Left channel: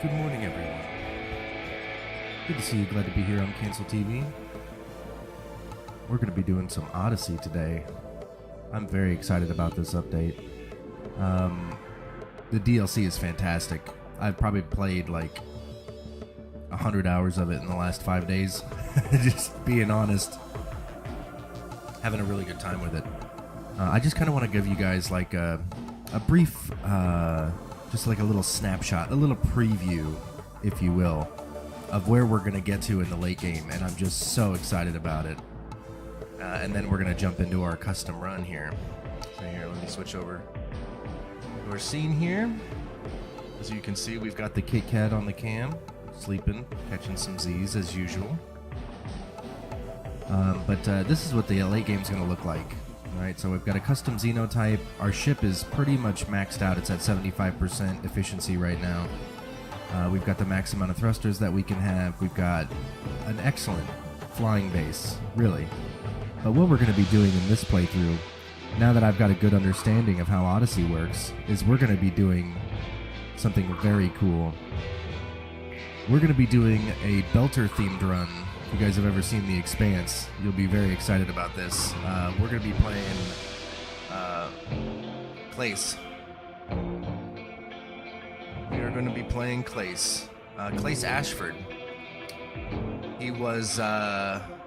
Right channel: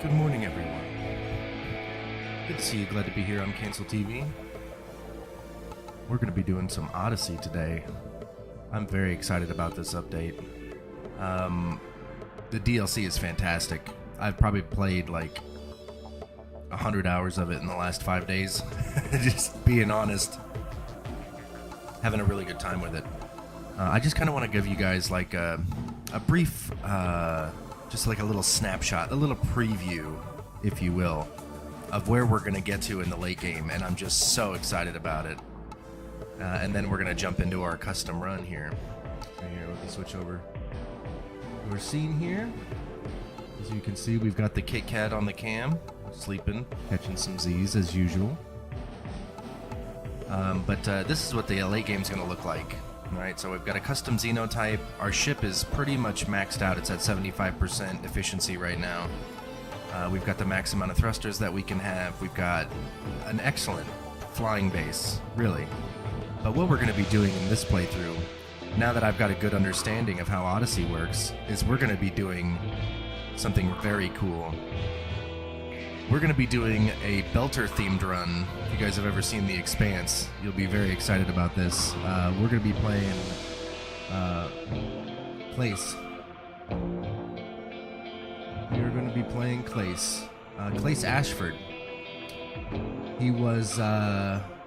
Good morning, everyone. Good to see you. Glad to be here on Cancel TV. We're going to be doing some Odyssey today. I'm very excited about this update. The DLC is fantastic. I've probably played like 100 hours of it in the last 5 days. Just being honest. Having a really good time with it. I just kind of want to give you guys like a brief, just like a little snapshot, a little preview, if you will, of where we're going to get to in the late game, and I'm just so excited about it. And then we're going to jump into our custom run here. So here, let me switch over to our scene here. As you can see, we've got the Kit Kat on the cam, sleeping, catching some Z's as usual. But this is what the late game's going to look like. Alright, so we've got a custom Xenotype. Our ship is pretty much maxed out. It's at 75% efficiency right now. We've got the max amount of thrusters that we can have. We've got an excellent flying base, really. But what we're going to be doing in this playthrough, now that I've got a good understanding of how Odyssey works, is we're going to be doing something very cool. We're going to be doing a Belter-themed run. If you guys have ever seen The Expanse, you'll be very excited about this. We're going to be playing Klaes. We are going to be playing Klaes. Klaes Ashford. He was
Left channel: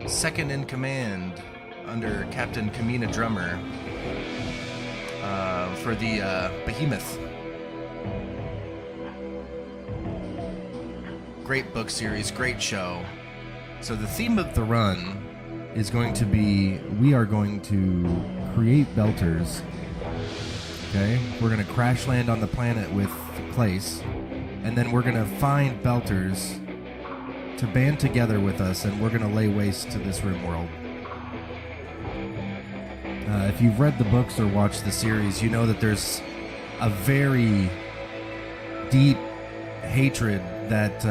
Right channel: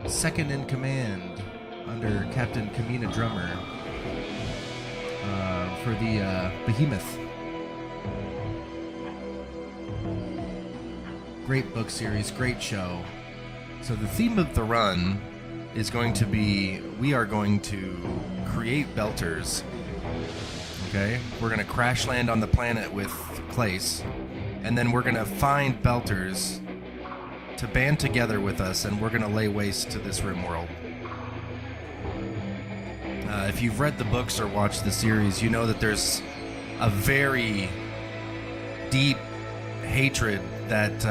second in command under Captain Kamina Drummer for the Behemoth. Great book series, great show. So the theme of the run is going to be, we are going to create Belters. Okay? We're going to crash land on the planet with Klaes, and then we're going to find Belters to band together with us, and we're going to lay waste to this rimworld. If you've read the books or watched the series, you know that there's a very deep hatred that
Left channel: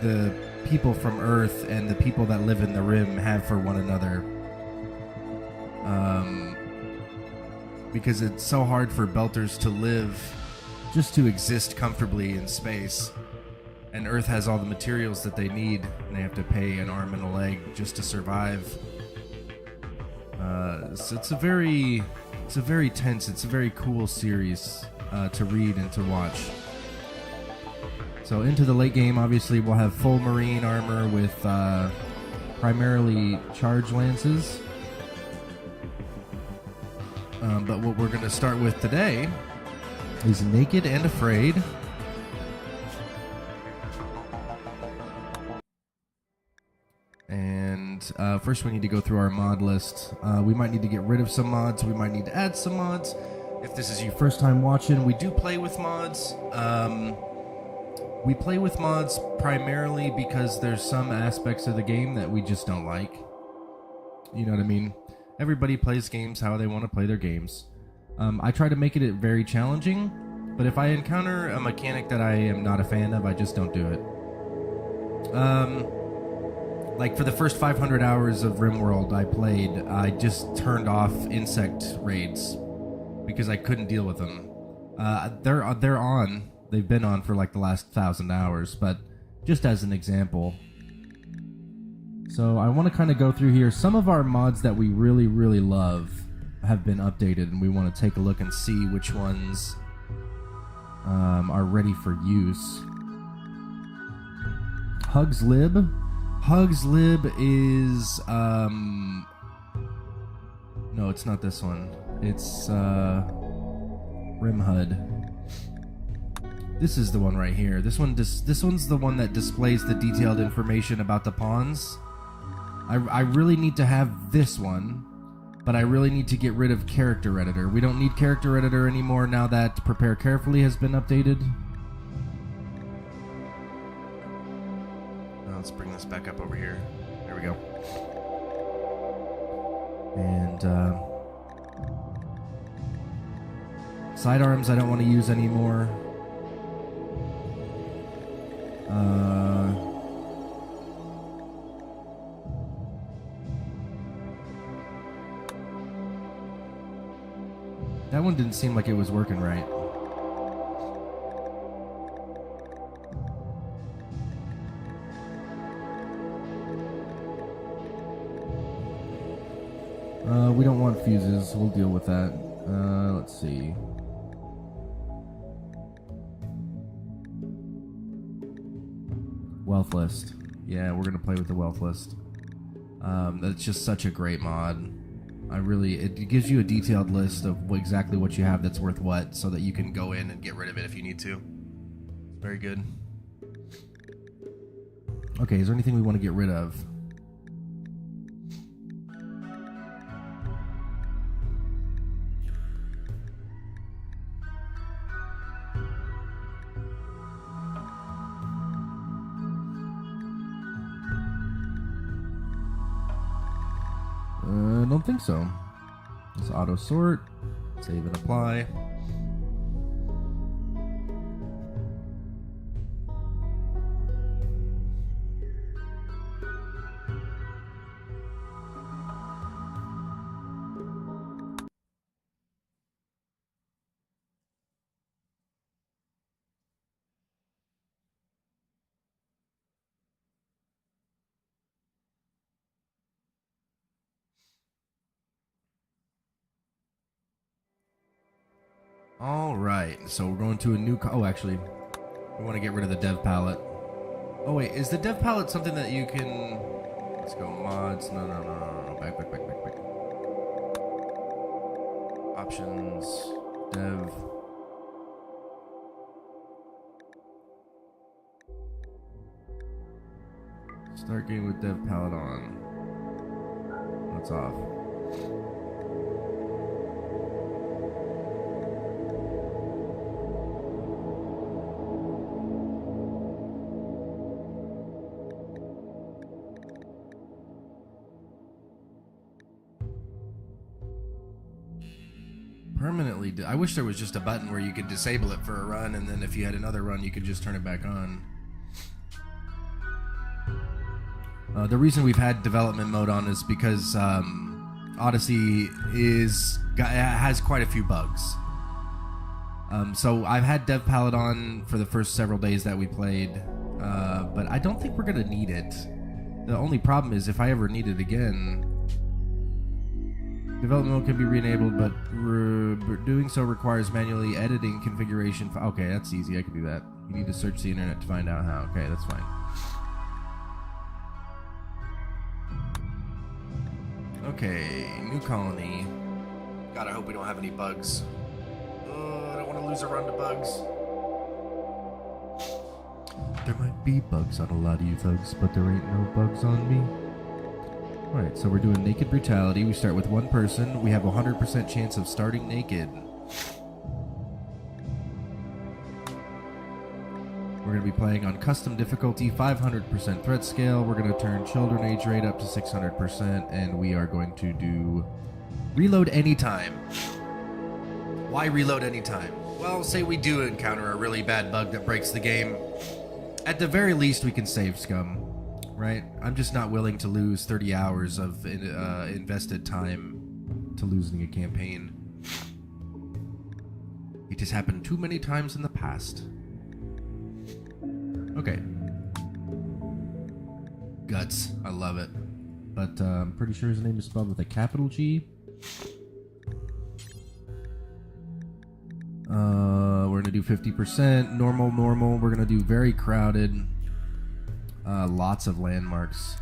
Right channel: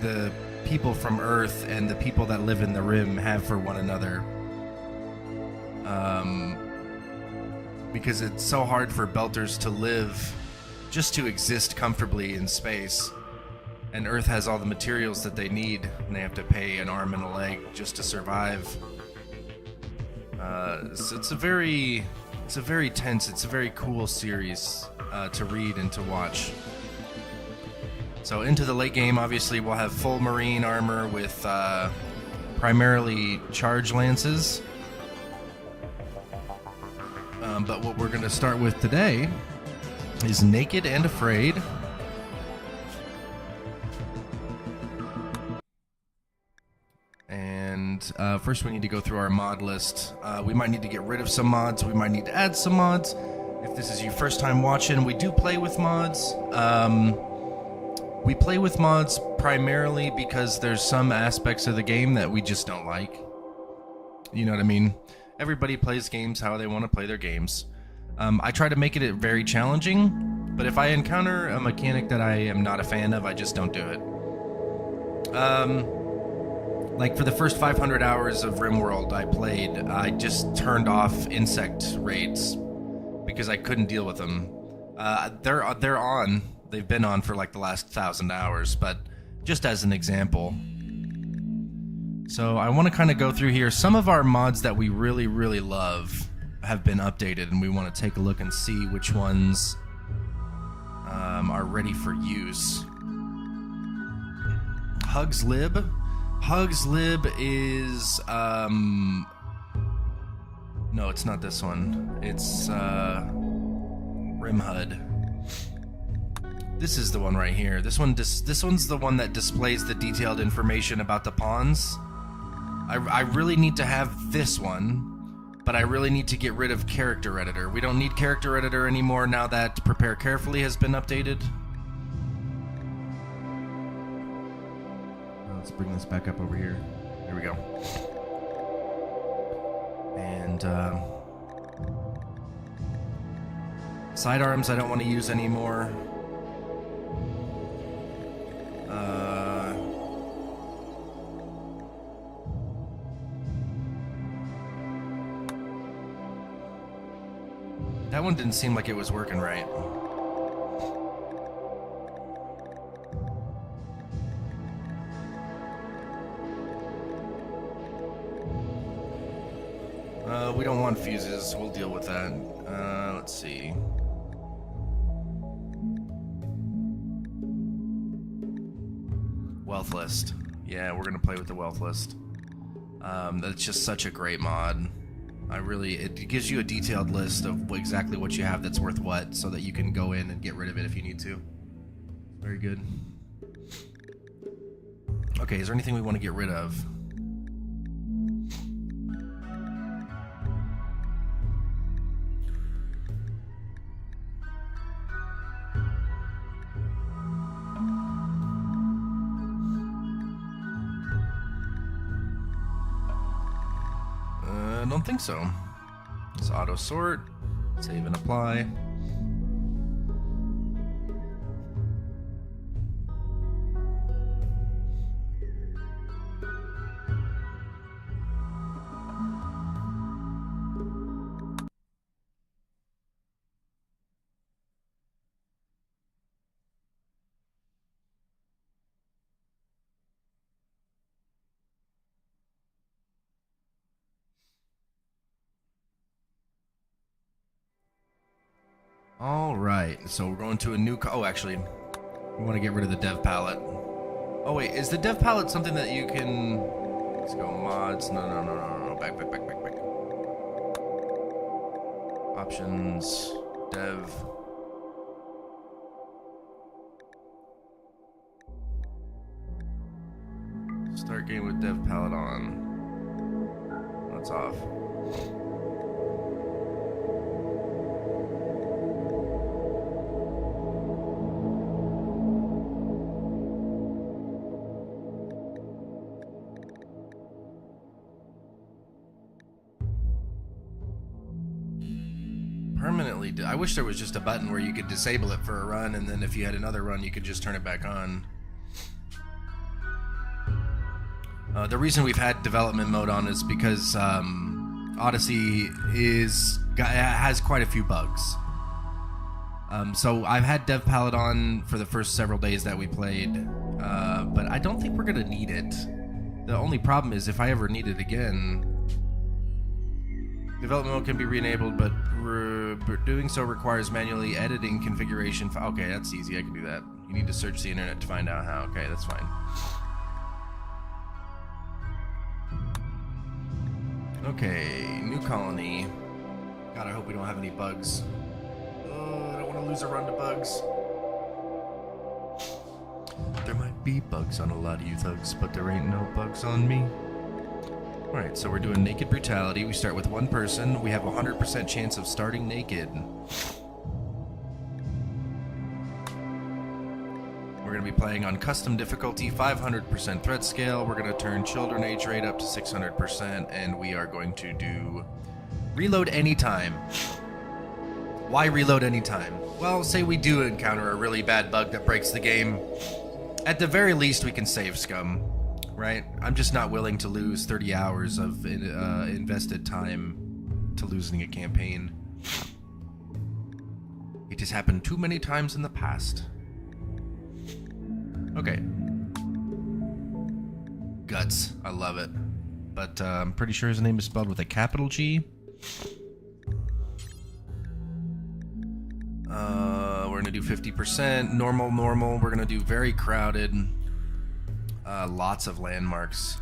the people from Earth and the people that live in the Rim have for one another. Because it's so hard for Belters to live, just to exist comfortably in space. And Earth has all the materials that they need, and they have to pay an arm and a leg just to survive. So it's a very tense, it's a very cool series to read and to watch. So into the late game, obviously, we'll have full marine armor with primarily charge lances. But what we're going to start with today is Naked and Afraid. And first we need to go through our mod list. We might need to get rid of some mods. We might need to add some mods. If this is your first time watching, we do play with mods. We play with mods primarily because there's some aspects of the game that we just don't like. You know what I mean? Everybody plays games how they want to play their games. I try to make it very challenging, but if I encounter a mechanic that I am not a fan of, I just don't do it. Like for the first 500 hours of RimWorld I played, I just turned off insect raids because I couldn't deal with them. They're on. They've been on for like the last 1,000 hours, but just as an example. So I want to kind of go through here. Some of our mods that we really, really love have been updated, and we want to take a look and see which ones are ready for use. Hugs Lib. Hugs Lib is... no, it's not this one. It's Rimhud. This is the one right here. This one's the one that displays the detailed information about the pawns. I really need to have this one, but I really need to get rid of Character Editor. We don't need Character Editor anymore now that Prepare Carefully has been updated. Let's bring this back up over here. There we go. And sidearms I don't want to use anymore. That one didn't seem like it was working right. We don't want fuses. We'll deal with that. Let's see. Wealth list. Yeah, we're gonna play with the wealth list. That's just such a great mod. It gives you a detailed list of exactly what you have that's worth what, so that you can go in and get rid of it if you need to. Very good. Okay, is there anything we want to get rid of? I don't think so. Let's auto sort, save and apply. All right, so we're going to a new. Oh, actually, we want to get rid of the dev palette. Oh wait, is the dev palette something that you can? Let's go mods. No. Back. Options, dev. Start game with dev palette on. That's off. Permanently. I wish there was just a button where you could disable it for a run, and then if you had another run, you could just turn it back on. The reason we've had development mode on is because Odyssey has quite a few bugs. So I've had dev palette on for the first several days that we played, but I don't think we're gonna need it. The only problem is if I ever need it again. Development mode can be re-enabled, but doing so requires manually editing configuration. Okay, that's easy. I can do that. You need to search the internet to find out how. Okay, that's fine. Okay, new colony. God, I hope we don't have any bugs. Oh, I don't want to lose a run to bugs. There might be bugs on a lot of you thugs, but there ain't no bugs on me. Alright, so we're doing naked brutality. We start with one person. We have a 100% chance of starting naked. We're going to be playing on custom difficulty, 500% threat scale. We're going to turn children age rate up to 600%, and we are going to do reload anytime. Why reload anytime? Well, say we do encounter a really bad bug that breaks the game. At the very least, we can save scum. Right? I'm just not willing to lose 30 hours of invested time to losing a campaign. It has happened too many times in the past. Okay. Guts. I love it. But I'm pretty sure his name is spelled with a capital G. We're going to do 50%. Normal. We're going to do very crowded. Lots of landmarks.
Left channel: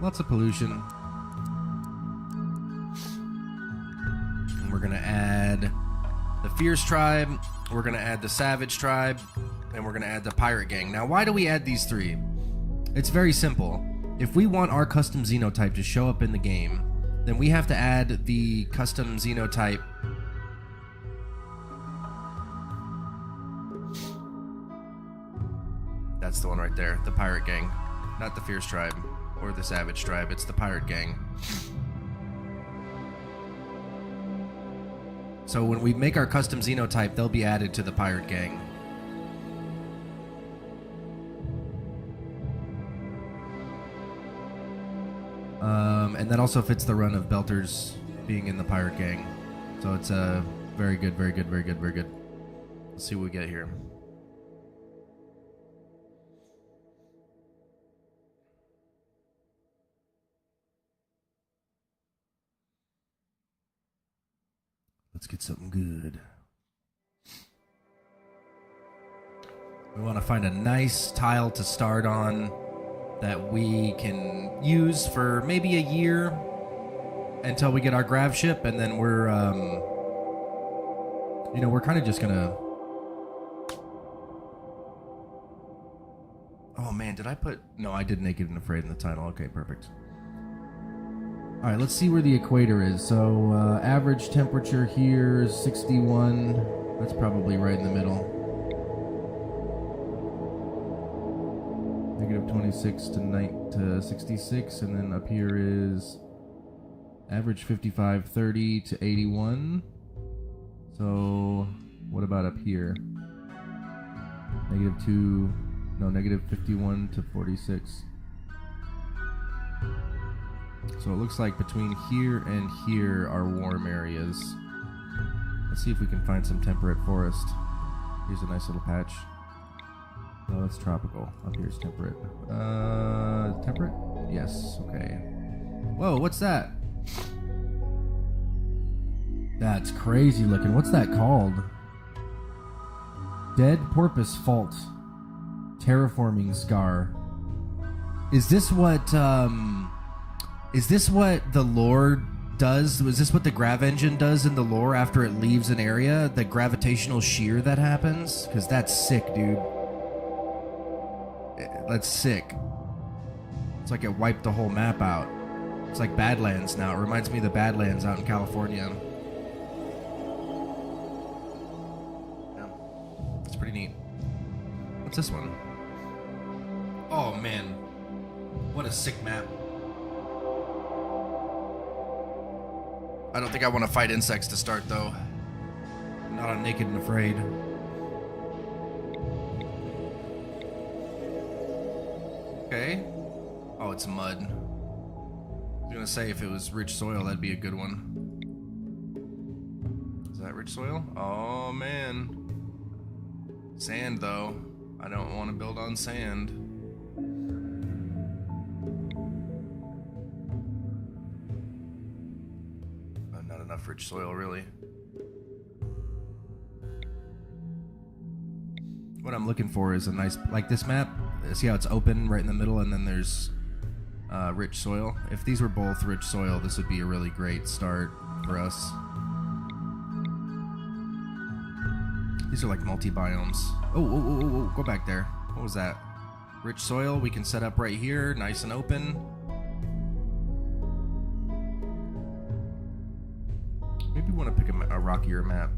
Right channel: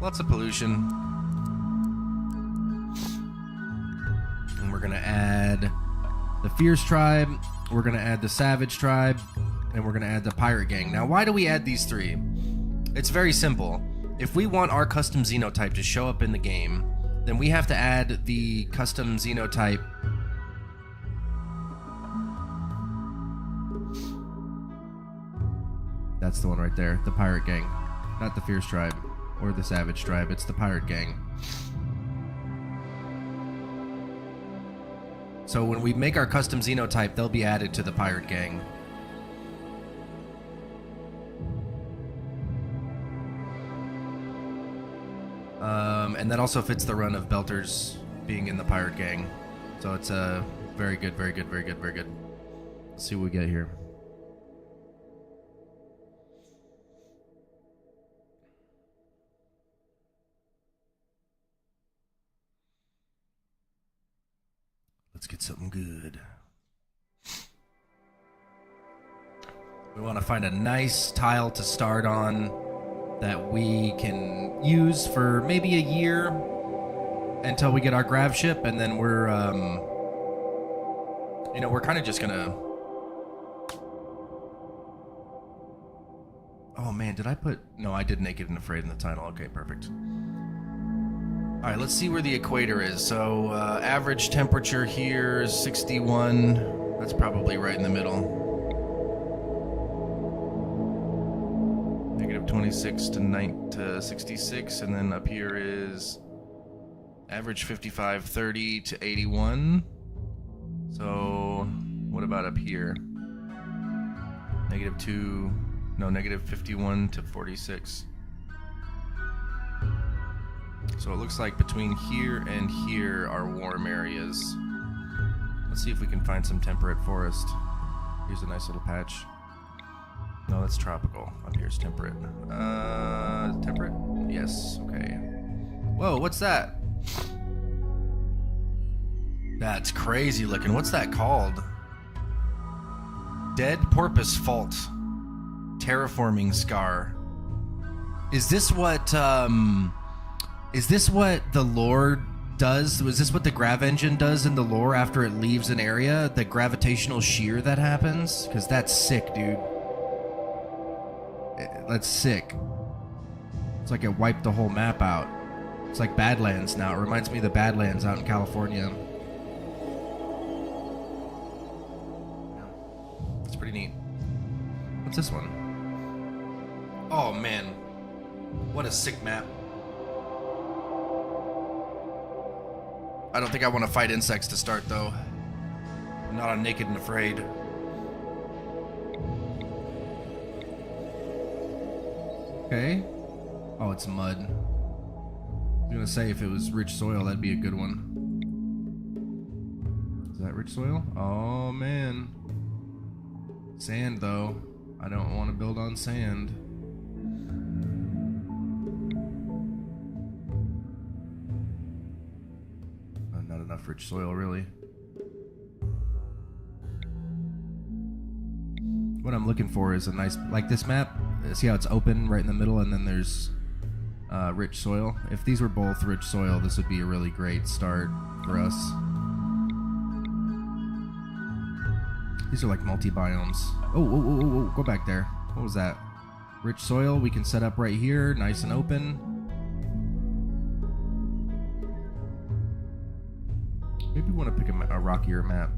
Lots of pollution. And we're going to add the Fierce Tribe. We're going to add the Savage Tribe. And we're going to add the Pirate Gang. Now, why do we add these three? It's very simple. If we want our Custom Xenotype to show up in the game, then we have to add the Custom Xenotype. That's the one right there, the Pirate Gang. Not the Fierce Tribe or the Savage Tribe, it's the Pirate Gang. So when we make our custom Xenotype, they'll be added to the Pirate Gang. And that also fits the run of Belters being in the Pirate Gang. So it's very good. Let's see what we get here. Let's get something good. We want to find a nice tile to start on that we can use for maybe a year until we get our grav ship, and then we're, you know, we're kind of just gonna... Oh man, did I put... No, I did Naked and Afraid in the title. Okay, perfect. Alright, let's see where the equator is. So, average temperature here is 61. That's probably right in the middle. Negative 26 to 66, and then up here is average 55, 30 to 81. So, what about up here? Negative 2... No, negative 51 to 46. So it looks like between here and here are warm areas. Let's see if we can find some temperate forest. Here's a nice little patch. No, that's tropical. Up here's temperate. Temperate? Yes, okay. Whoa, what's that? That's crazy looking. What's that called? Dead Porpoise Fault. Terraforming Scar. Is this what the lore does? Was this what the grav engine does in the lore after it leaves an area? The gravitational shear that happens? Because that's sick, dude. That's sick. It's like it wiped the whole map out. It's like Badlands now. It reminds me of the Badlands out in California. Yeah. It's pretty neat. What's this one? Oh man, what a sick map. I don't think I want to fight insects to start though. I'm not on Naked and Afraid. Okay. Oh, it's mud. I was gonna say if it was rich soil, that'd be a good one. Is that rich soil? Oh man. Sand though. I don't want to build on sand. Not enough rich soil, really. What I'm looking for is a nice, like this map. See how it's open right in the middle, and then there's rich soil. If these were both rich soil, this would be a really great start for us. These are like multi-biomes. Oh, go back there. What was that? Rich soil we can set up right here, nice and open. Maybe we want to pick a rockier map.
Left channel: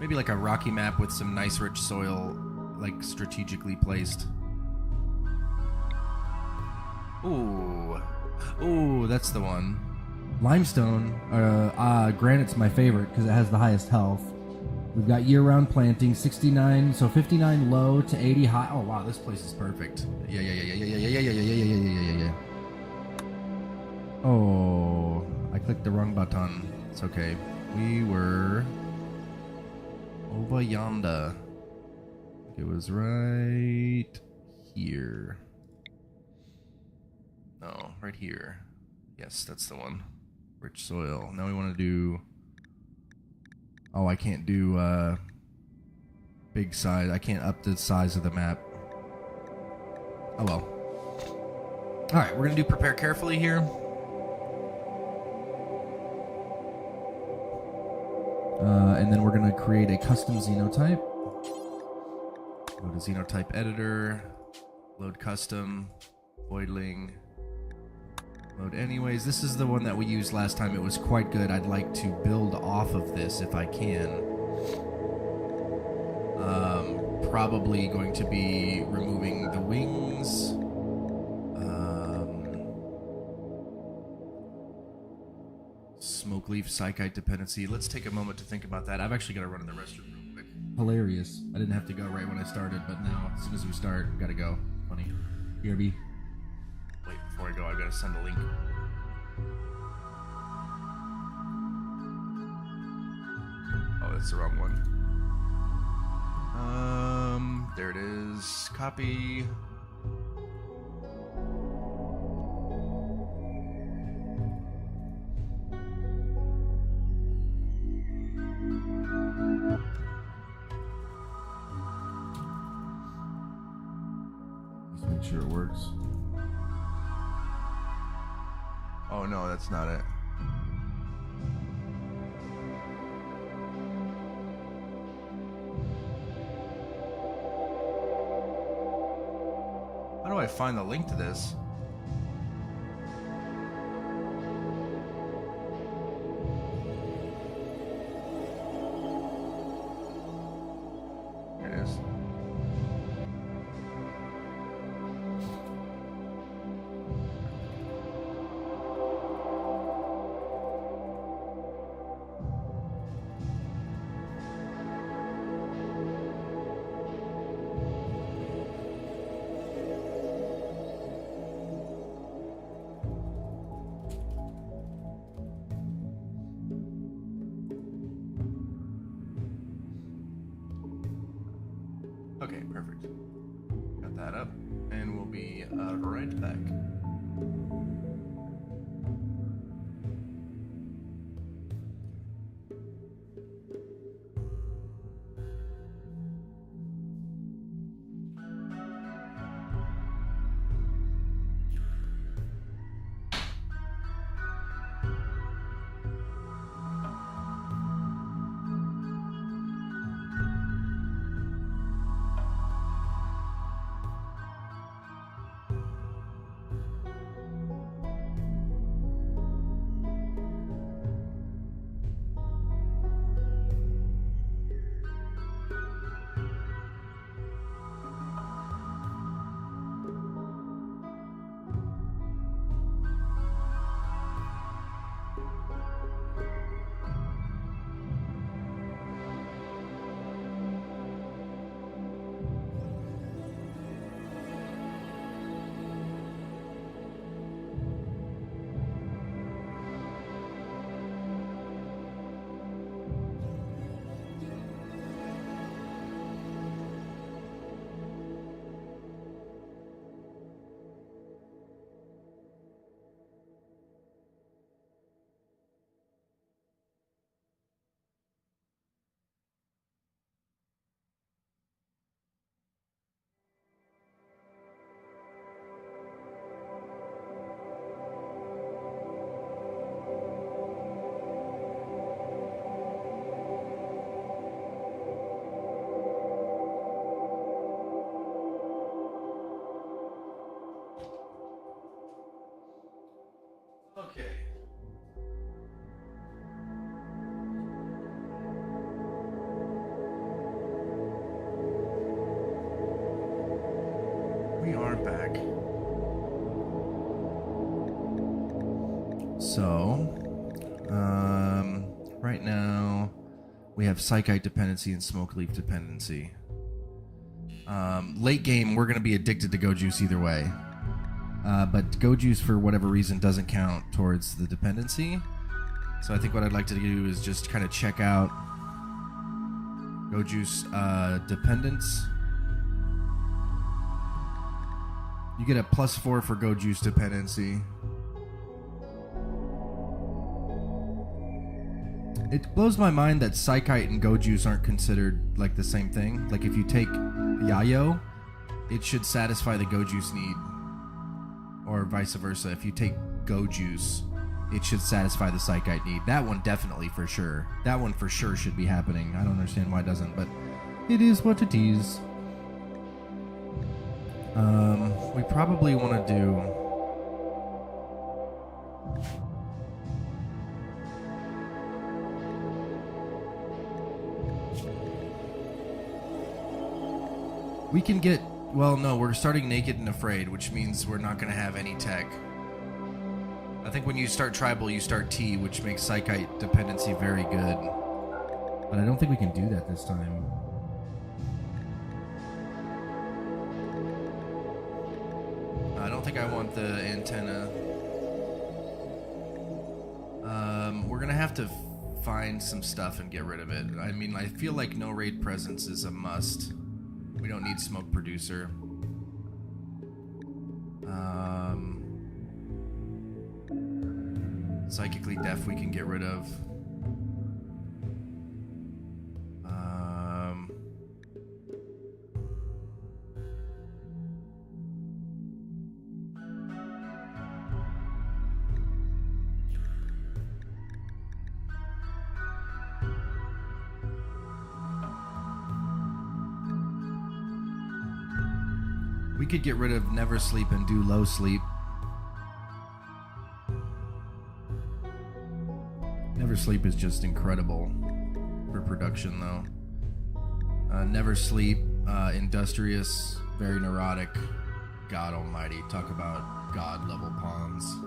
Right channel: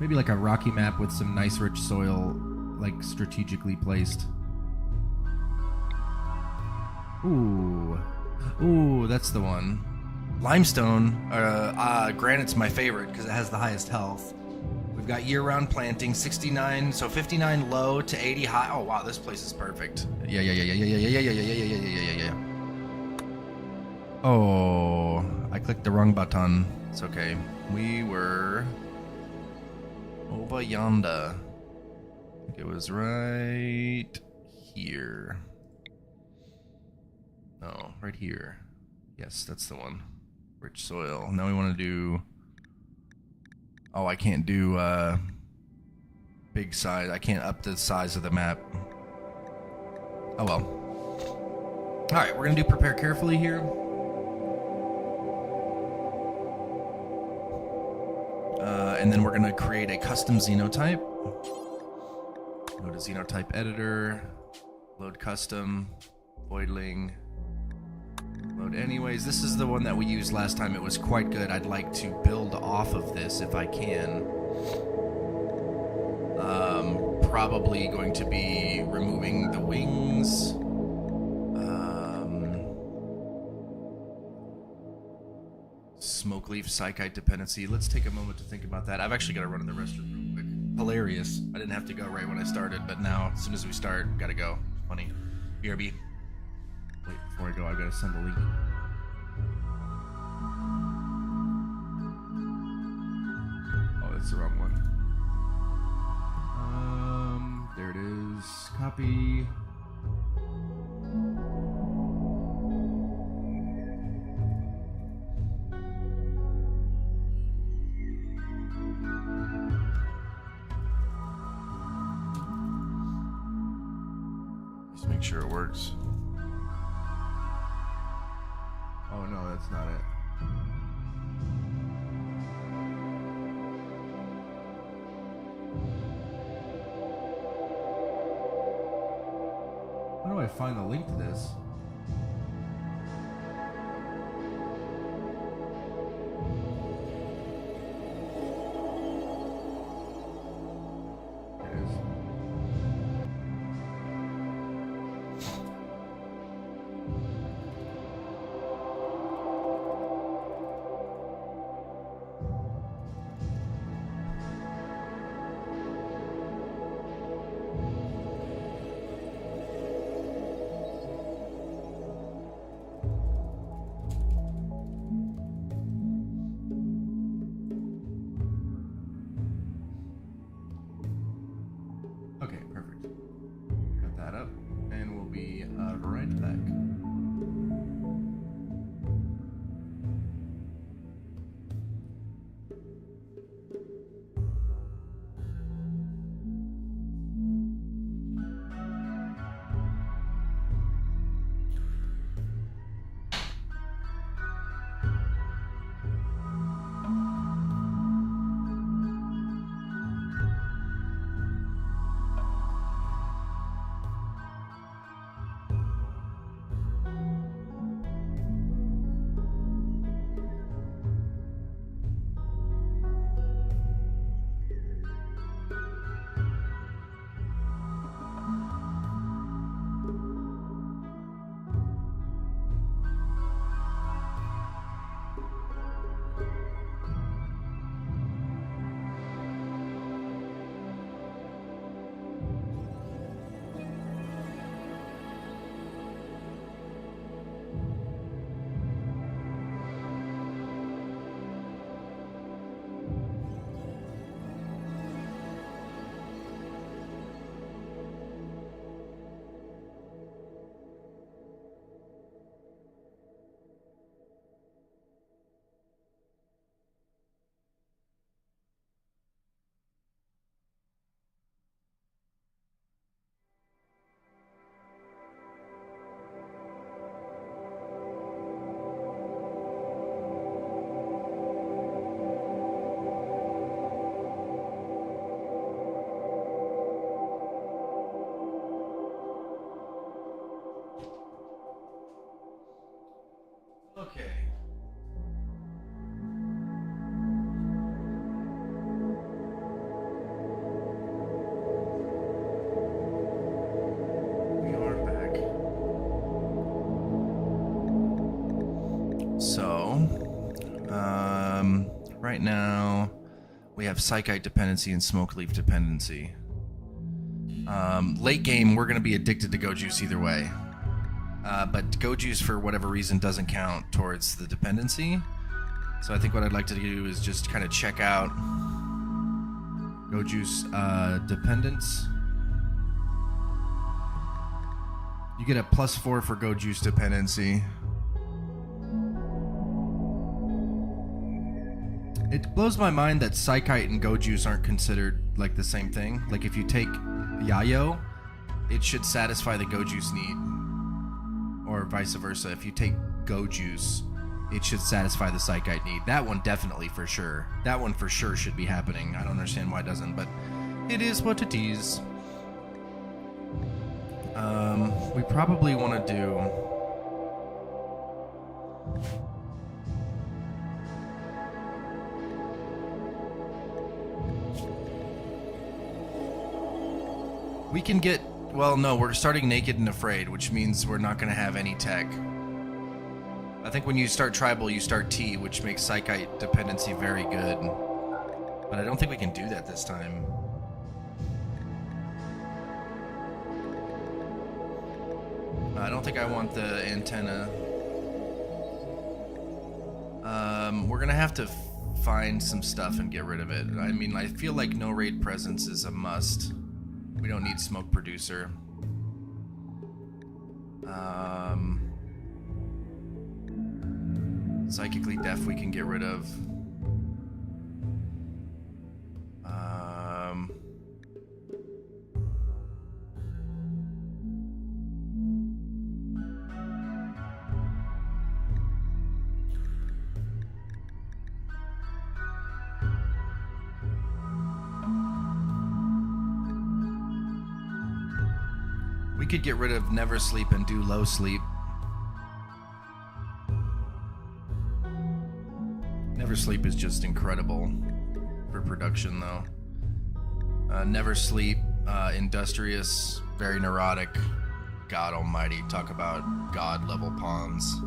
Maybe like a rocky map with some nice rich soil, like strategically placed. Ooh, that's the one. Limestone, granite's my favorite because it has the highest health. We've got year-round planting, 69, so 59 low to 80 high. Oh wow, this place is perfect. Yeah. Oh, I clicked the wrong button. It's okay. We were over yonder. I think it was right here. No, right here. Yes, that's the one. Rich soil. Now we want to do... Oh, I can't do big size. I can't up the size of the map. Oh well. Alright, we're going to do prepare carefully here. And then we're going to create a custom xenotype. Go to xenotype editor, load custom, voidling, load anyways. This is the one that we used last time. It was quite good. I'd like to build off of this if I can. Probably going to be removing the wings. Smoke leaf psychite dependency. Let's take a moment to think about that. I've actually got to run to the restroom real quick. Hilarious. I didn't have to go right when I started, but now as soon as we start, gotta go. Funny. BRB. Wait, before I go, I've got to send a link. Oh, that's the wrong one. There it is. Copy. Just make sure it works. Oh no, that's not it. How do I find the link to this? Here it is. Okay, perfect. Got that up, and we'll be right back. Okay. We are back. So, right now we have Psychite dependency and Smoke Leaf dependency. Late game, we're going to be addicted to Go Juice either way. But Go Juice, for whatever reason, doesn't count towards the dependency. So I think what I'd like to do is just kind of check out Go Juice dependence. You get a +4 for Go Juice dependency. It blows my mind that Psychite and Go Juice aren't considered like the same thing. Like if you take Yayo, it should satisfy the Go Juice need. Or vice versa. If you take Go Juice, it should satisfy the Psychite need. That one definitely for sure. That one for sure should be happening. I don't understand why it doesn't, but it is what it is. We probably want to do... We can get... Well, no, we're starting naked and afraid, which means we're not going to have any tech. I think when you start tribal, you start T, which makes Psychite dependency very good. But I don't think we can do that this time. I don't think I want the antenna. We're going to have to find some stuff and get rid of it. I mean, I feel like no raid presence is a must. We don't need smoke producer. Psychically deaf we can get rid of. could get rid of never sleep and do low sleep. Never sleep is just incredible for production, though. Never sleep, industrious, very neurotic. God almighty, talk about god level pawns.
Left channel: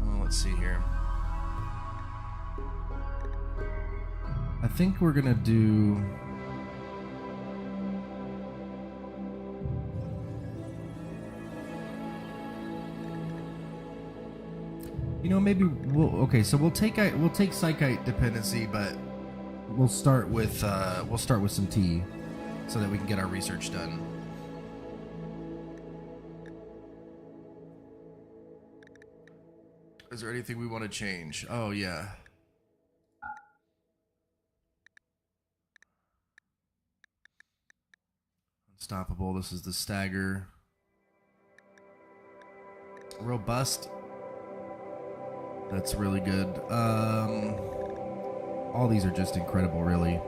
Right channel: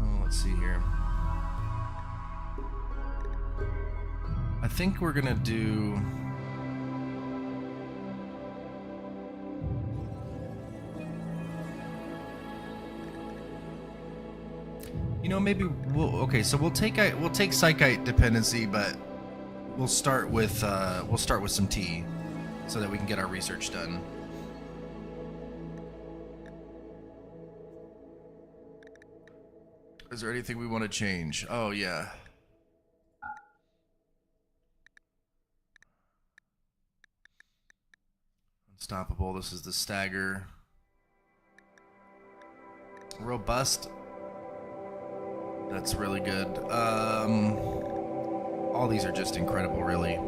Oh, let's see here. I think we're gonna do... You know, maybe we'll... Okay, so we'll take Psychite dependency, but we'll start with some tea, so that we can get our research done. Is there anything we want to change? Oh yeah. Unstoppable. This is the stagger. Robust. That's really good. All these are just incredible, really.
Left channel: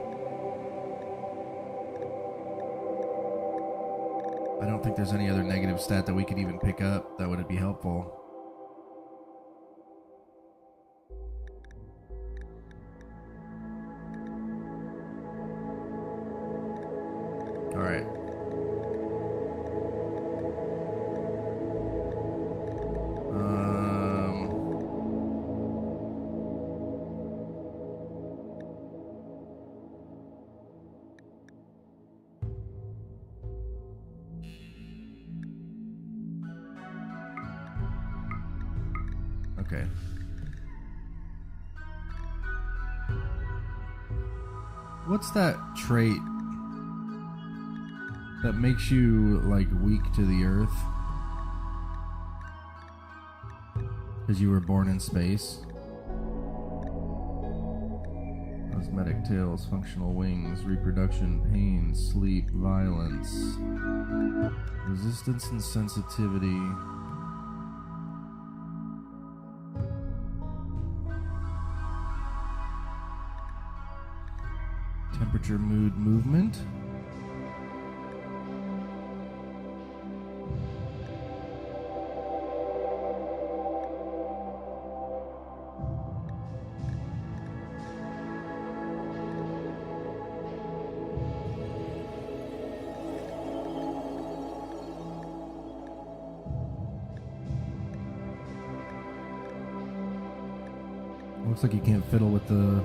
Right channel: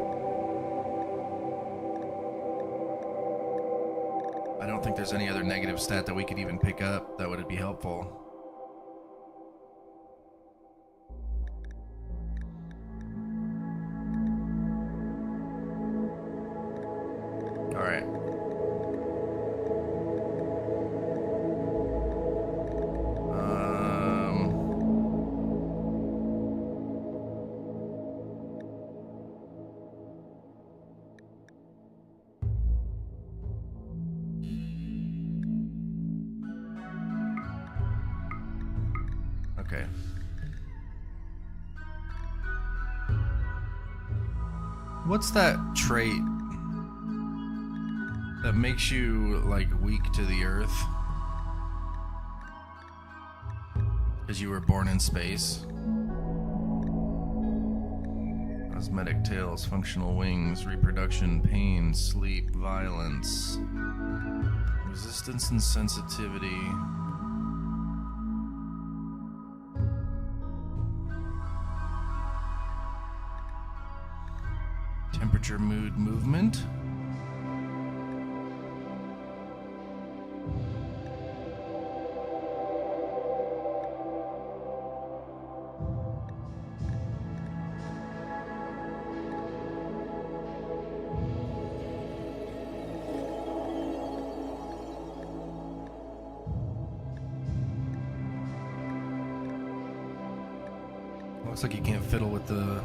I don't think there's any other negative stat that we could even pick up that would be helpful. All right. Okay. What's that trait that makes you, like, weak to the earth? Because you were born in space. Cosmetic tails, functional wings, reproduction, pain, sleep, violence, resistance and sensitivity. Temperature, mood, movement. Looks like you can't fiddle with the...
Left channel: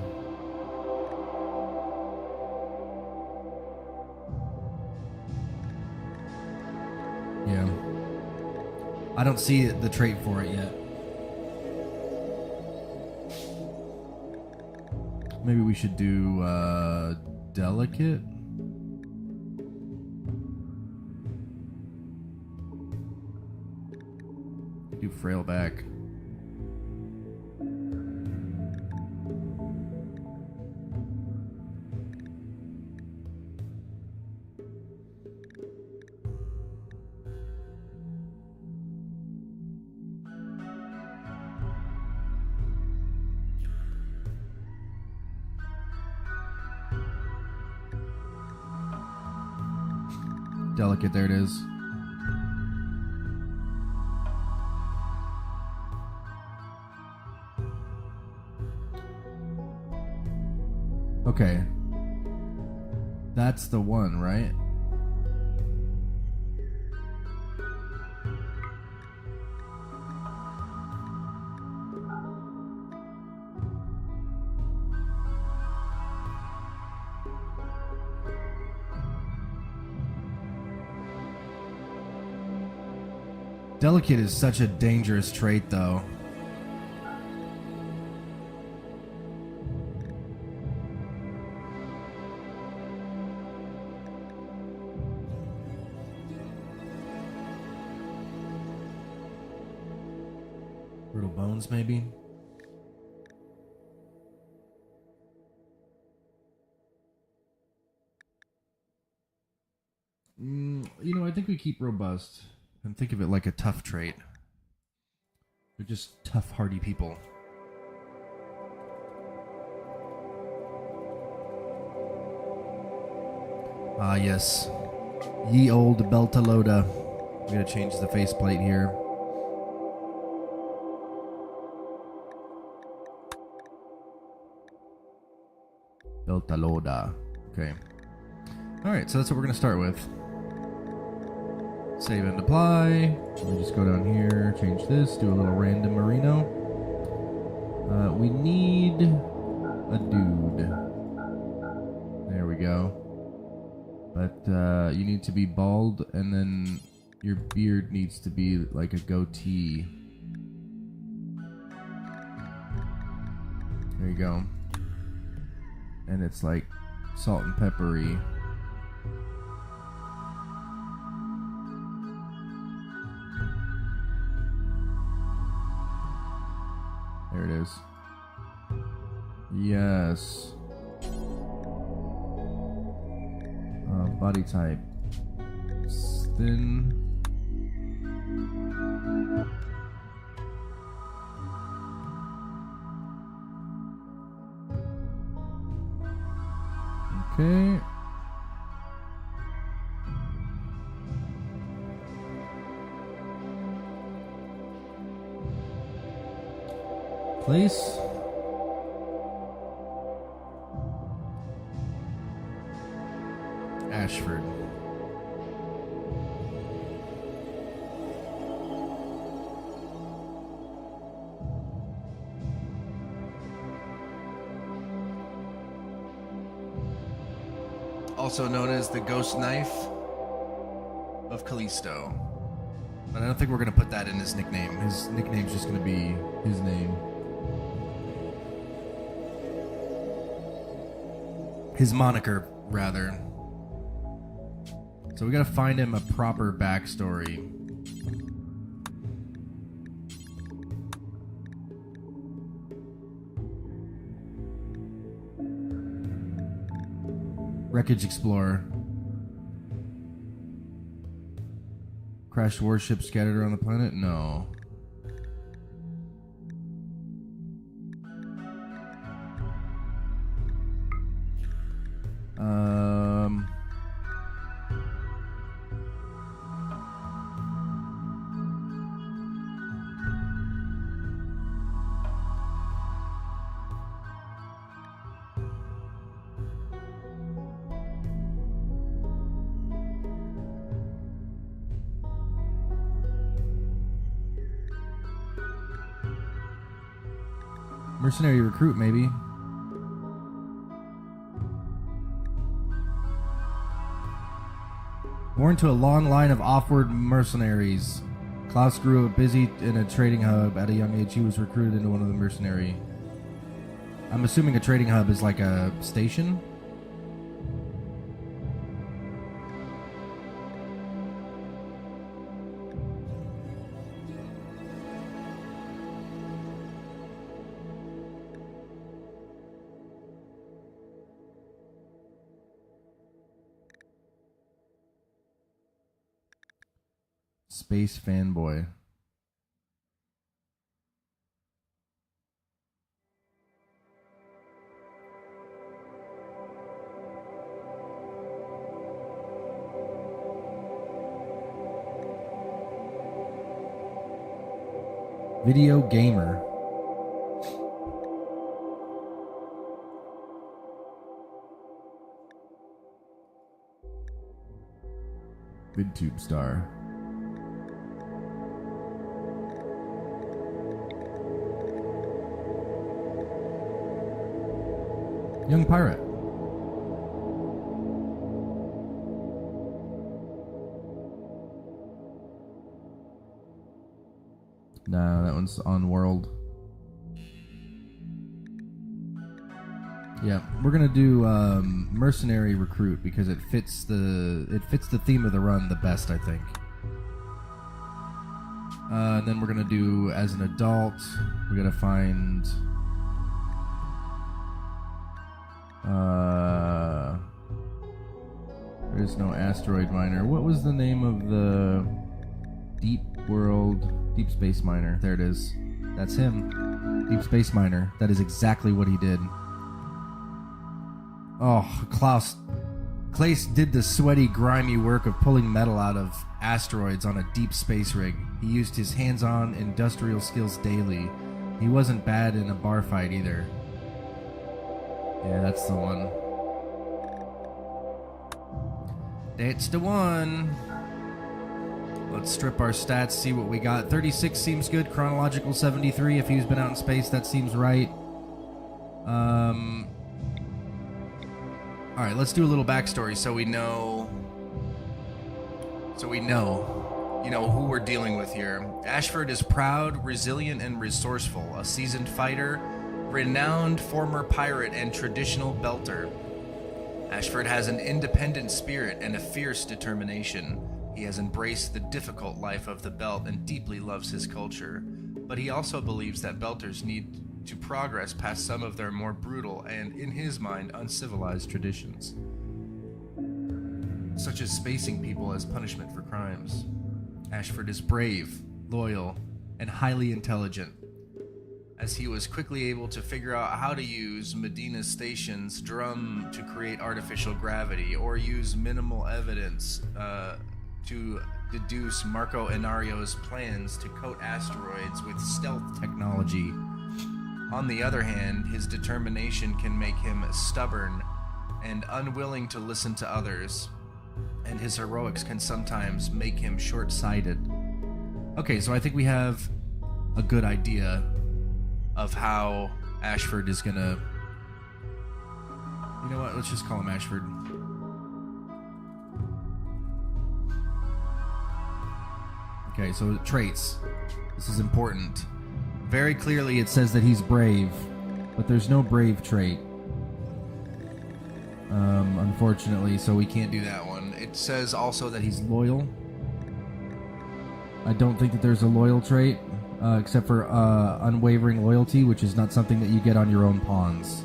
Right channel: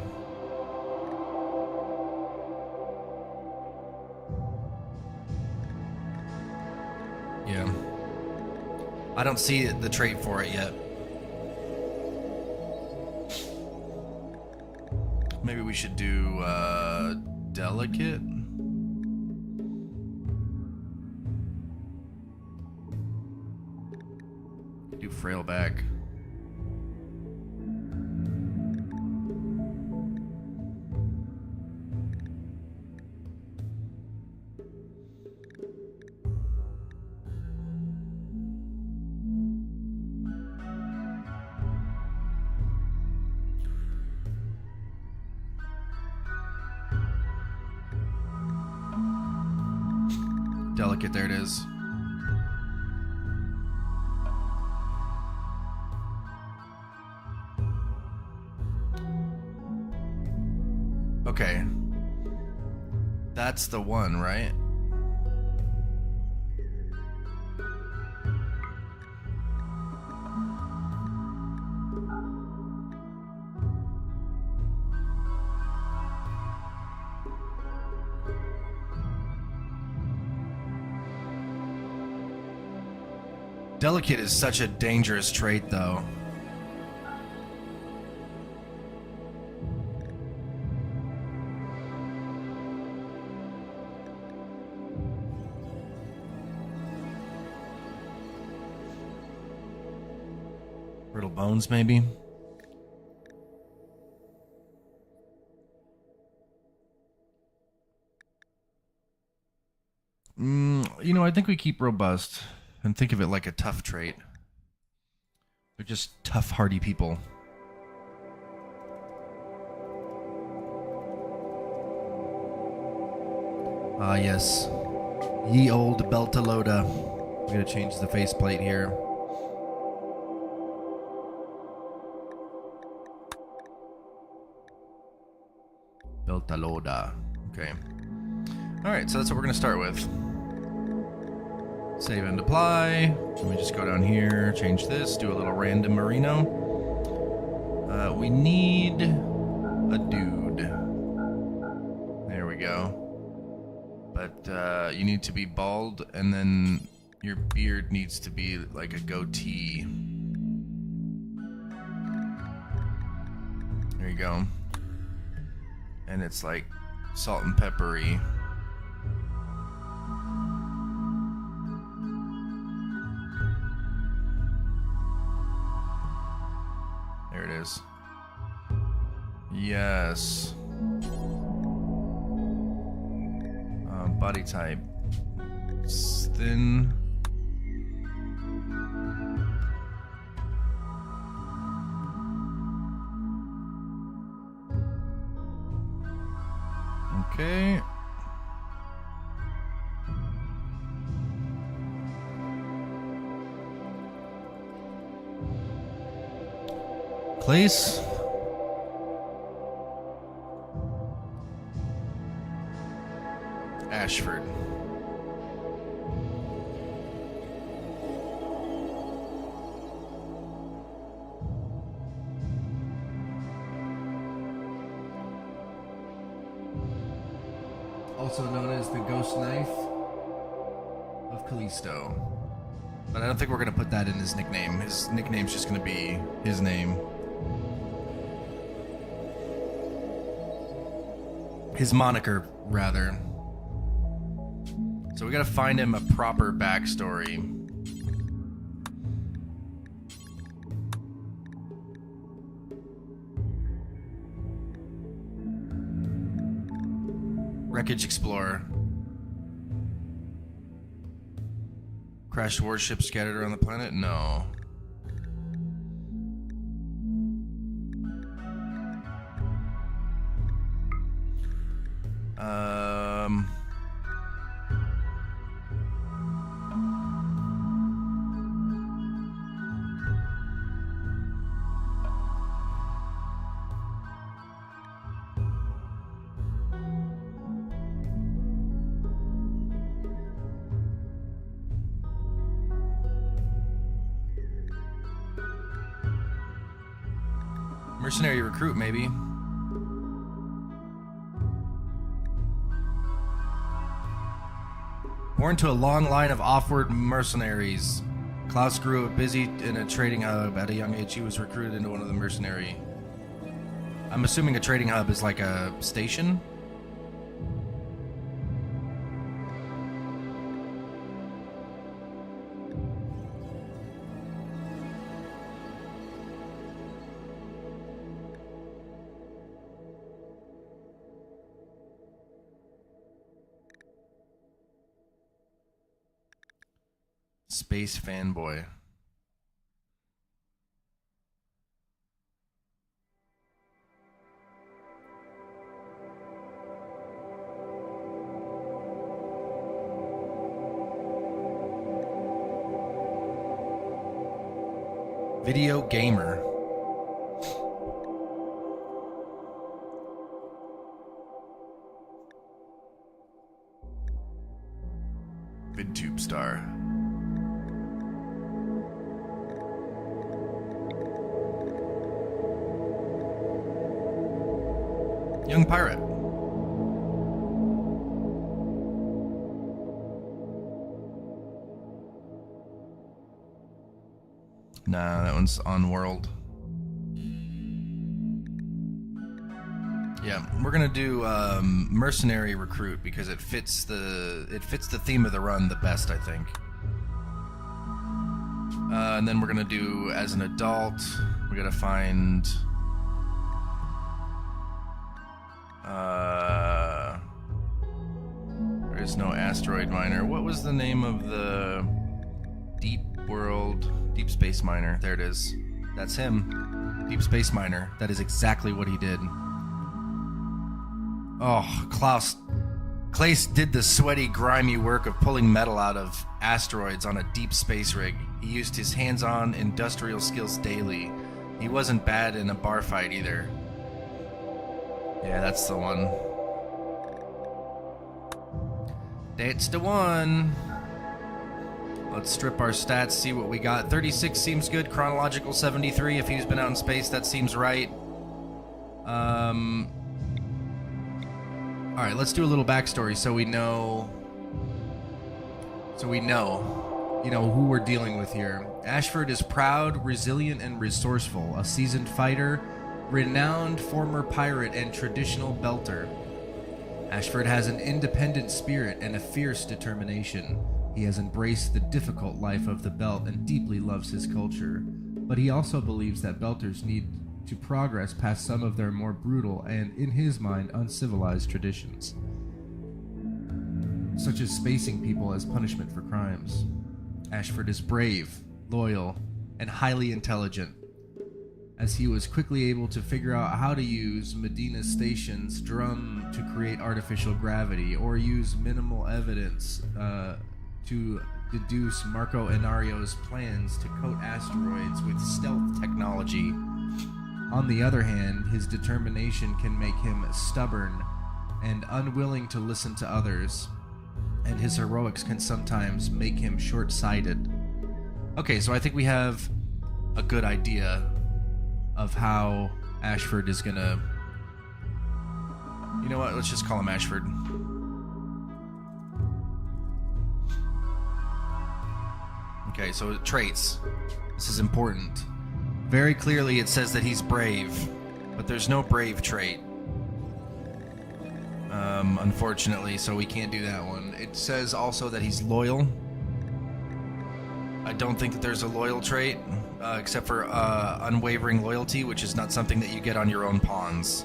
Yeah. I don't see the trait for it yet. Maybe we should do delicate. Do frail back. Delicate, there it is. Okay. That's the one, right? Delicate is such a dangerous trait, though. Brittle bones, maybe? You know, I think we keep robust. And think of it like a tough trait. They're just tough, hardy people. Ah, yes. Ye old Beltalowda. I'm gonna change the faceplate here. Beltalowda. Okay. Alright, so that's what we're gonna start with. Save and apply. We just go down here, change this, do a little random merino. We need a dude. There we go. But you need to be bald, and then your beard needs to be like a goatee. There you go. And it's like salt and peppery. There it is. Yes. Body type. Thin. Okay. Klaes Ashford. Also known as the Ghost Knife of Callisto. But I don't think we're going to put that in his nickname. His nickname's just going to be his name. His moniker, rather. So we gotta find him a proper backstory. Wreckage Explorer. Crashed warship scattered around the planet? No. Mercenary recruit, maybe. Born to a long line of off-world mercenaries, Klaes grew up busy in a trading hub. At a young age, he was recruited into one of the mercenary. I'm assuming a trading hub is like a station. Space fanboy. Video gamer. VidTube star. Young pirate. Nah, that one's on world. Yeah, we're gonna do mercenary recruit because it fits the theme of the run the best, I think. And then we're gonna do as an adult. We gotta find. There is no asteroid miner. What was the name of the deep space miner? There it is. That's him. Deep space miner. That is exactly what he did. Oh, Klaes Klaes did the sweaty, grimy work of pulling metal out of asteroids on a deep space rig. He used his hands-on industrial skills daily. He wasn't bad in a bar fight either. Yeah, that's the one. That's the one. Let's strip our stats, see what we got. 36 seems good. Chronological 73. If he's been out in space, that seems right. All right, let's do a little backstory so we know. You know, who we're dealing with here. Ashford is proud, resilient, and resourceful. A seasoned fighter, renowned former pirate, and traditional belter. Ashford has an independent spirit and a fierce determination. He has embraced the difficult life of the Belt and deeply loves his culture. But he also believes that Belters need to progress past some of their more brutal and, in his mind, uncivilized traditions, such as spacing people as punishment for crimes. Ashford is brave, loyal, and highly intelligent, as he was quickly able to figure out how to use Medina Station's drum to create artificial gravity, or use minimal evidence to deduce Marco Enario's plans to coat asteroids with stealth technology. On the other hand, his determination can make him stubborn and unwilling to listen to others, and his heroics can sometimes make him short-sighted. Okay, so I think we have a good idea of how Ashford is gonna... You know what? Let's just call him Ashford. Okay, so traits. This is important. Very clearly it says that he's brave, but there's no brave trait. Unfortunately, so we can't do that one. It says also that he's loyal. I don't think that there's a loyal trait, except for unwavering loyalty, which is not something that you get on your own pawns.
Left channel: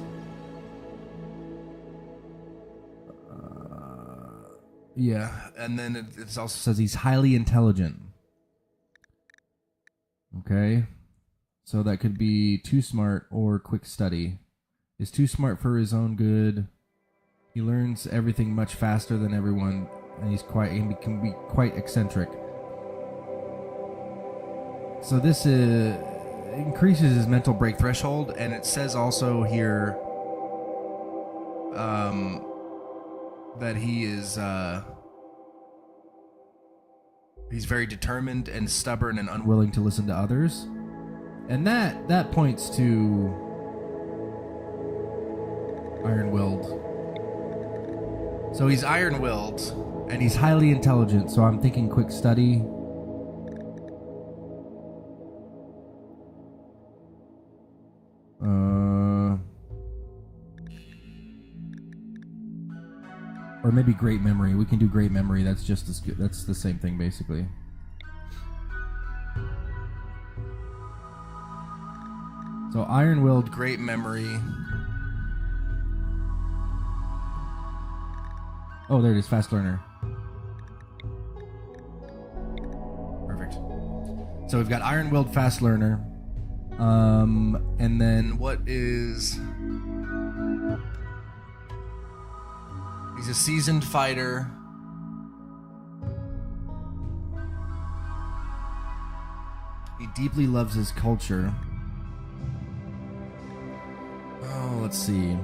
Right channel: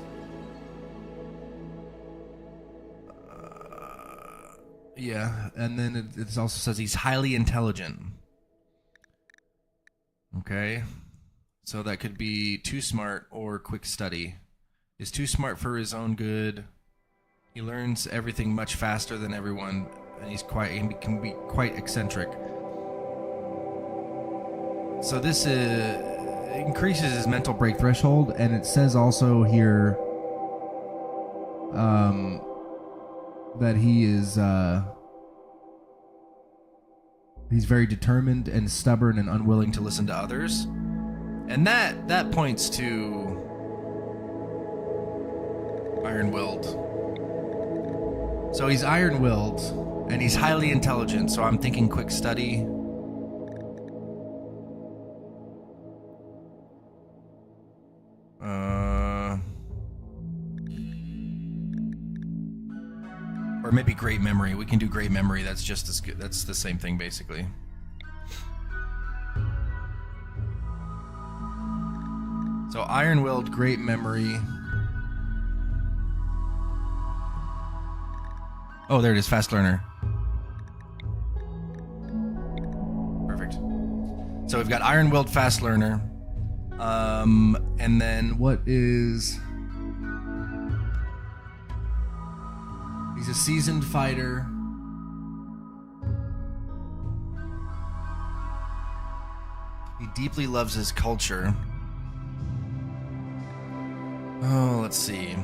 Yeah, and then it also says he's highly intelligent. Okay. So that could be too smart or quick study. Is too smart for his own good. He learns everything much faster than everyone, and he can be quite eccentric. So this increases his mental break threshold, and it says also here that he is he's very determined and stubborn and unwilling to listen to others. And that points to iron-willed. So he's iron-willed, and he's highly intelligent, so I'm thinking quick study. Or maybe great memory. We can do great memory. That's just as good. That's the same thing, basically. So iron-willed, great memory. Oh, there it is, fast learner. Perfect. So we've got iron-willed, fast learner. And then what is... He's a seasoned fighter. He deeply loves his culture. Oh, let's see.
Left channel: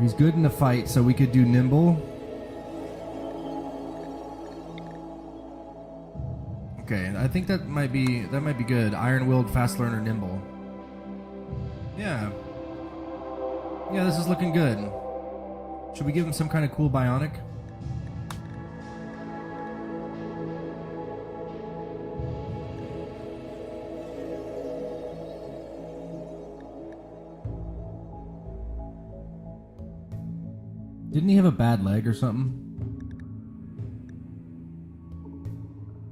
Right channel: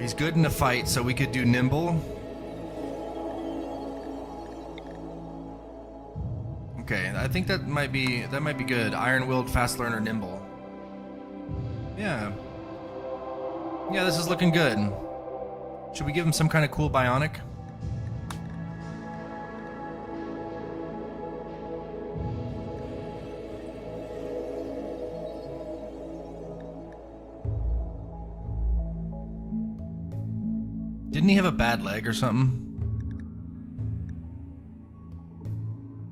He's good in a fight, so we could do nimble. Okay, I think that might be good. Iron-willed, fast learner, nimble. Yeah. Yeah, this is looking good. Should we give him some kind of cool bionic? Didn't he have a bad leg or something?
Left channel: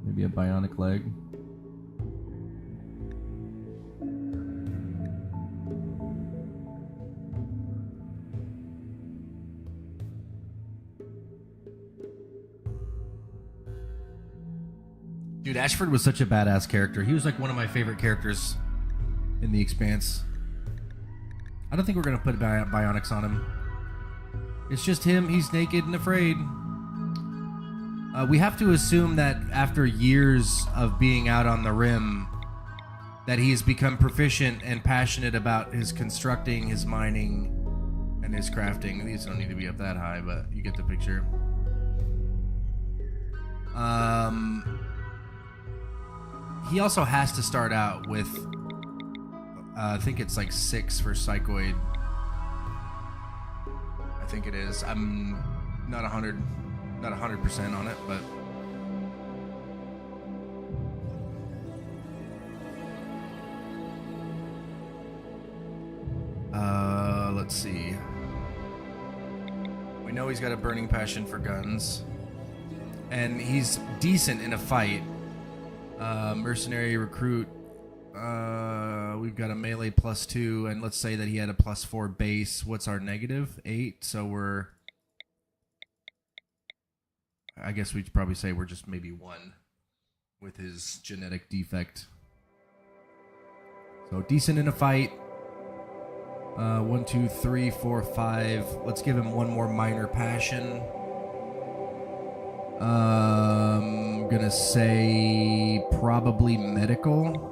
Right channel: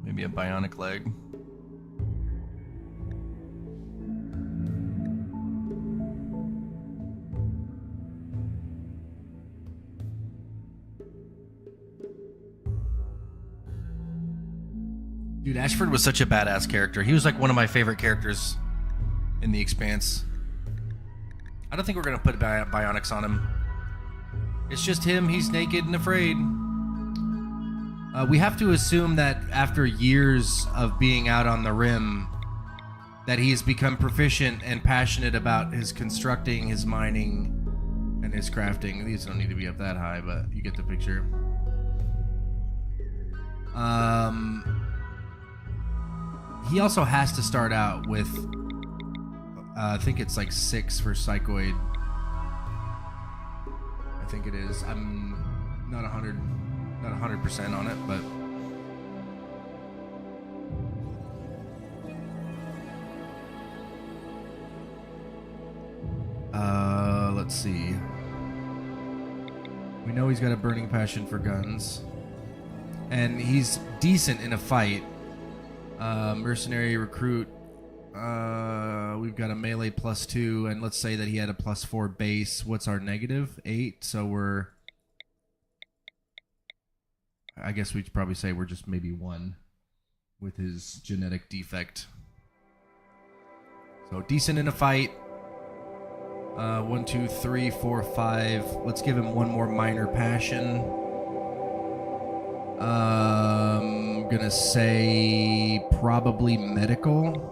Maybe a bionic leg. Dude, Dude, Ashford was such a badass character. He was like one of my favorite characters in the Expanse. I don't think we're going to put bionics on him. It's just him. He's naked and afraid. We have to assume that after years of being out on the rim, that he has become proficient and passionate about his constructing, his mining, and his crafting. These don't need to be up that high, but you get the picture. He also has to start out with, I think it's like 6 for Psychoid. I think it is. I'm not 100% on it, but let's see. We know he's got a burning passion for guns, and he's decent in a fight. Mercenary recruit. We've got a melee +2, and let's say that he had a +4 base. What's our negative? 8. So we're, I guess we'd probably say we're just maybe 1 with his genetic defect. So decent in a fight. 1, 2, 3, 4, 5. Let's give him 1 more minor passion. I'm gonna say probably medical.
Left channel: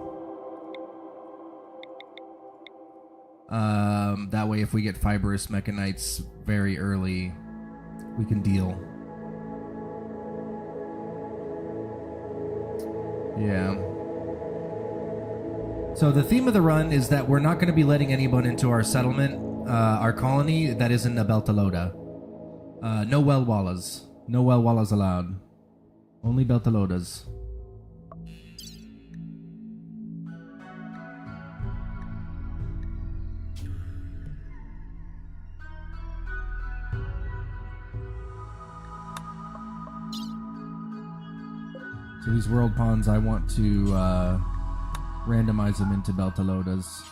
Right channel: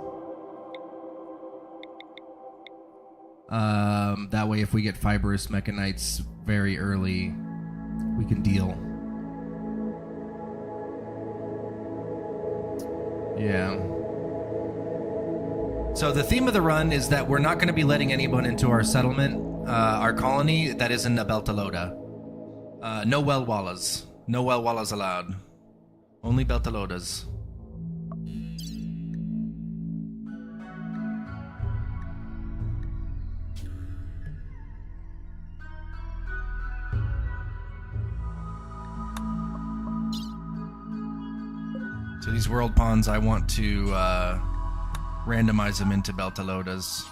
That way, if we get fibrous mechanites very early, we can deal. Yeah. So the theme of the run is that we're not going to be letting anyone into our settlement, our colony that isn't a Beltalowda. No wellwallas. No wellwallas allowed. Only Beltalowdas. So these world pawns, I want to randomize them into Beltalowdas.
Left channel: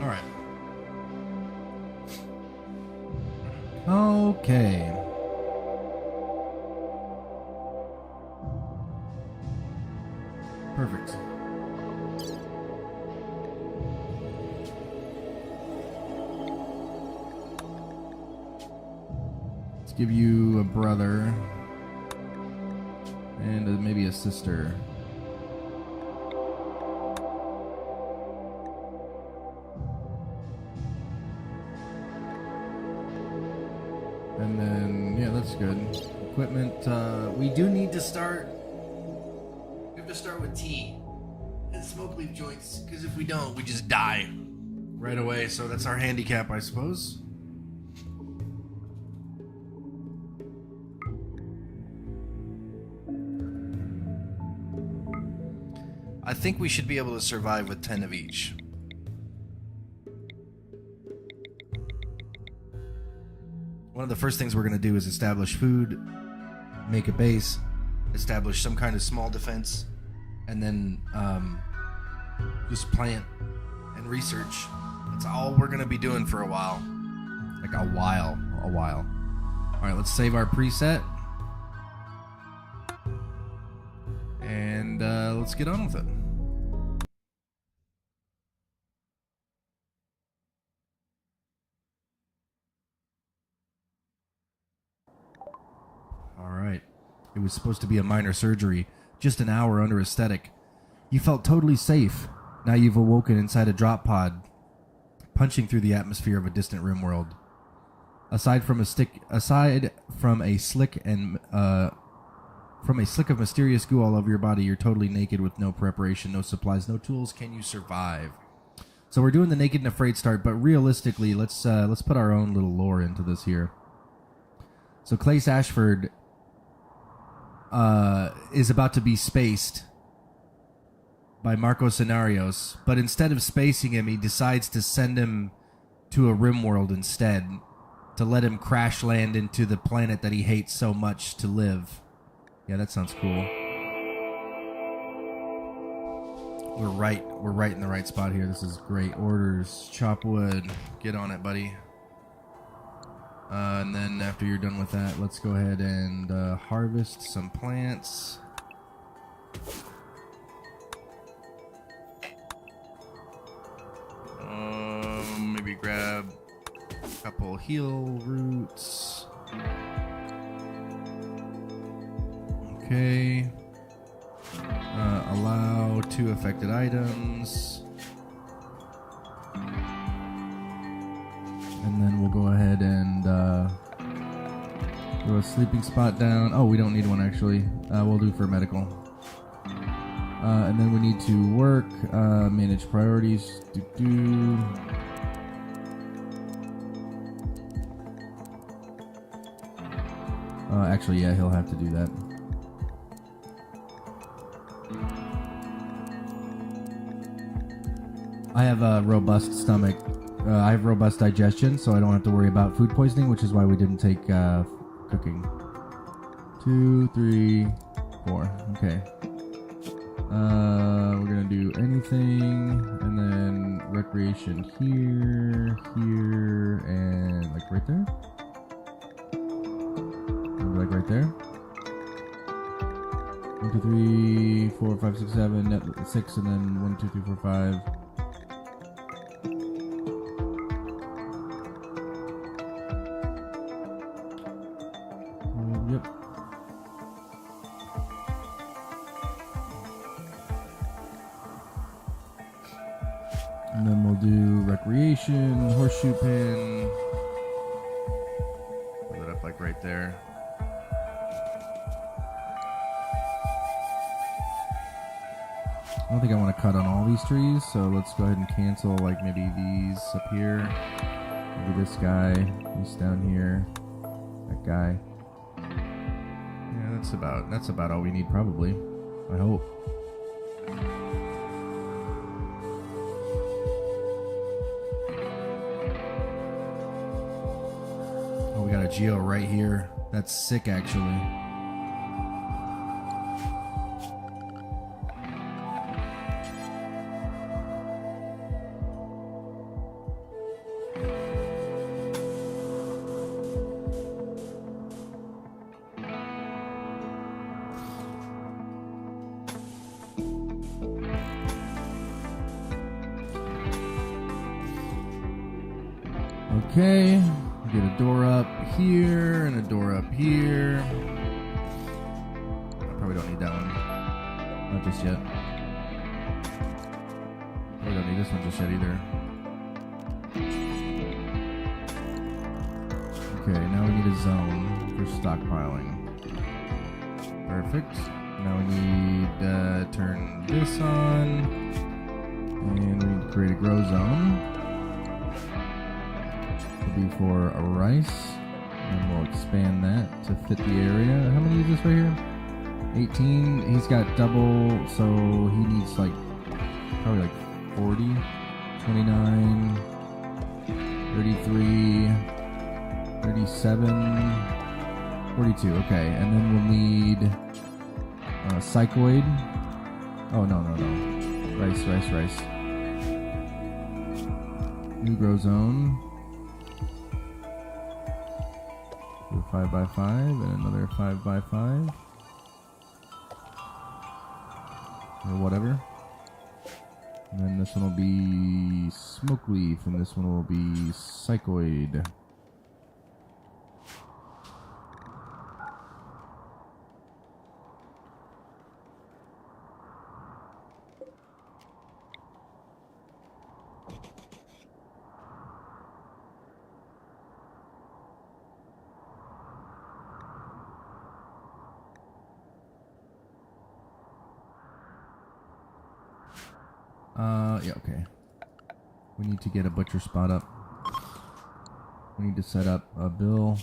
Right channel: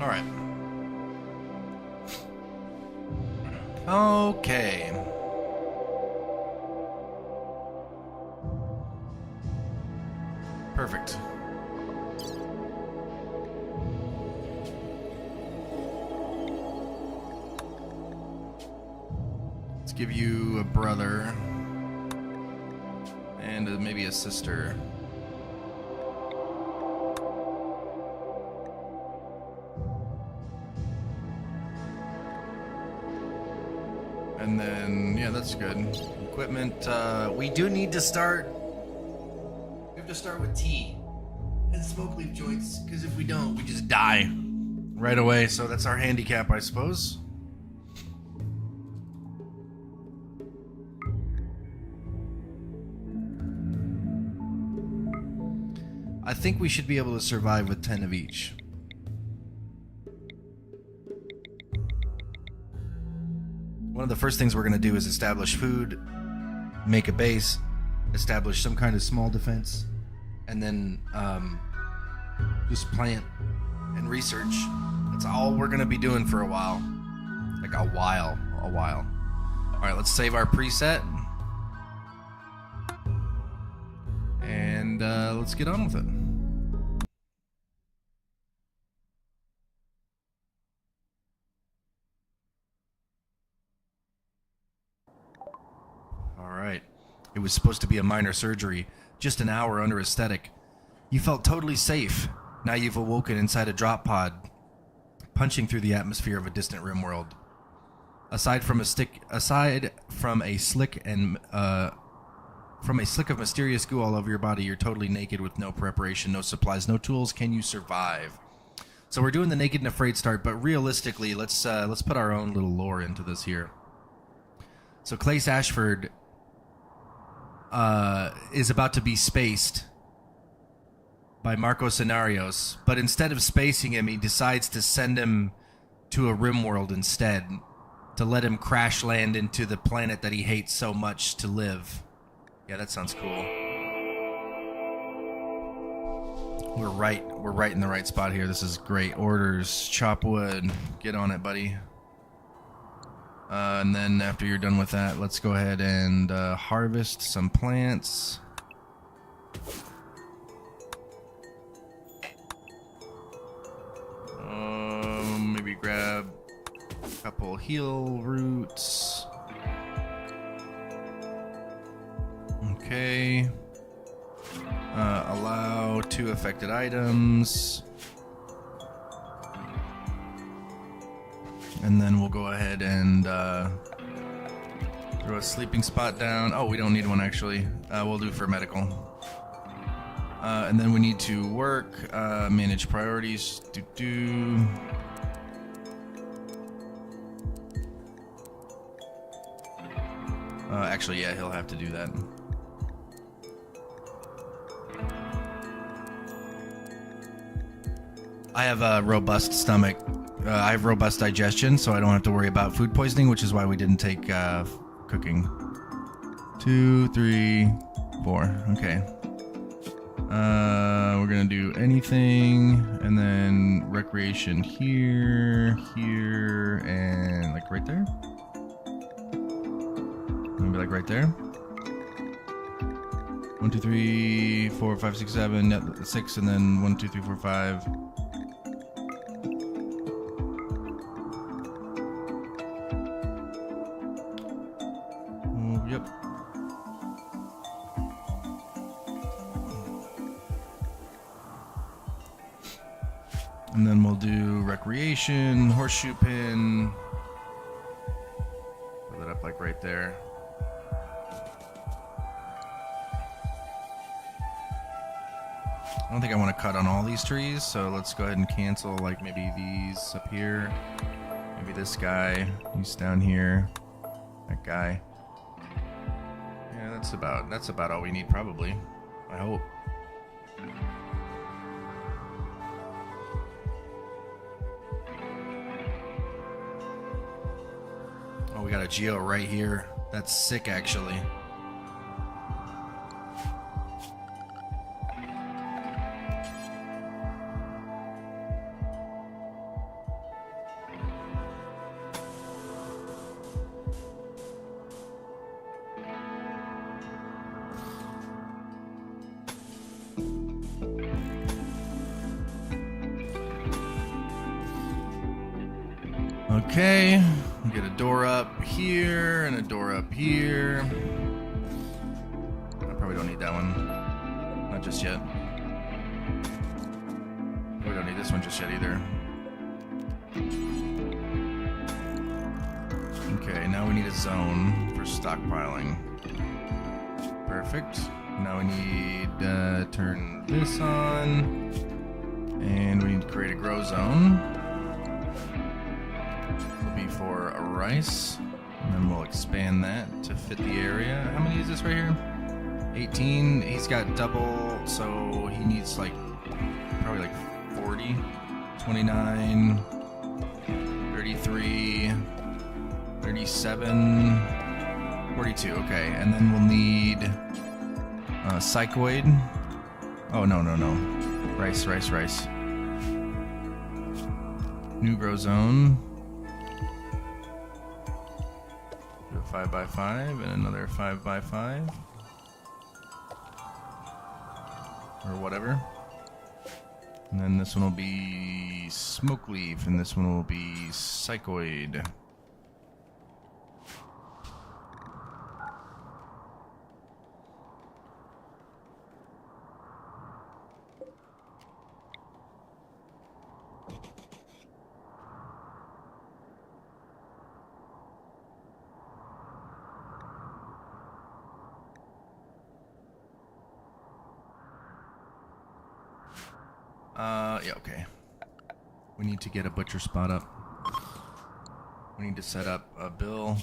All right. Okay. Perfect. Let's give you a brother and maybe a sister. And then, yeah, that's good. Equipment, we do need to start. We have to start with tea and smoke leaf joints, because if we don't, we just die right away. So that's our handicap, I suppose. I think we should be able to survive with 10 of each. One of the first things we're going to do is establish food, make a base, establish some kind of small defense, and then just plant and research. That's all we're going to be doing for a while. Like a while. All right, let's save our preset. And let's get on with it. Alright. It was supposed to be a minor surgery. Just an hour under aesthetic. You felt totally safe. Now you've awoken inside a drop pod, punching through the atmosphere of a distant rimworld. Aside from a slick of mysterious goo all over your body, you're totally naked with no preparation, no supplies, no tools. Can you survive? So we're doing the naked and afraid start, but realistically, let's put our own little lore into this here. So Klaes Ashford is about to be spaced by Marco Scenarios, but instead of spacing him, he decides to send him to a rimworld instead, to let him crash land into the planet that he hates so much to live. Yeah, that sounds cool. We're right in the right spot here. This is great. Orders, chop wood, get on it, buddy. And then after you're done with that, let's go ahead and harvest some plants. Maybe grab a couple heal roots. Okay. Allow 2 affected items. And then we'll go ahead and throw a sleeping spot down. Oh, we don't need one actually. We'll do for medical. And then we need to work, manage priorities. Actually, yeah, he'll have to do that. I have a robust stomach. I have robust digestion, so I don't have to worry about food poisoning, which is why we didn't take cooking. 2, 3, 4. Okay. We're gonna do anything, and then recreation here, and like right there. Maybe like right there. 1, 2, 3, 4, 5, 6, 7, 6, and then 1, 2, 3, 4, 5. And then we'll do recreation, horseshoe pin. Put it up like right there. I don't think I want to cut on all these trees, so let's go ahead and cancel like maybe these up here. Maybe this guy, he's down here. That guy. Yeah, that's about all we need probably. I hope. Oh, we got a geo right here. That's sick actually. Okay, we get a door up here and a door up here. I probably don't need that one. Not just yet. We don't need this one just yet either. Okay, now we need a zone for stockpiling. Perfect. Now we need to turn this on. And we need to create a grow zone. For a rice, and we'll expand that to fit the area. How many is this right here? 18. He's got double, so he needs like probably like 40, 29, 33, 37, 42. Okay, and then we'll need psychoid. Oh no. Rice. New grow zone. 5x5 and another 5x5 or whatever, and then this one will be smoke leaf and this one will be psychoid. Yeah, okay. We need to get a butcher spot up. We need to set up a bill.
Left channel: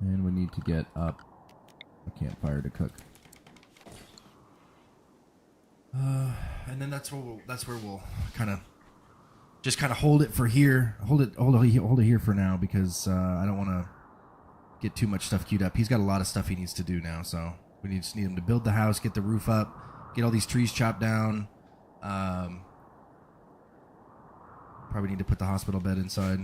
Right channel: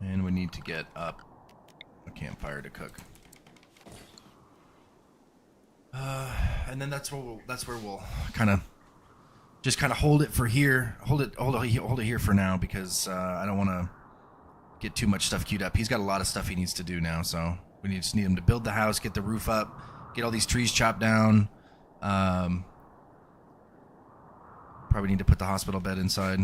And we need to get up a campfire to cook. And then that's where we'll kind of just kind of hold it for here. Hold it here for now because I don't want to get too much stuff queued up. He's got a lot of stuff he needs to do now, so we just need him to build the house, get the roof up, get all these trees chopped down. Probably need to put the hospital bed inside.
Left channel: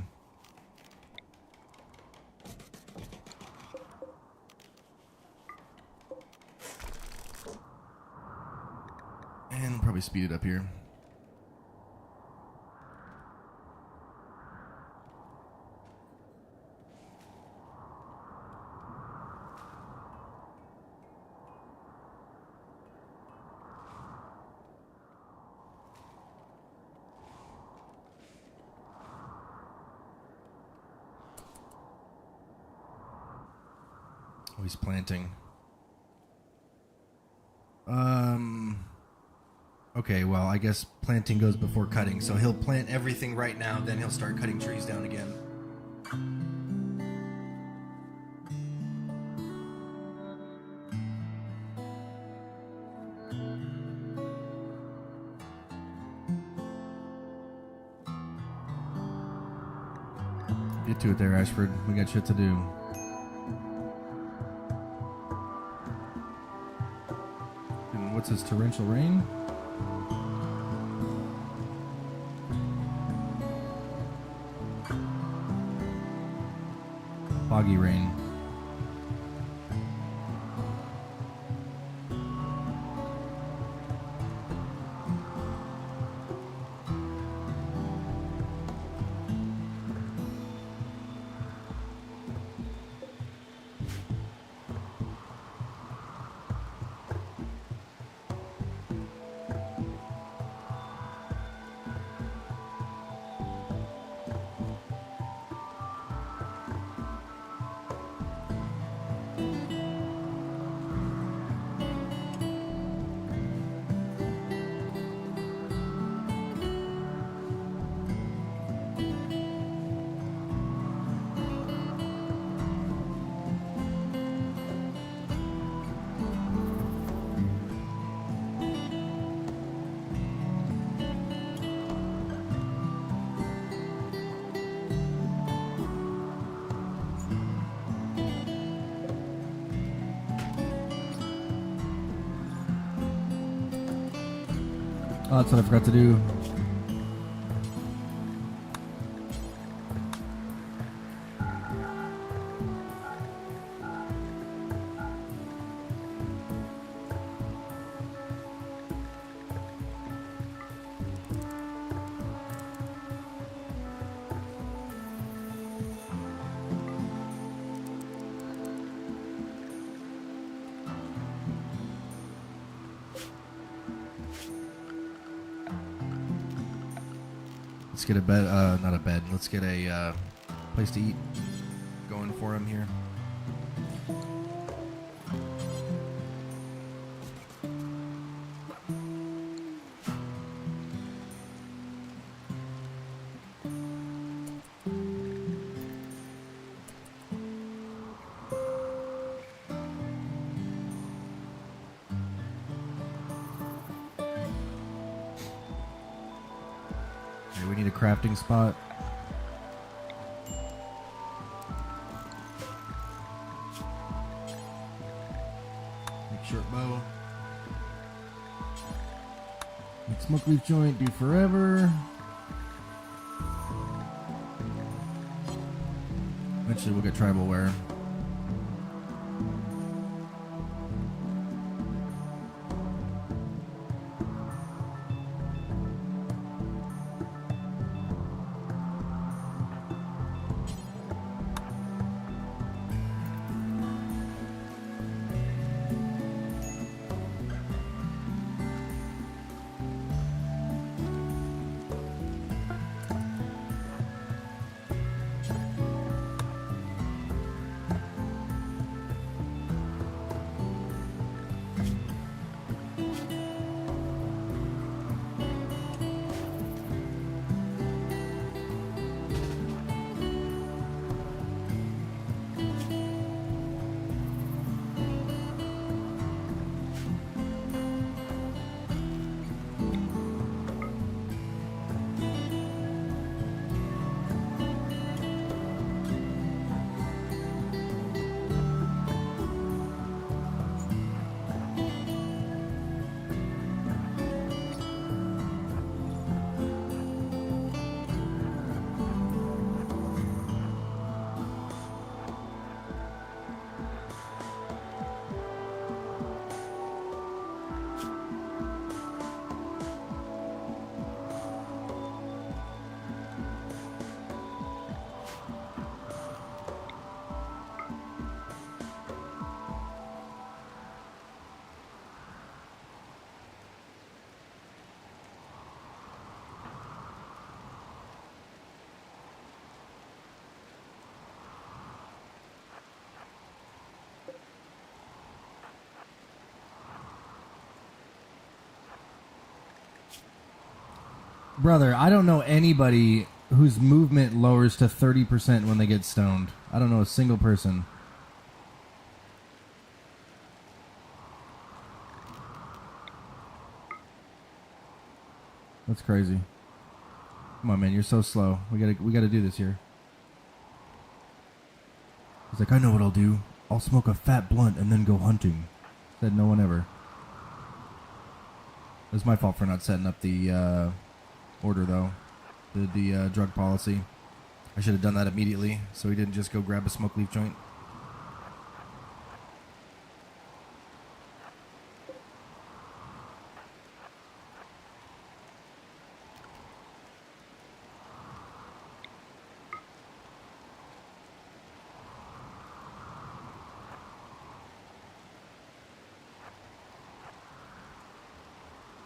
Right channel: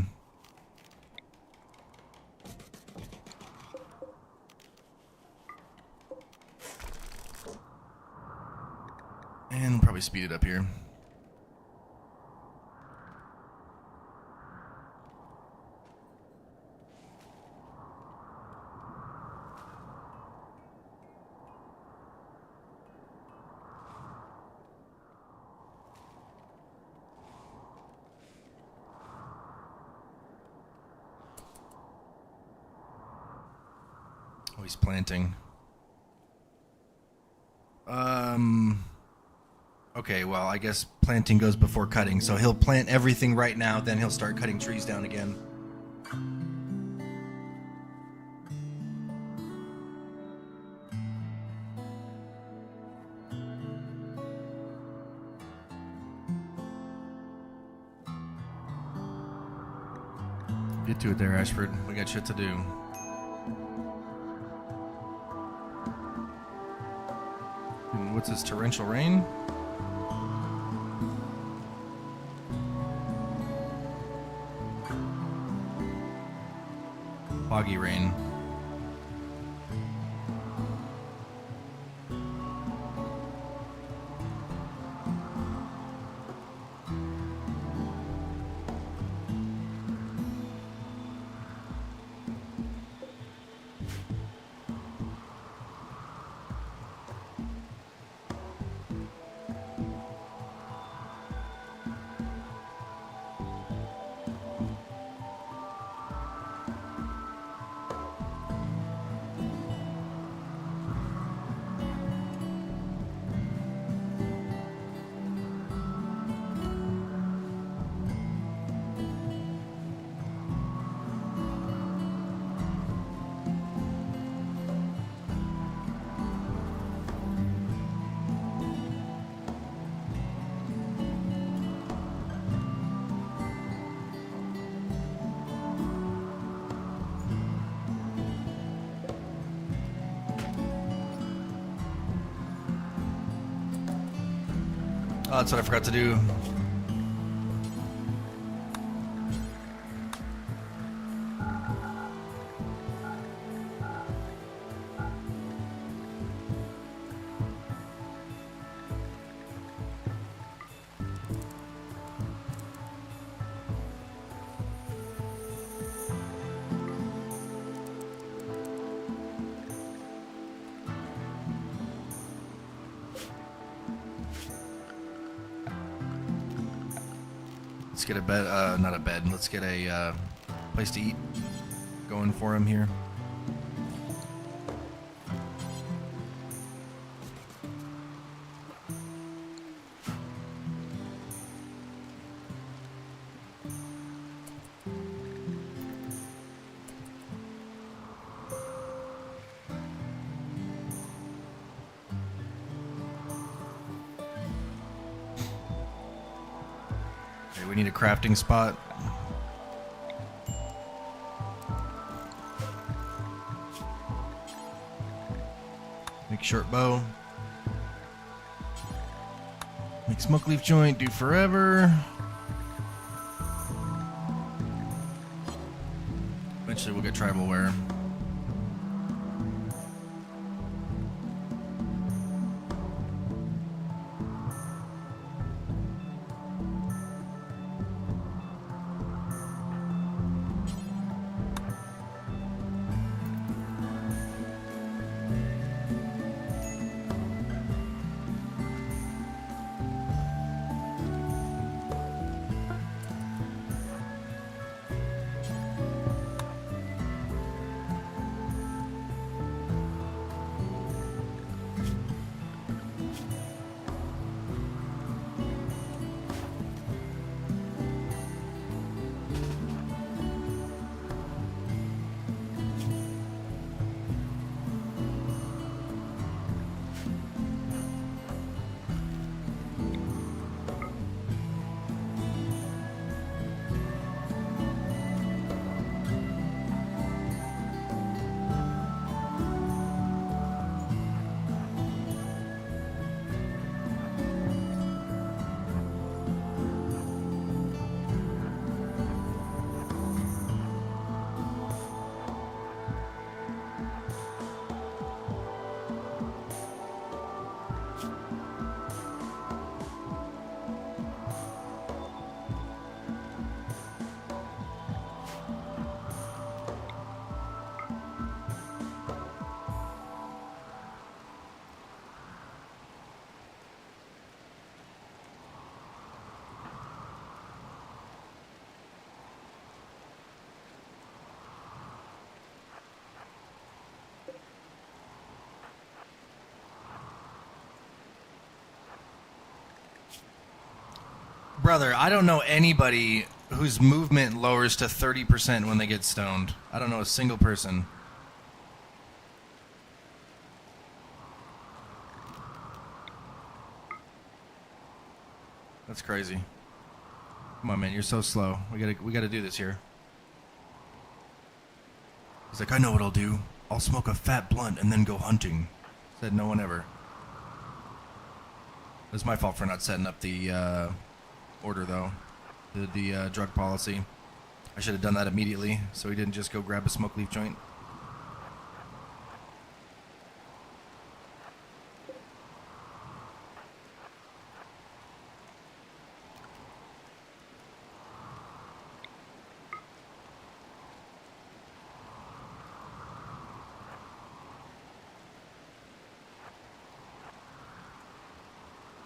And probably speed it up here. Oh, he's planting. Okay, well, I guess planting goes before cutting, so he'll plant everything right now, then he'll start cutting trees down again. Get to it there, Ashford. We got shit to do. And what's this, torrential rain? Foggy rain. Oh, that's what I forgot to do. Let's get a bed, not a bed, let's get a place to eat going for him here. We need a crafting spot. Make short bow. Make smoke leaf joint, do forever. Eventually we'll get tribal wear. Brother, I don't know anybody whose movement lowers to 30% when they get stoned. I don't know a single person. That's crazy. Come on, man, you're so slow. We gotta do this here. He's like, I know what I'll do. I'll smoke a fat blunt and then go hunting. Said no one ever. It was my fault for not setting up the order, though. The drug policy. I should have done that immediately, so he didn't just go grab a smoke leaf joint.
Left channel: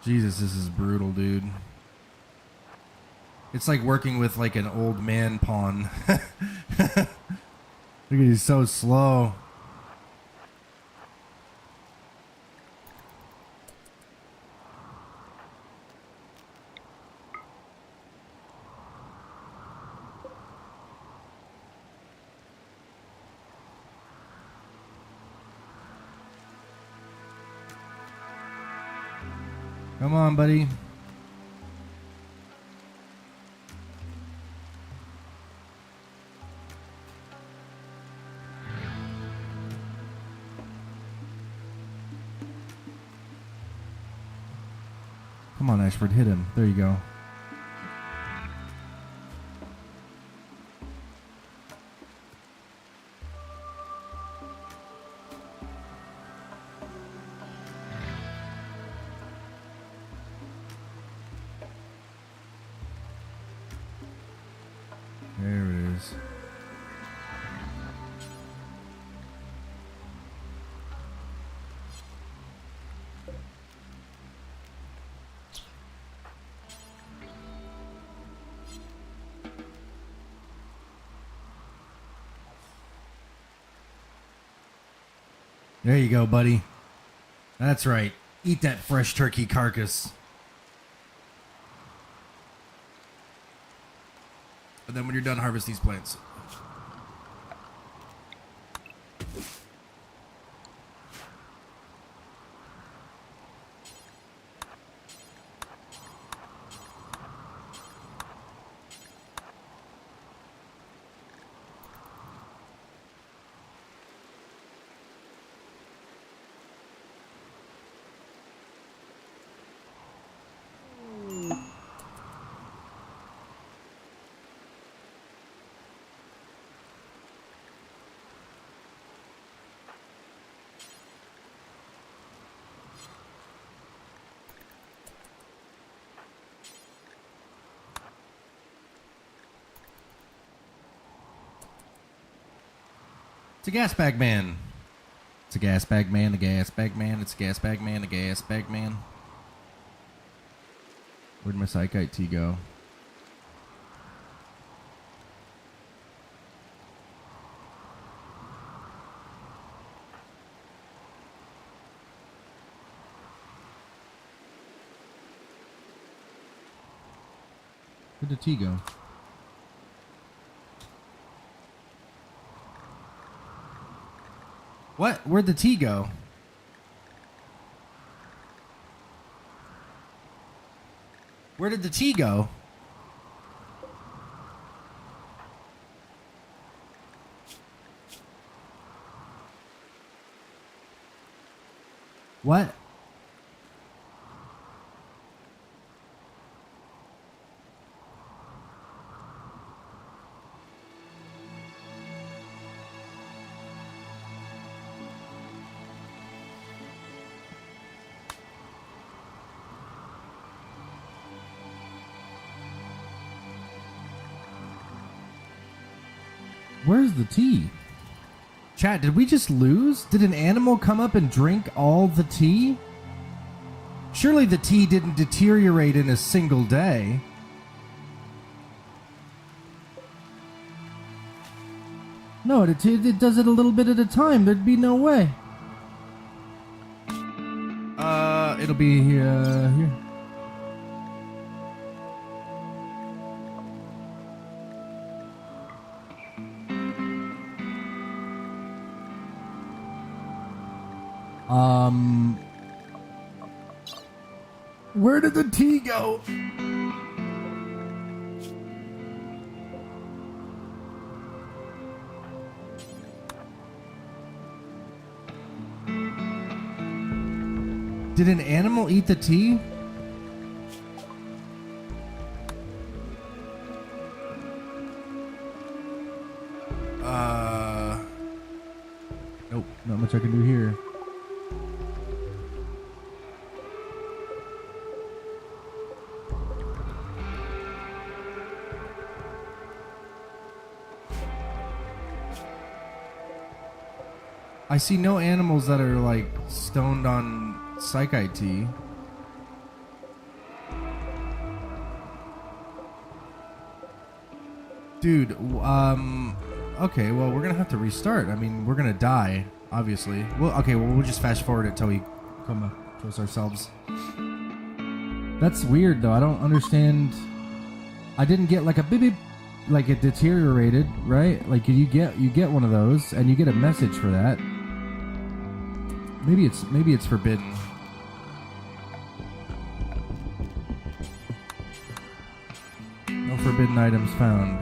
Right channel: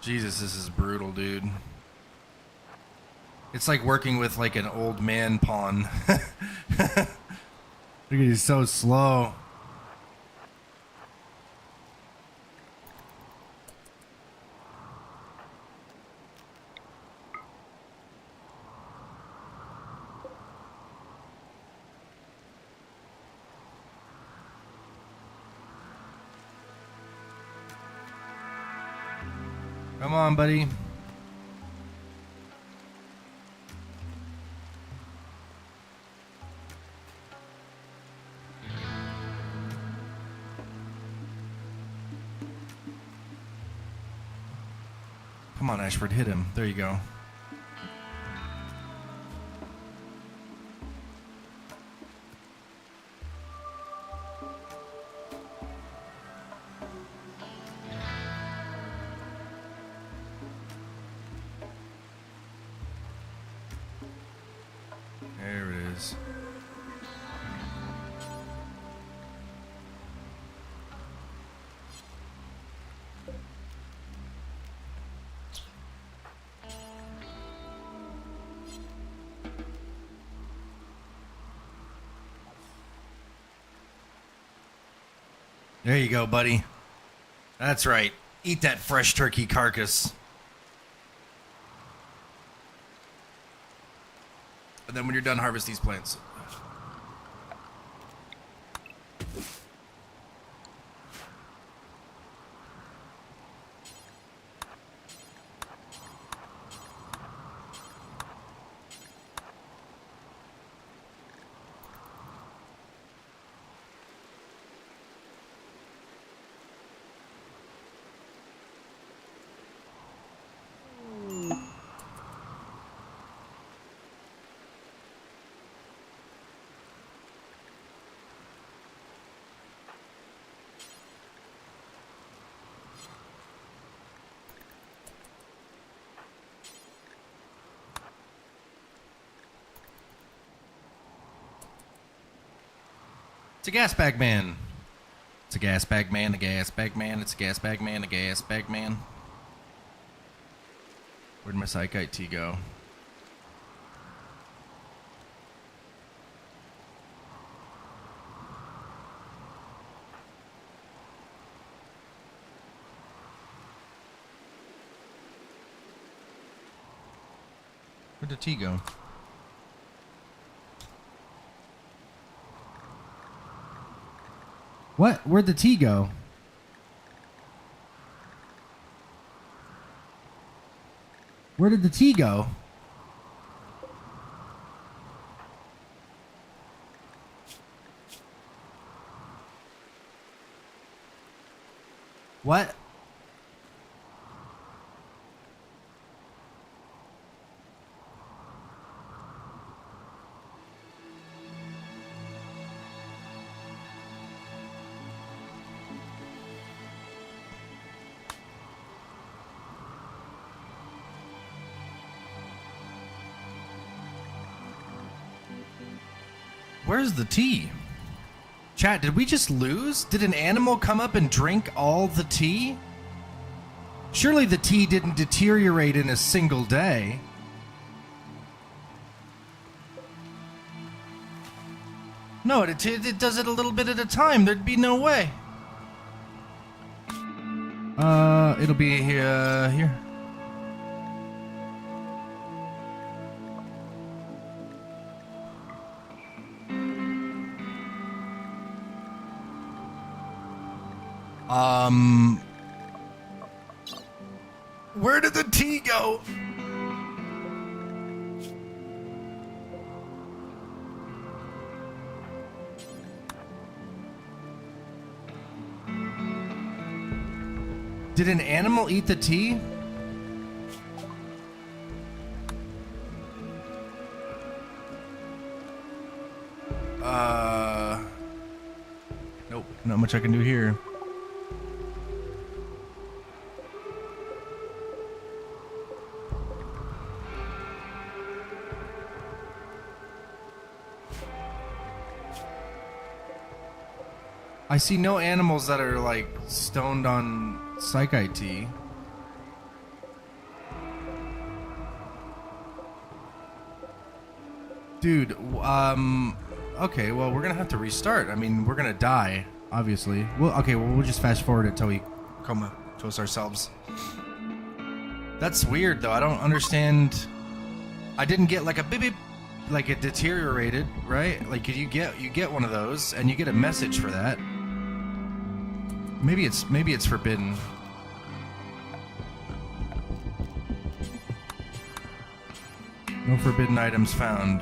Jesus, this is brutal, dude. It's like working with like an old man pawn. Look at he's so slow. Come on, buddy. Come on, Ashford, hit him. There you go. There it is. There you go, buddy. That's right. Eat that fresh turkey carcass. And then when you're done, harvest these plants. It's a gas bag man. It's a gas bag man, a gas bag man, it's a gas bag man, a gas bag man. Where'd my Psychite tea go? Where'd the tea go? What? Where'd the tea go? Where did the tea go? What? Where's the tea? Chat, did we just lose? Did an animal come up and drink all the tea? Surely the tea didn't deteriorate in a single day. No, it does it a little bit at a time. There'd be no way. It'll be here. Where did the tea go? Did an animal eat the tea? Nope, not much I can do here. I see no animals that are like stoned on psychite tea. Dude, okay, well, we're gonna have to restart. I mean, we're gonna die, obviously. Well, okay, well, we'll just fast forward until we come to us ourselves. That's weird, though. I don't understand. I didn't get like a beep beep, like it deteriorated, right? Like you get one of those, and you get a message for that. Maybe it's forbidden. No forbidden items found.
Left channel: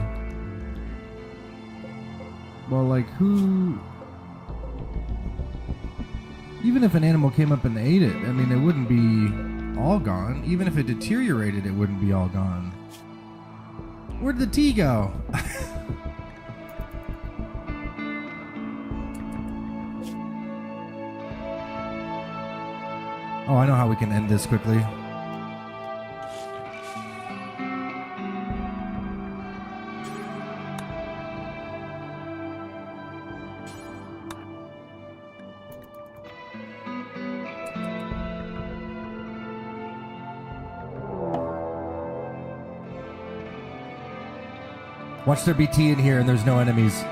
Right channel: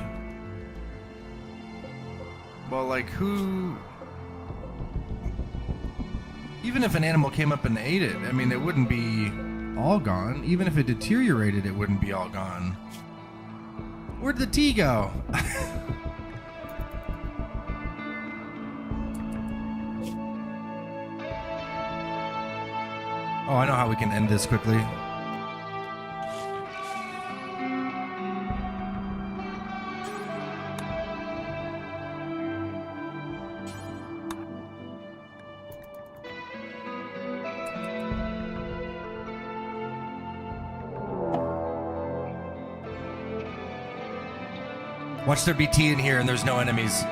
Well, like who? Even if an animal came up and ate it, I mean, it wouldn't be all gone. Even if it deteriorated, it wouldn't be all gone. Where'd the tea go? Oh, I know how we can end this quickly. Watch there be tea in here and there's no enemies.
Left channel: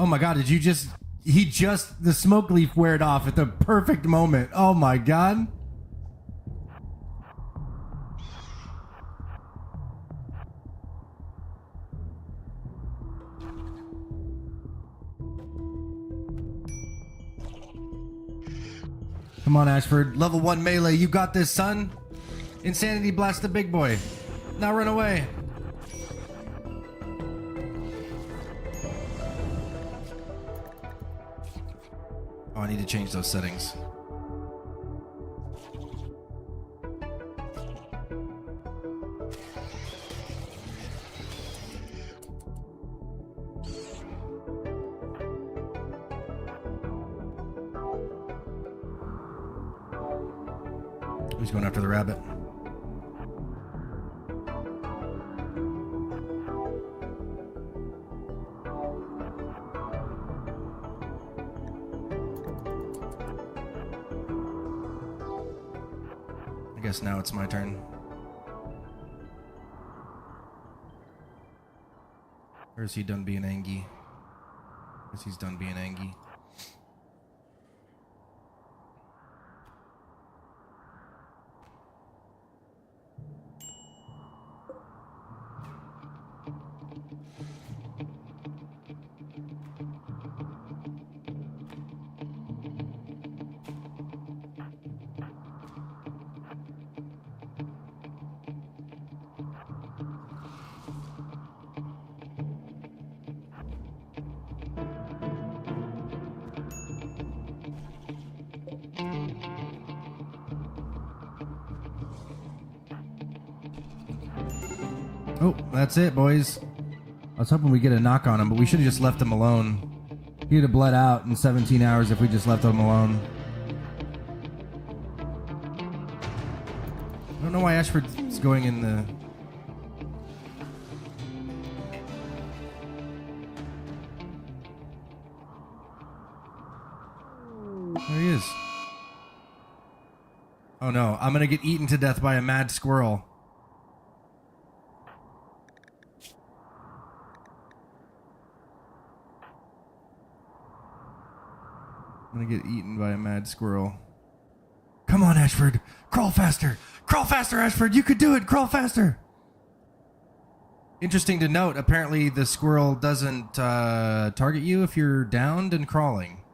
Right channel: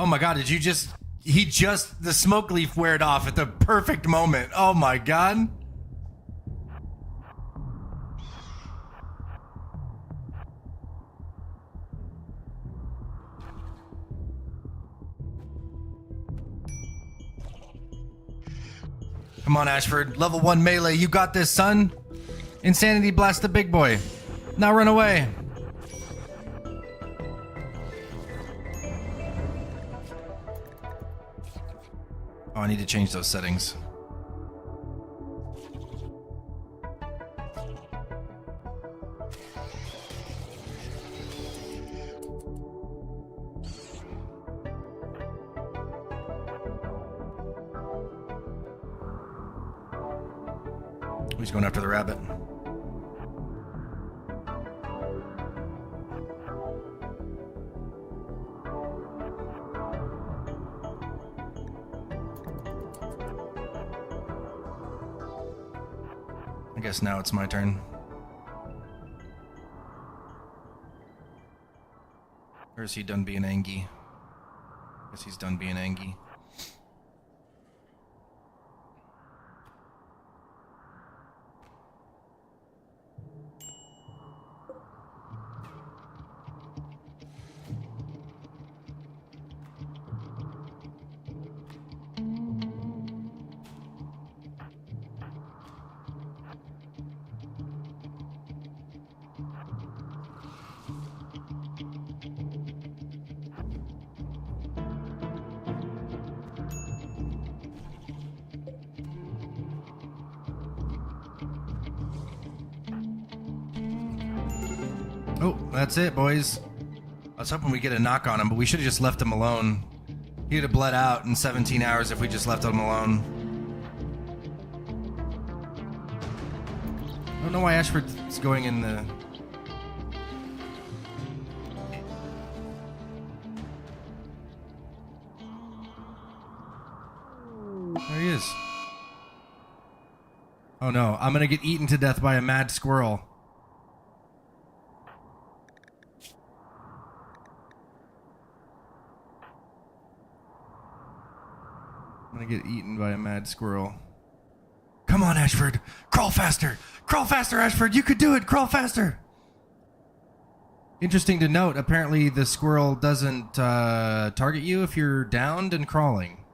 Oh my god, did you just... the smoke leaf wore off at the perfect moment. Oh my god. Come on, Ashford. Level 1 melee, you got this, son. Insanity blast the big boy. Now run away. Oh, I need to change those settings. He's going after the rabbit. I guess now it's my turn. Or is he done being angry? I guess he's done being angry. Oh, that's it, boys. I was hoping we'd get a knock on him, but we should have just left him alone. He'd have bled out in 17 hours if we just left him alone. I don't know why Ashford's going in the... There he is. Oh no, I'm gonna get eaten to death by a mad squirrel. I'm gonna get eaten by a mad squirrel. Come on, Ashford. Crawl faster. Crawl faster, Ashford. You could do it. Crawl faster. Interesting to note, apparently the squirrel doesn't target you if you're downed and crawling.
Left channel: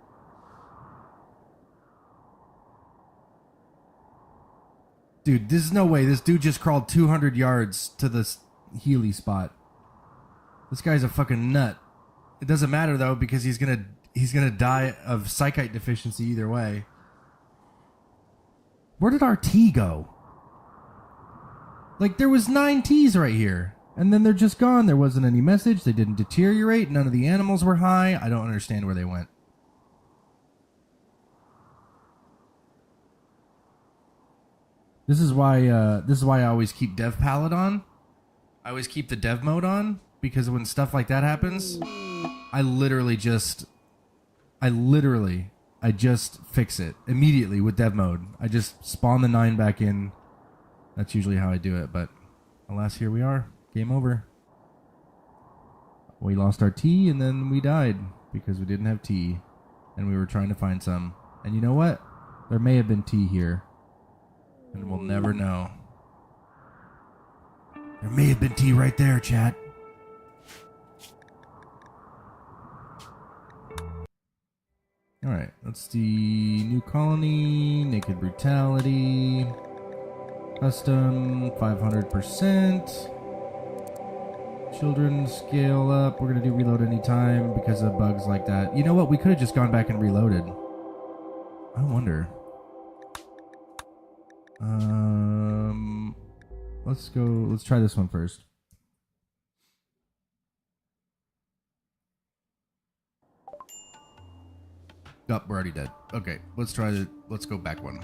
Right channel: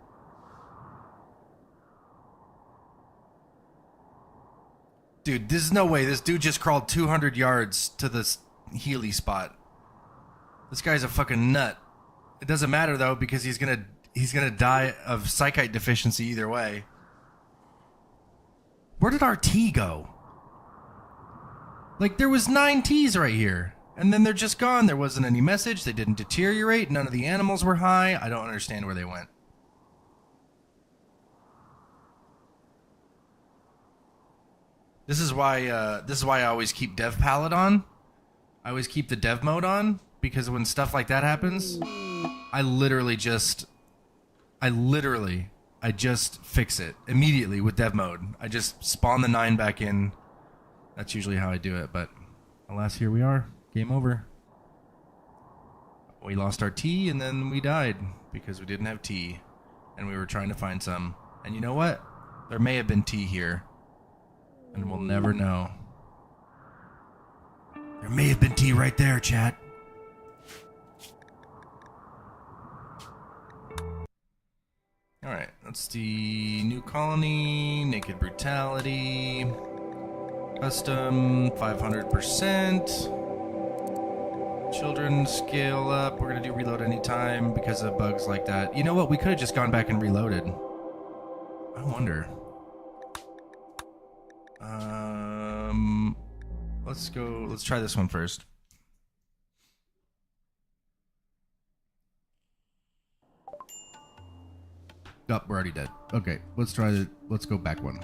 Dude, there's no way. This dude just crawled 200 yards to this Healy spot. This guy's a fucking nut. It doesn't matter, though, because he's gonna die of psychite deficiency either way. Where did our tea go? Like, there was 9 teas right here. And then they're just gone. There wasn't any message. They didn't deteriorate. None of the animals were high. I don't understand where they went. This is why I always keep dev palette on. I always keep the dev mode on, because when stuff like that happens, I just fix it immediately with dev mode. I just spawn the 9 back in. That's usually how I do it, but alas, here we are. Game over. We lost our tea and then we died because we didn't have tea and we were trying to find some. And you know what? There may have been tea here and we'll never know. There may have been tea right there, chat. Alright, that's the new colony, naked brutality, custom, 500%, children scale up, we're going to do reload anytime because of bugs like that. You know what, we could have just gone back and reloaded. I wonder. Let's try this one first. Oh, we're already dead. Okay, let's go back one.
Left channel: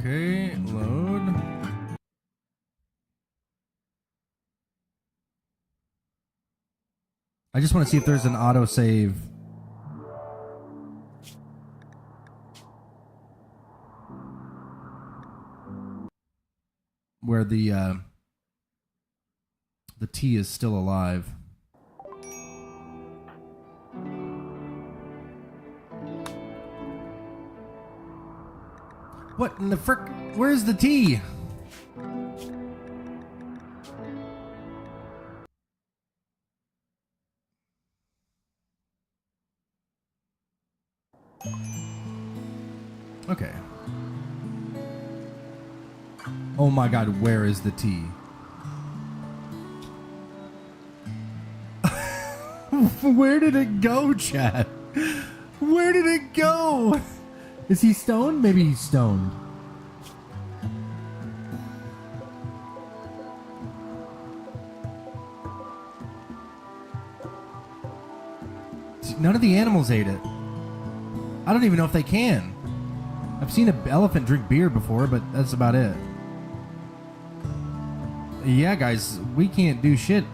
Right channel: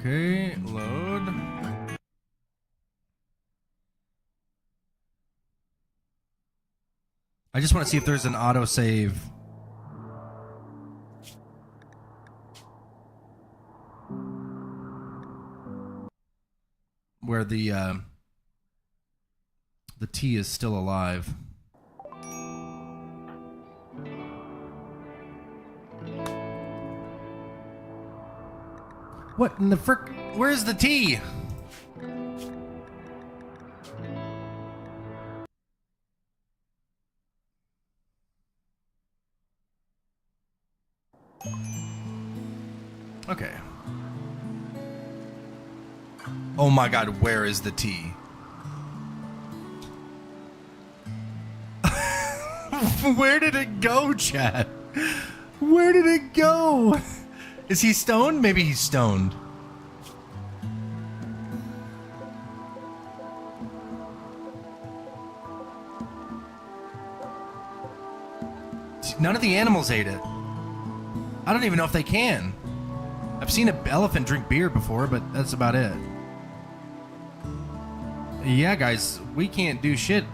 Okay, load. I just want to see if there's an autosave. Where the T is still alive. What in the frick? Where's the T? Okay. Oh my god, where is the T? Where did it go, Chad? Where did it go? Is he stoned? Maybe he's stoned. None of the animals ate it. I don't even know if they can. I've seen an elephant drink beer before, but that's about it. Yeah, guys, we can't do shit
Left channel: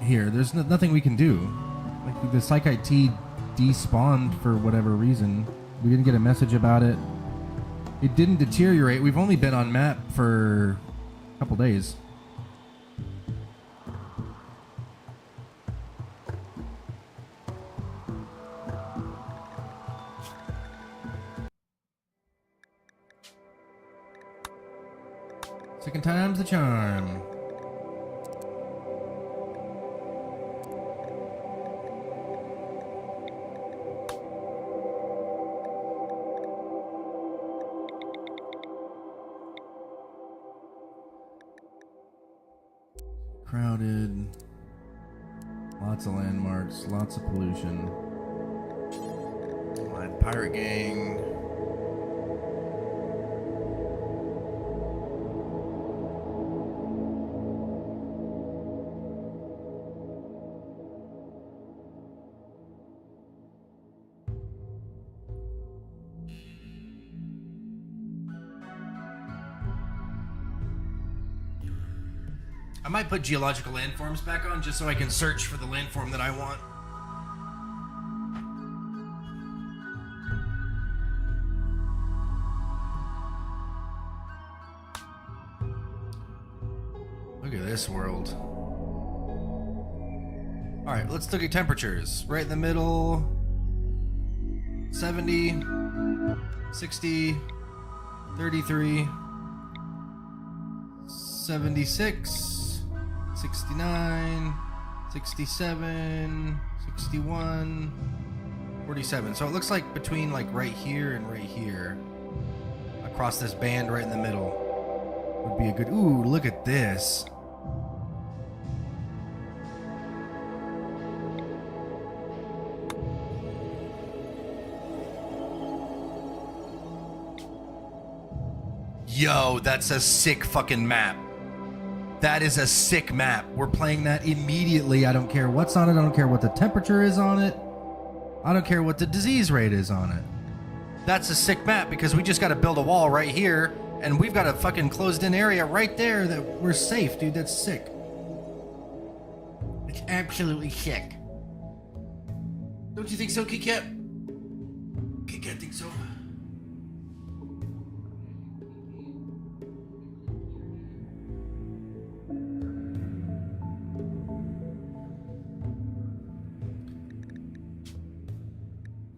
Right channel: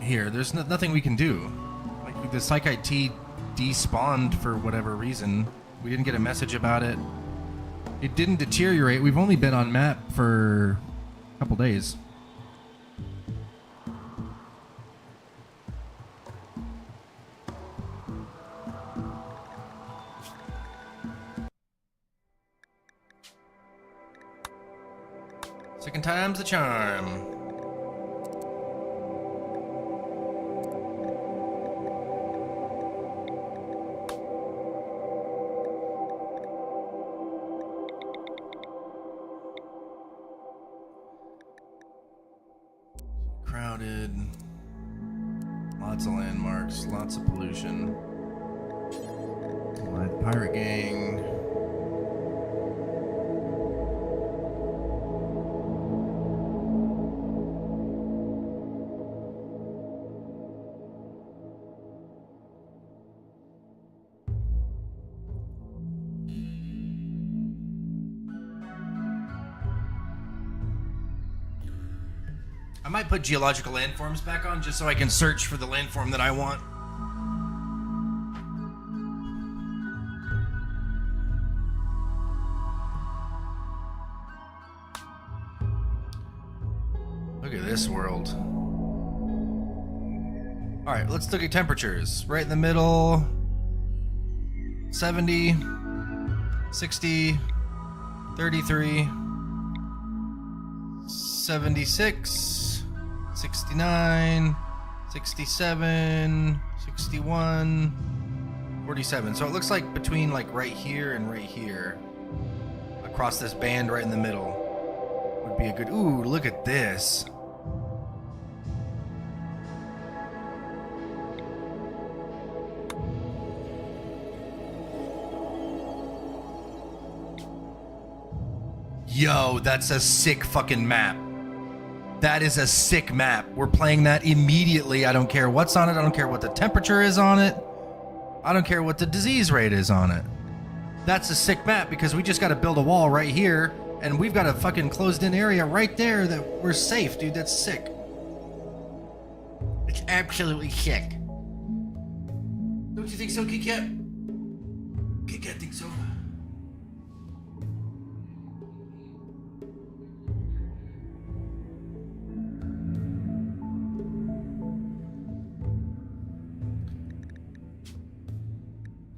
here. There's nothing we can do. Like, the Psychite T despawned for whatever reason. We didn't get a message about it. It didn't deteriorate. We've only been on map for a couple days. Second time's the charm. Crowded. Lots of landmarks, lots of pollution. My pirate gang. I might put geological landforms back on just so I can search for the landform that I want. Look at this world. Alright, let's look at temperatures. Right in the middle. 70, 60, 33, 76, 69, 67, 61, 47. So it looks like between like right here and right here, across this band right in the middle, would be a good... Ooh, look at this. Yo, that's a sick fucking map. That is a sick map. We're playing that immediately. I don't care what's on it. I don't care what the temperature is on it. I don't care what the disease rate is on it. That's a sick map because we just got to build a wall right here and we've got a fucking closed in area right there that we're safe, dude. That's sick. It's absolutely sick. Don't you think so, Kit Kat? Kit Kat thinks so.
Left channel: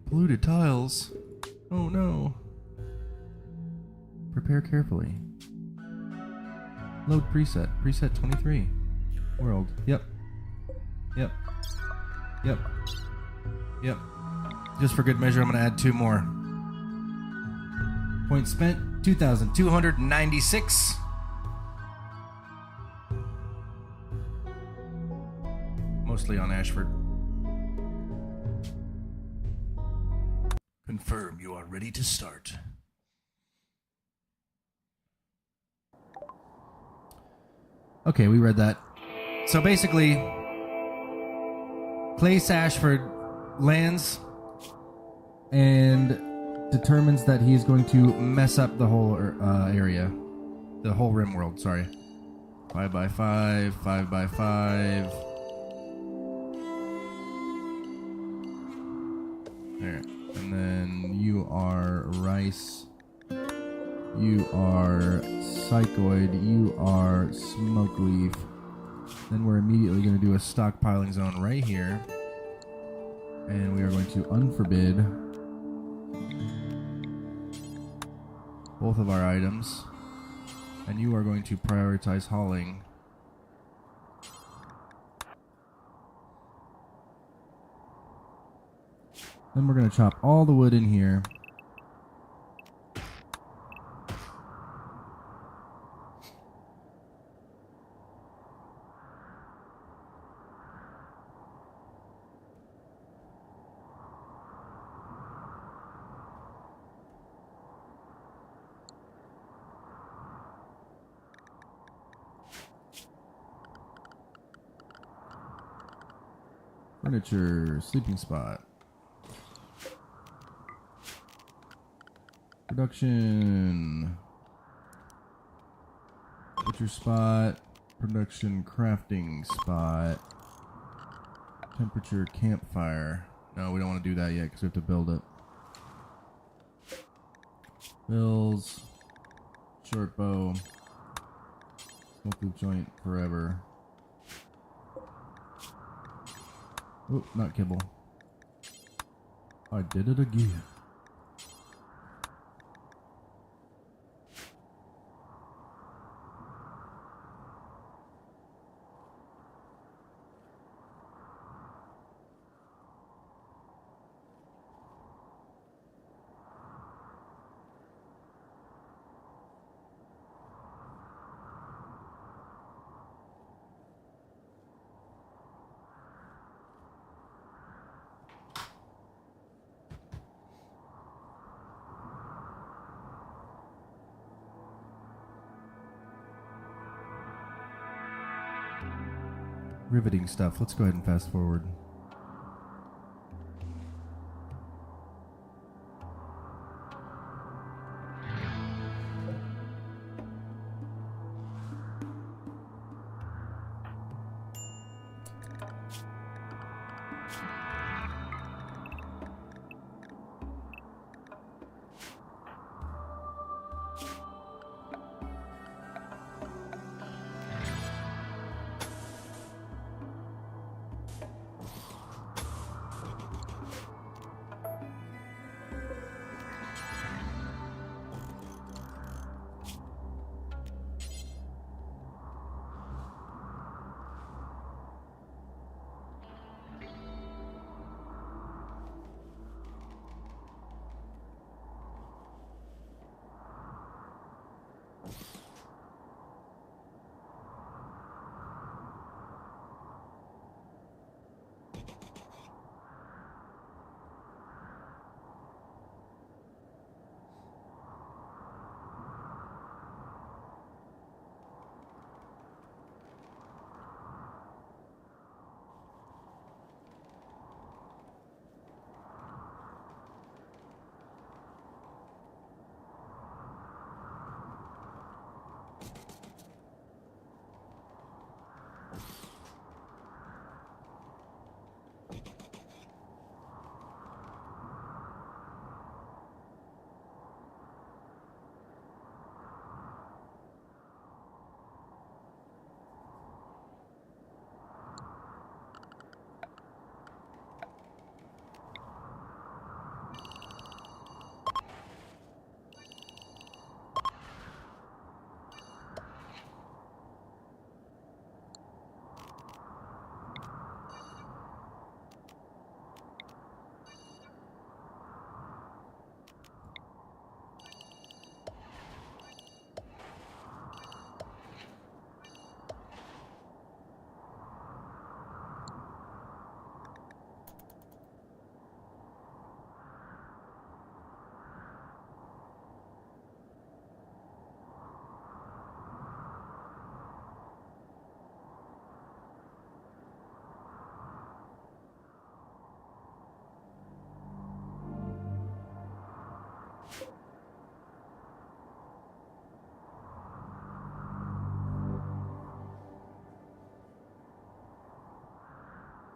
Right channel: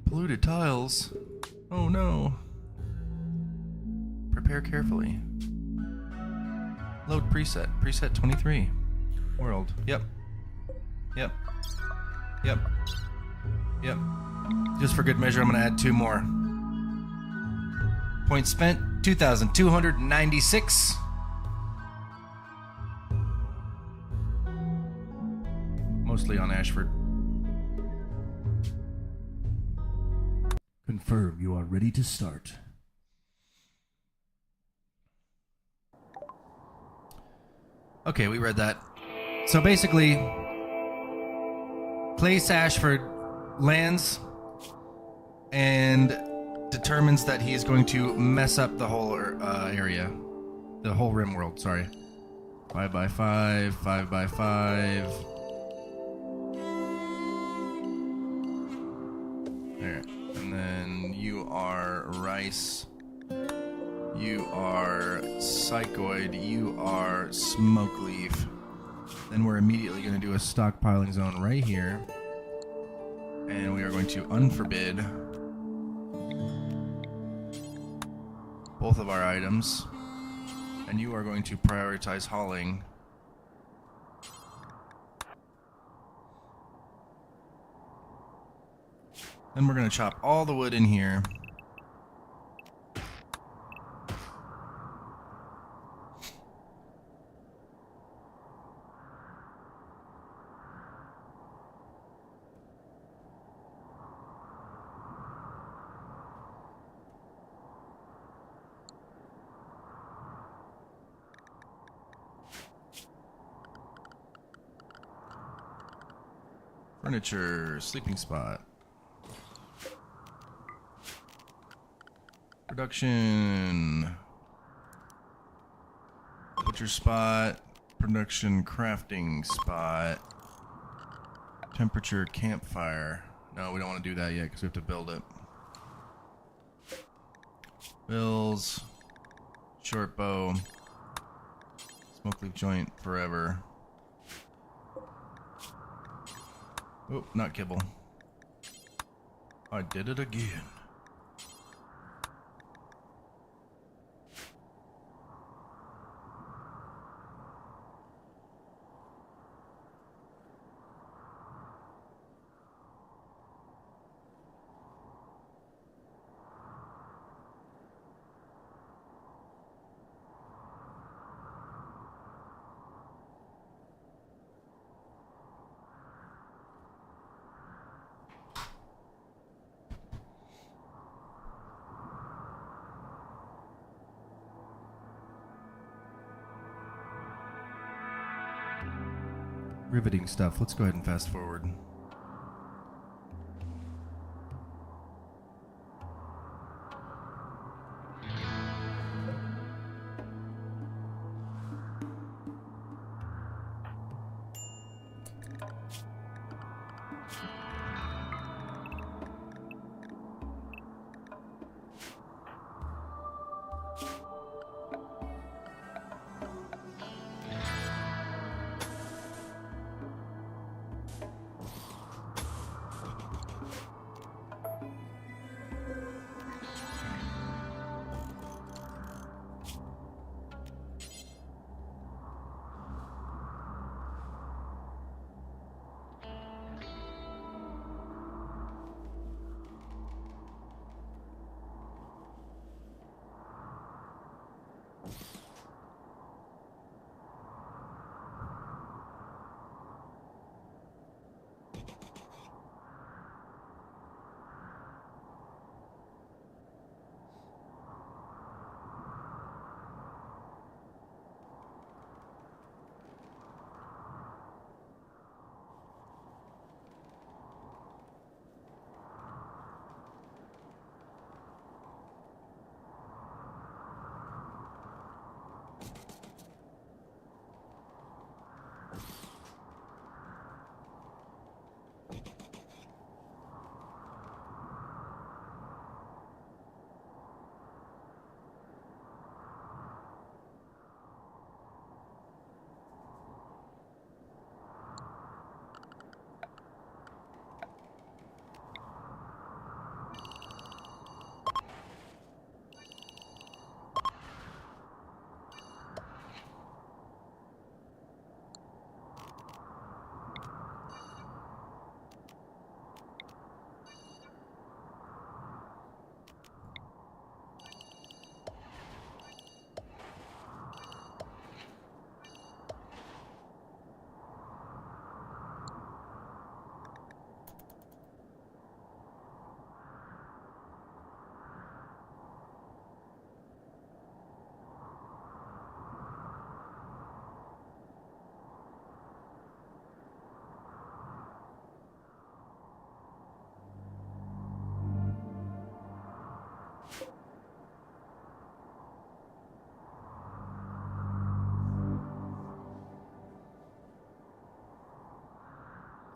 Polluted tiles. Oh no. Prepare carefully. Load preset. Preset 23. World. Yep. Yep. Yep. Yep. Just for good measure, I'm going to add 2 more. Points spent, 2,296. Mostly on Ashford. Confirm you are ready to start. Okay, we read that. So basically, Klaes Ashford lands and determines that he is going to mess up the whole area. The whole rimworld, sorry. 5x5, 5x5. There. And then you are rice. You are psychoid. You are smoke leaf. Then we're immediately going to do a stockpiling zone right here. And we are going to unforbid both of our items. And you are going to prioritize hauling. Then we're going to chop all the wood in here. Furniture, sleeping spot. Production. Butcher spot. Production crafting spot. Temperature campfire. No, we don't want to do that yet because we have to build it. Bills. Short bow. Smoke leaf joint forever. Oh, not kibble. I did it again. riveting stuff. Let's go ahead and fast forward.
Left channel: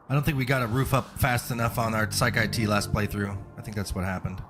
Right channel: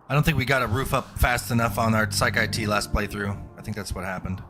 I don't think we got a roof up fast enough on our Psych IT last playthrough. I think that's what happened.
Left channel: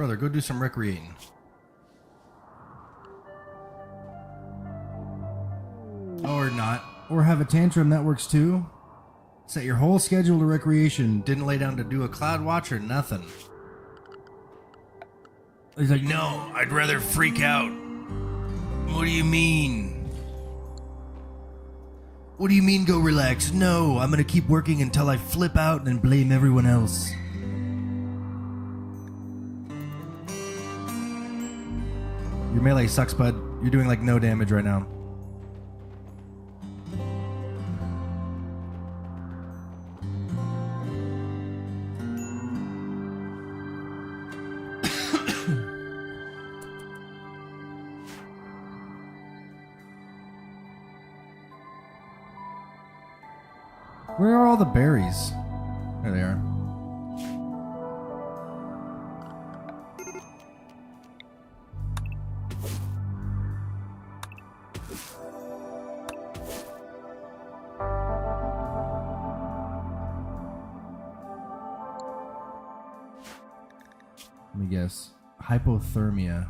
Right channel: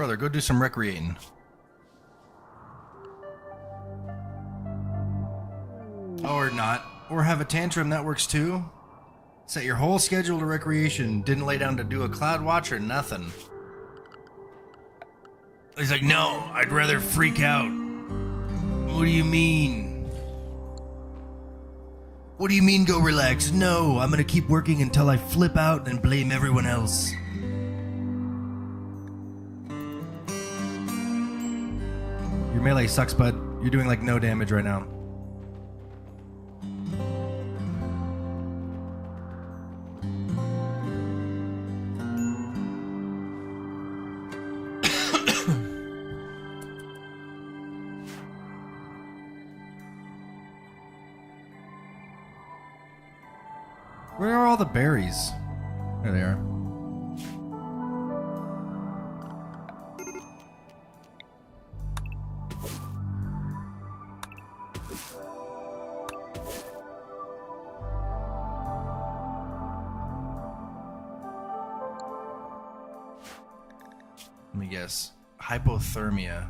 Brother, go do some recreating. Or not. Or have a tantrum, that works too. Set your whole schedule to recreation. Didn't lay down to do a cloud watch or nothing. He's like, no, I'd rather freak out. What do you mean? What do you mean go relax? No, I'm gonna keep working until I flip out and blame everyone else. Your melee sucks, bud. You're doing like no damage right now. Where are all the berries? There they are. Let me guess. Hypothermia.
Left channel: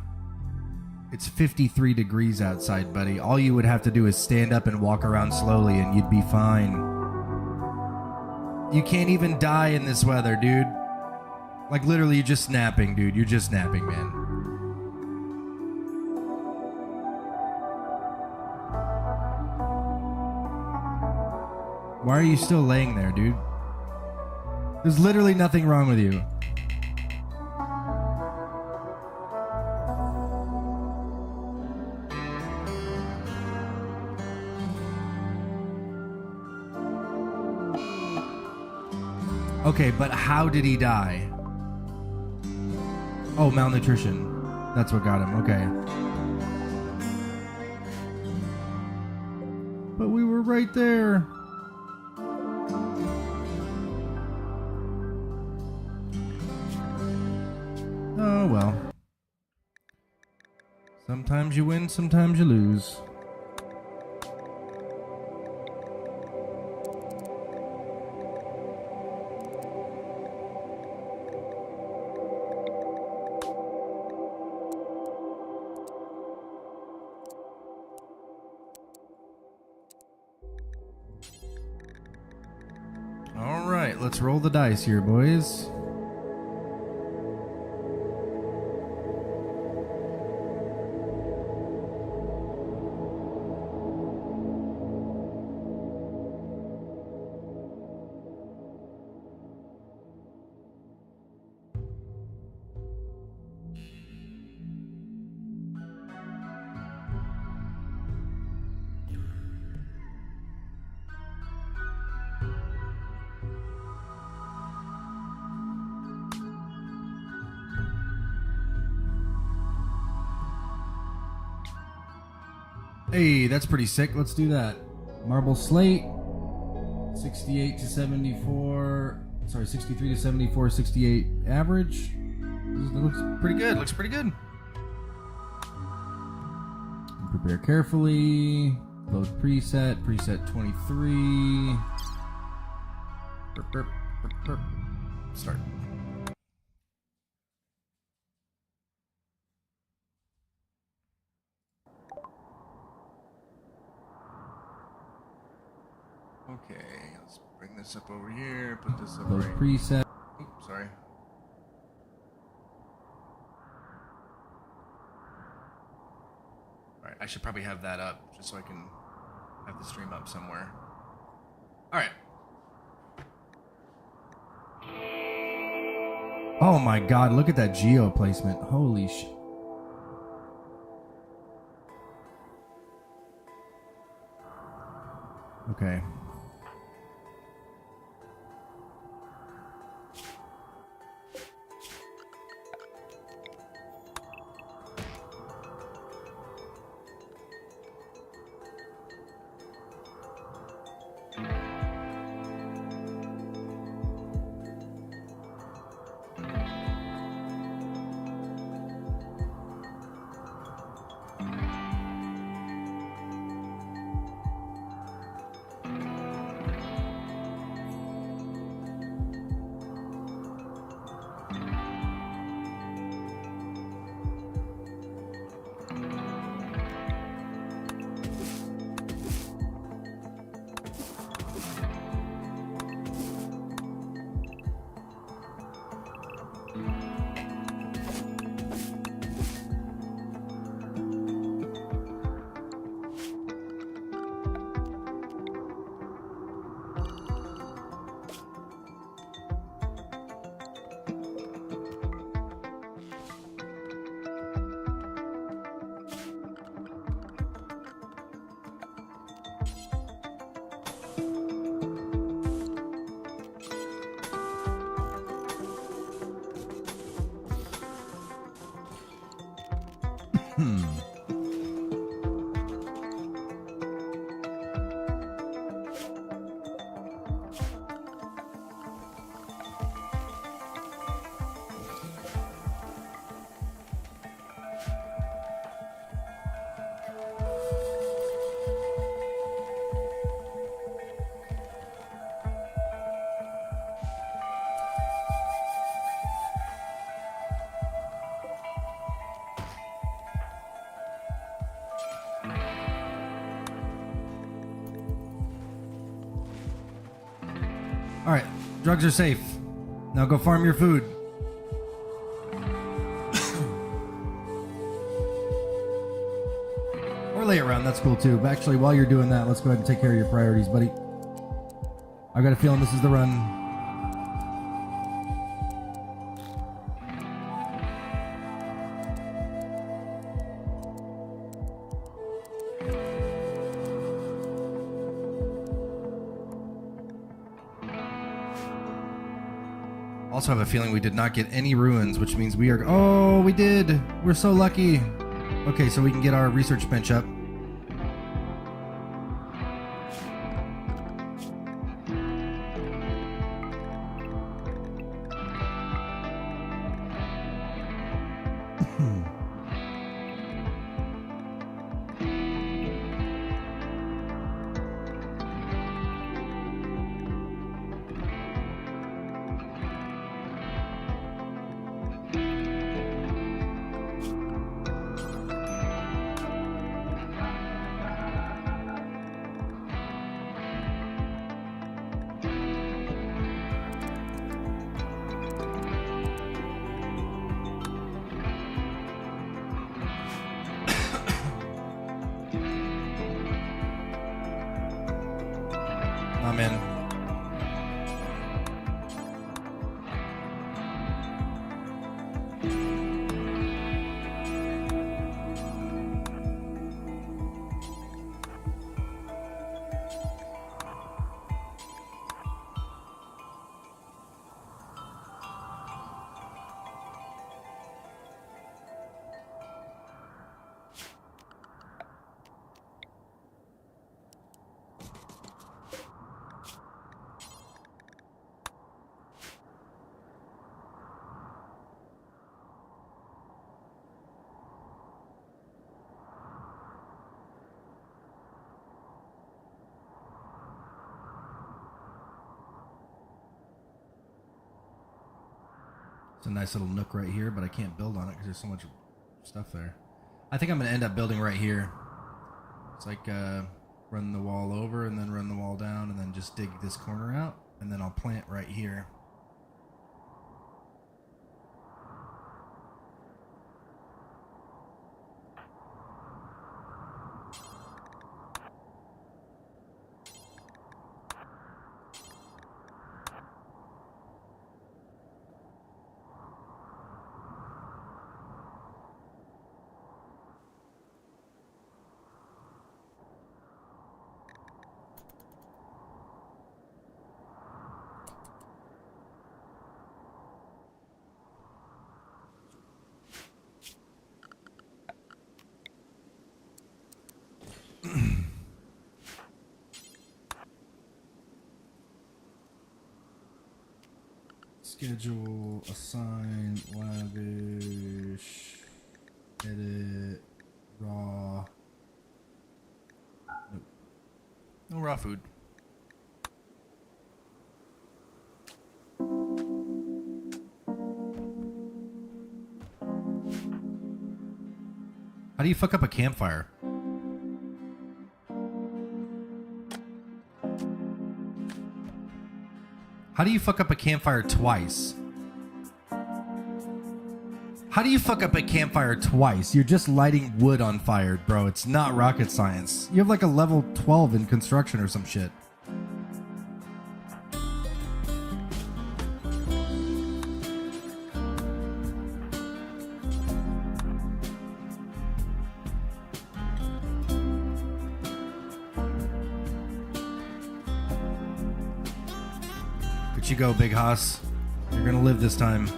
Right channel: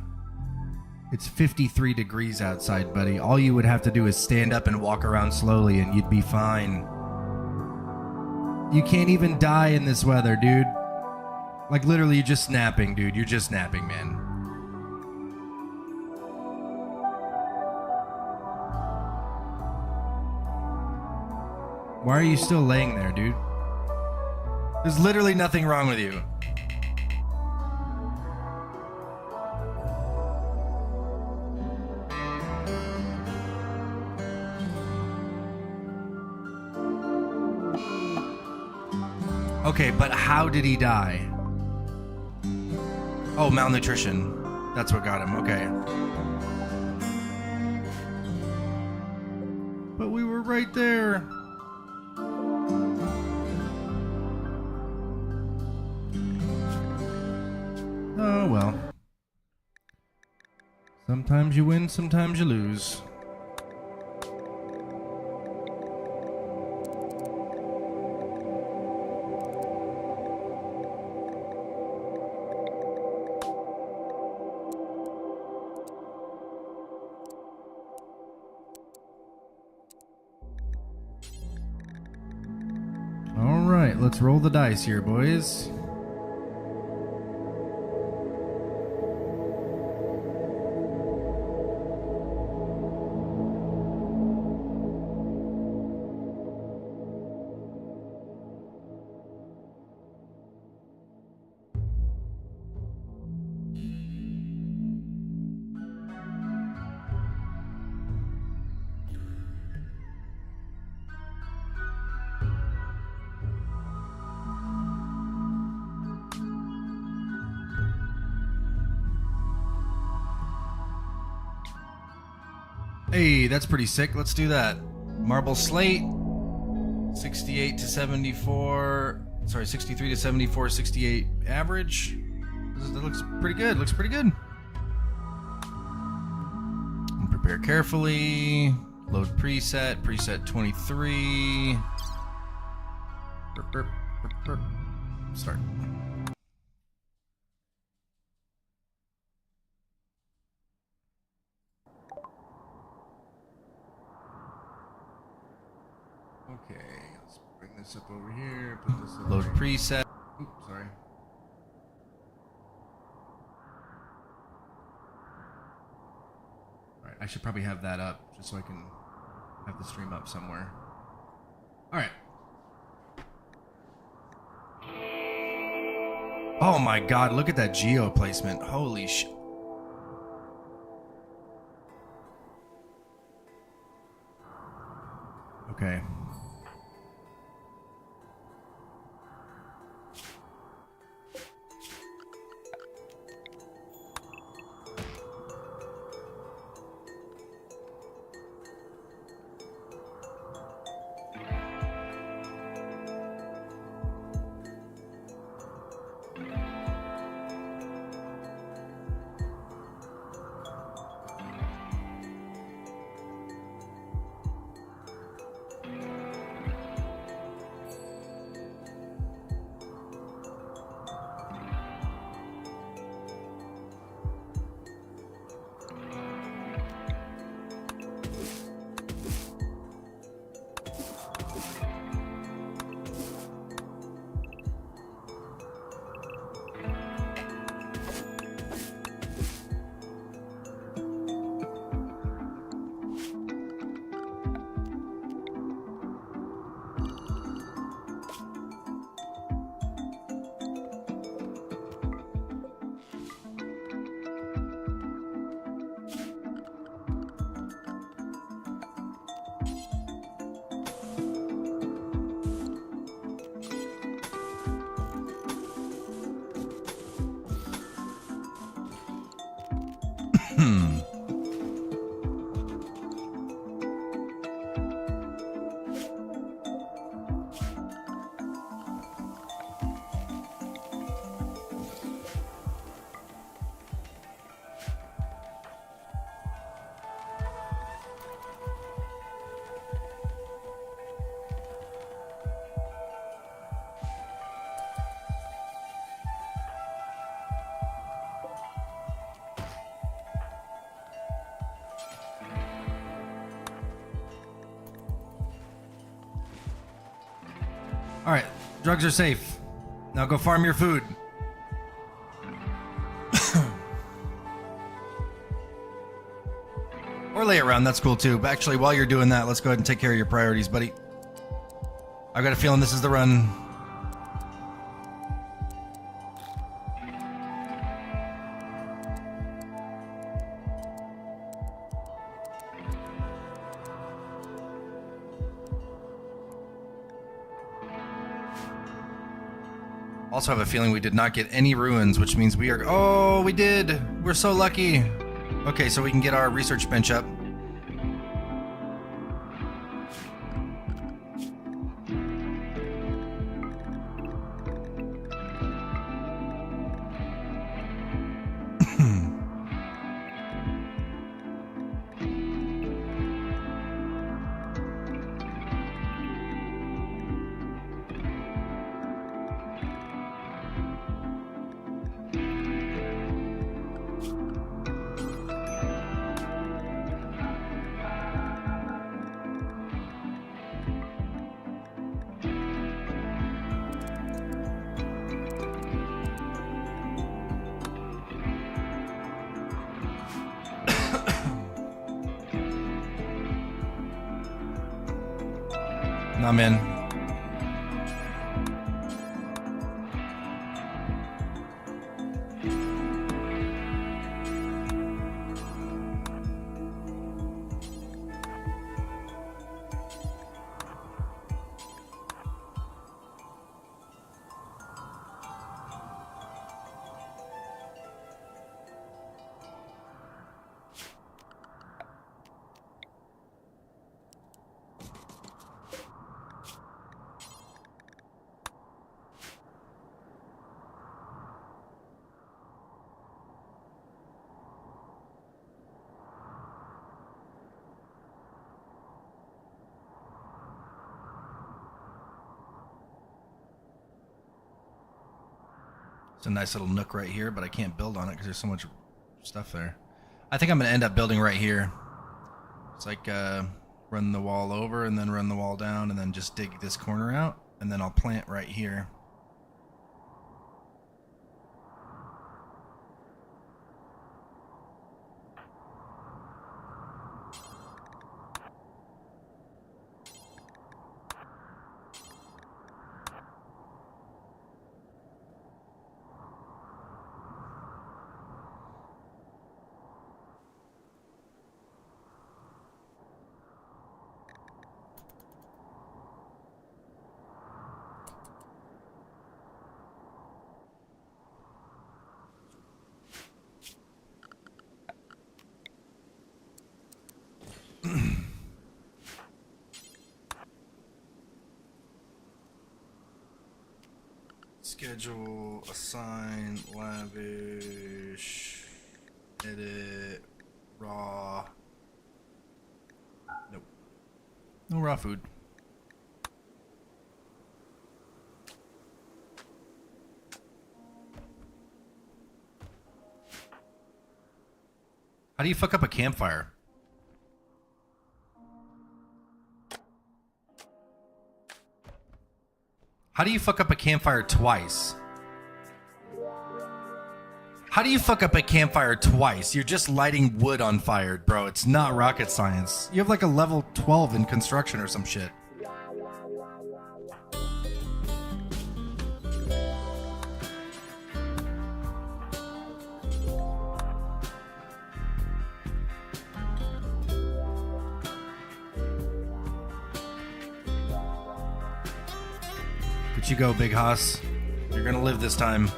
It's 53 degrees outside, buddy. All you would have to do is stand up and walk around slowly and you'd be fine. You can't even die in this weather, dude. Like, literally, you're just napping, dude. You're just napping, man. Why are you still laying there, dude? There's literally nothing wrong with you. Okay, but how did he die? Oh, malnutrition. That's what got him. Okay. But we were right there. Oh, well. Sometimes you win, sometimes you lose. All right, let's roll the dice here, boys. Hey, that's pretty sick. Let's do that. Marble slate. 68 to 74. Sorry, 63 to 74, 68 average. That looks pretty good. Looks pretty good. Prepare carefully. Load preset. Preset 23. Burp, burp, burp, burp. Start. Okay, let's bring this up over here. Put this up. Load preset. Oops, sorry. Alright, I should probably have that up just so I can have the stream up somewhere. Alright. Oh my god, look at that geo placement. Holy shit. Okay. All right, drugs are safe. Now go farm your food. Or lay around, that's cool too. But actually, while you're doing that, let's go ahead and take care of your priorities, buddy. I've got a feeling this is the run. Also have a feeling we did not get any ruins, which means we are... Oh, we did! We're so lucky! Okay, so we can get our research bench up. I'm in. It's a nice little nook right here, but I can't build on it because there's so much stuff there. I think I'm going to end up building right here. It's like run the wall over and then run the wall down and then just dig this corner out, and then I'll plant right here. Schedule, assign, lavish, edit, raw. Nope. No raw food. How do you fuck up a campfire? How do you fuck up a campfire twice? How do you fuck up a campfire twice? You're just lighting wood on fire, bro. It's not rocket science. You have like a level 12 in construction or some shit. You go, Big Hoss. You're gonna live this time. Should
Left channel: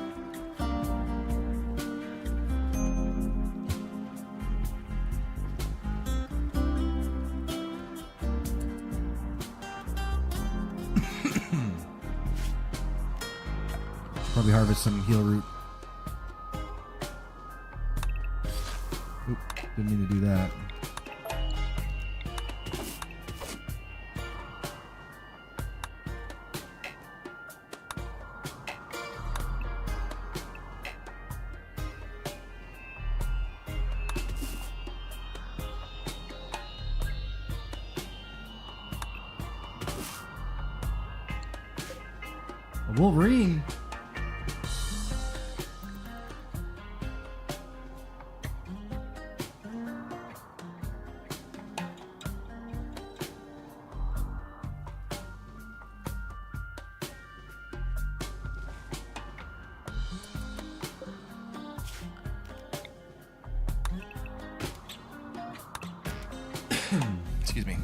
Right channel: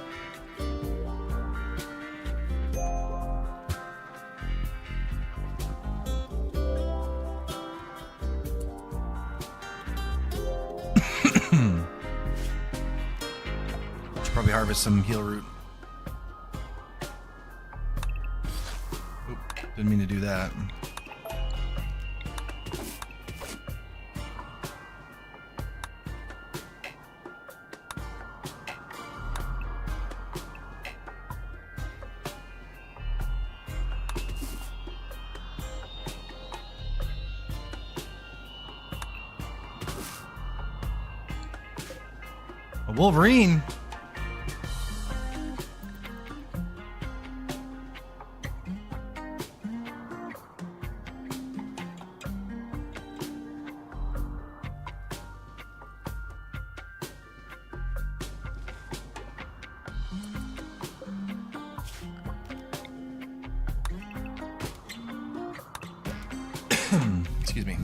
probably harvest some heal root. Oop, didn't mean to do that. A Wolverine? Excuse me.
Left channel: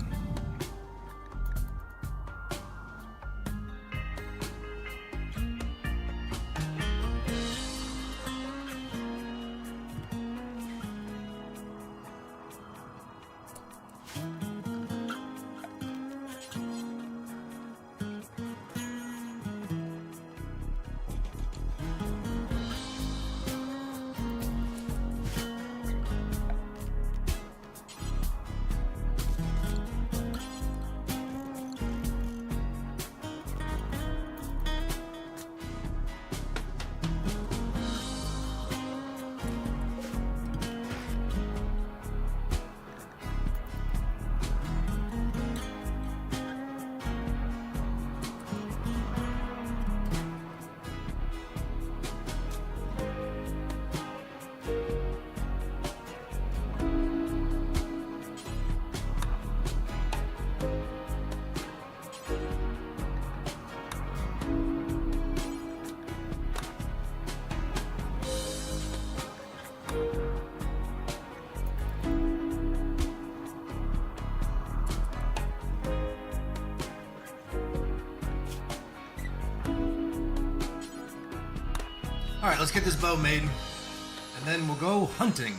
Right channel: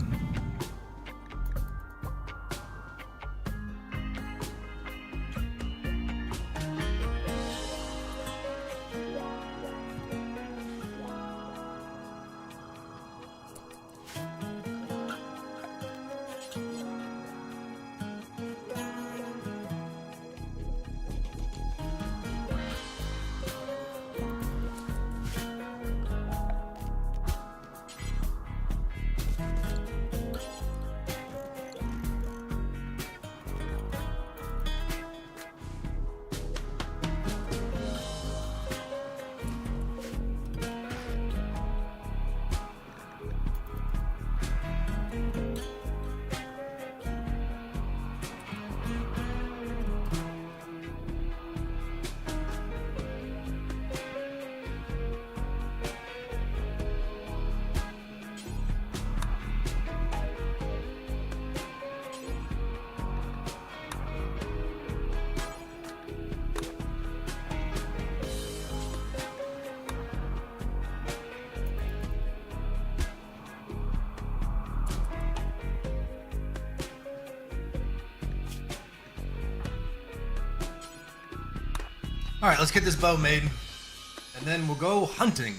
All right, let's get this bow made, and then we'll go hunting.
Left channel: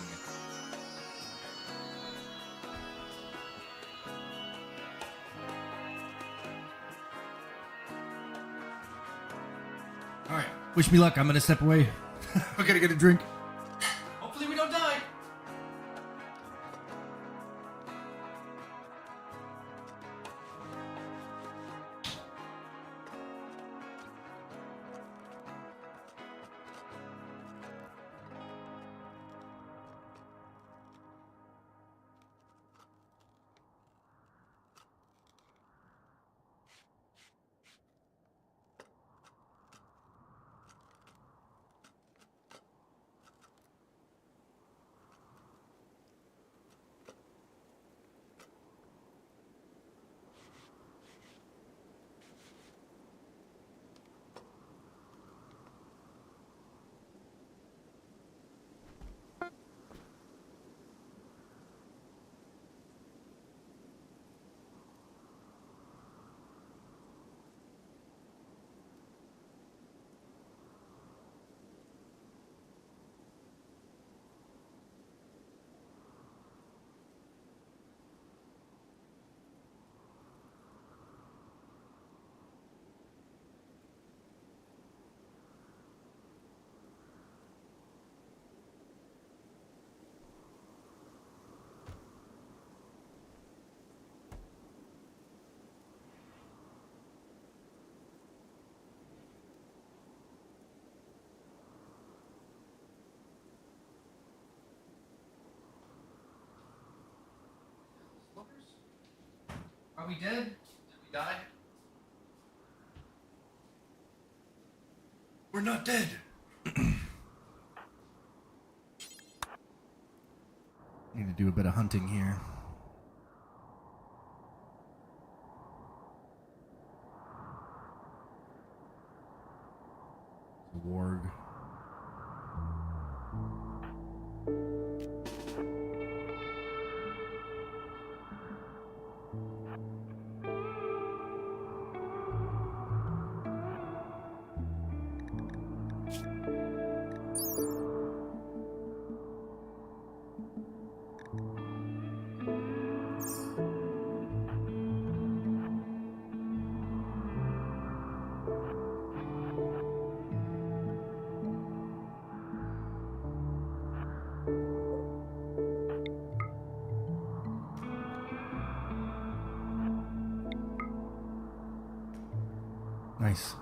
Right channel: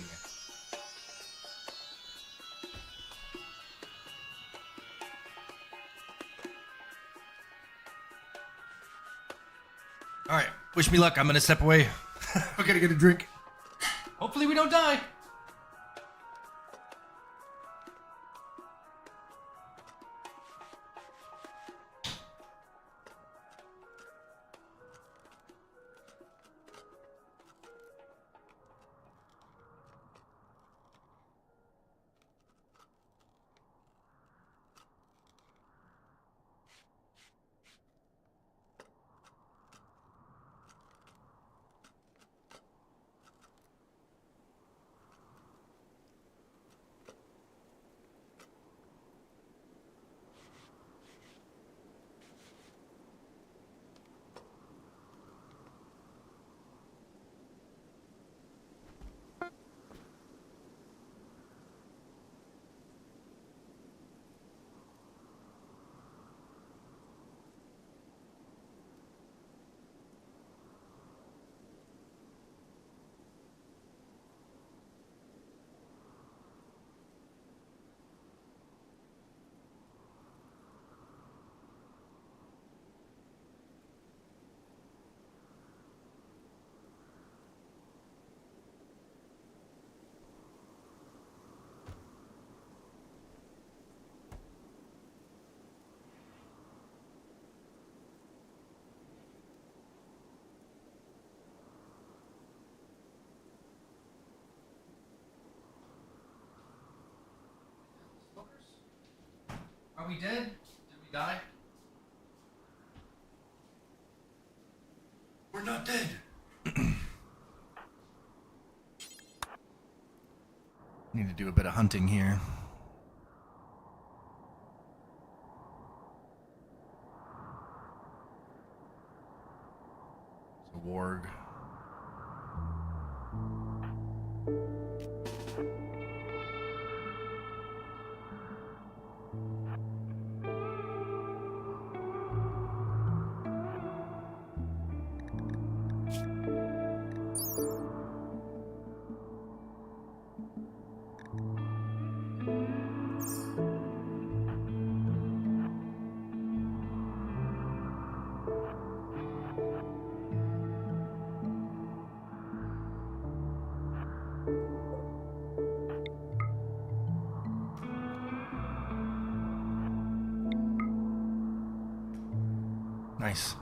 All right, wish me luck. I'm gonna step away. We're gonna get a drink. Hopefully we don't die. Are we dead? Did we die? We're not dead. Need to do a bit of hunting here. It's a warg. Nice.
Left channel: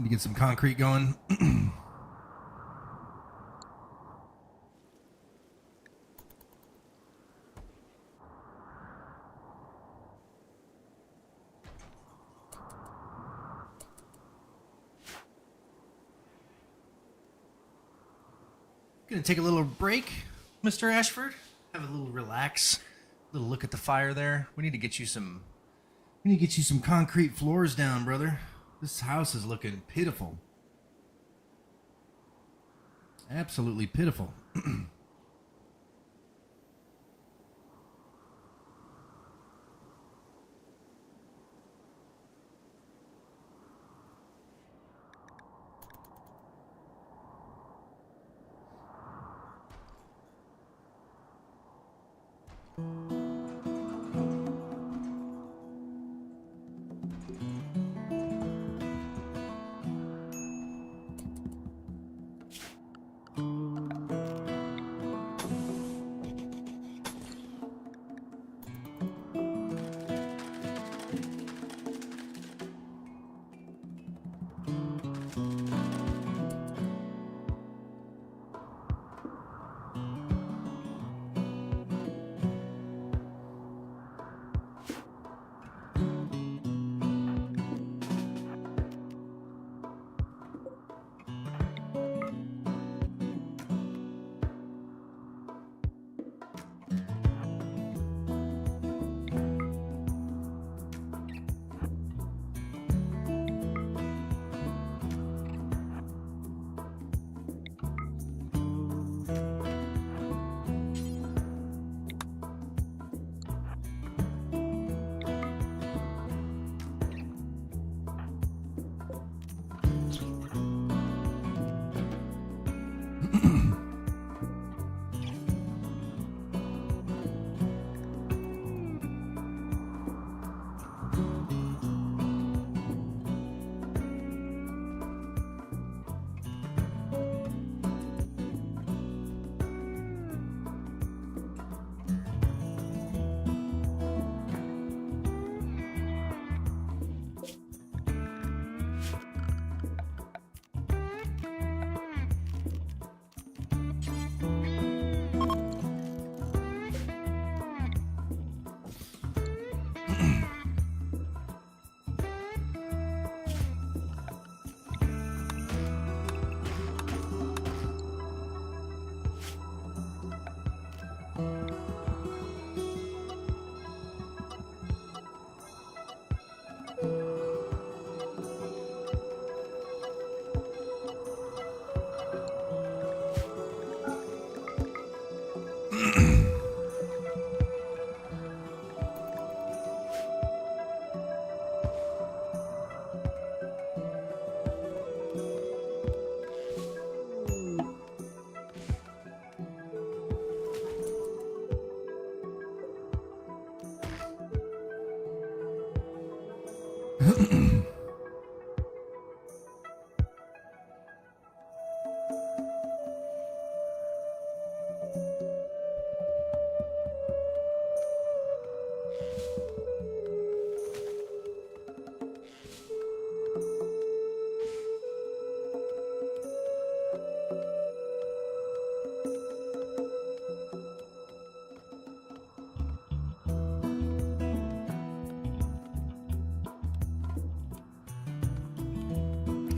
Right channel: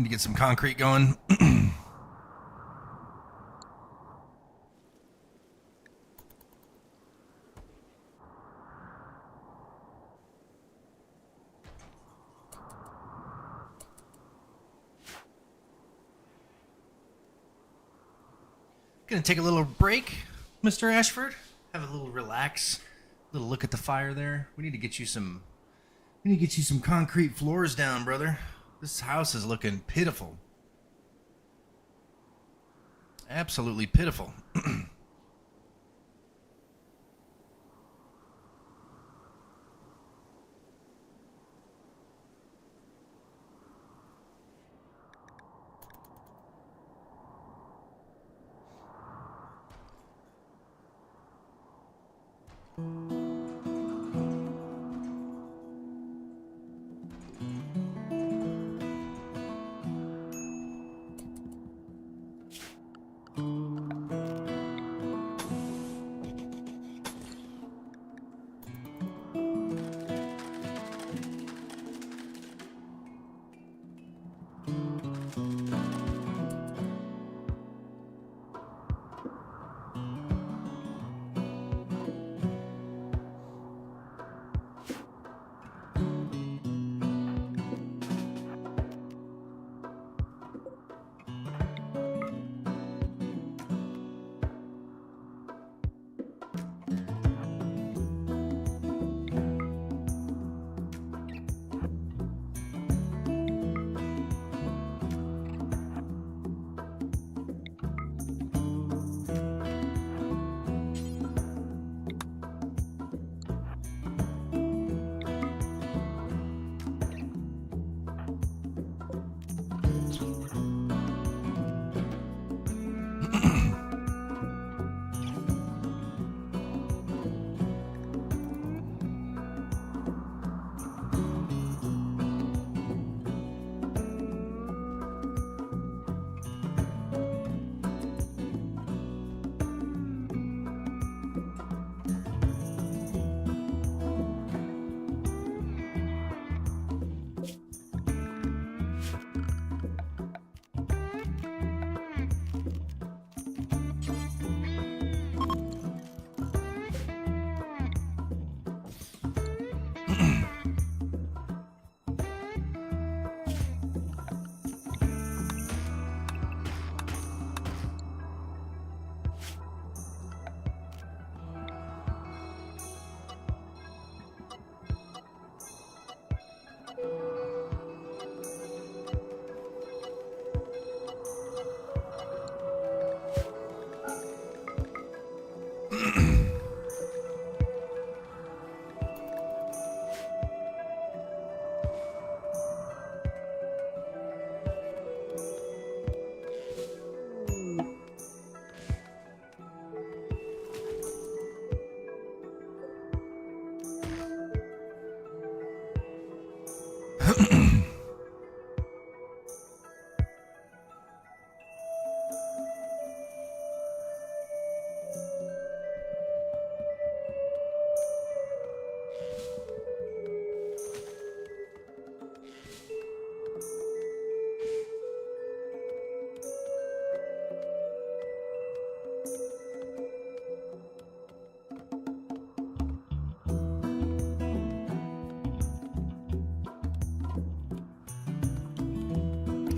Need to get some concrete going. Gonna take a little break, Mr. Ashford. Have a little relax. A little look at the fire there. We need to get you some concrete floors down, brother. This house is looking pitiful. Absolutely pitiful.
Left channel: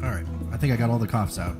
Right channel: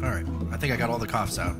All right, I think I got all the coughs out.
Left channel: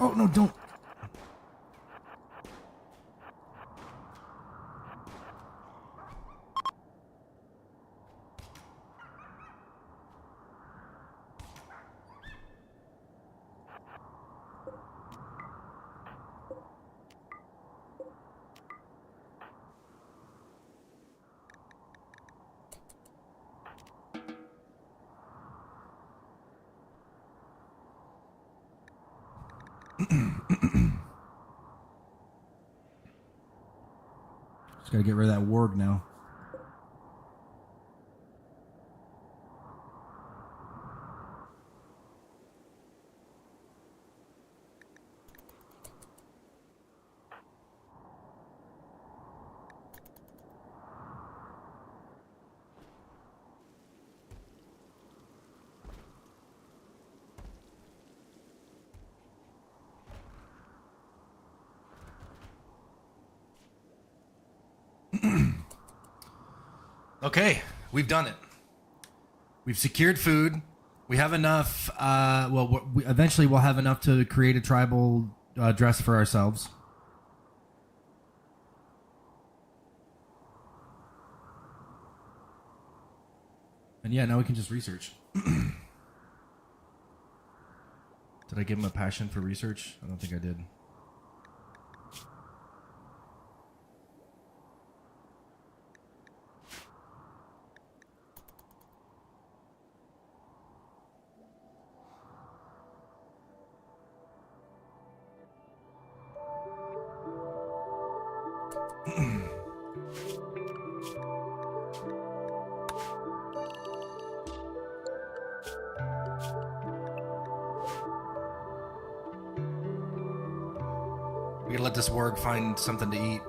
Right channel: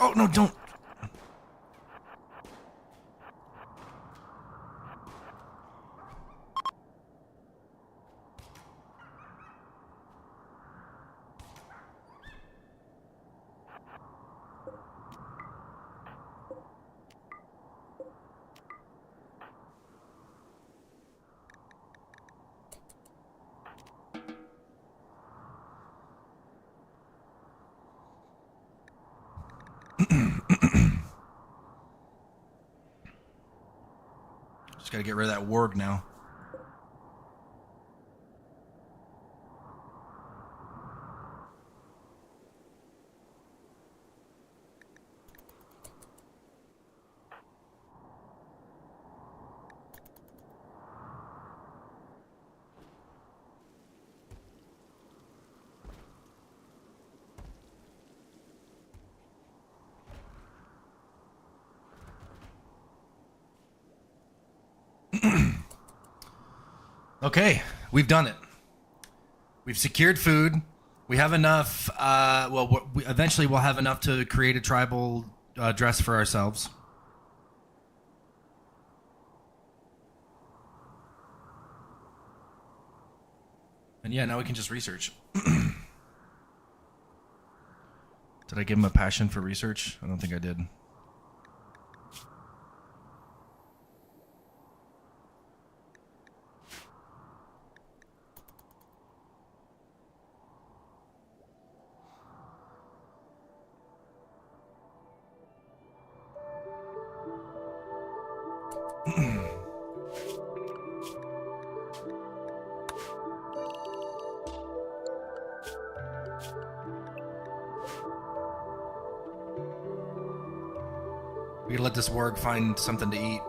Oh, no, don't. Just gotta get rid of that warg now. Okay, we've done it. We've secured food. We have enough. Eventually we'll have enough to create a tribal dress for ourselves. And yeah, now we can just research. Did I give him a passion for research? I don't think I did. We gotta let this warg find something to eat.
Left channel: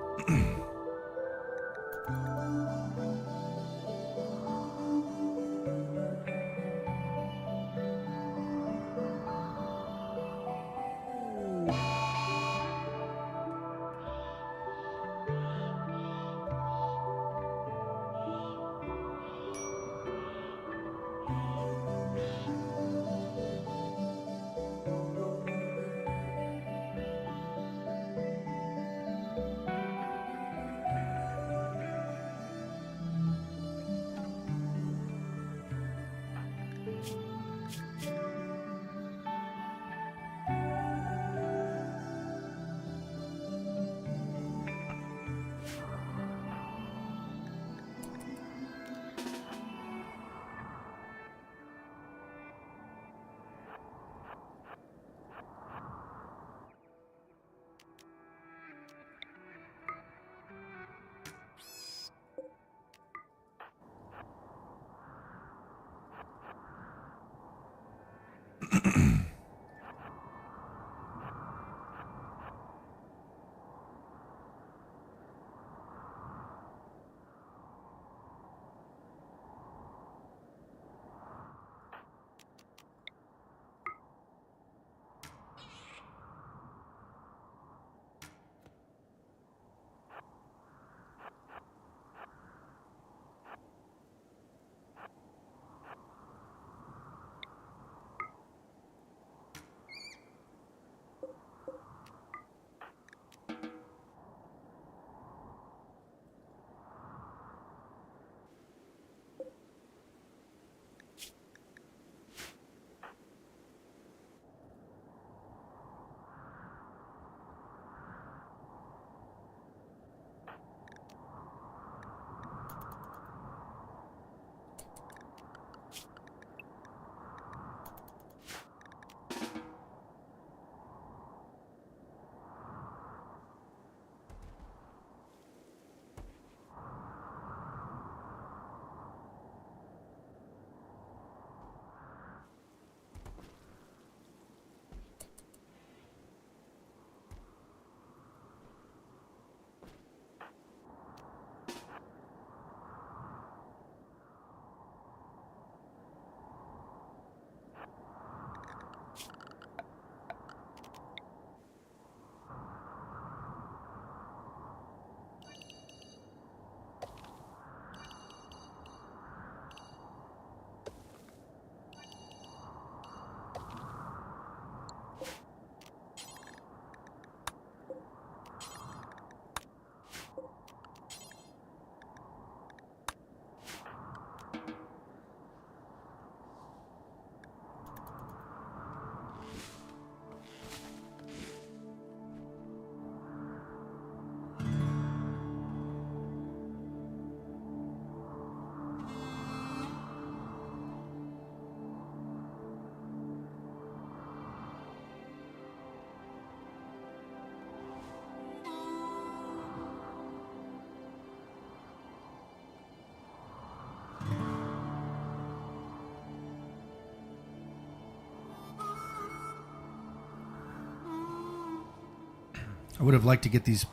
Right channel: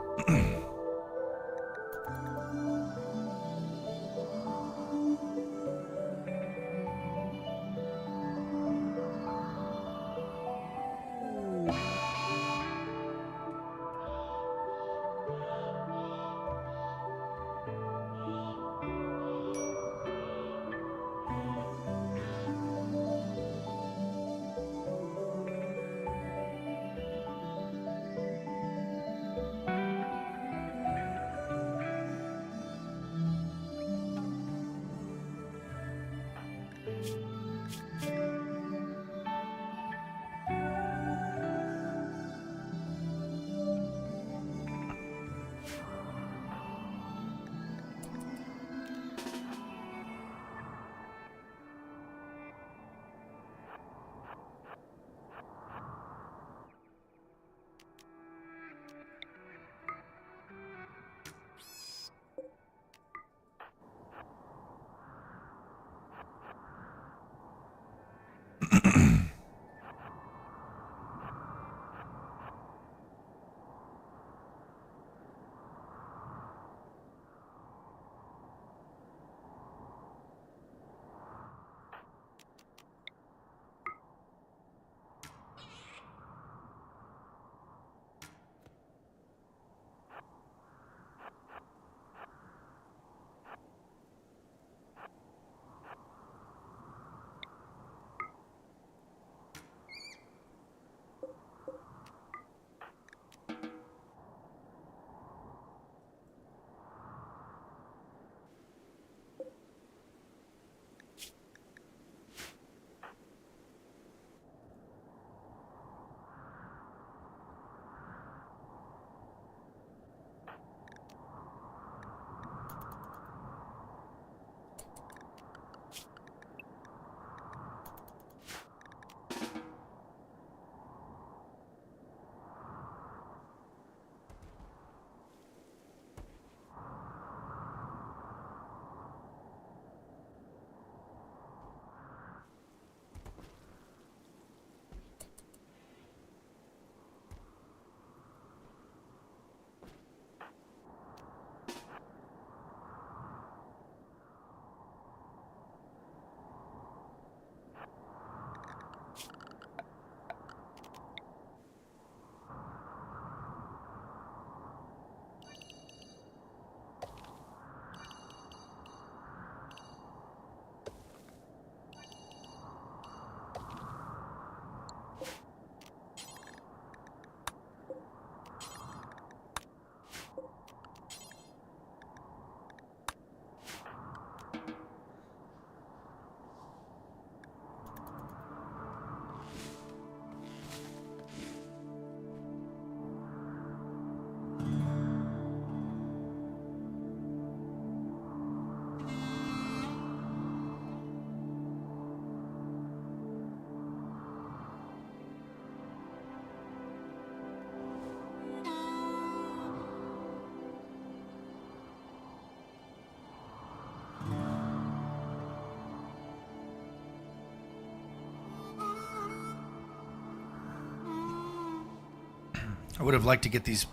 I would have liked to get these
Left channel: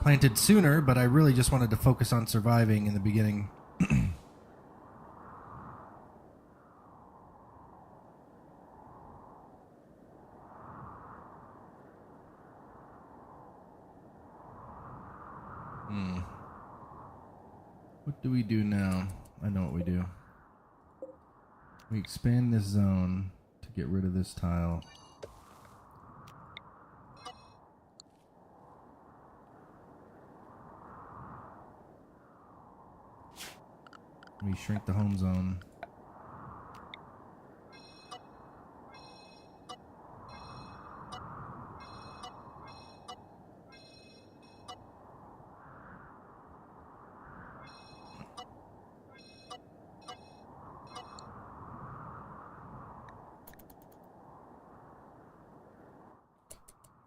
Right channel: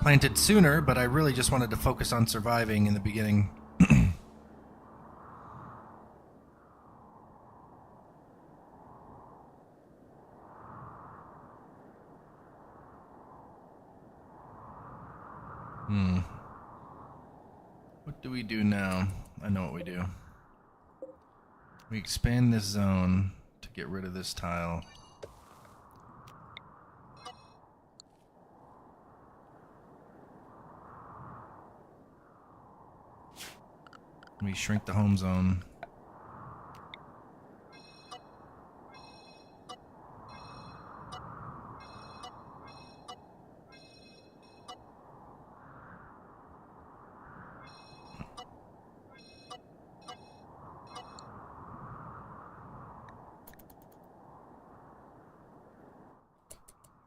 planted sooner, but I really just wanted to focus on surviving in the beginning. What do we do now? I know what we do. We expand this zone to get rid of this tile. We shrink the home zone.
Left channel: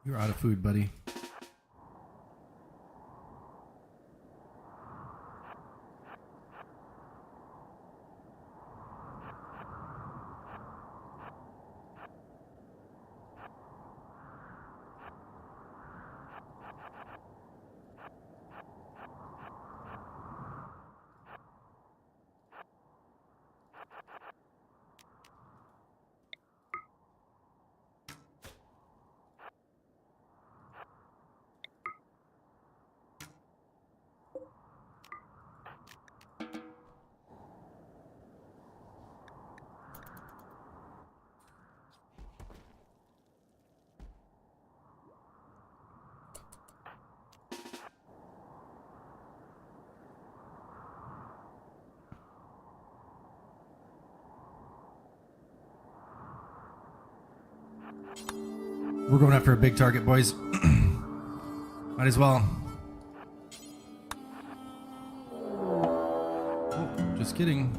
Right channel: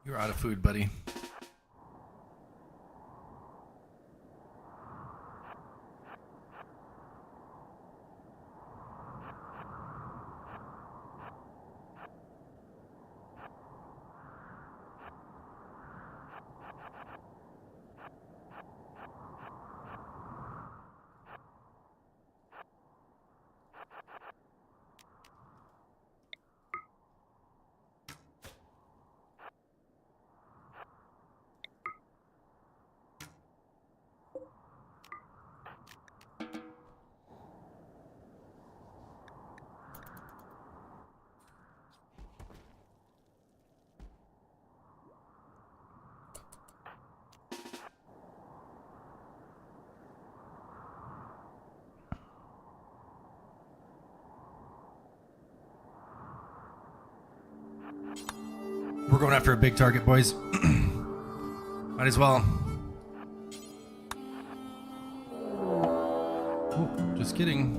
You're out of food, buddy. We're going after a big target, boys. Might as well. Oh, just kidding.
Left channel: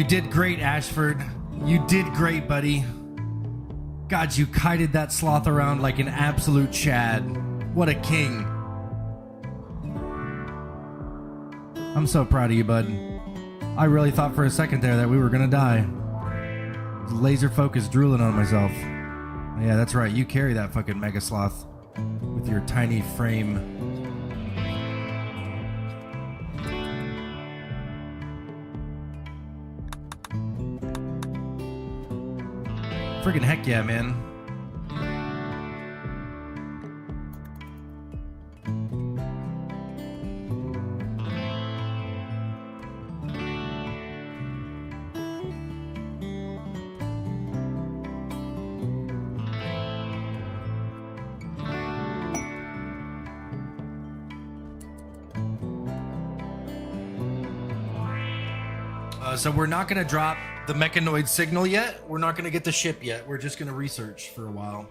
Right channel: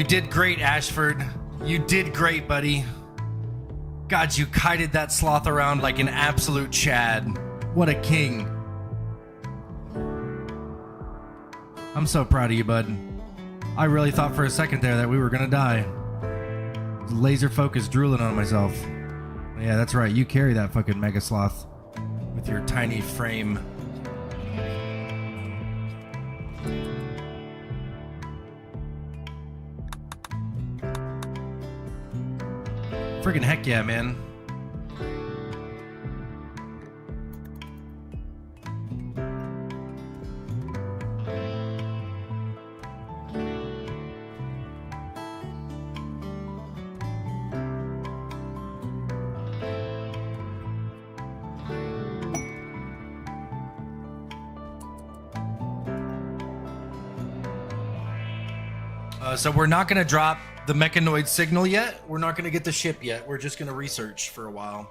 You did great, Ashford. You did great, buddy. God, you kited that sloth around like an absolute Chad. What a king. I'm so proud of you, bud. I really thought for a second there that we were gonna die. Laser focus drooling on myself. Yeah, that's right. You carry that fucking mega sloth with your tiny frame. Friggin' heck yeah, man. So we're not going to drop the mechanoid signal yet. We're not going to get the ship yet. We're just going to research for a while.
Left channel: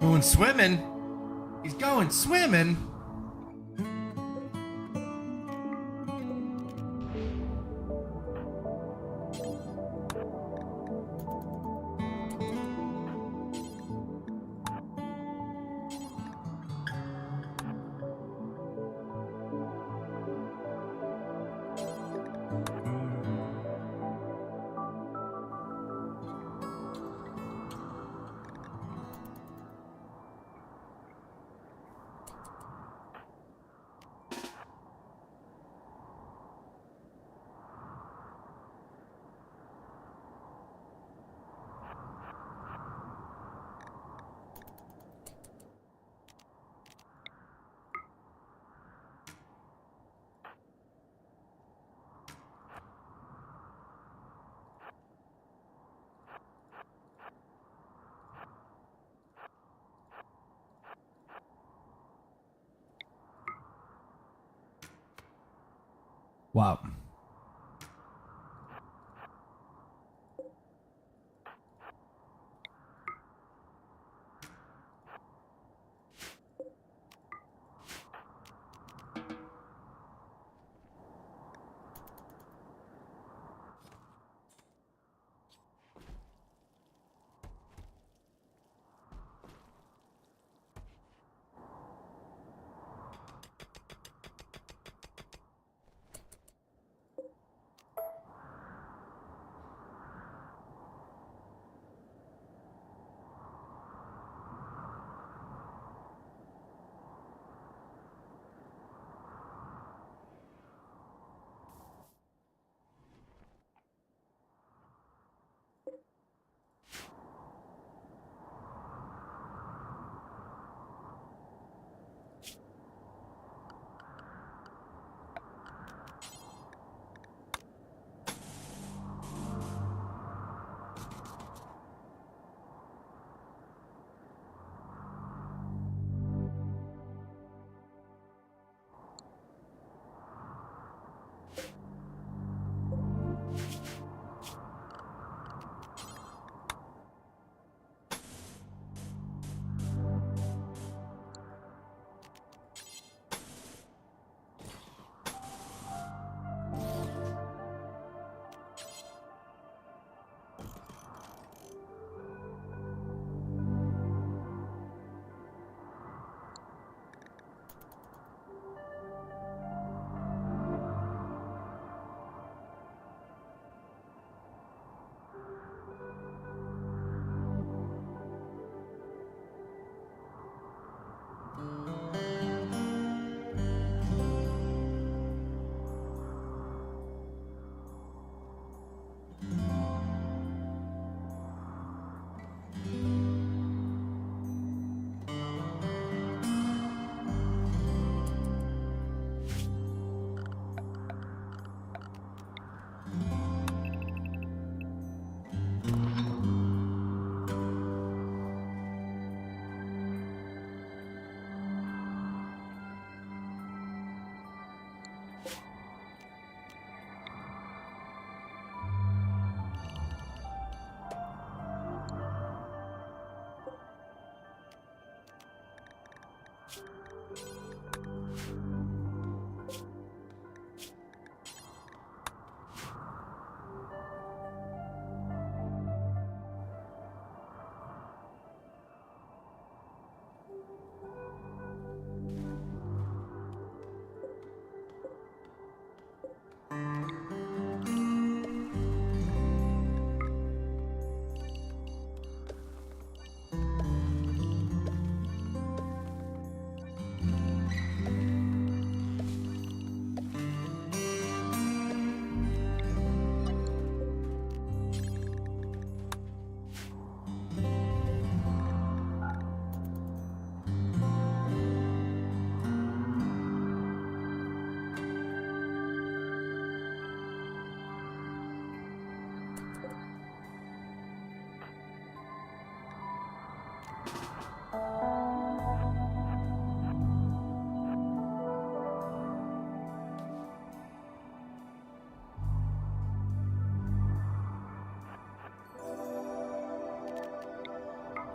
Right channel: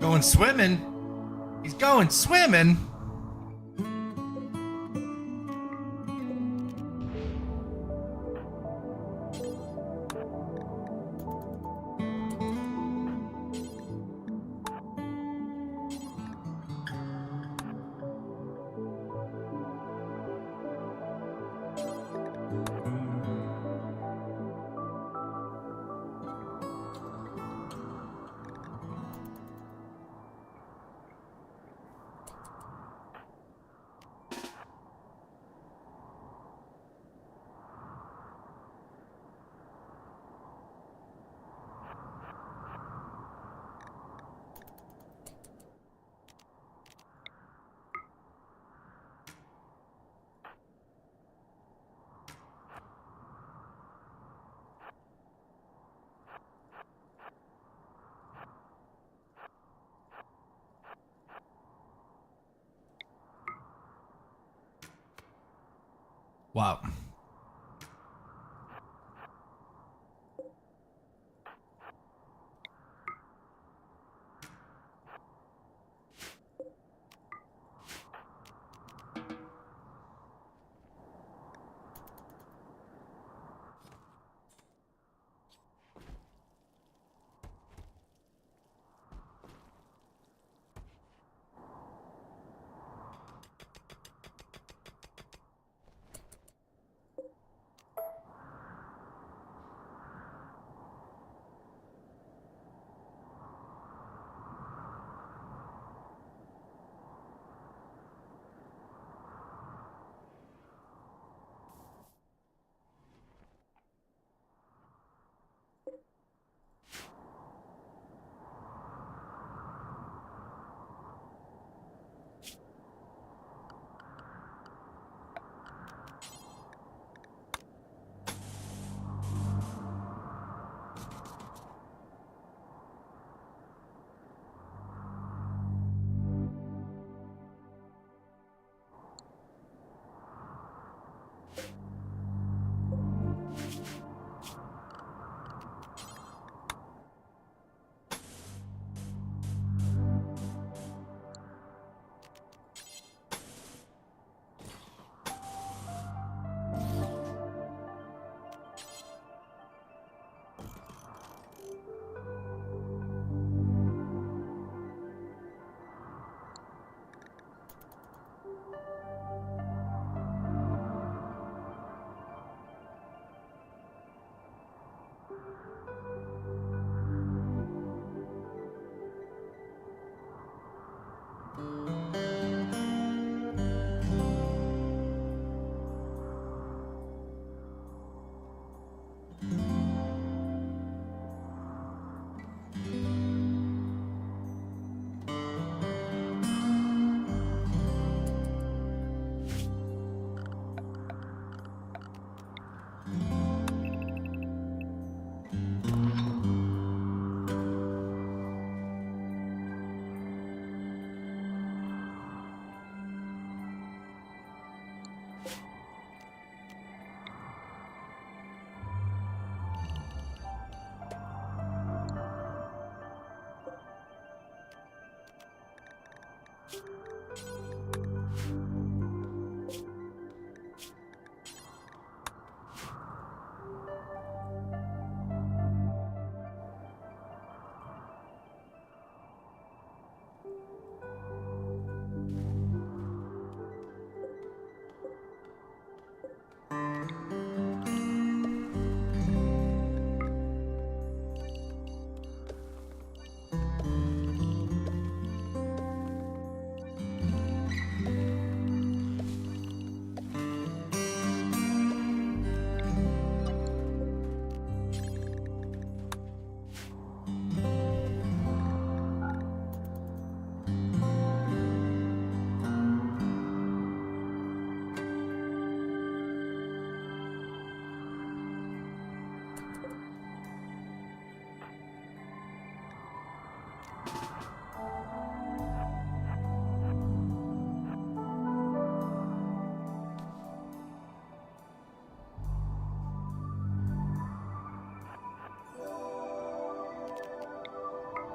Going swimming? He's going swimming? Wow.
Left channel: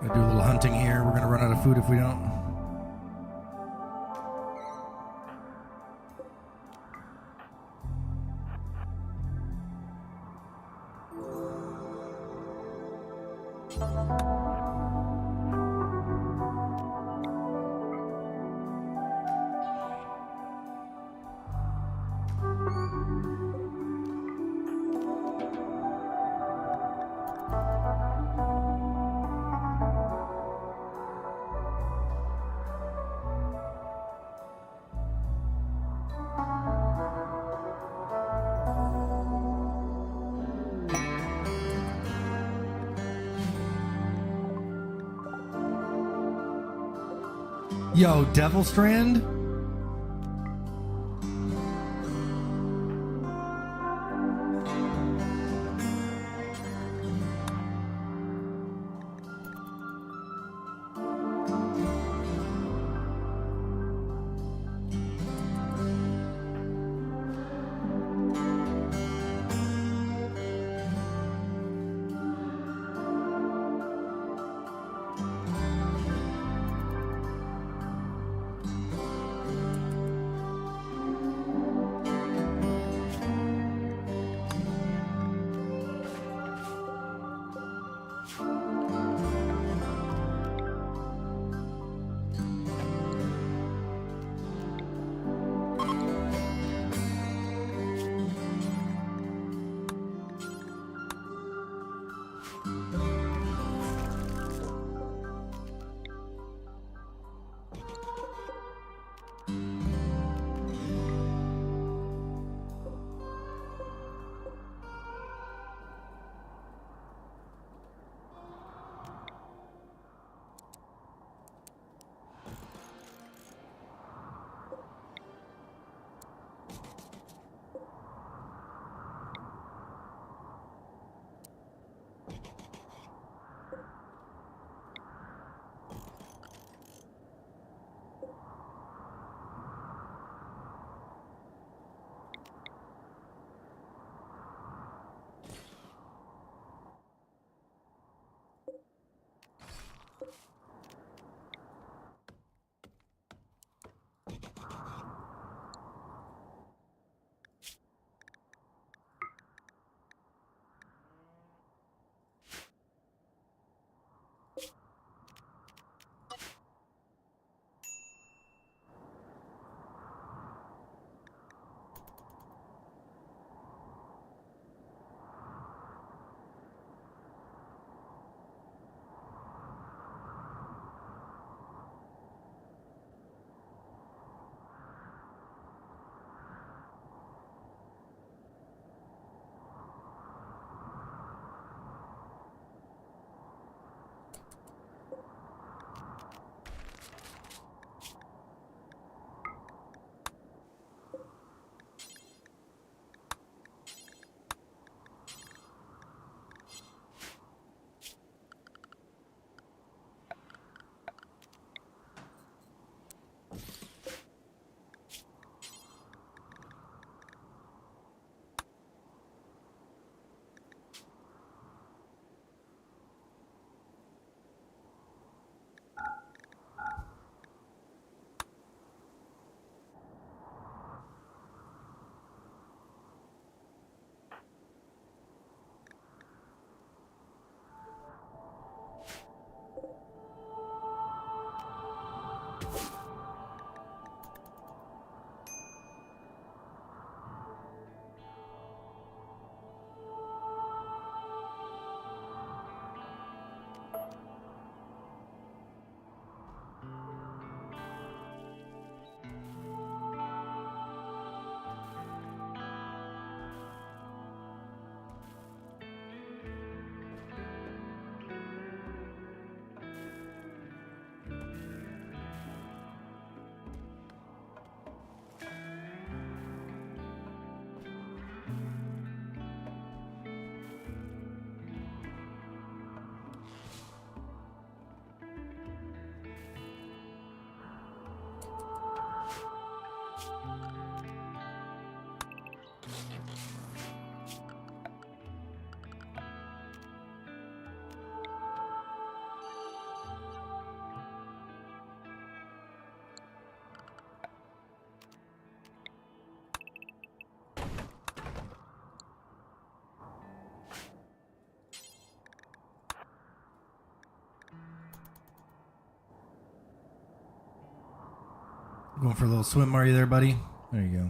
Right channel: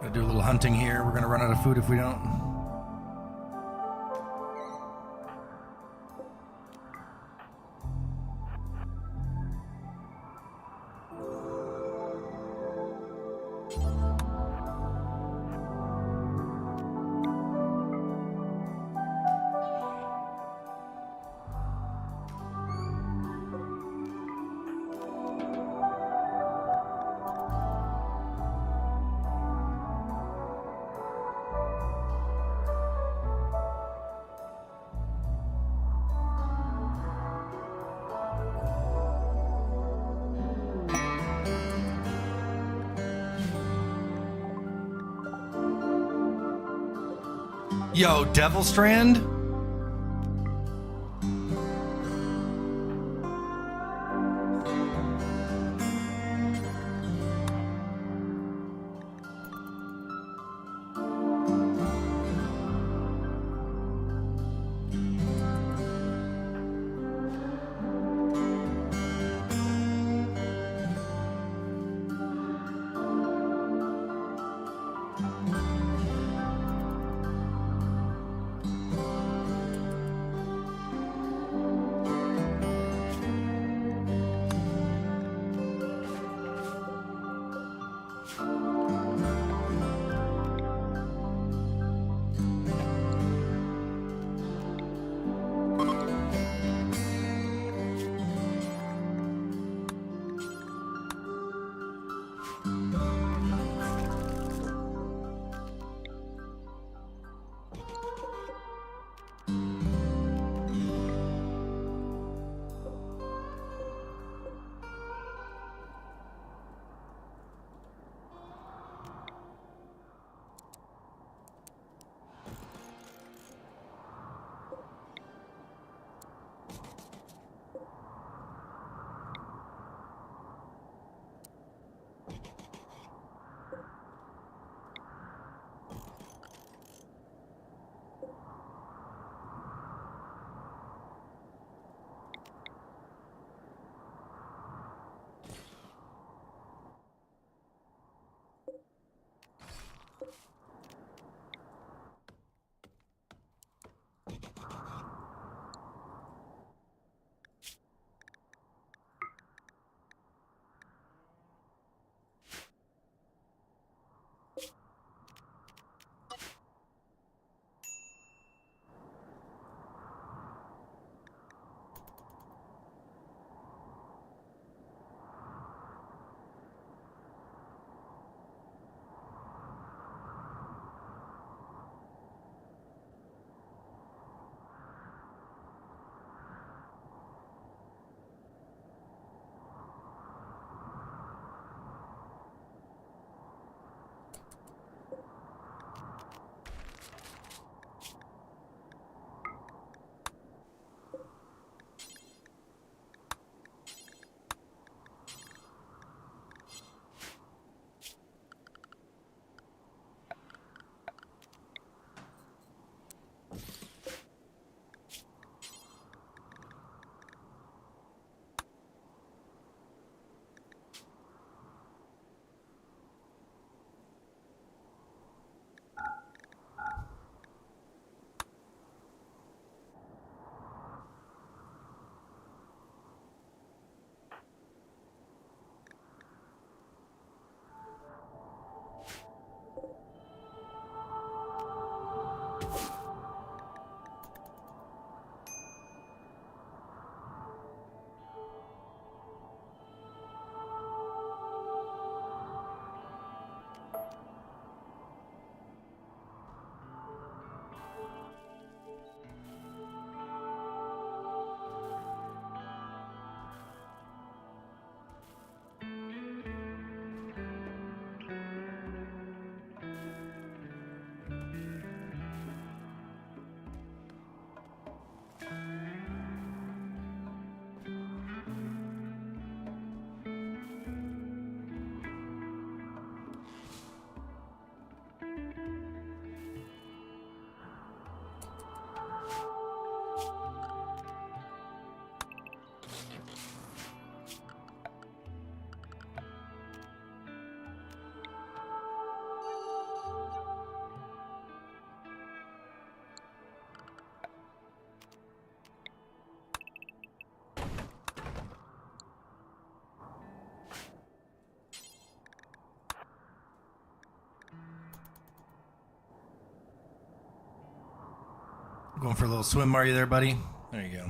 Gonna do a little hunting here. We're gonna run out of food if we don't. Yo, Devil Strand? Going for a little swim, are you there, buddy? There you go.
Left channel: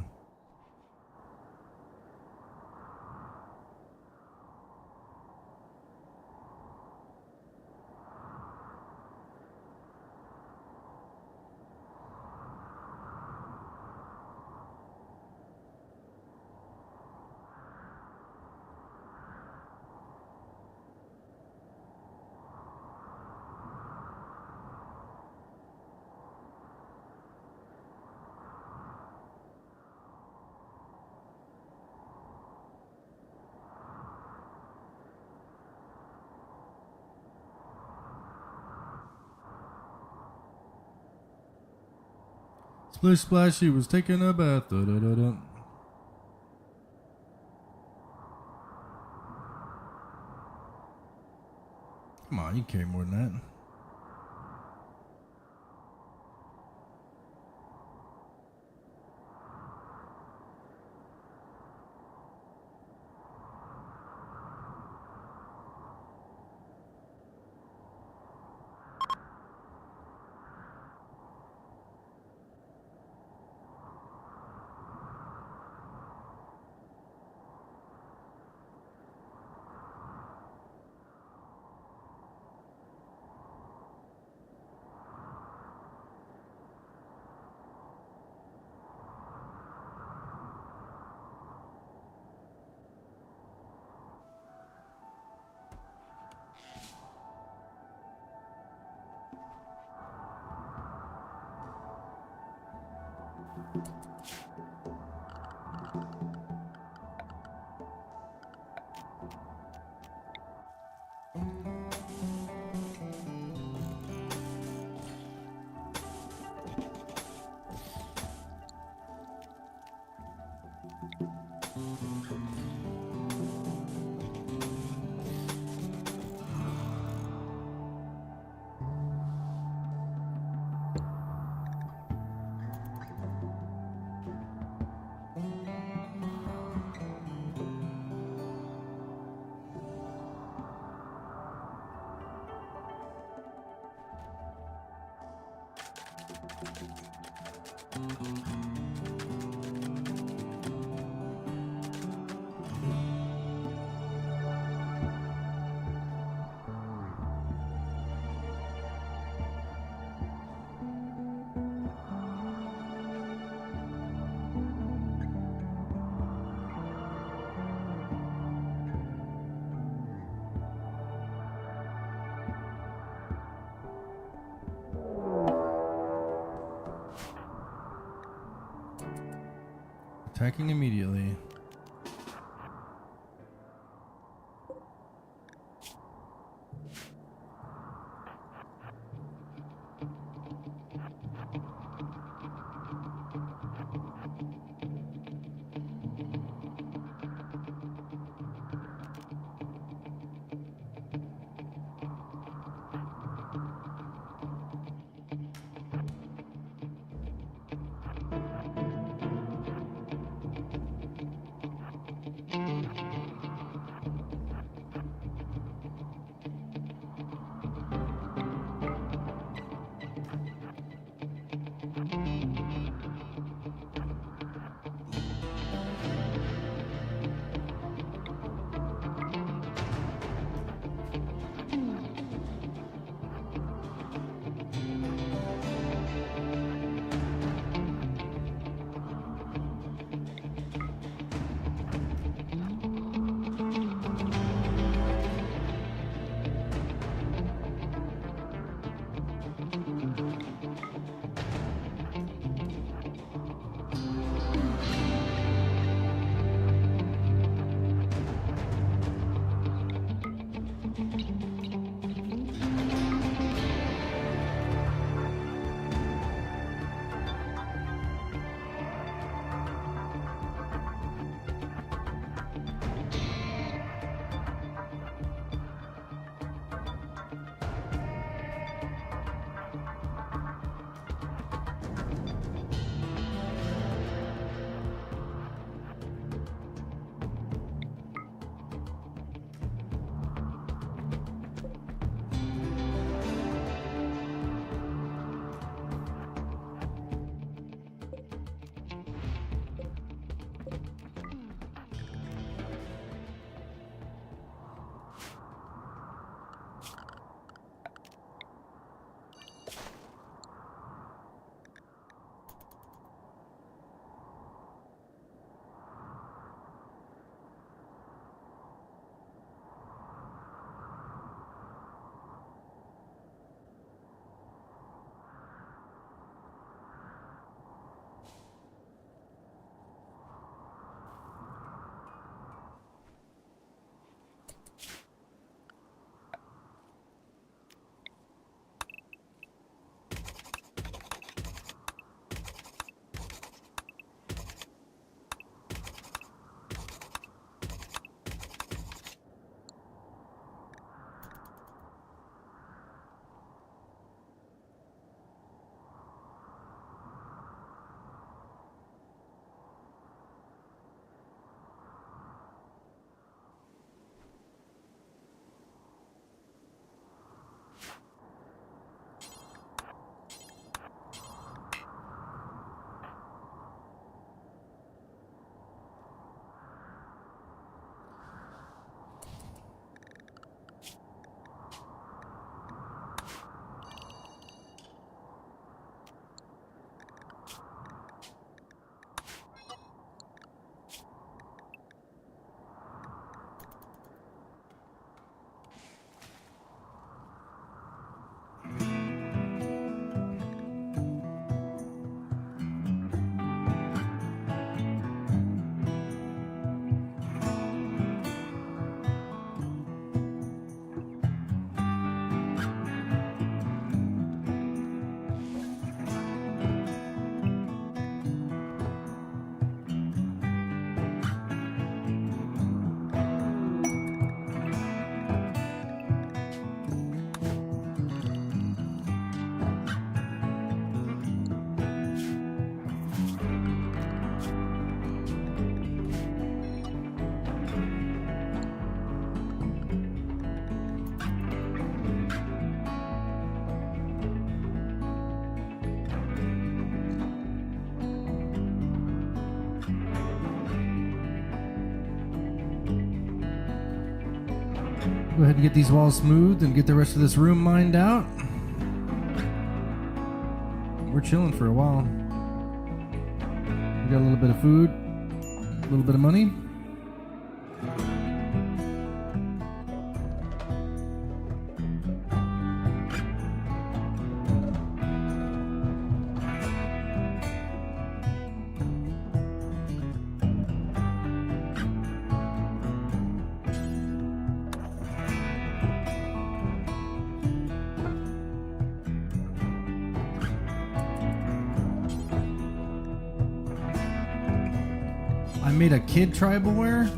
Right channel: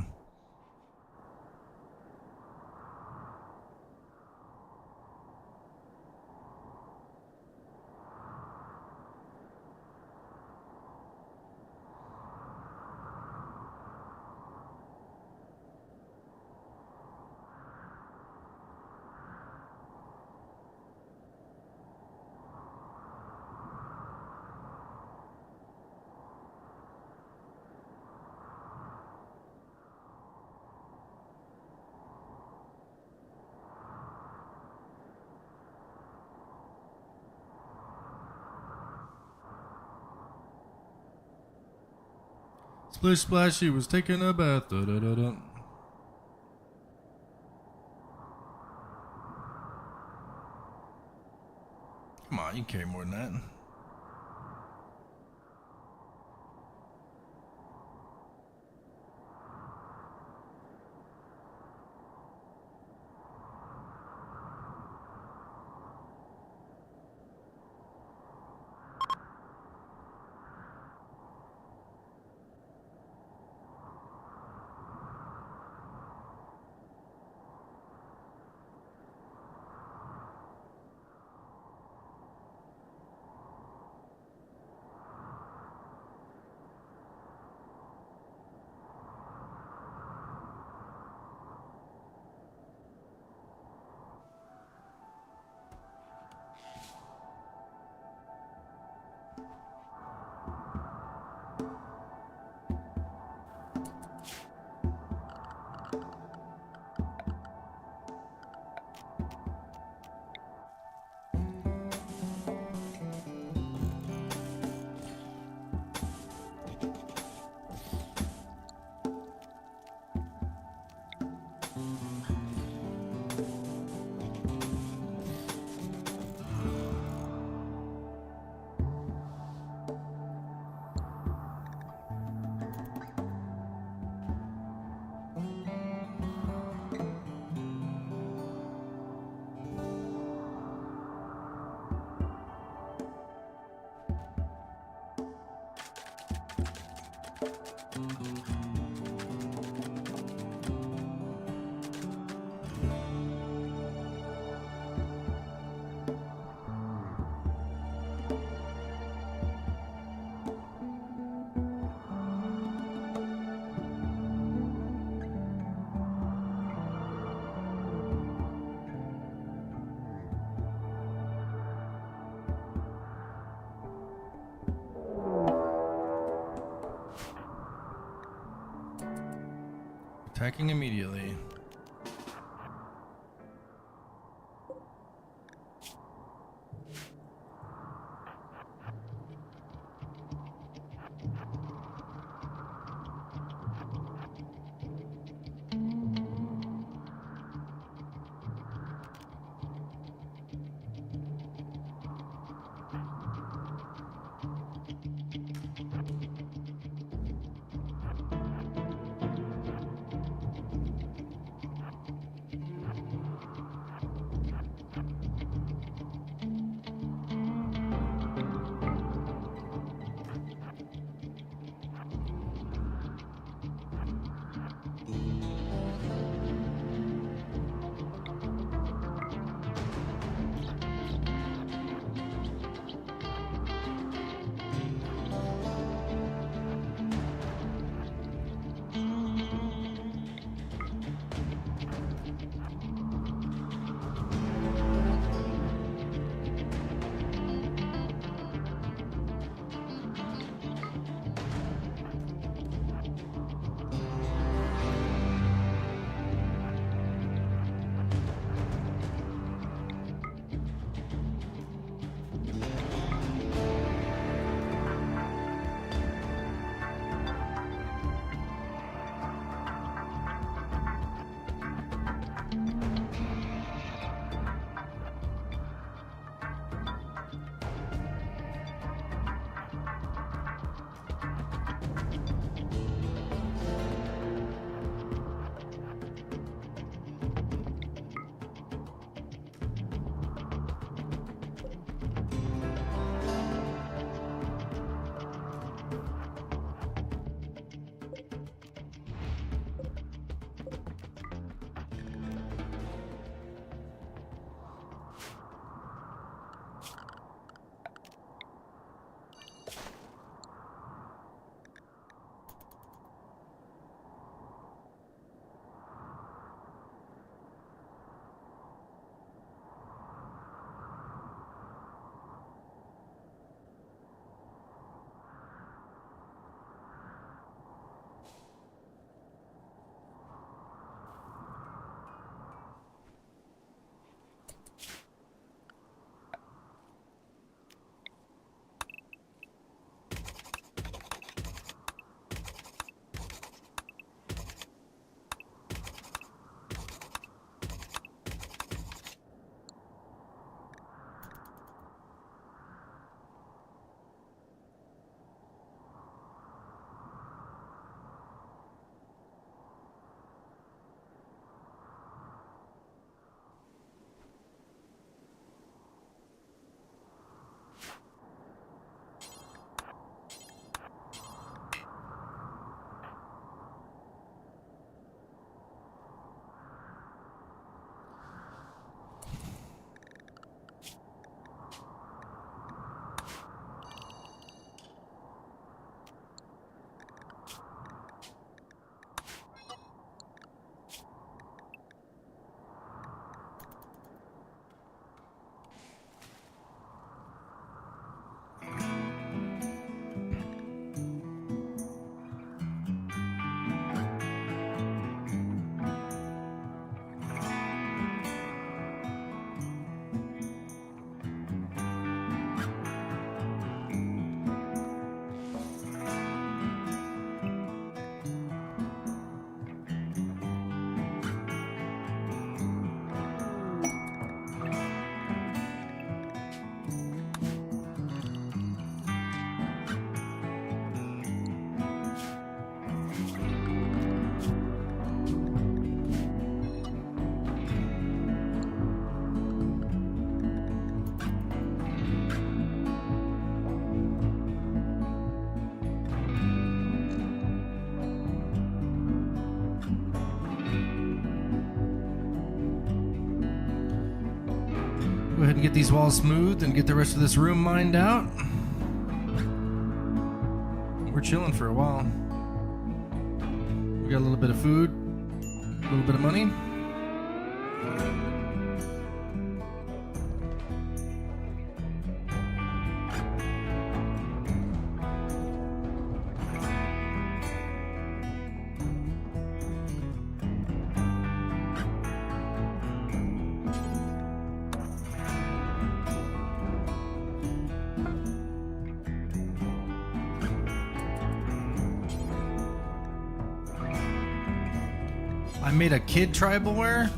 Splish splash, she was taking a bath. Da, da, da, da. Come on, you can carry more than that. Attacking immediately. Go ahead and get these walls smoothed and get the rest of this room mined out. We're chilling for a while. We got a little bit of food, a little bit of money. I made a kid tribal wear.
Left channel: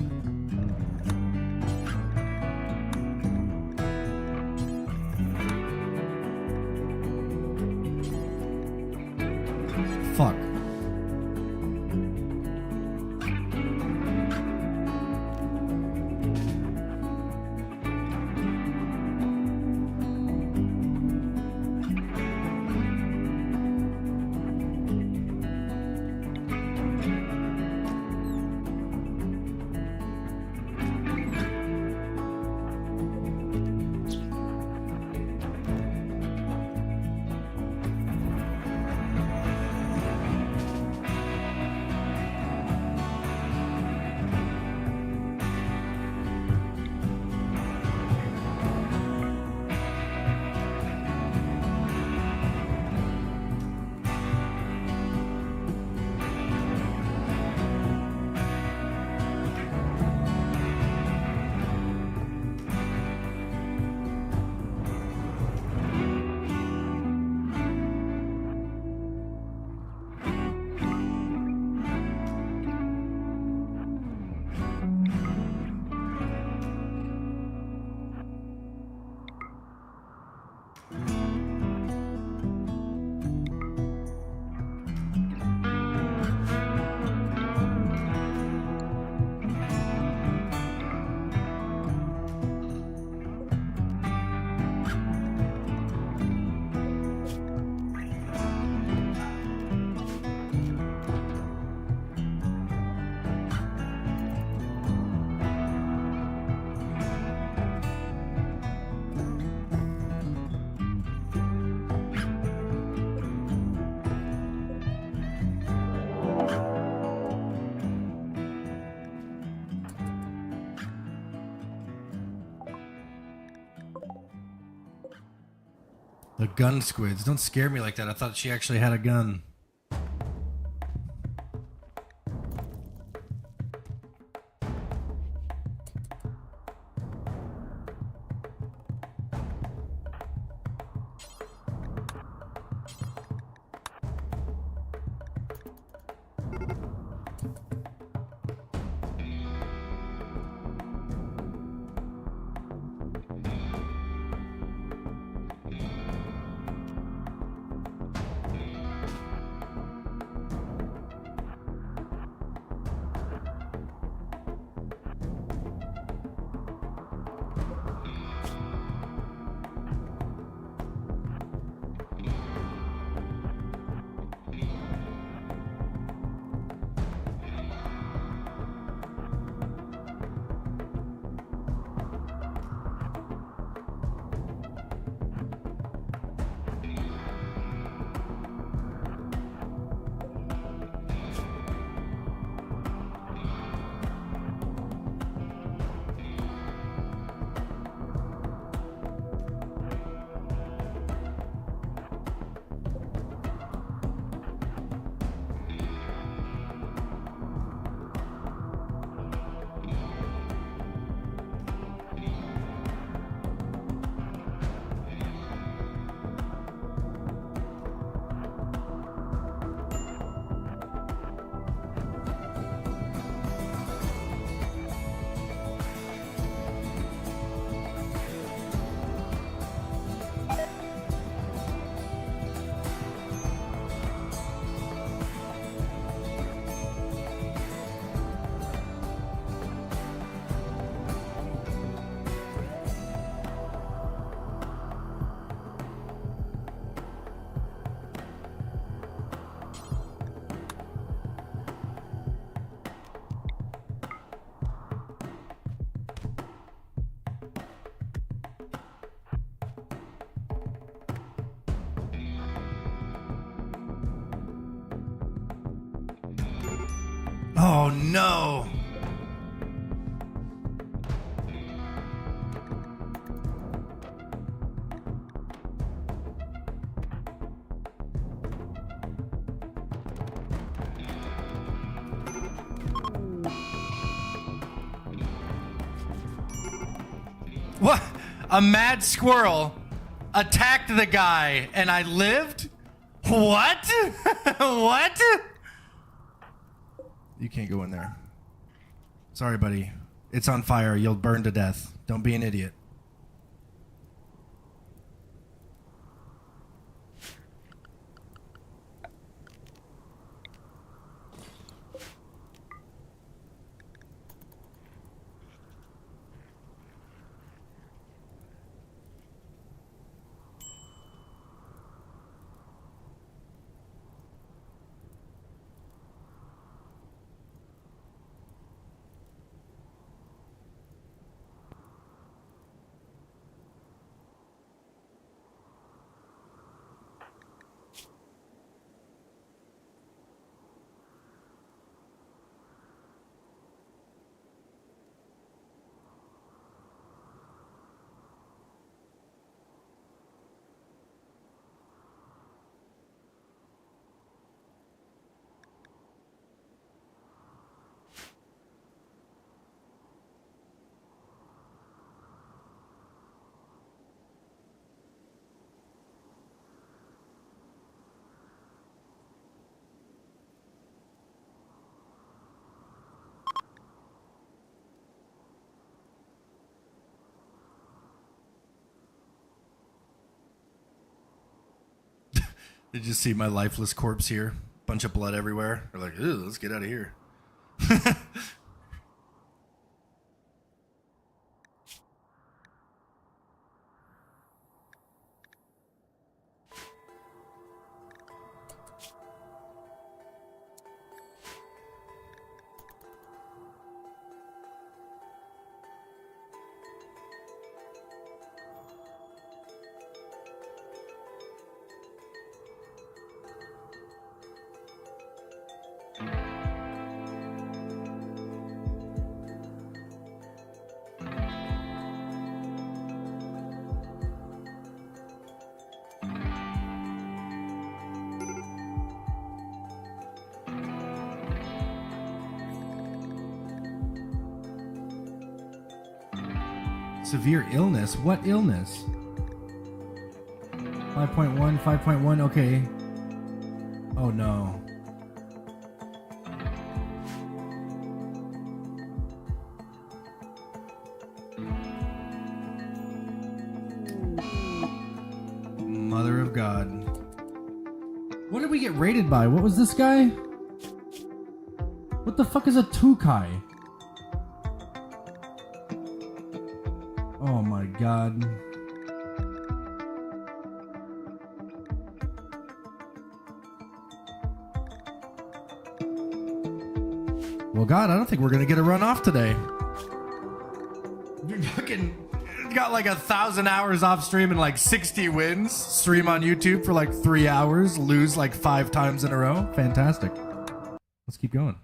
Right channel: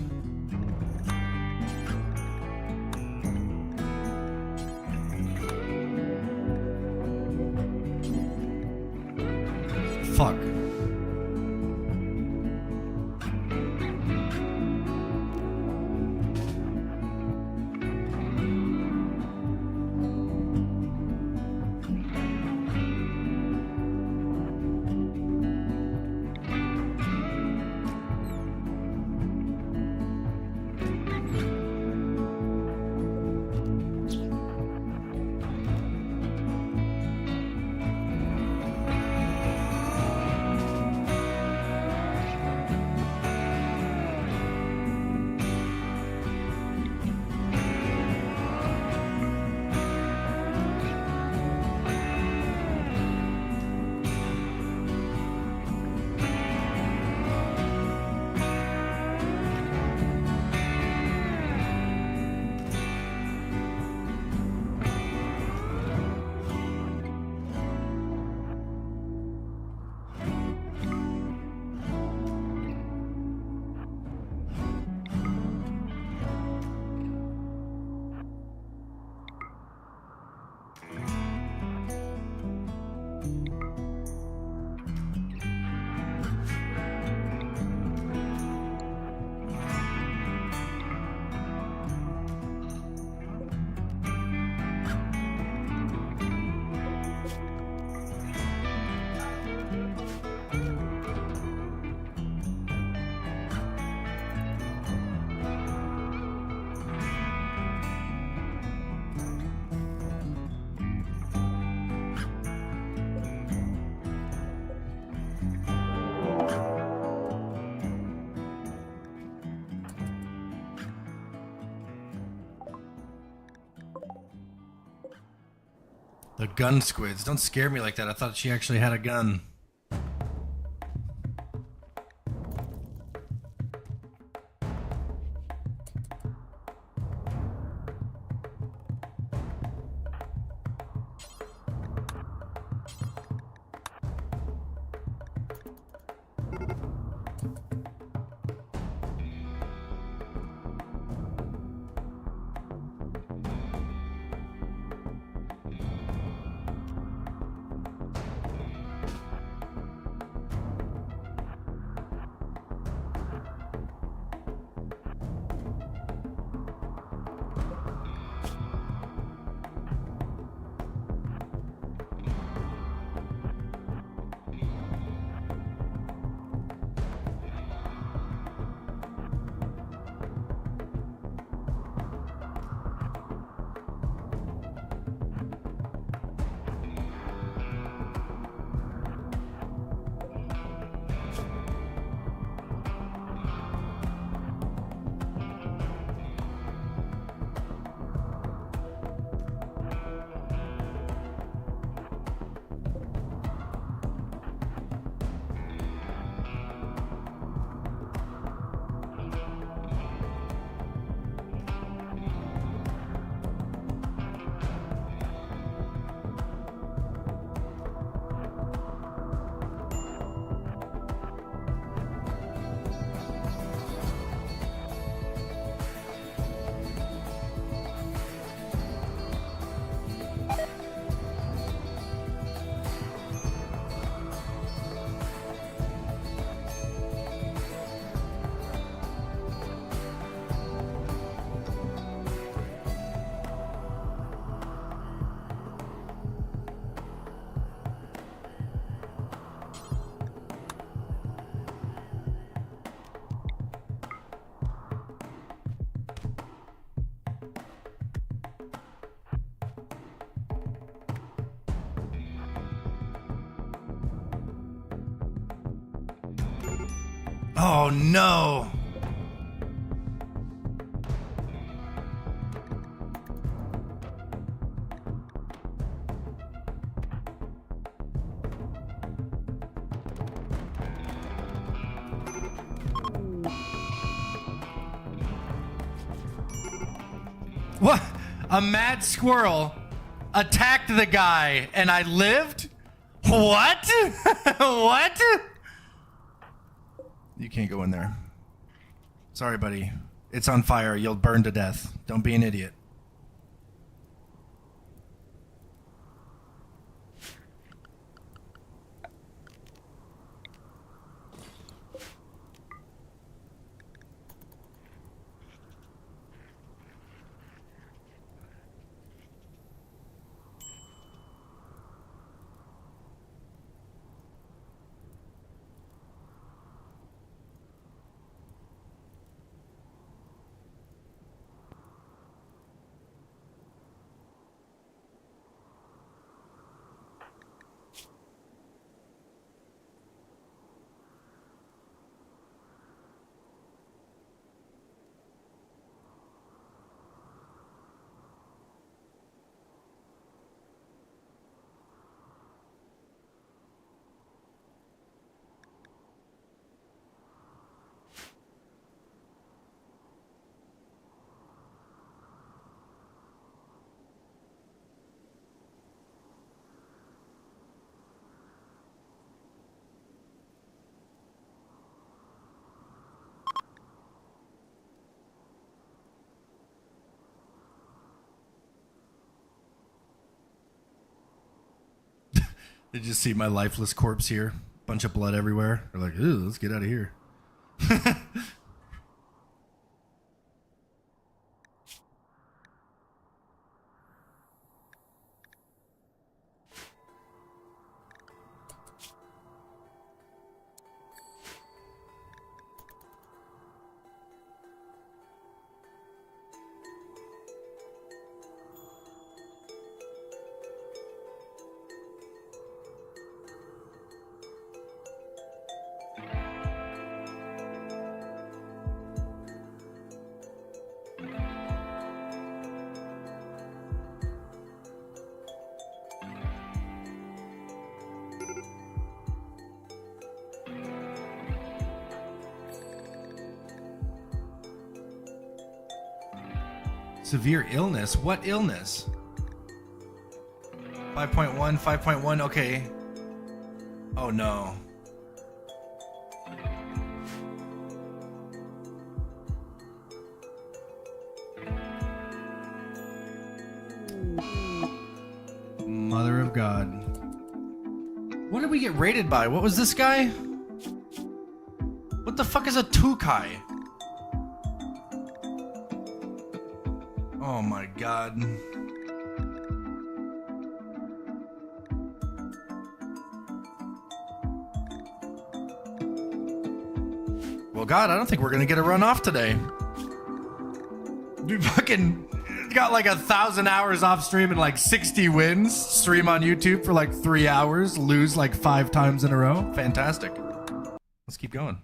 Fuck. The gun squids. Don't scare me like that. I thought she actually had a gun. Oh no! What? A mad squirrel attacked the guy and I lived? What? What? You can't go in there. Sorry, buddy. It's on fire. You'll burn to death. Don't be an idiot. Did you see my lifeless corpse here? Bunch of blood everywhere. They're like, ooh, let's get out of here. Severe illness? What illness? 5.1, 5.1, okay. Oh no. Mother of God. What did we get rated by? What was this guy? What the fuck is a Tukai? Oh my God. Well, God, I don't think we're gonna get a run off today. We fucking got like 1,000 hours off stream and like 60 wins. Stream on YouTube for like 3 hours. Lose like 5 times in a row. Fantastic. Let's keep going.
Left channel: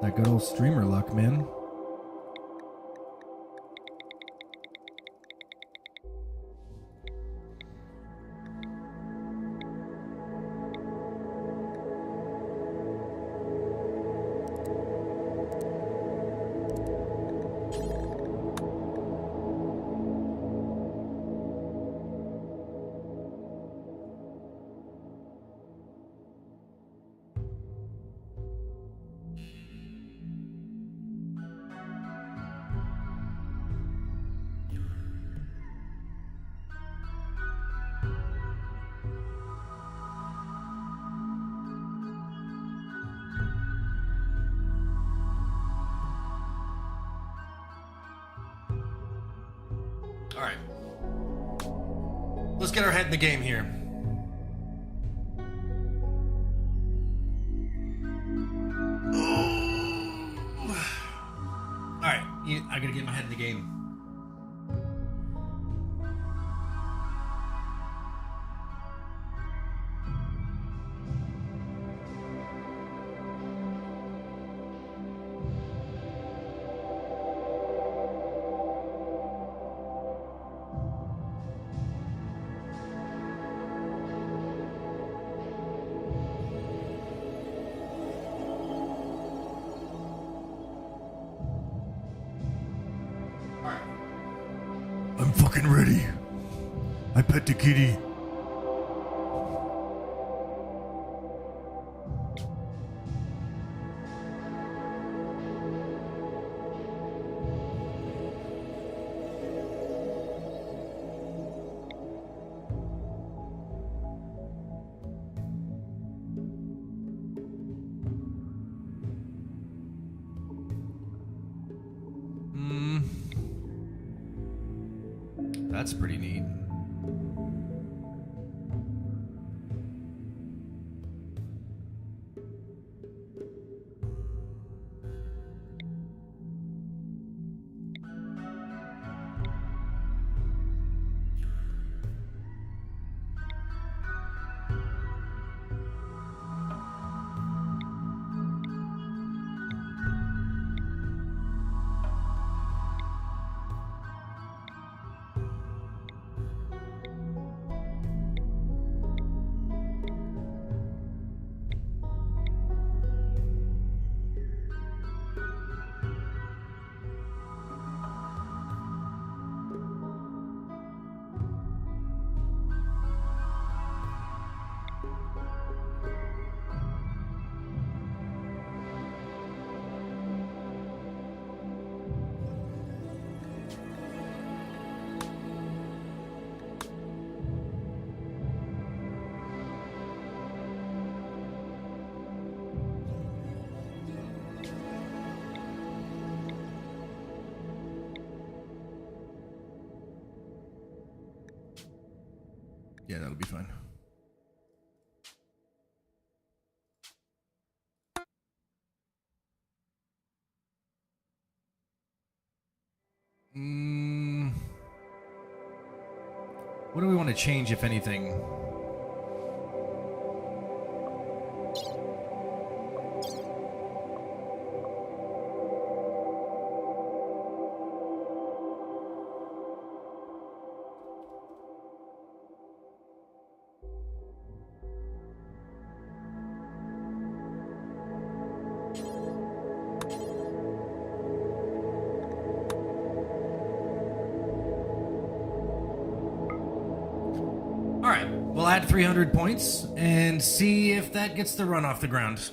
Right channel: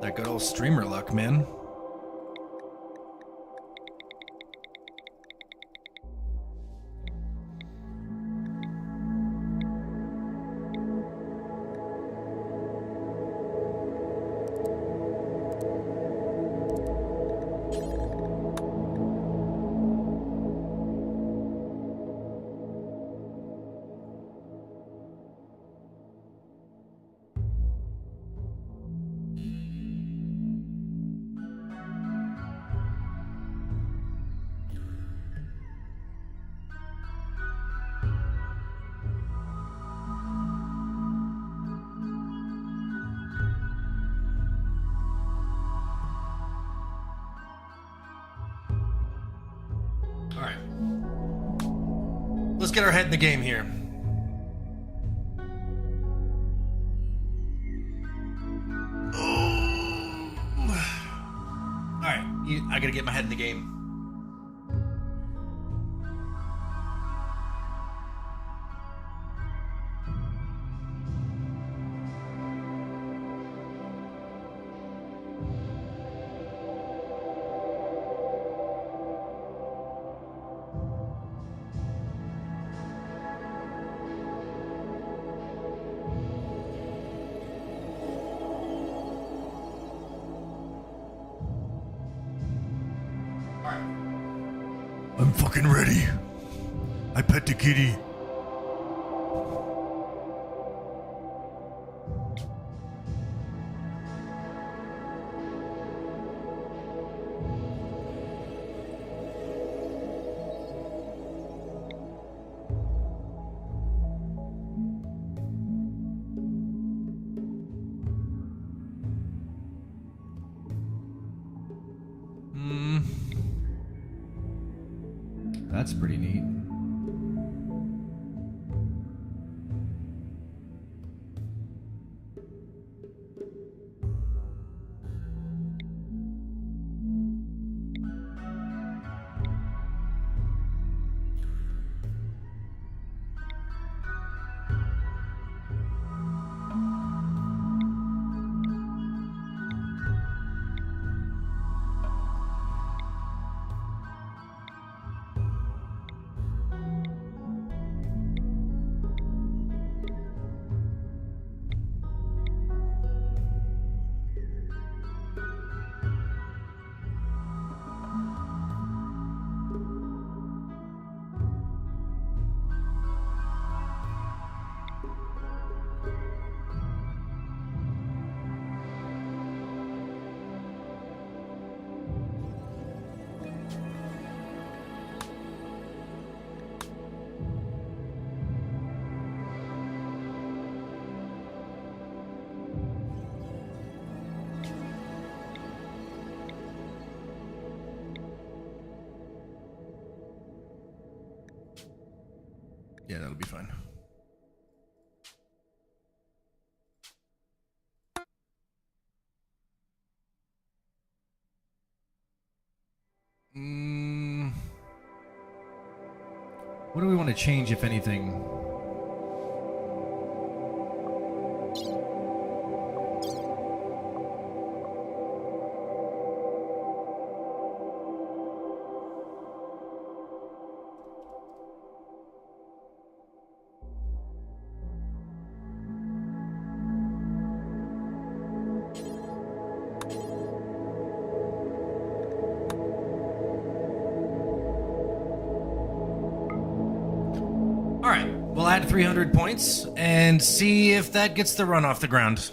That good old streamer luck, man. All right. Let's get our head in the game here. I gotta get my head in the game. I'm fucking ready. I pet the kitty. That's pretty neat. Yeah, that'll be fine. What do we want to change, if anything? All right, we'll add 300 points and see if that gets the run off the ground.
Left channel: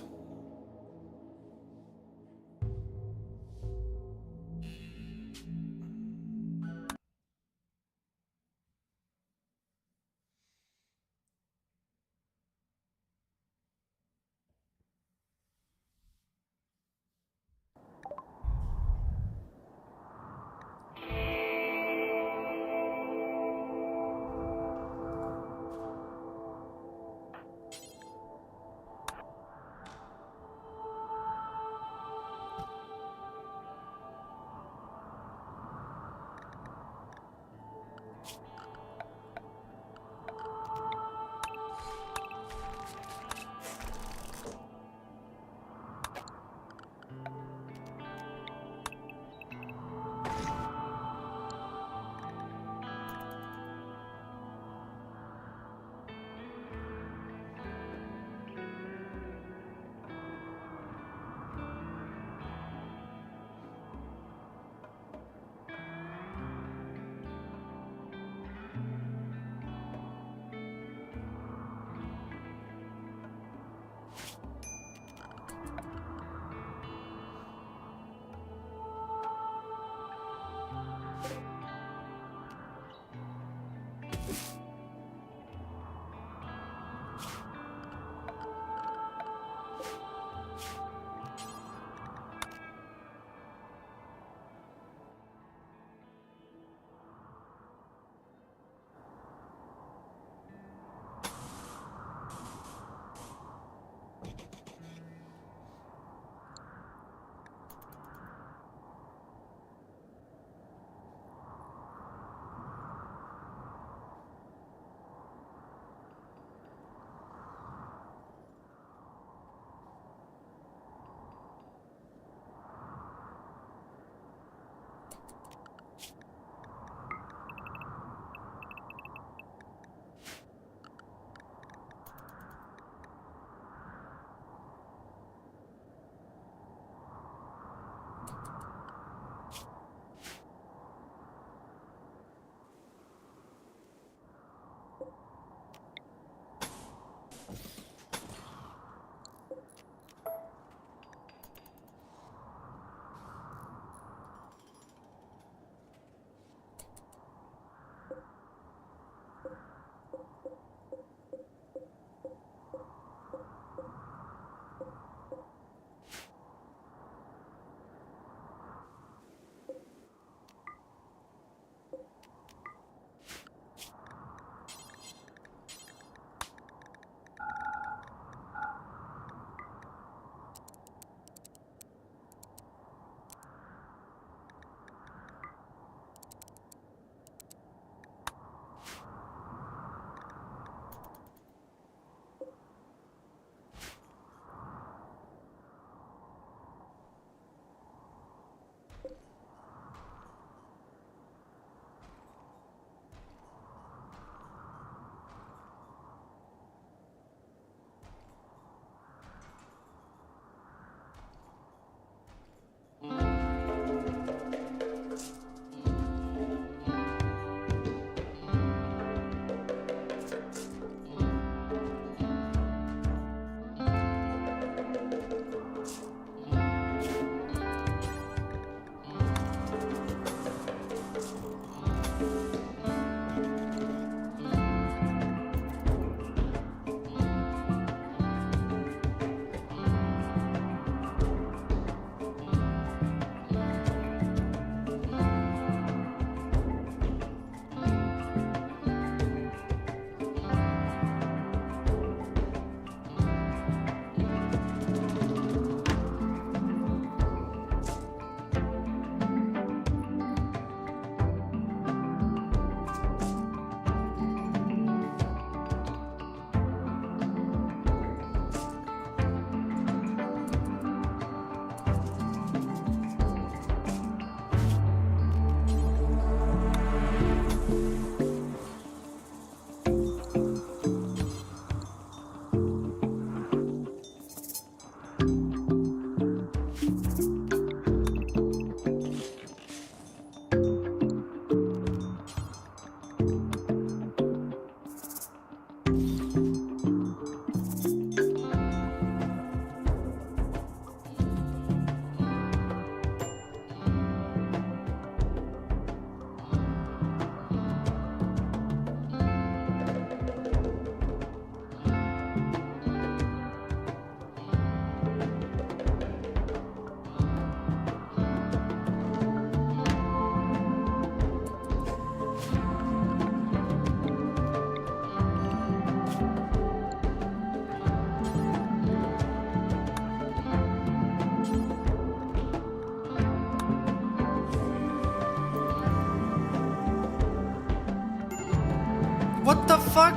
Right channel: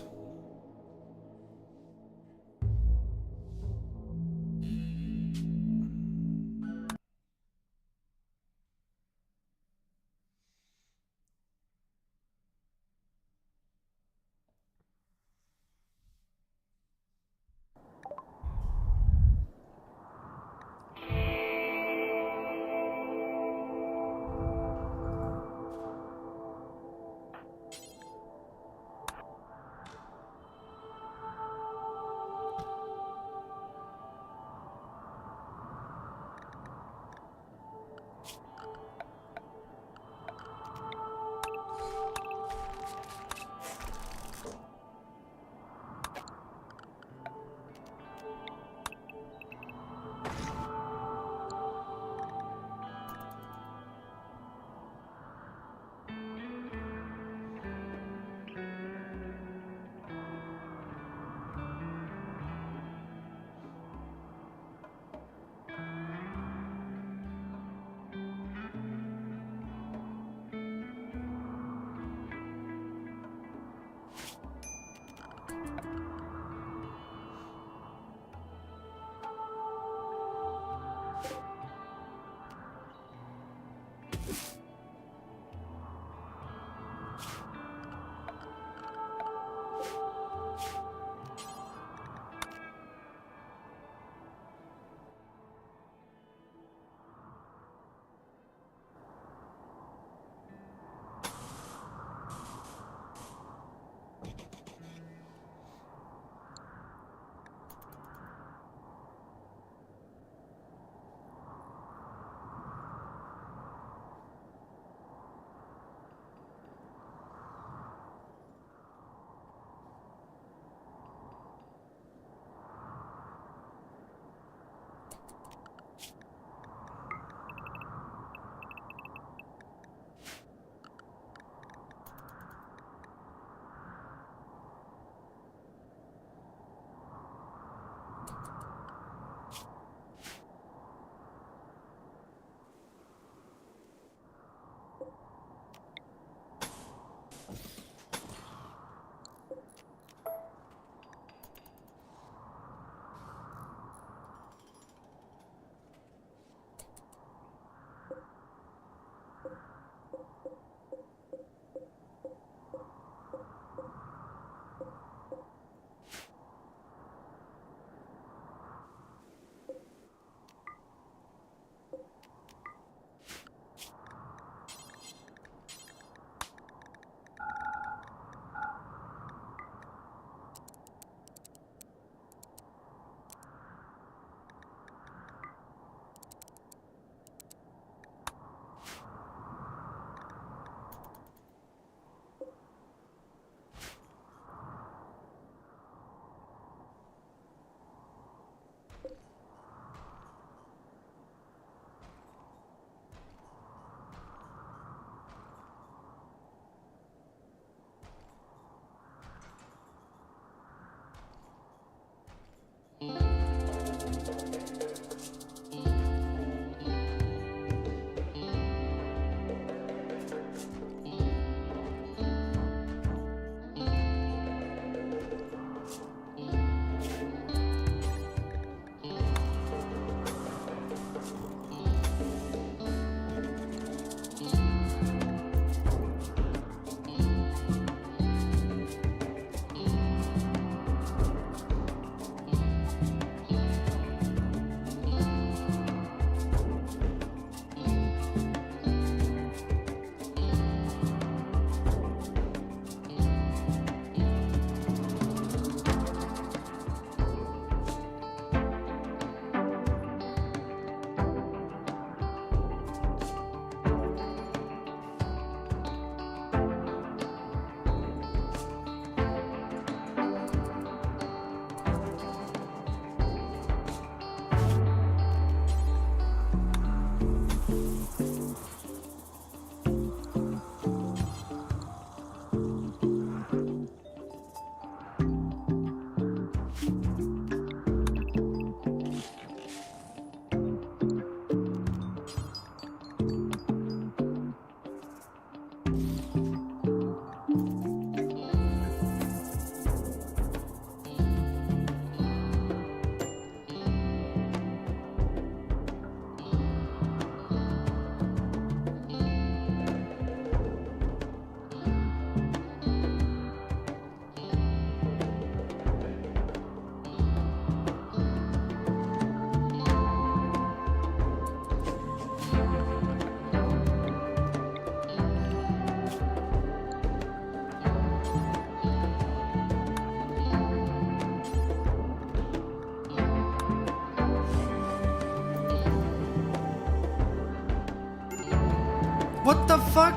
What the fuck?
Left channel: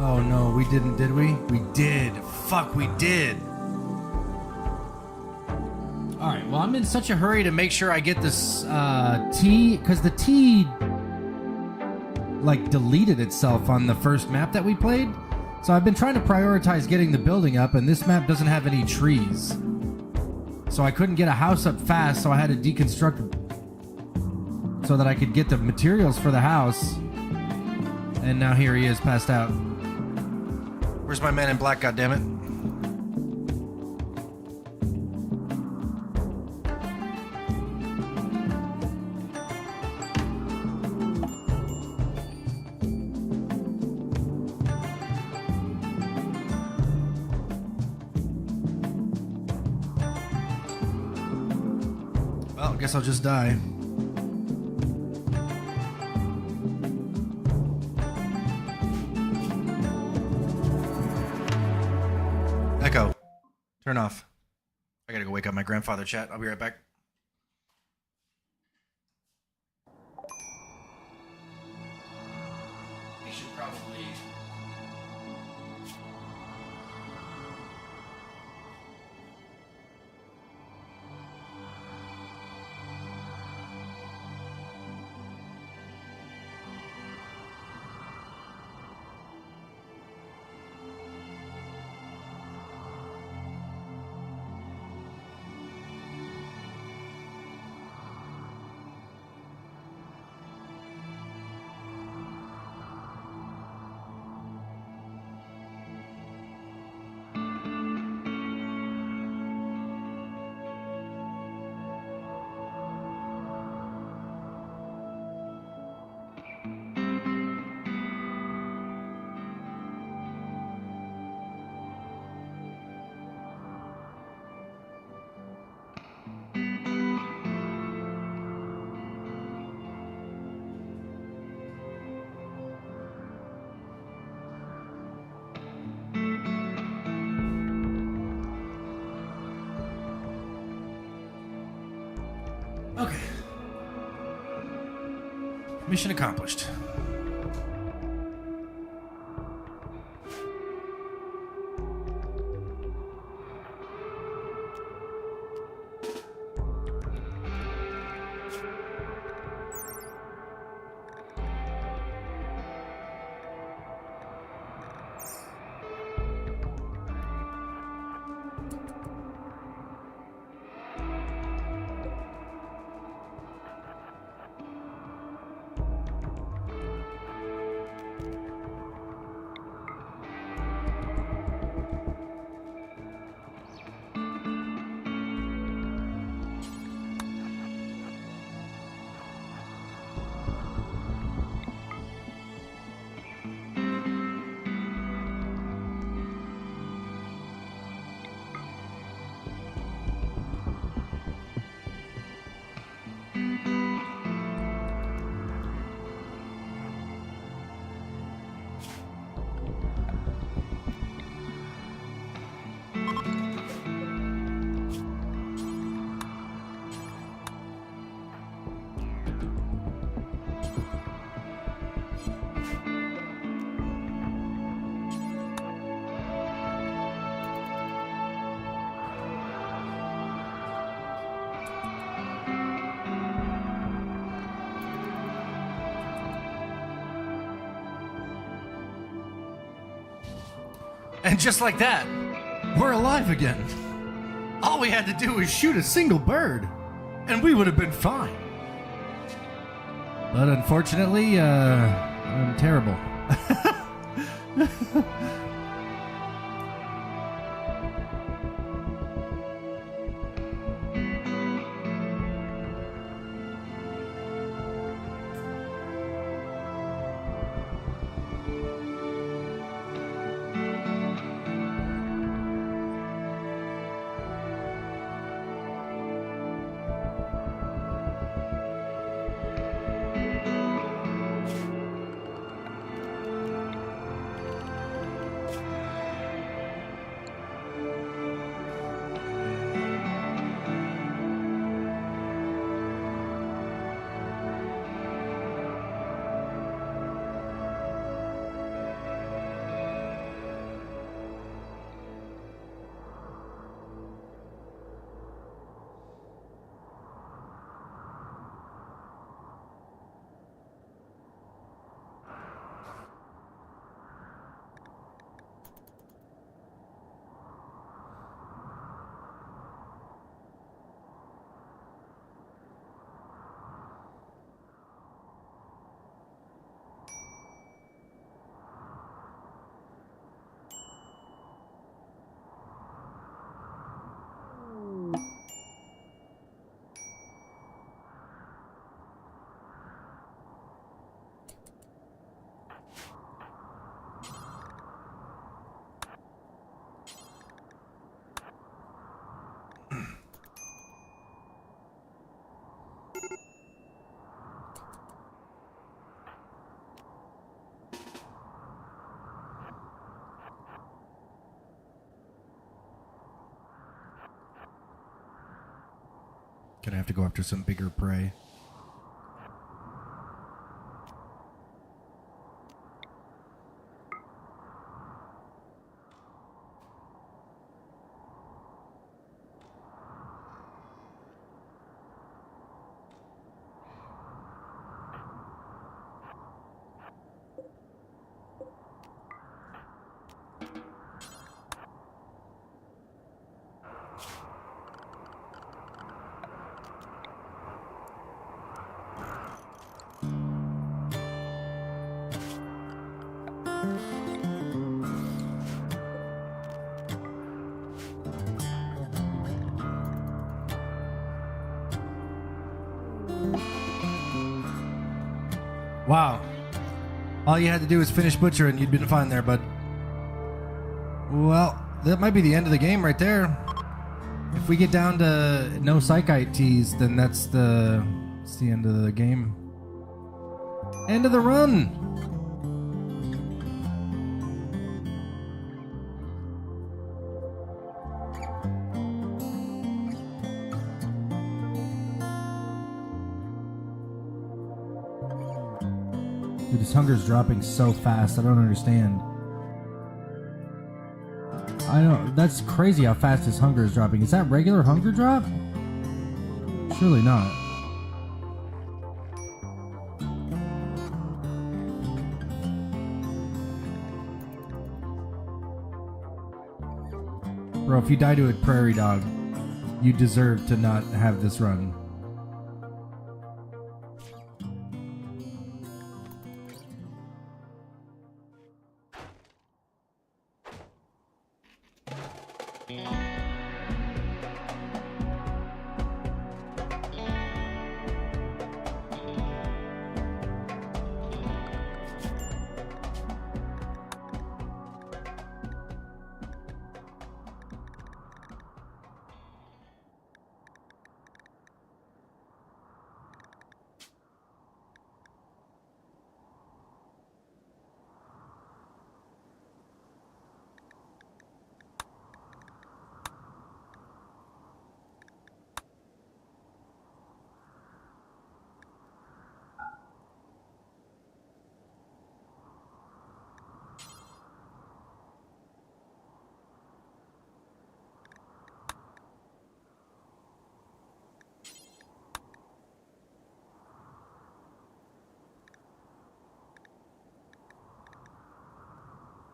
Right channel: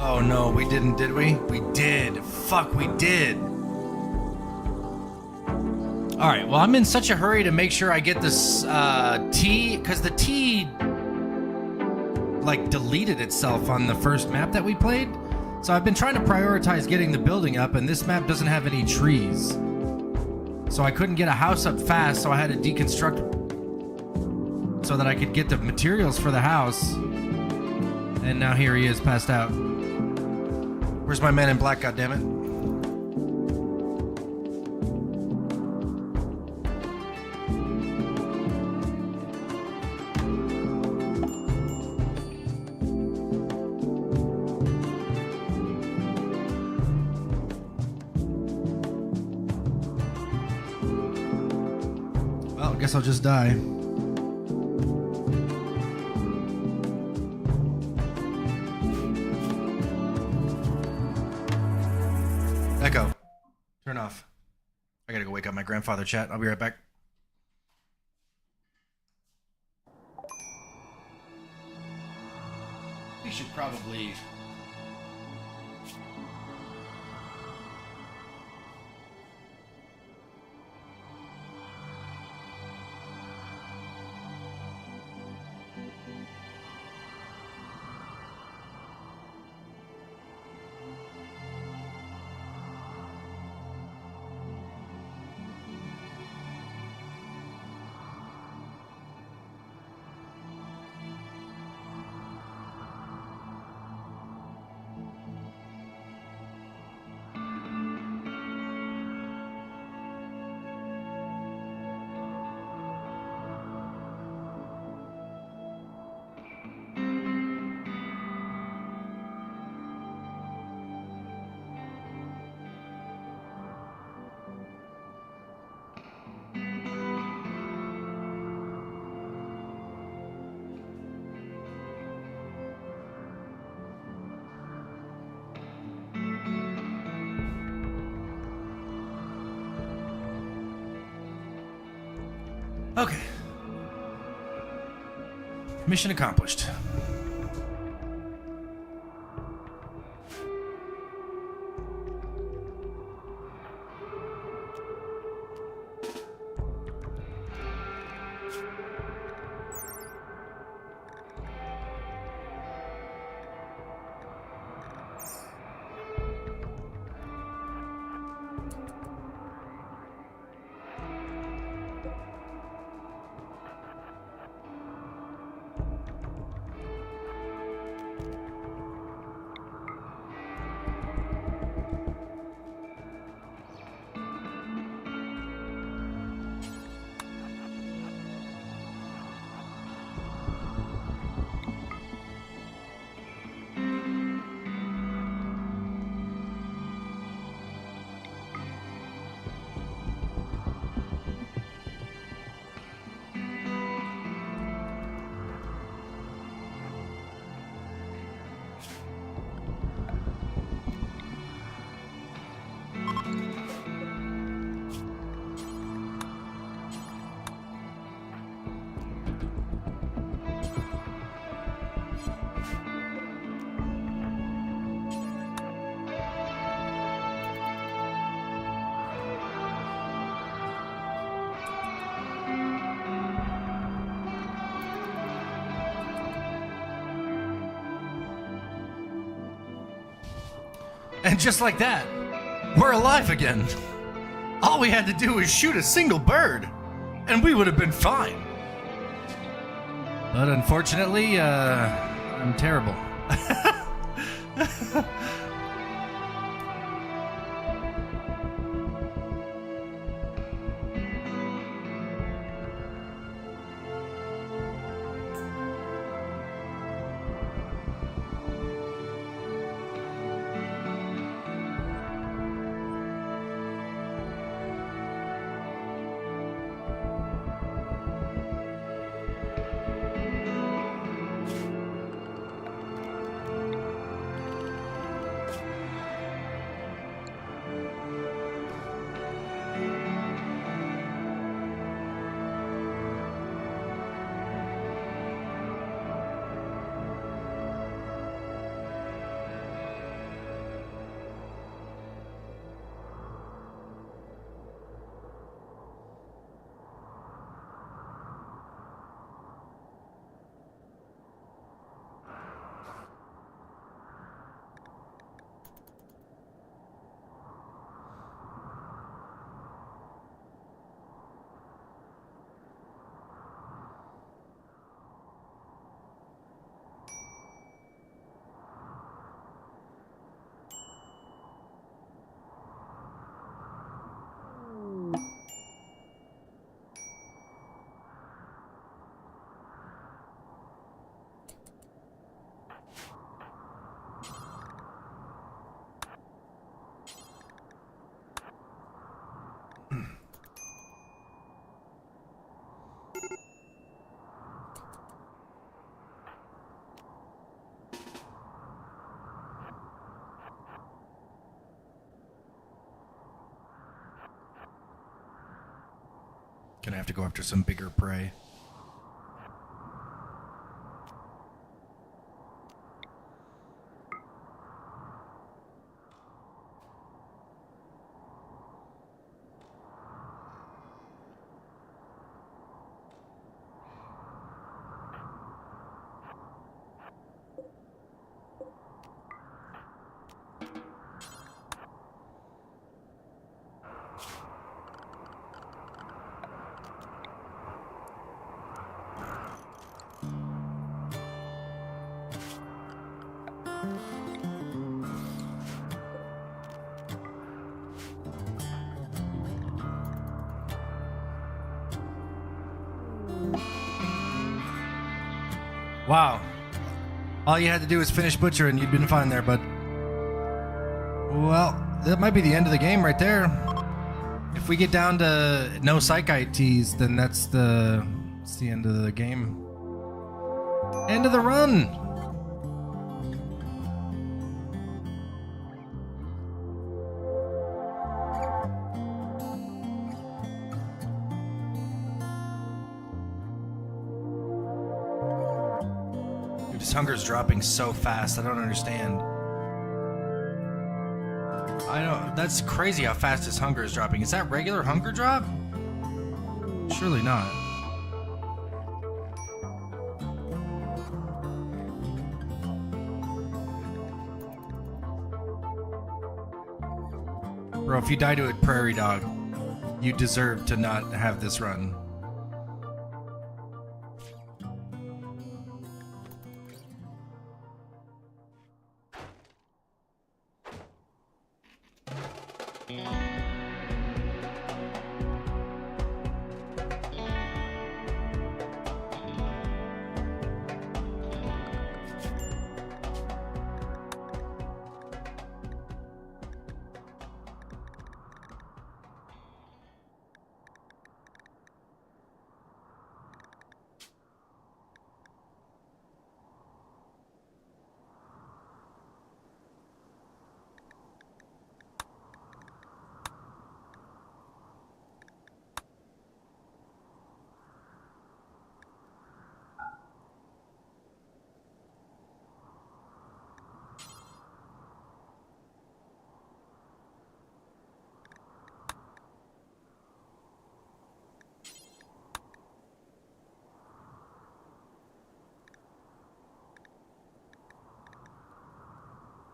Oh no, we didn't, did we? We did. Fuck, we did. Alright, well, I'm in such a hurry to make sure I get this T, because the T, like, deleted itself on the first map that we played. So I've been trying to prioritize getting the building up, and this map doesn't have any trees. So I couldn't get a house up fast, so I had to deconstruct so that I could get the materials for the house. And now here he is, passed out. Where's my man in black, goddammit? Well, I guess I'll just die. Echo, turn off. I gotta go wake up my grandfather, chat. I'll be right back. We should probably... Okay. Mission accomplished. And just like that, we're alive again. All we had to do was shoot a single bird, and we would have been fine. But unfortunately, I'm terrible. Gonna have to go after some bigger prey. Wow. All you had to do was finish Butcher and you'd been fine there, bud. Well, that might be the end of the game right there. If we get down to no Psychite teas, then that's the end of the game. End of the run! Dude, his hunger's dropping so fast, I don't understand. That's crazy how fast his hunger is dropping. Is that regular hunger drop? Surely not. Bro, if you die to a prairie dog, you deserve to not have this run.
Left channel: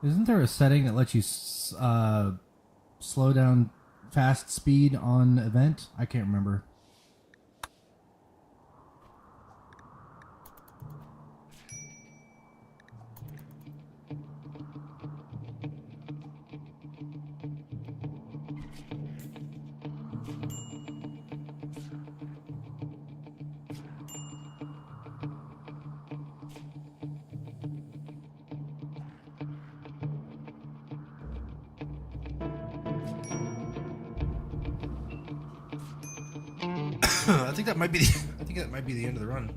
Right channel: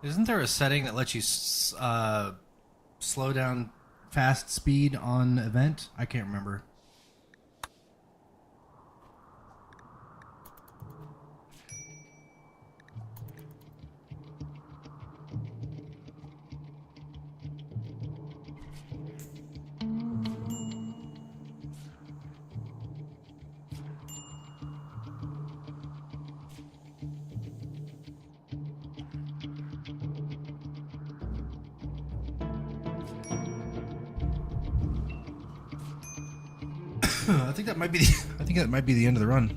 Isn't there a setting that lets you slow down fast speed on event? I can't remember. I think that might be the end of the run.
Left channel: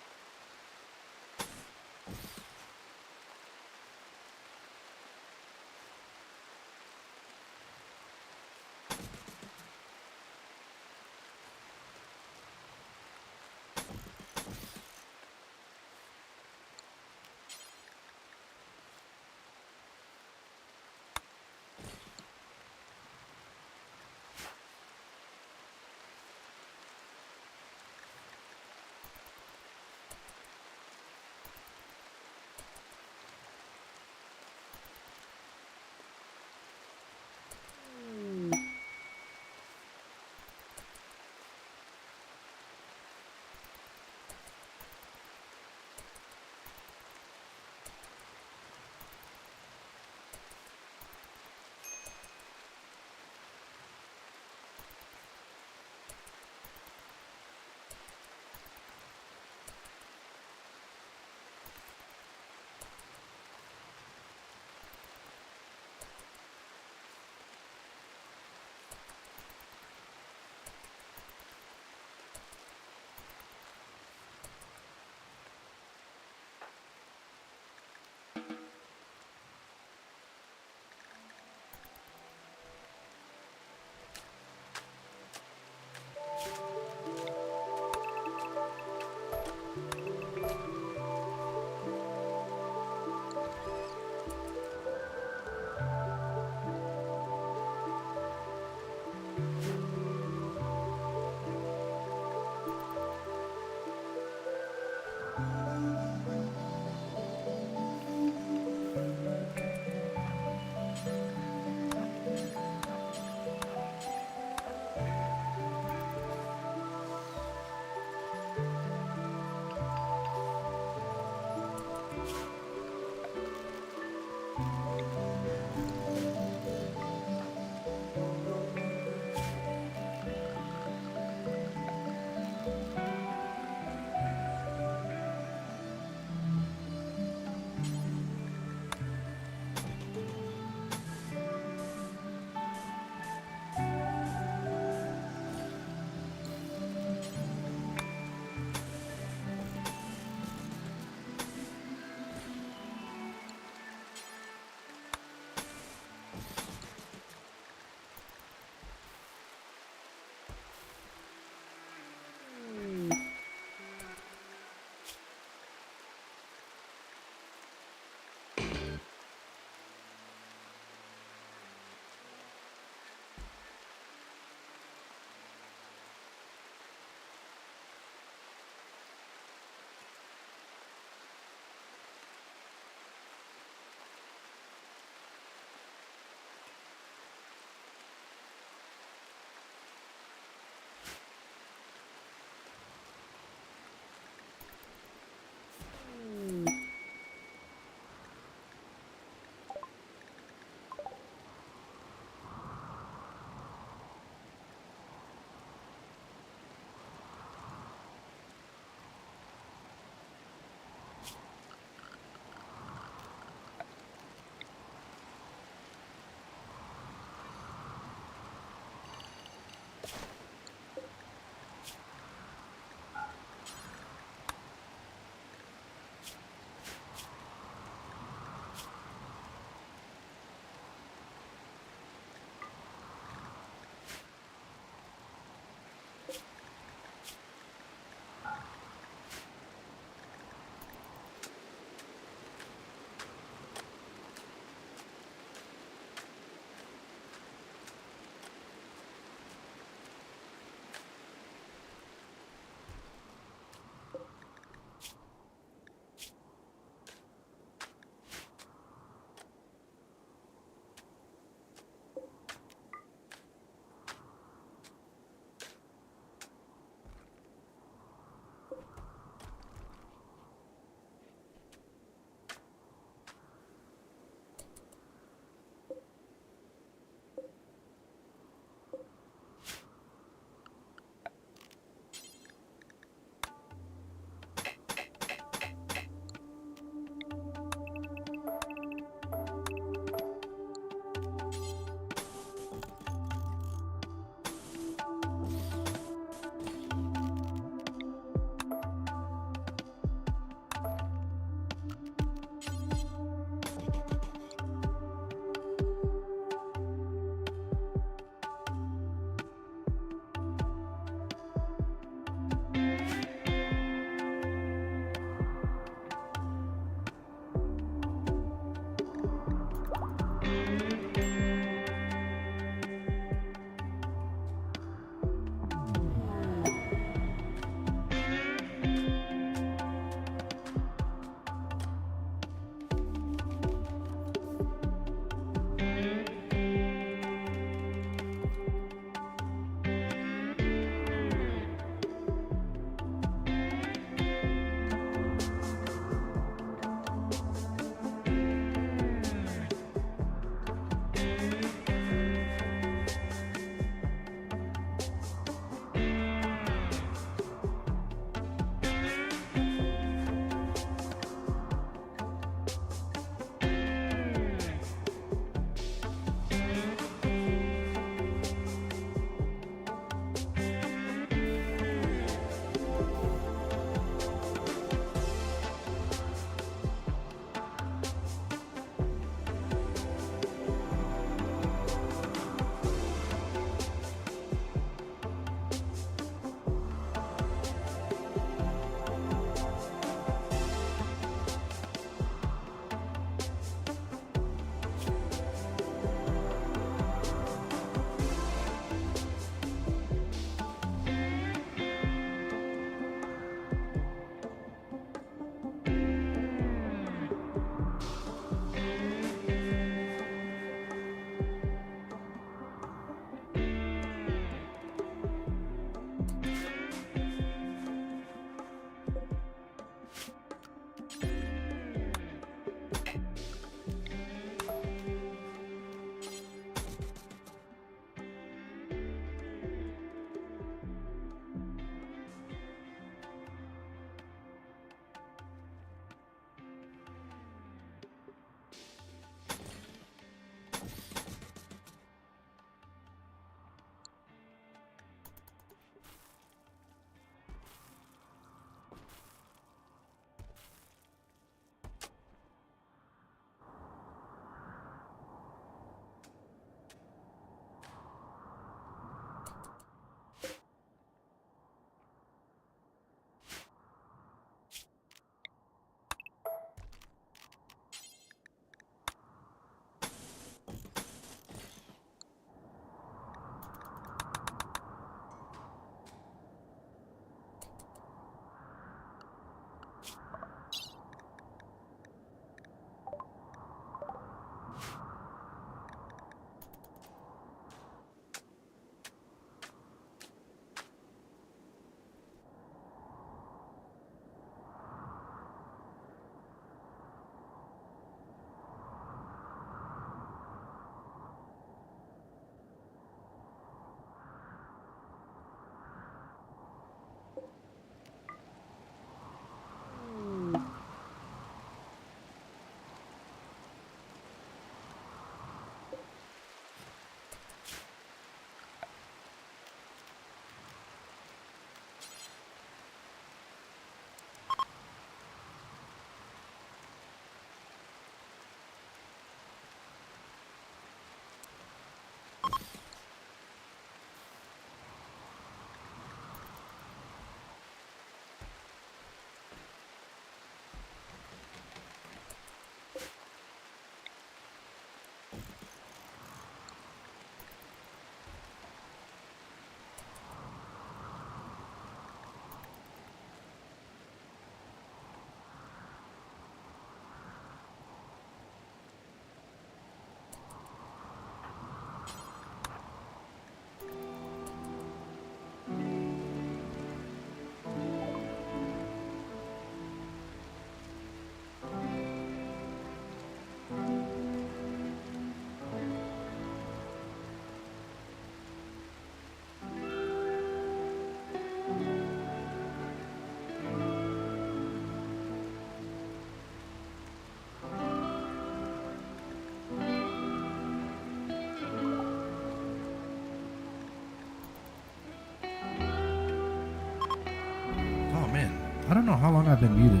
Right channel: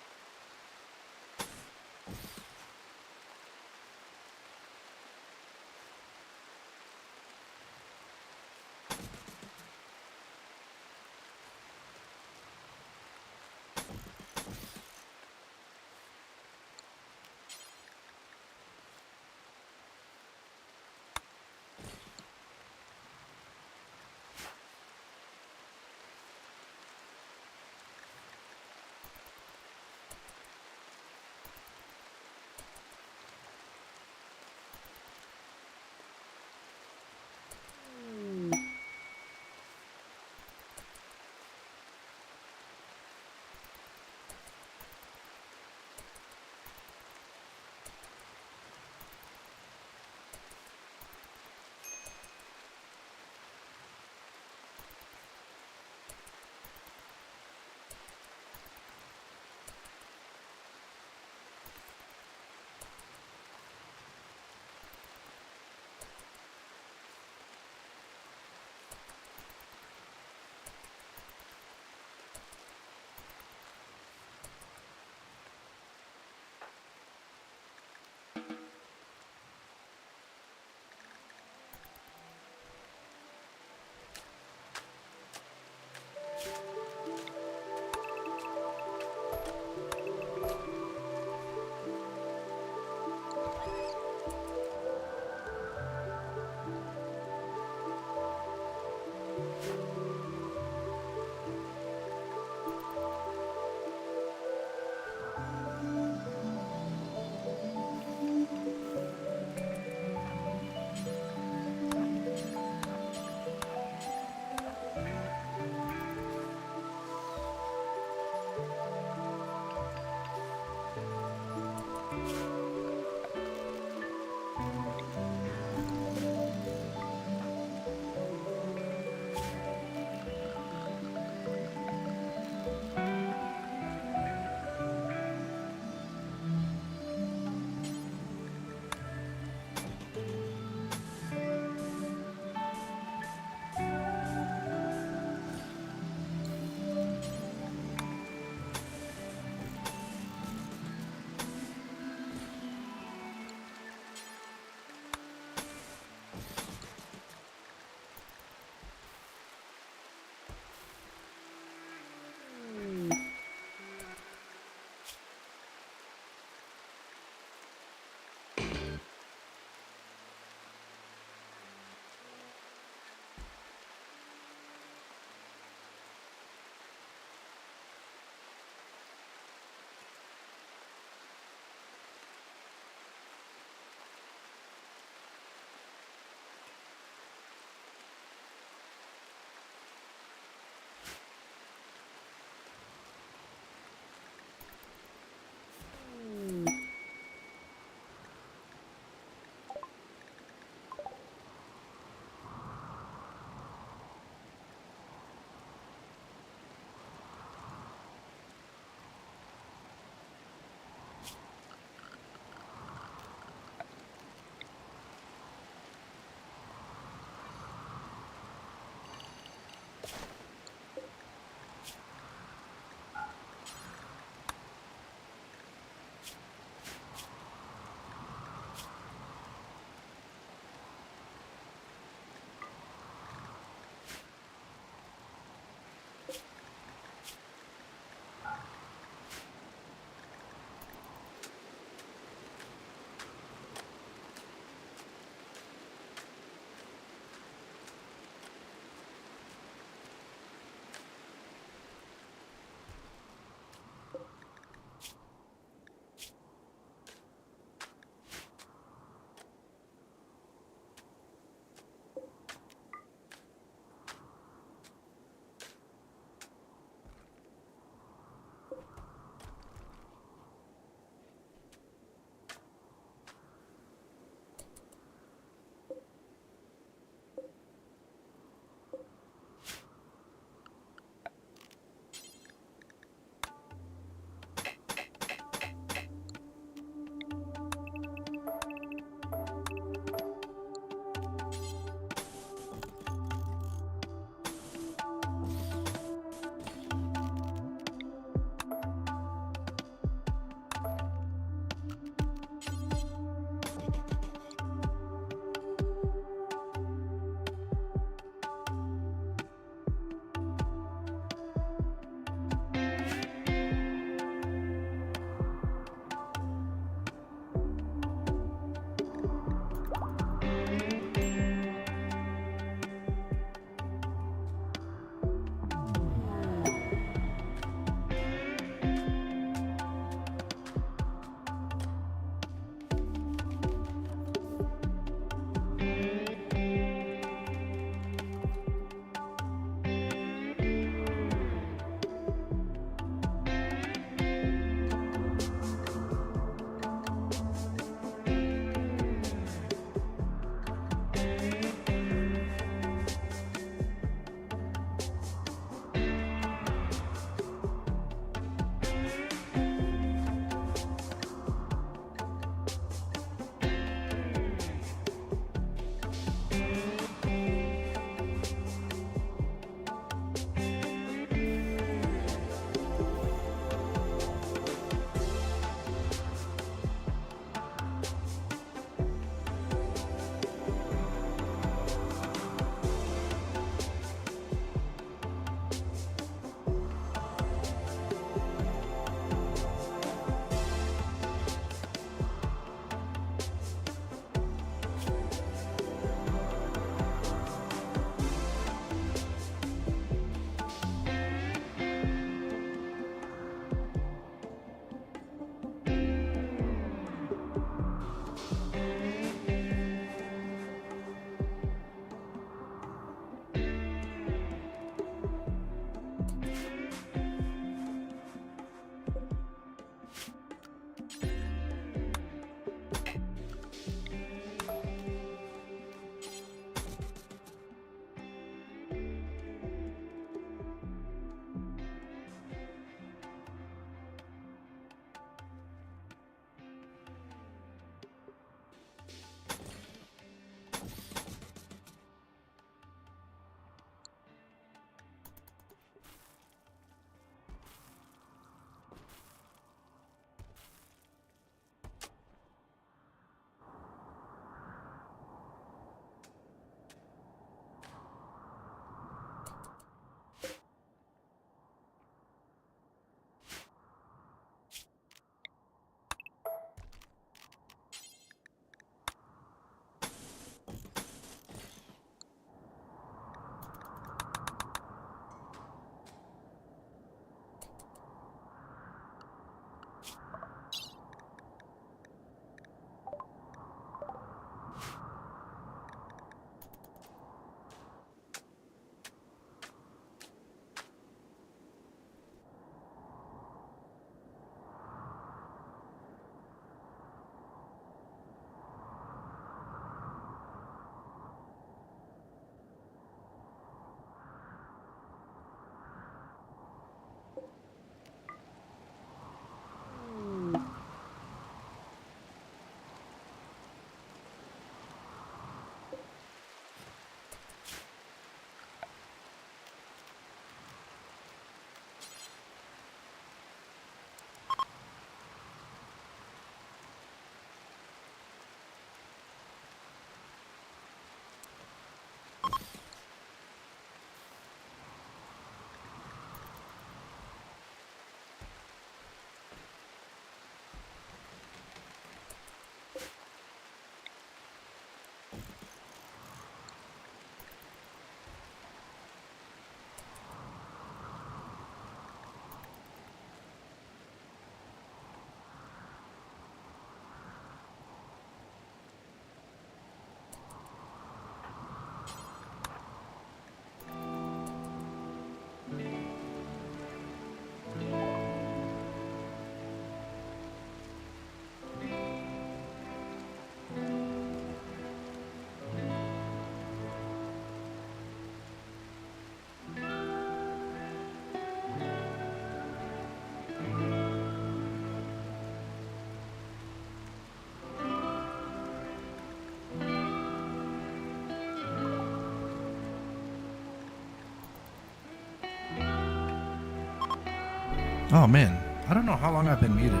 Oh man, I don't know how long I've been muted.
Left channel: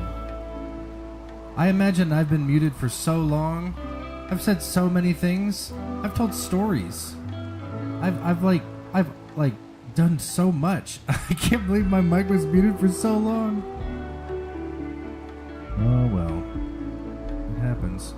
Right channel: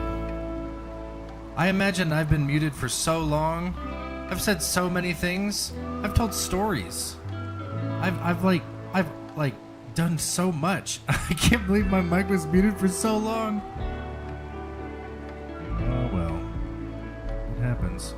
I imagine I've been muted for so long. I've said so many things. I've told stories. I've done so much. I can't believe my mic was muted for so long. Oh well. It happens.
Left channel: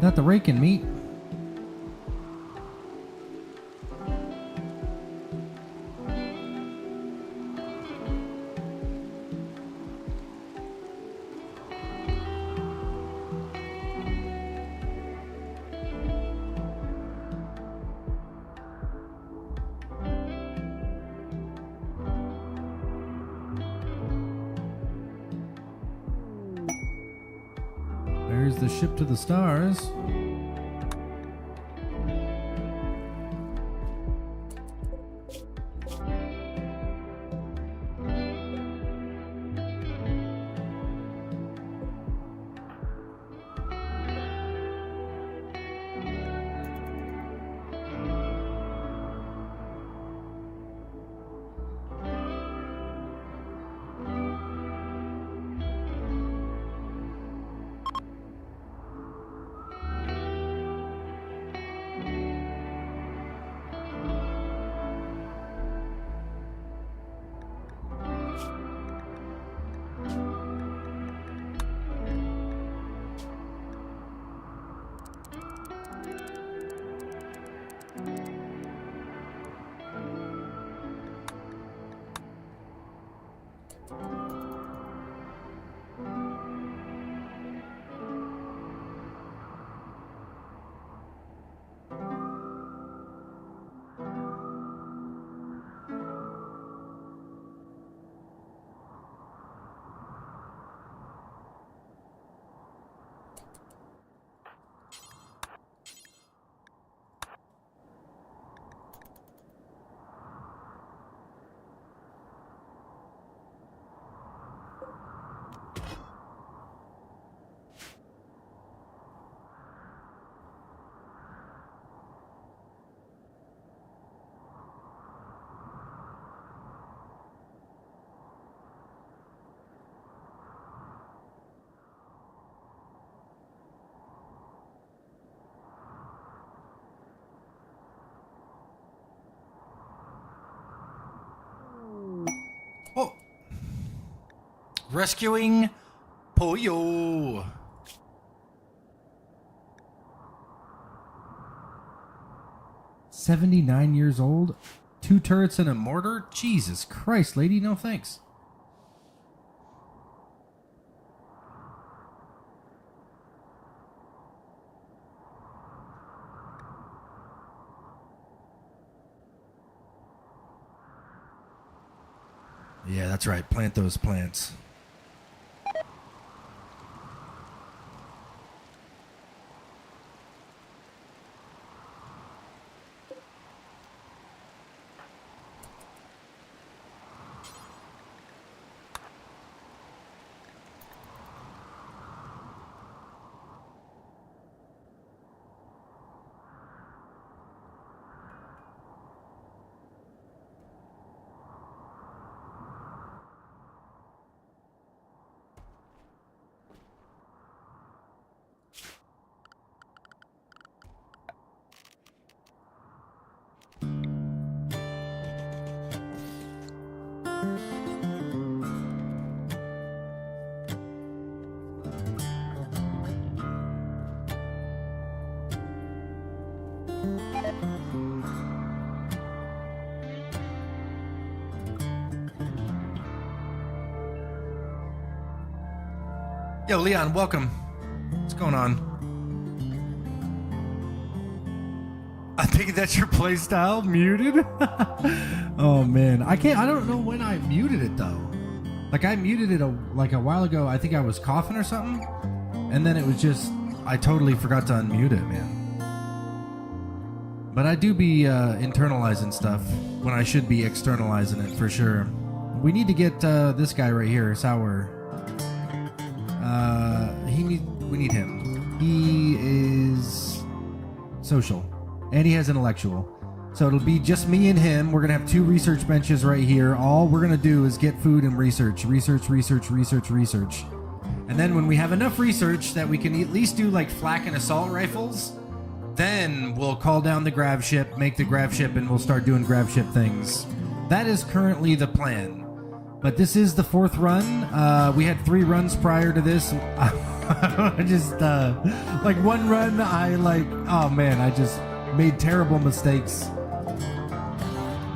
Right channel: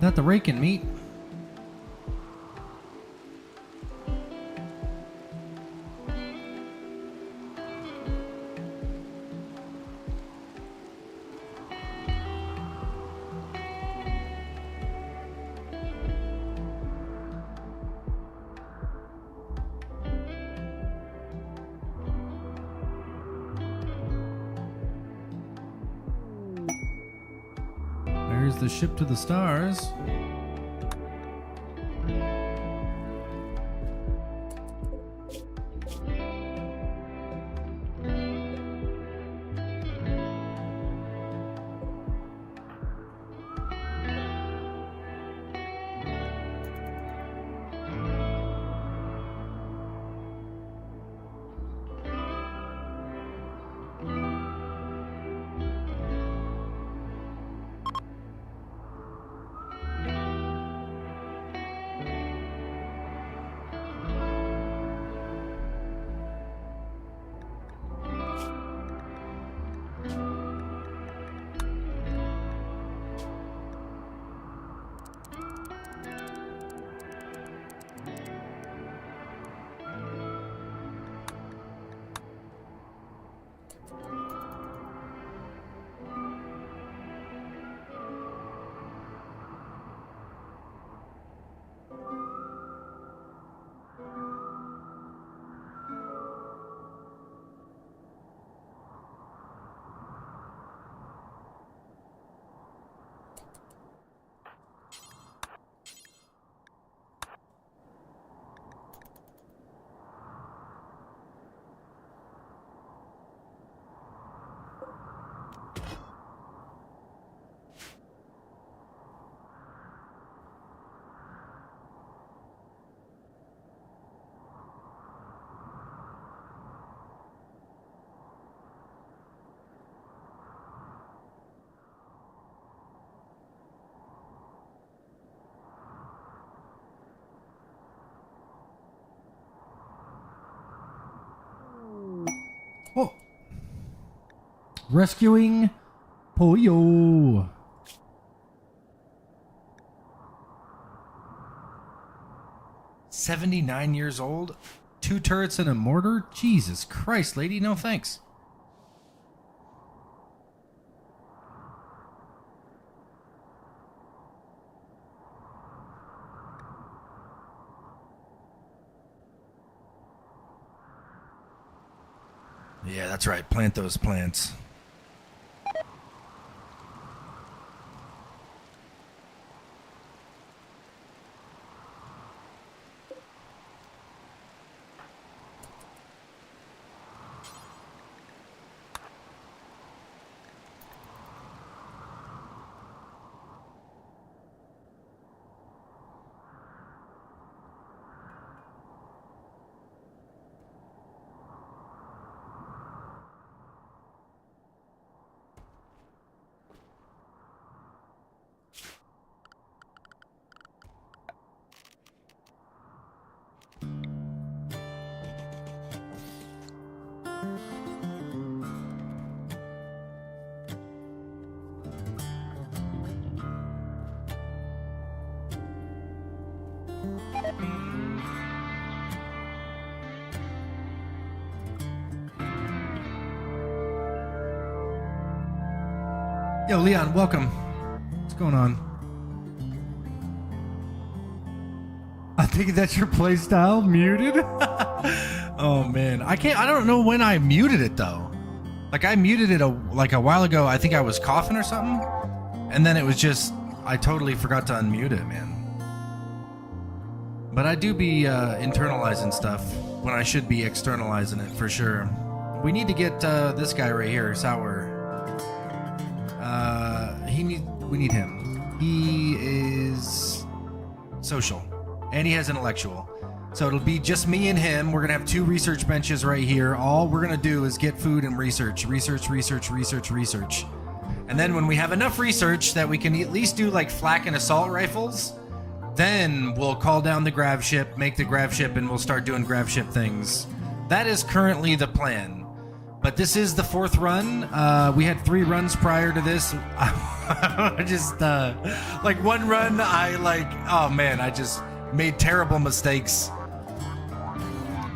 That the raking meat? There's the ship to the stars. Oh. Rescuing Pollo. 79 years old? 2 turrets and a mortar? Jesus Christ, lady, no thanks. Yeah, that's right. Plant those plants. Yo, Leon, welcome. What's going on? I think that's your playstyle muted. Oh man, I don't know when I muted it though. Like I muted it a while ago. I think I was coughing or something, and then it was just I totally forgot to unmute it, man. But I do be internalizing stuff when I should be externalizing it for sure. We need to get this guy right here, Sour. We need him. He is social, and he has intellectual. So it'll be just me and him. We're gonna have 2 research benches right here. All we're gonna do is get food and research. And then when we have enough research that we can at least do like flak and assault rifles, then we'll call down the grav ship, make the grav ship, and we'll start doing grav ship things. That is currently the plan. But this is the 4th run. We had 3 runs prior to this. I just, like one run, I just made terrible mistakes.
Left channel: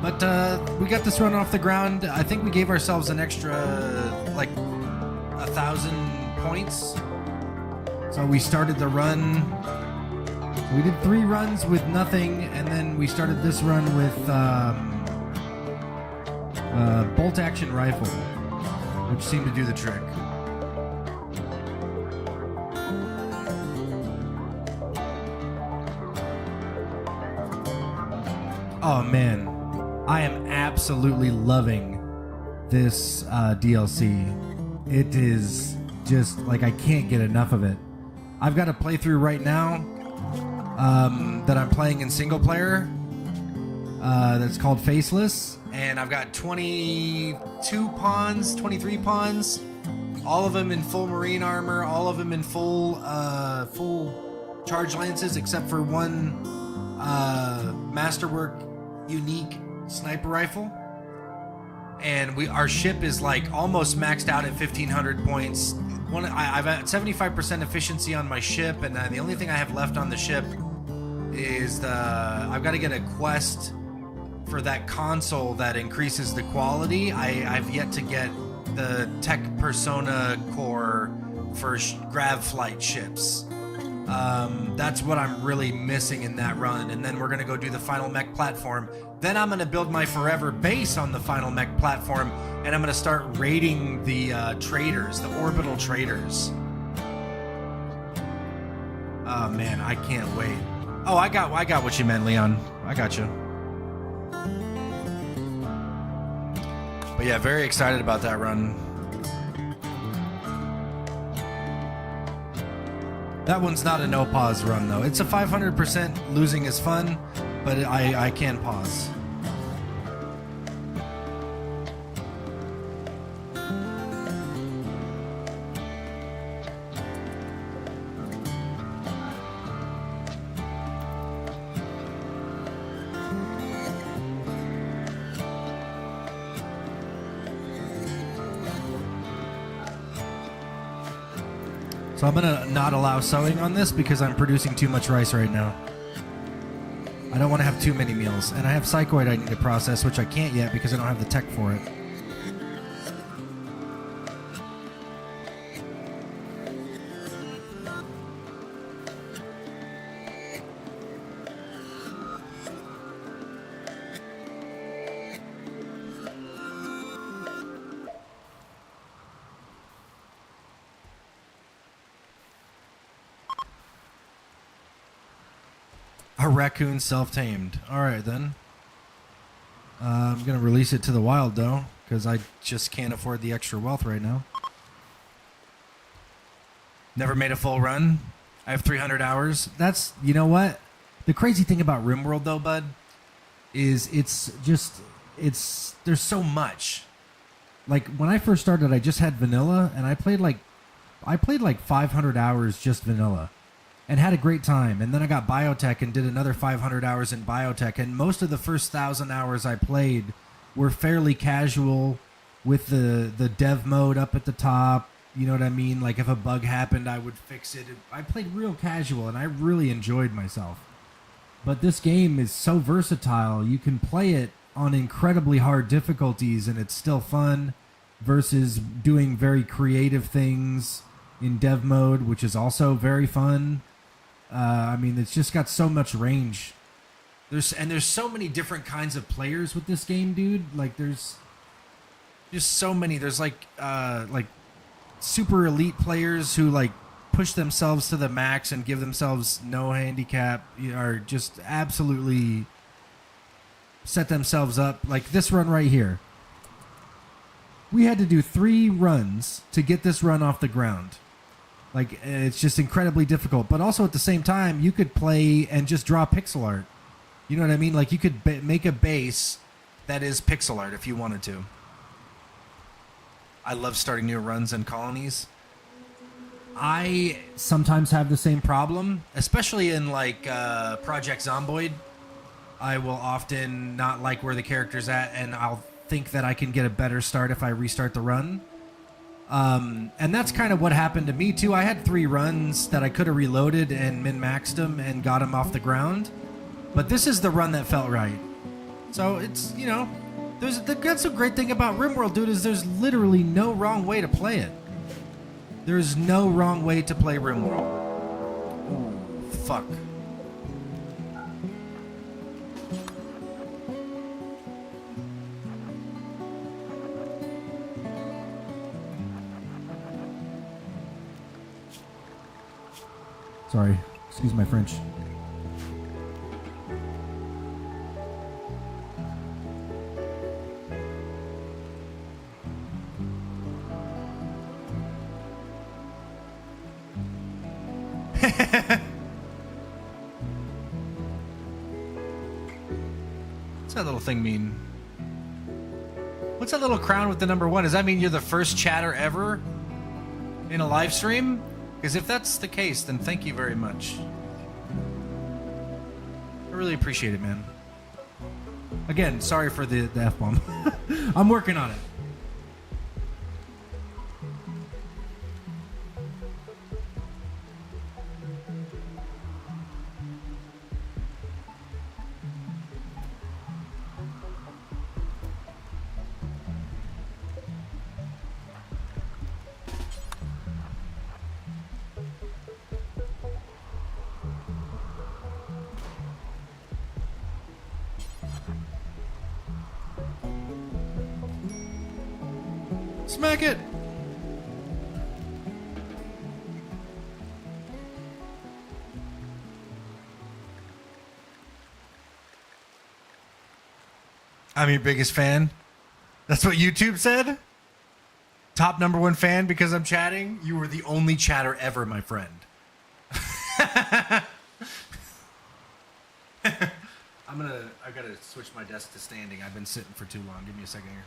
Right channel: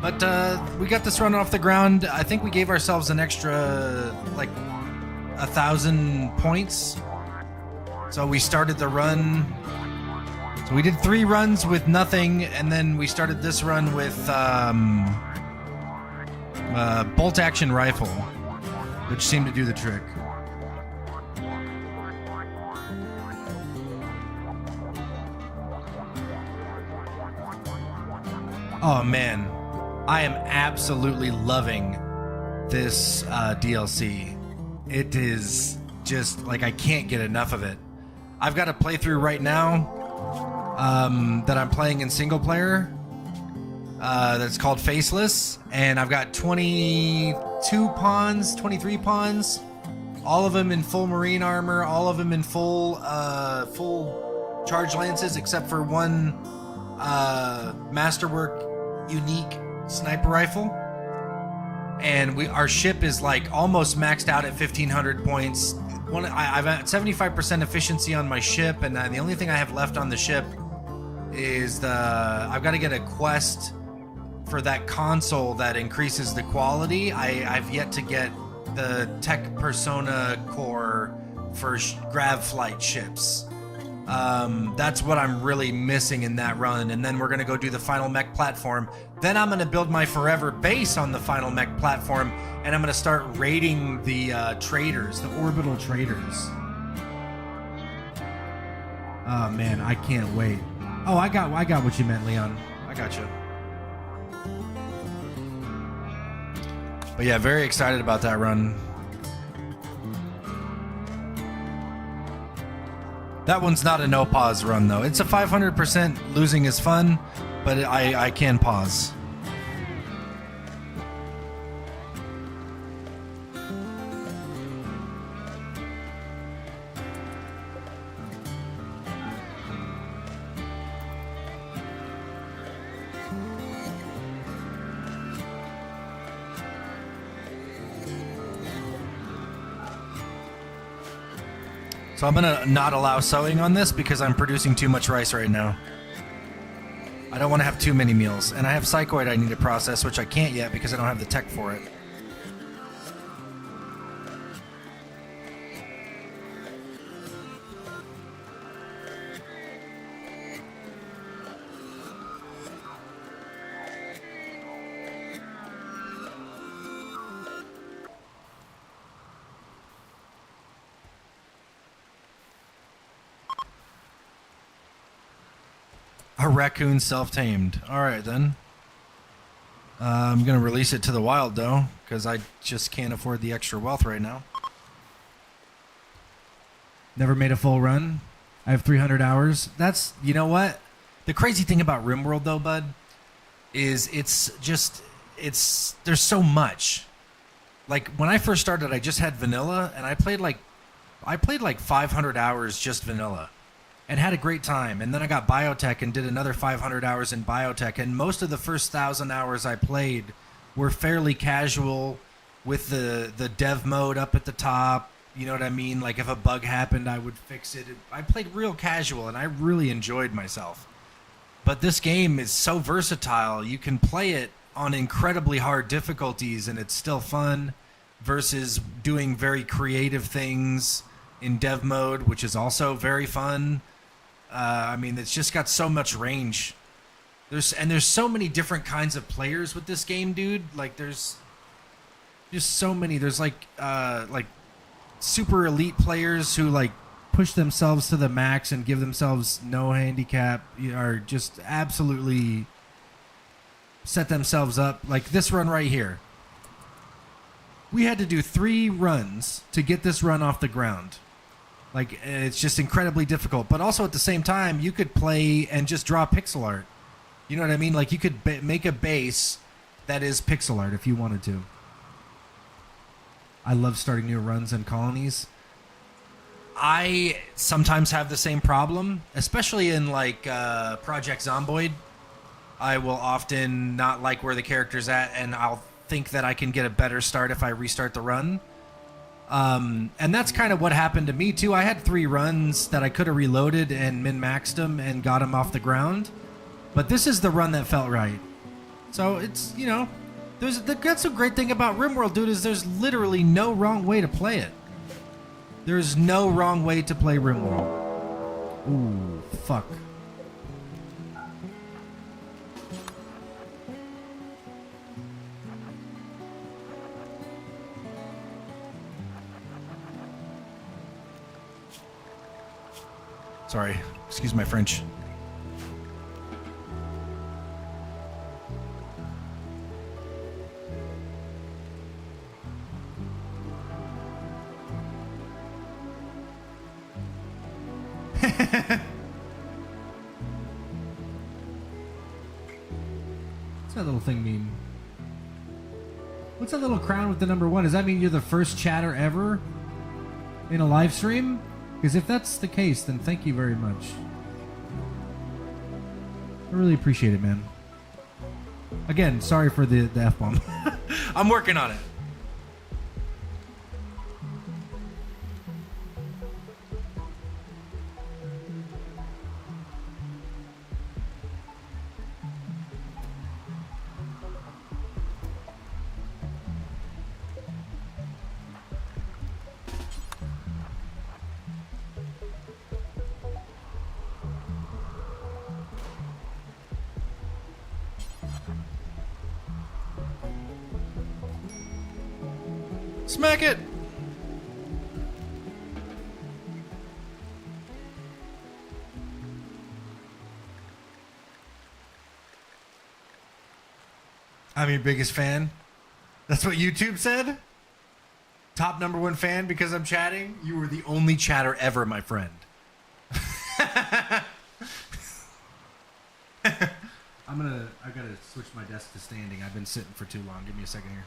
But we got this run off the ground. I think we gave ourselves an extra, like, 1,000 points. So we started the run. So we did 3 runs with nothing, and then we started this run with bolt action rifle, which seemed to do the trick. Oh man, I am absolutely loving this DLC. It is just like I can't get enough of it. I've got a playthrough right now that I'm playing in single player that's called Faceless, and I've got 22 pawns, 23 pawns, all of them in full marine armor, all of them in full charge lances, except for one masterwork unique sniper rifle. And our ship is like almost maxed out at 1,500 points. I've had 75% efficiency on my ship, and the only thing I have left on the ship is I've got to get a quest for that console that increases the quality. I've yet to get the tech persona core for grav flight ships. That's what I'm really missing in that run. And then we're going to go do the final mech platform. Then I'm going to build my forever base on the final mech platform, and I'm going to start raiding the traders, the orbital traders. Oh man, I can't wait. Oh, I got what you meant, Leon. I got you. But yeah, very excited about that run. That one's not a no pause run though. It's a 500% losing is fun, but I can pause. So I'm gonna not allow sewing on this because I'm producing too much rice right now. I don't want to have too many meals. And I have Psychoid I need to process, which I can't yet because I don't have the tech for it. A raccoon self-tamed. All right, then. I'm going to release it to the wild, though, because I just can't afford the extra wealth right now. Never made a full run. I have 300 hours. That's, you know what? The crazy thing about RimWorld, though, bud, is there's so much. Like, when I first started, I just had vanilla, and I played like 500 hours just vanilla. And had a great time. And then I got biotech and did another 500 hours in biotech. And most of the first 1,000 hours I played were fairly casual with the dev mode up at the top. You know what I mean? Like if a bug happened, I would fix it. I played real casual and I really enjoyed myself. But this game is so versatile. You can play it on incredibly hard difficulties and it's still fun versus doing very creative things in dev mode, which is also very fun. I mean, it's just got so much range. There's so many different kinds of players with this game, dude. Like, there's just so many. There's like super elite players who like push themselves to the max and give themselves no handicap, or just absolutely set themselves up. Like this run right here. We had to do 3 runs to get this run off the ground. Like, it's just incredibly difficult. But also at the same time, you could play and just draw pixel art. You know what I mean? Like, you could make a base that is pixel art if you wanted to. I love starting new runs and colonies. I sometimes have the same problem, especially in, like, Project Zomboid. I will often not like where the character's at, and I'll think that I can get a better start if I restart the run. And that's kind of what happened to me too. I had 3 runs that I could have reloaded and min-maxed them and got them off the ground. But this is the run that felt right. So it's, you know, that's a great thing about RimWorld, dude, is there's literally no wrong way to play it. There's no wrong way to play RimWorld. Ooh, fuck. Sorry, excuse my French. What's that little thing mean? What's that little crown with the number 1? Does that mean you're the first chatter ever in a live stream? Because if that's the case, then thank you very much. I really appreciate it, man. Again, sorry for the F-bomb. I'm working on it. Smack it! I'm your biggest fan. That's what YouTube said? Top number 1 fan because I'm chatting? You were the only chatter ever, my friend. I gotta switch my desk to standing. I've been sitting for too long. Give me a second here.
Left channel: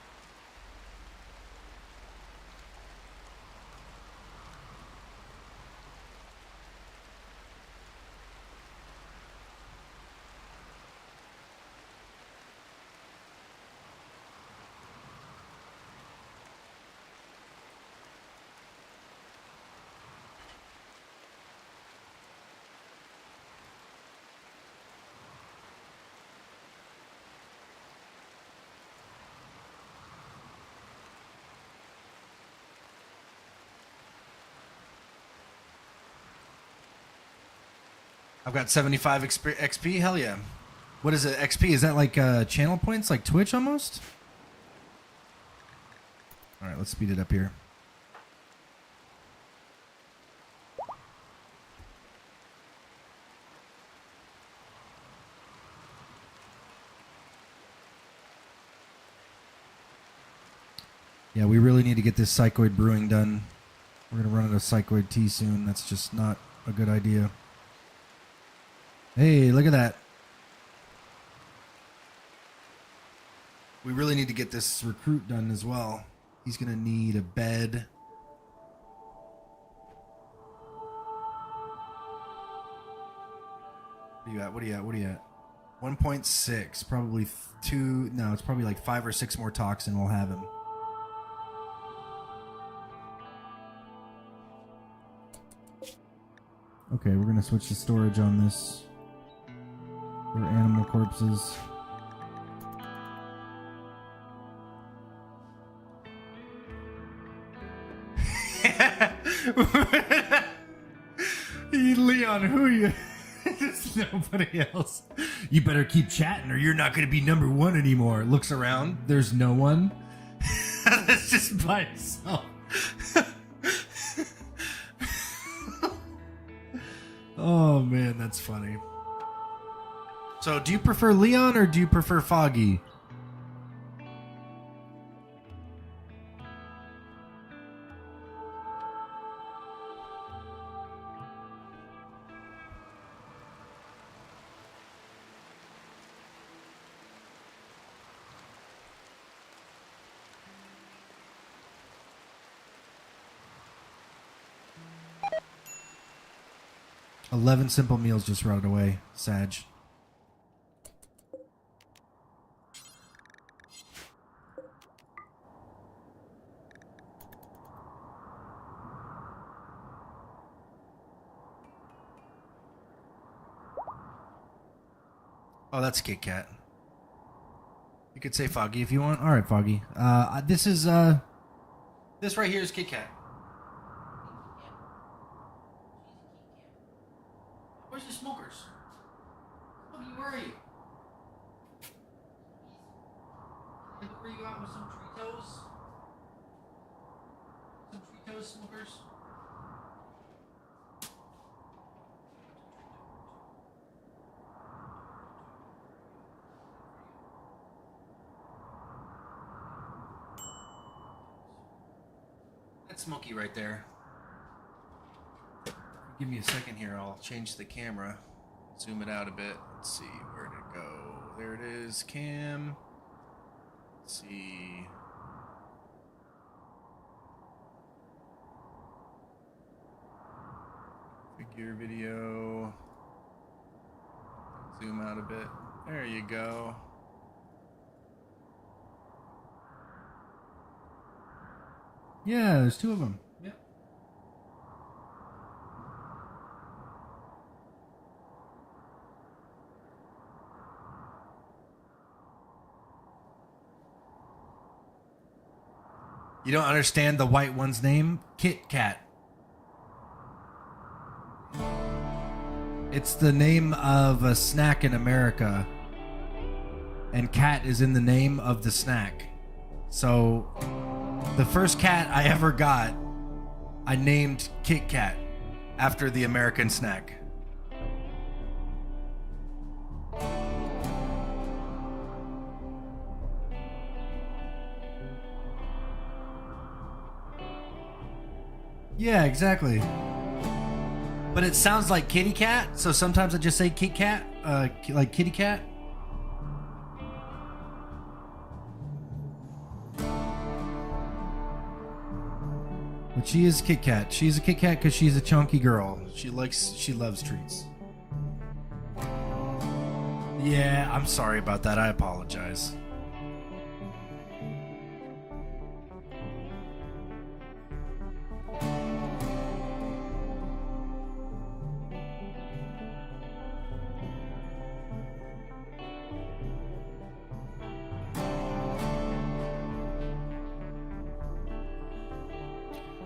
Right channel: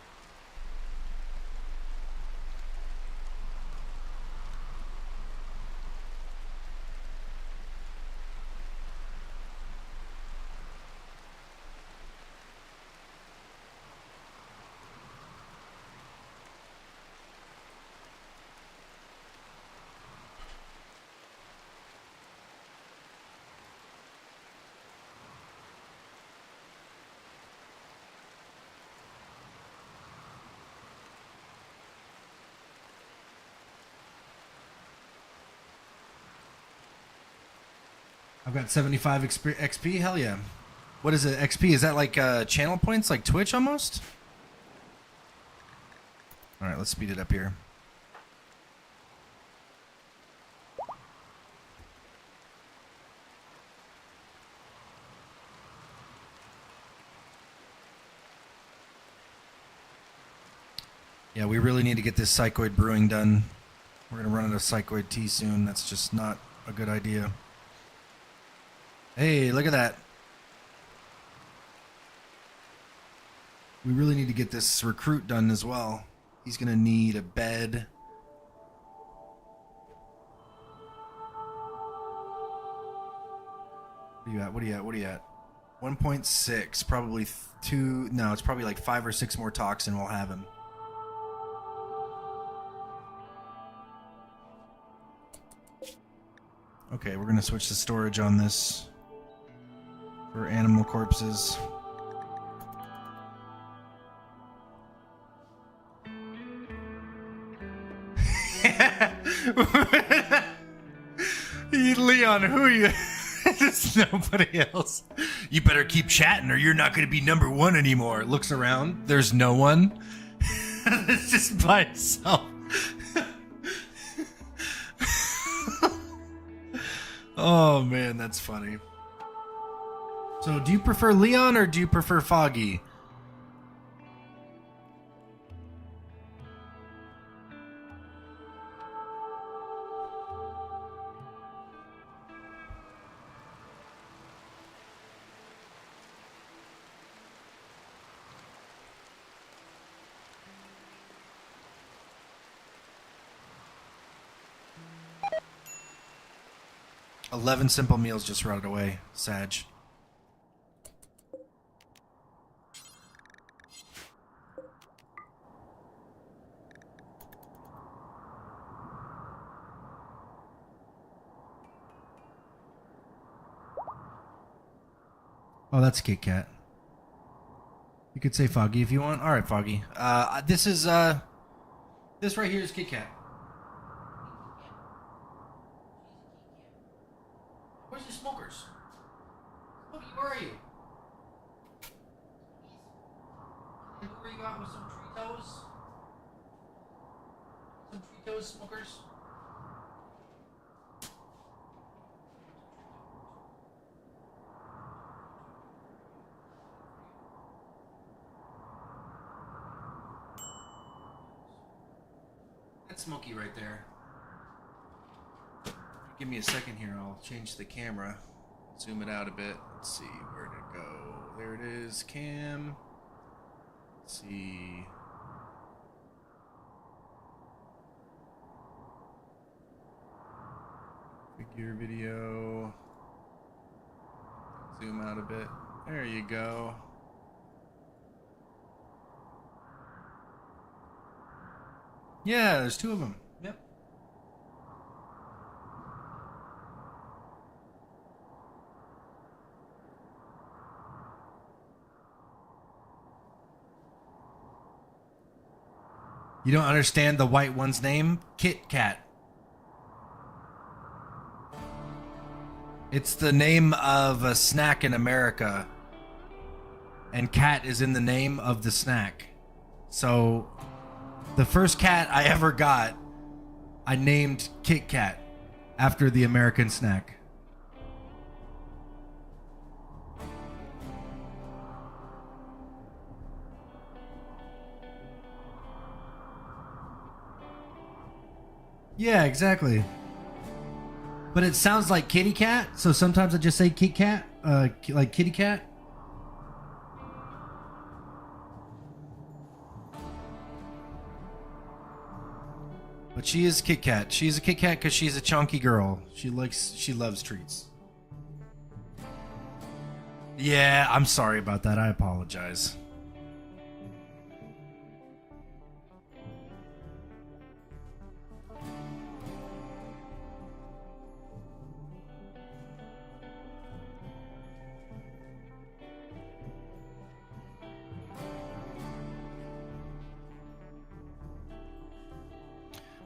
I've got 75 XP. Hell yeah. What is it? XP? Is that like channel points, like Twitch almost? All right, let's speed it up here. Yeah, we really need to get this psychoid brewing done. We're going to run out of psychoid tea soon. That's just not a good idea. Hey, look at that. We really need to get this recruit done as well. He's going to need a bed. What are you at? What are you at? What are you at? 1.6. Probably 2. No, it's probably like 5 or 6 more toxin we'll have him. Okay, we're going to switch to storage on this for animal corpses. Leon, who are you? There's nobody else. You better keep chatting or you're not going to be number 1 anymore. Looks around. There's no one. It's just by itself. Oh, man, that's funny. So, do you prefer Leon or do you prefer Foggy? $11 simple meals just rotted away. Sag. Oh, that's Kit Kat. You could say Foggy if you want. All right, Foggy. This right here is Kit Kat. Where's your smokers? Smokey, where are you? Where you at with some Fritos? Some Fritos, smokers? That's Smokey right there. Give me a second here. I'll change the camera. Zoom it out a bit. Let's see. Where did it go? There it is. Cam. Let's see. Figure video. Zoom out a bit. There you go. Yeah, there's 2 of them. Yep. You don't understand the white one's name? Kit Kat. It's the name of a snack in America. And cat is in the name of the snack. So, the first cat I ever got, I named Kit Kat after the American snack. Yeah, exactly. But it sounds like kitty cat, so sometimes I just say Kit Kat, like kitty cat. But she is Kit Kat. She's a Kit Kat because she's a chunky girl. She loves treats. Yeah, I'm sorry about that. I apologize.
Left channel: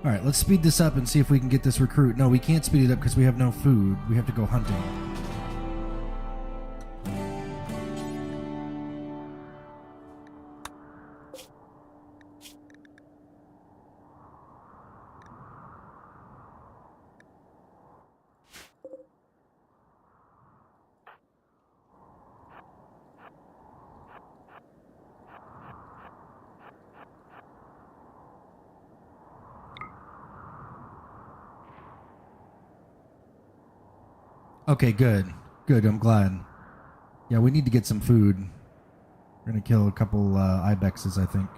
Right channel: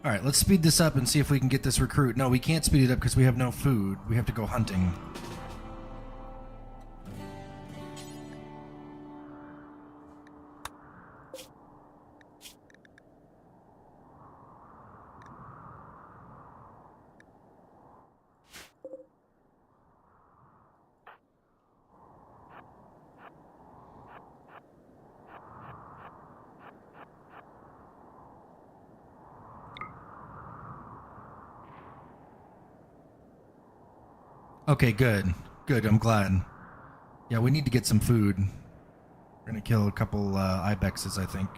All right, let's speed this up and see if we can get this recruit. No, we can't speed it up because we have no food. We have to go hunting. Okay, good. Good, I'm glad. Yeah, we need to get some food. We're gonna kill a couple ibexes, I think.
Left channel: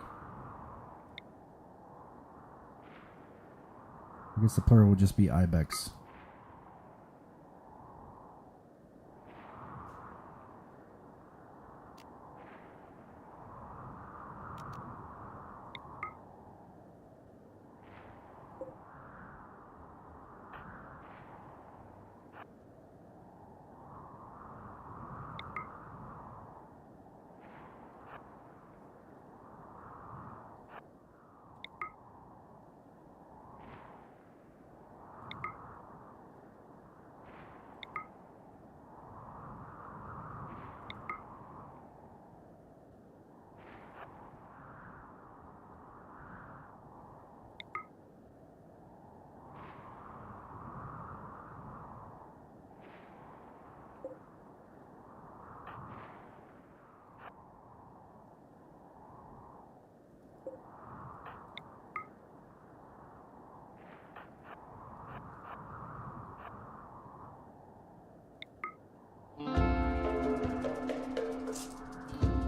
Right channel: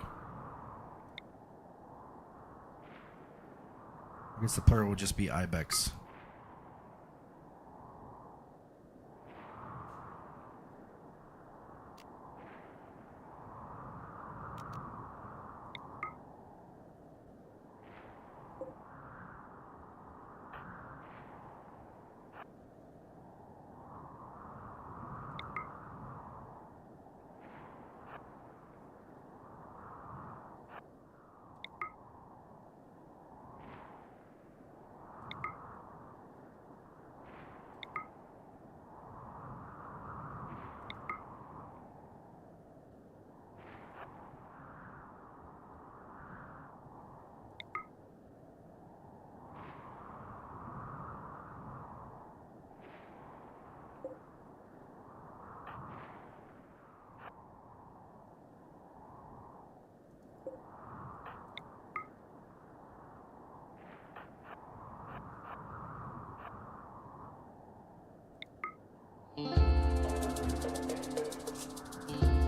I guess the plural will just be ibex.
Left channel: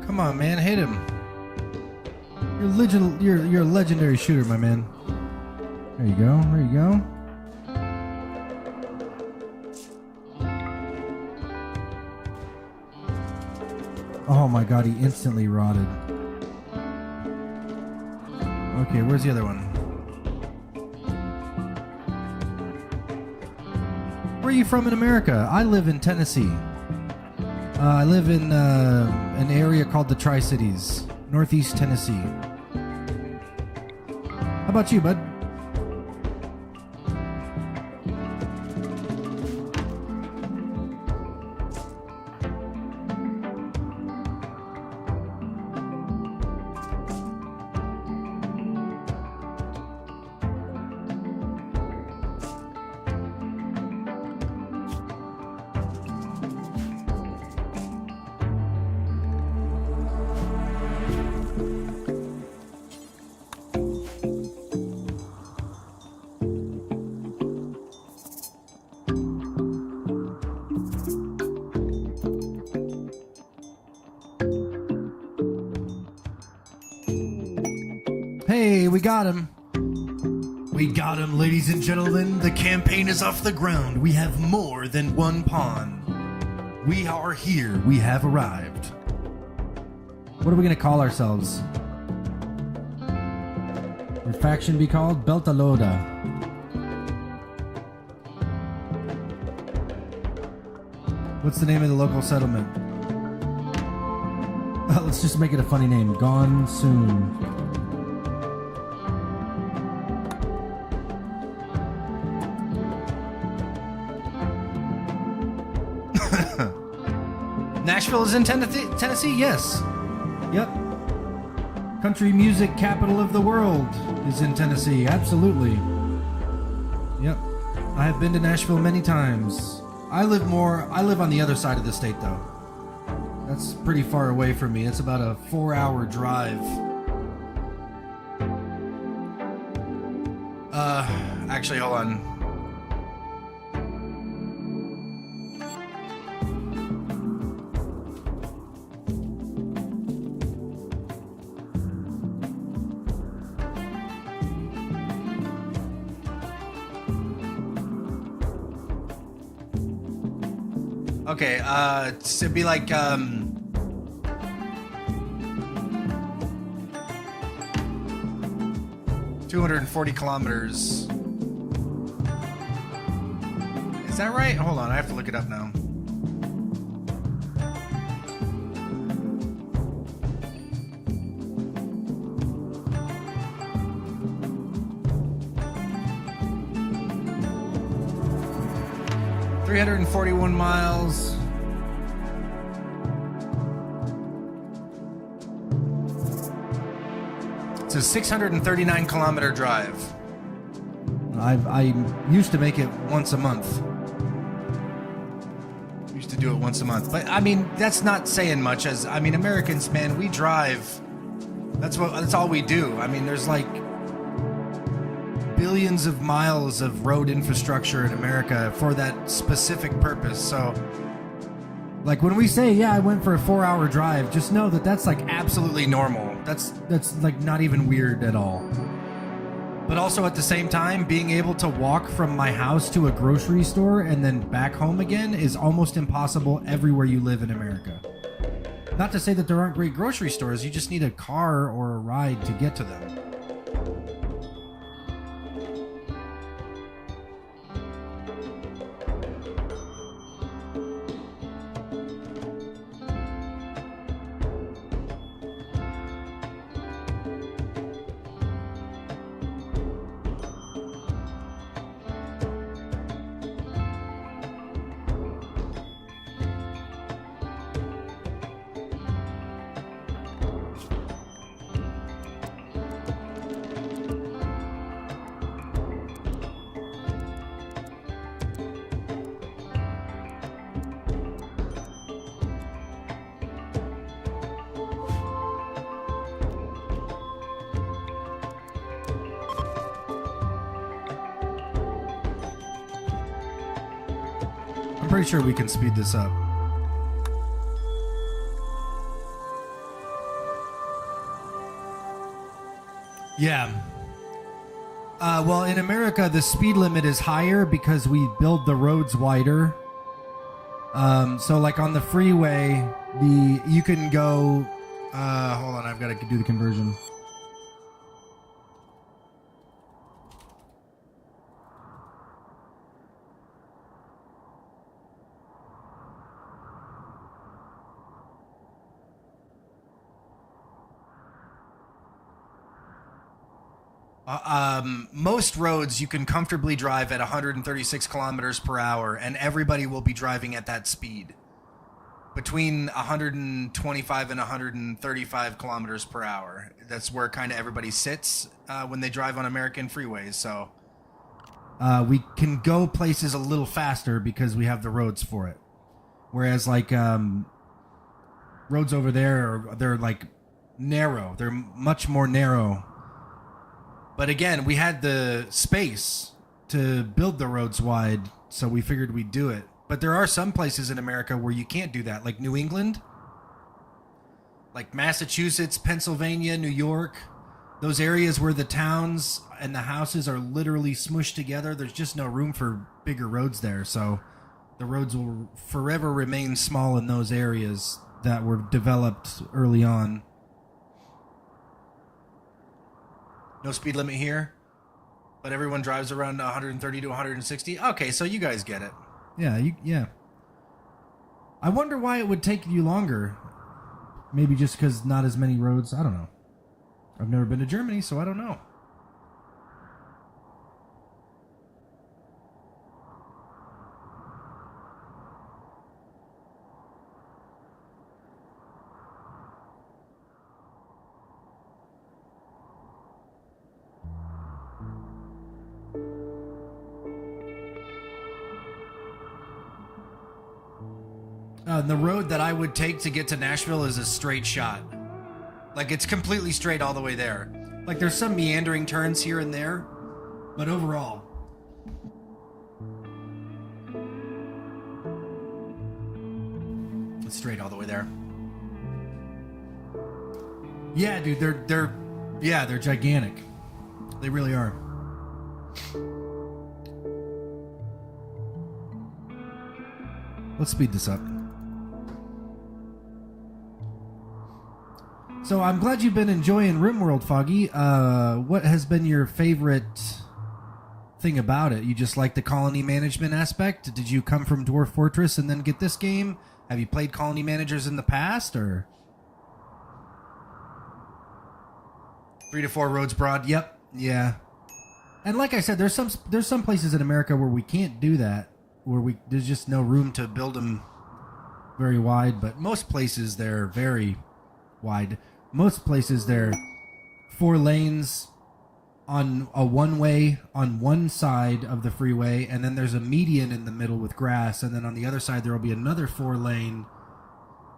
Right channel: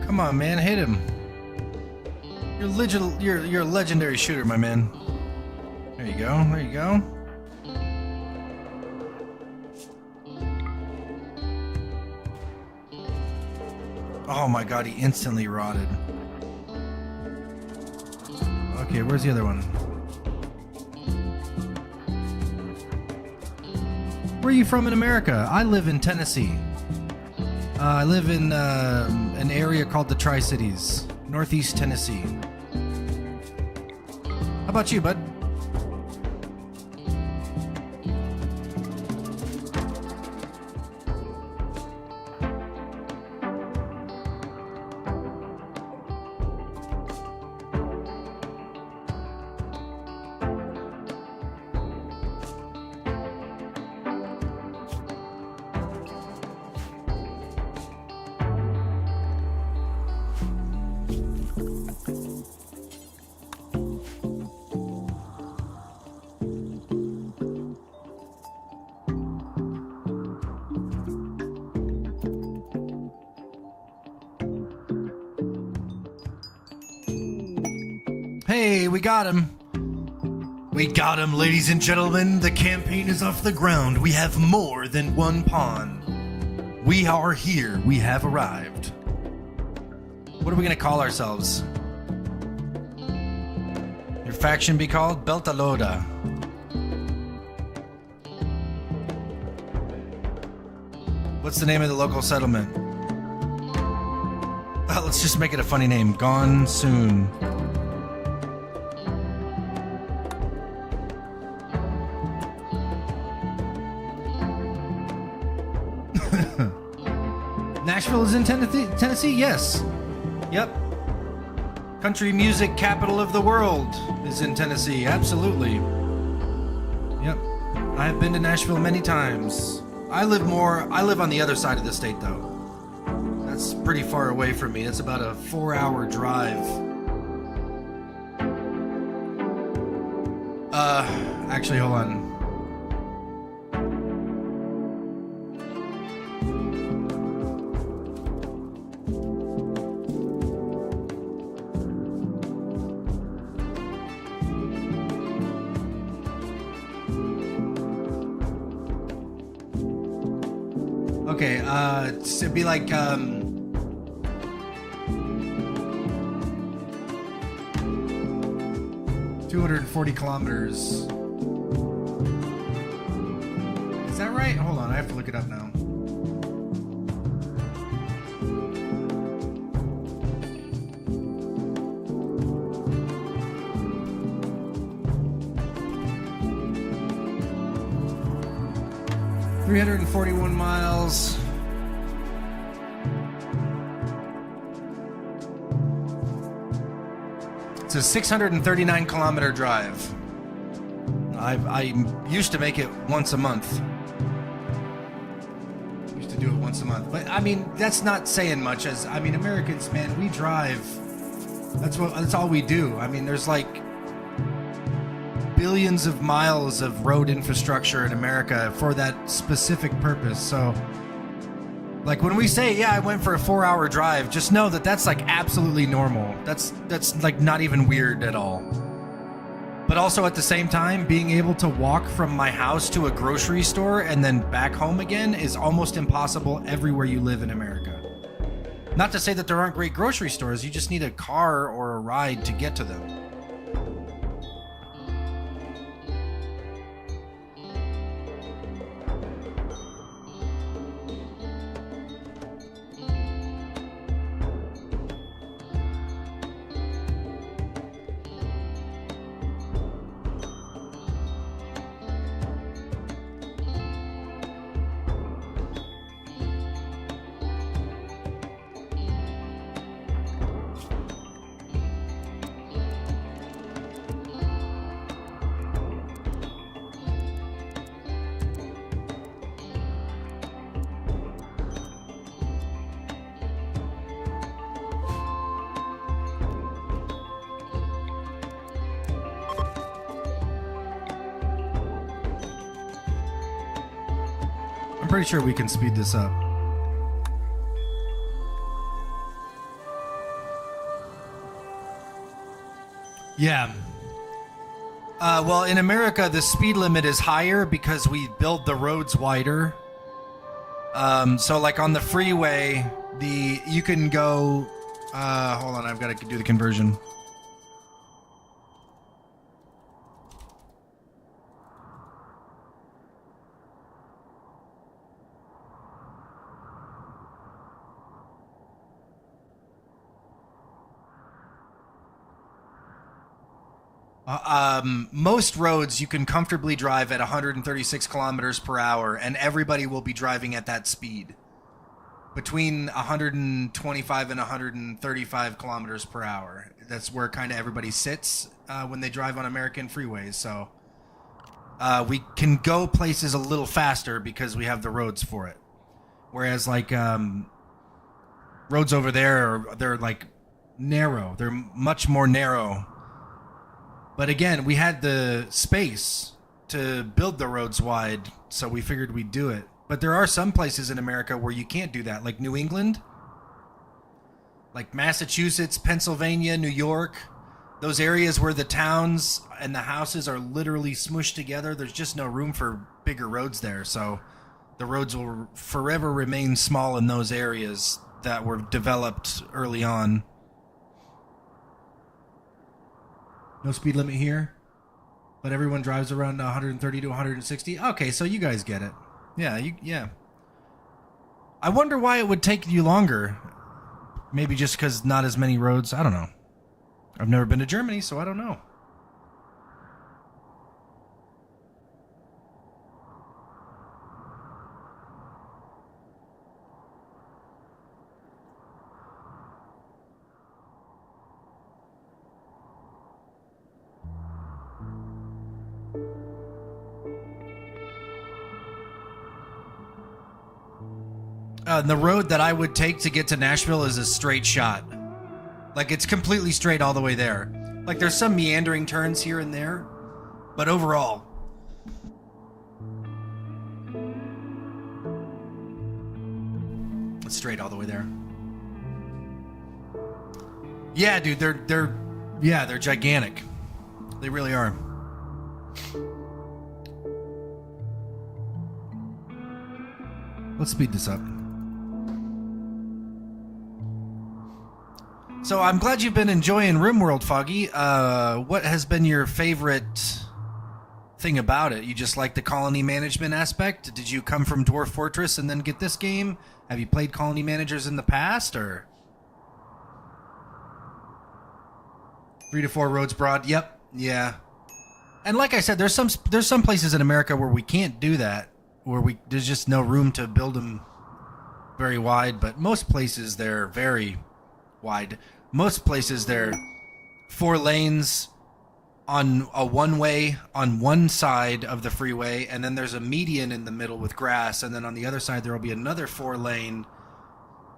Come on, man, hit him. You're a legendary shooter, my man. There you go. There you go. Oh my god, he instantly rotted. Okay, where's the other one? Where are you from in America? I live in Tennessee. I live in an area called the Tri-Cities, Northeast Tennessee. How about you, bud? Hey, we got him. We got him, ladies and gentlemen. The campaign is off the ground. We have more than one pawn. We are here. We have arrived. What are we going to call ourselves? Your faction be called Beltalowda. What's the name of the local settlement? Let's just make it a funny name. Gone soon. Nashville is in Tennessee? Yes. Yep. Country music capital of the world is in Tennessee. Absolutely. Yep. I have been to Nashville many times. I live on the other side of the state, though. That's pretty far away from me. It's about a 4-hour drive. Actually, hold on. Okay, it'd be like, 240 kilometers. Is that right? Hold on, I have to look it up now. $341 miles. It's a 639 kilometer drive. I used to make it once a month. Used to do it once a month. But I mean, that's not saying much. As I mean, Americans, man, we drive. That's all we do. I mean, there's like billions of miles of road infrastructure in America for that specific purpose. So, like when we say, yeah, I went for a 4-hour drive, just know that that's like absolutely normal. That's like not even weird at all. But also at the same time, being able to walk from my house to a grocery store and then back home again is almost impossible everywhere you live in America. Not to say that there aren't great grocery stores, you just need a car or a ride to get to them. I'm pretty sure we can speed this up. Yeah. Well, in America, the speed limit is higher because we build the roads wider. So like on the freeway, you can go, hold on, I've got to do the conversion. Most roads you can comfortably drive at 136 kilometers per hour, and everybody will be driving at that speed. Between 125 and 135 kilometers per hour. That's where kind of everybody sits when they drive on American freeways. So we can go places a little faster because we have the roads for it. Whereas like roads over there, they're like narrow. They're much more narrow. But again, we had the space to build the roads wide, so we figured we'd do it. But there are some places in America where you can't do that, like New England, like Massachusetts, Pennsylvania, New York. Those areas where the towns and the houses are literally smushed together, there's just no room for bigger roads there. So the roads will forever remain small in those areas that were developed early on. No speed limit here, but everyone drives around 130 to 160. Okay, so you guys get it. Yeah. I wonder why it would take you longer. Maybe just because not as many roads. I don't know. I've never been to Germany, so I don't know. The road that I would take to get to Nashville is a straight shot. Like, it's completely straight all the way there. Like, there's some meandering turns here and there, but overall, it's straight all the way there. Yeah, dude, they're gigantic. They really are. Let's speed this up. So I'm glad you've been enjoying RimWorld, Foggy. What has been your favorite thing about it? You just like the colony management aspect? Did you come from Dwarf Fortress and then get this game? Have you played colony managers in the past, or 3 to 4 roads broad? Yep. Yeah. And like I said, there's some places in America where we can't do that, where there's just no room to build them very wide. But most places they're very wide. Most places they're 4 lanes on a one-way on one side of the freeway, and then there's a median in the middle with grass, and then on the other side there will be another 4-lane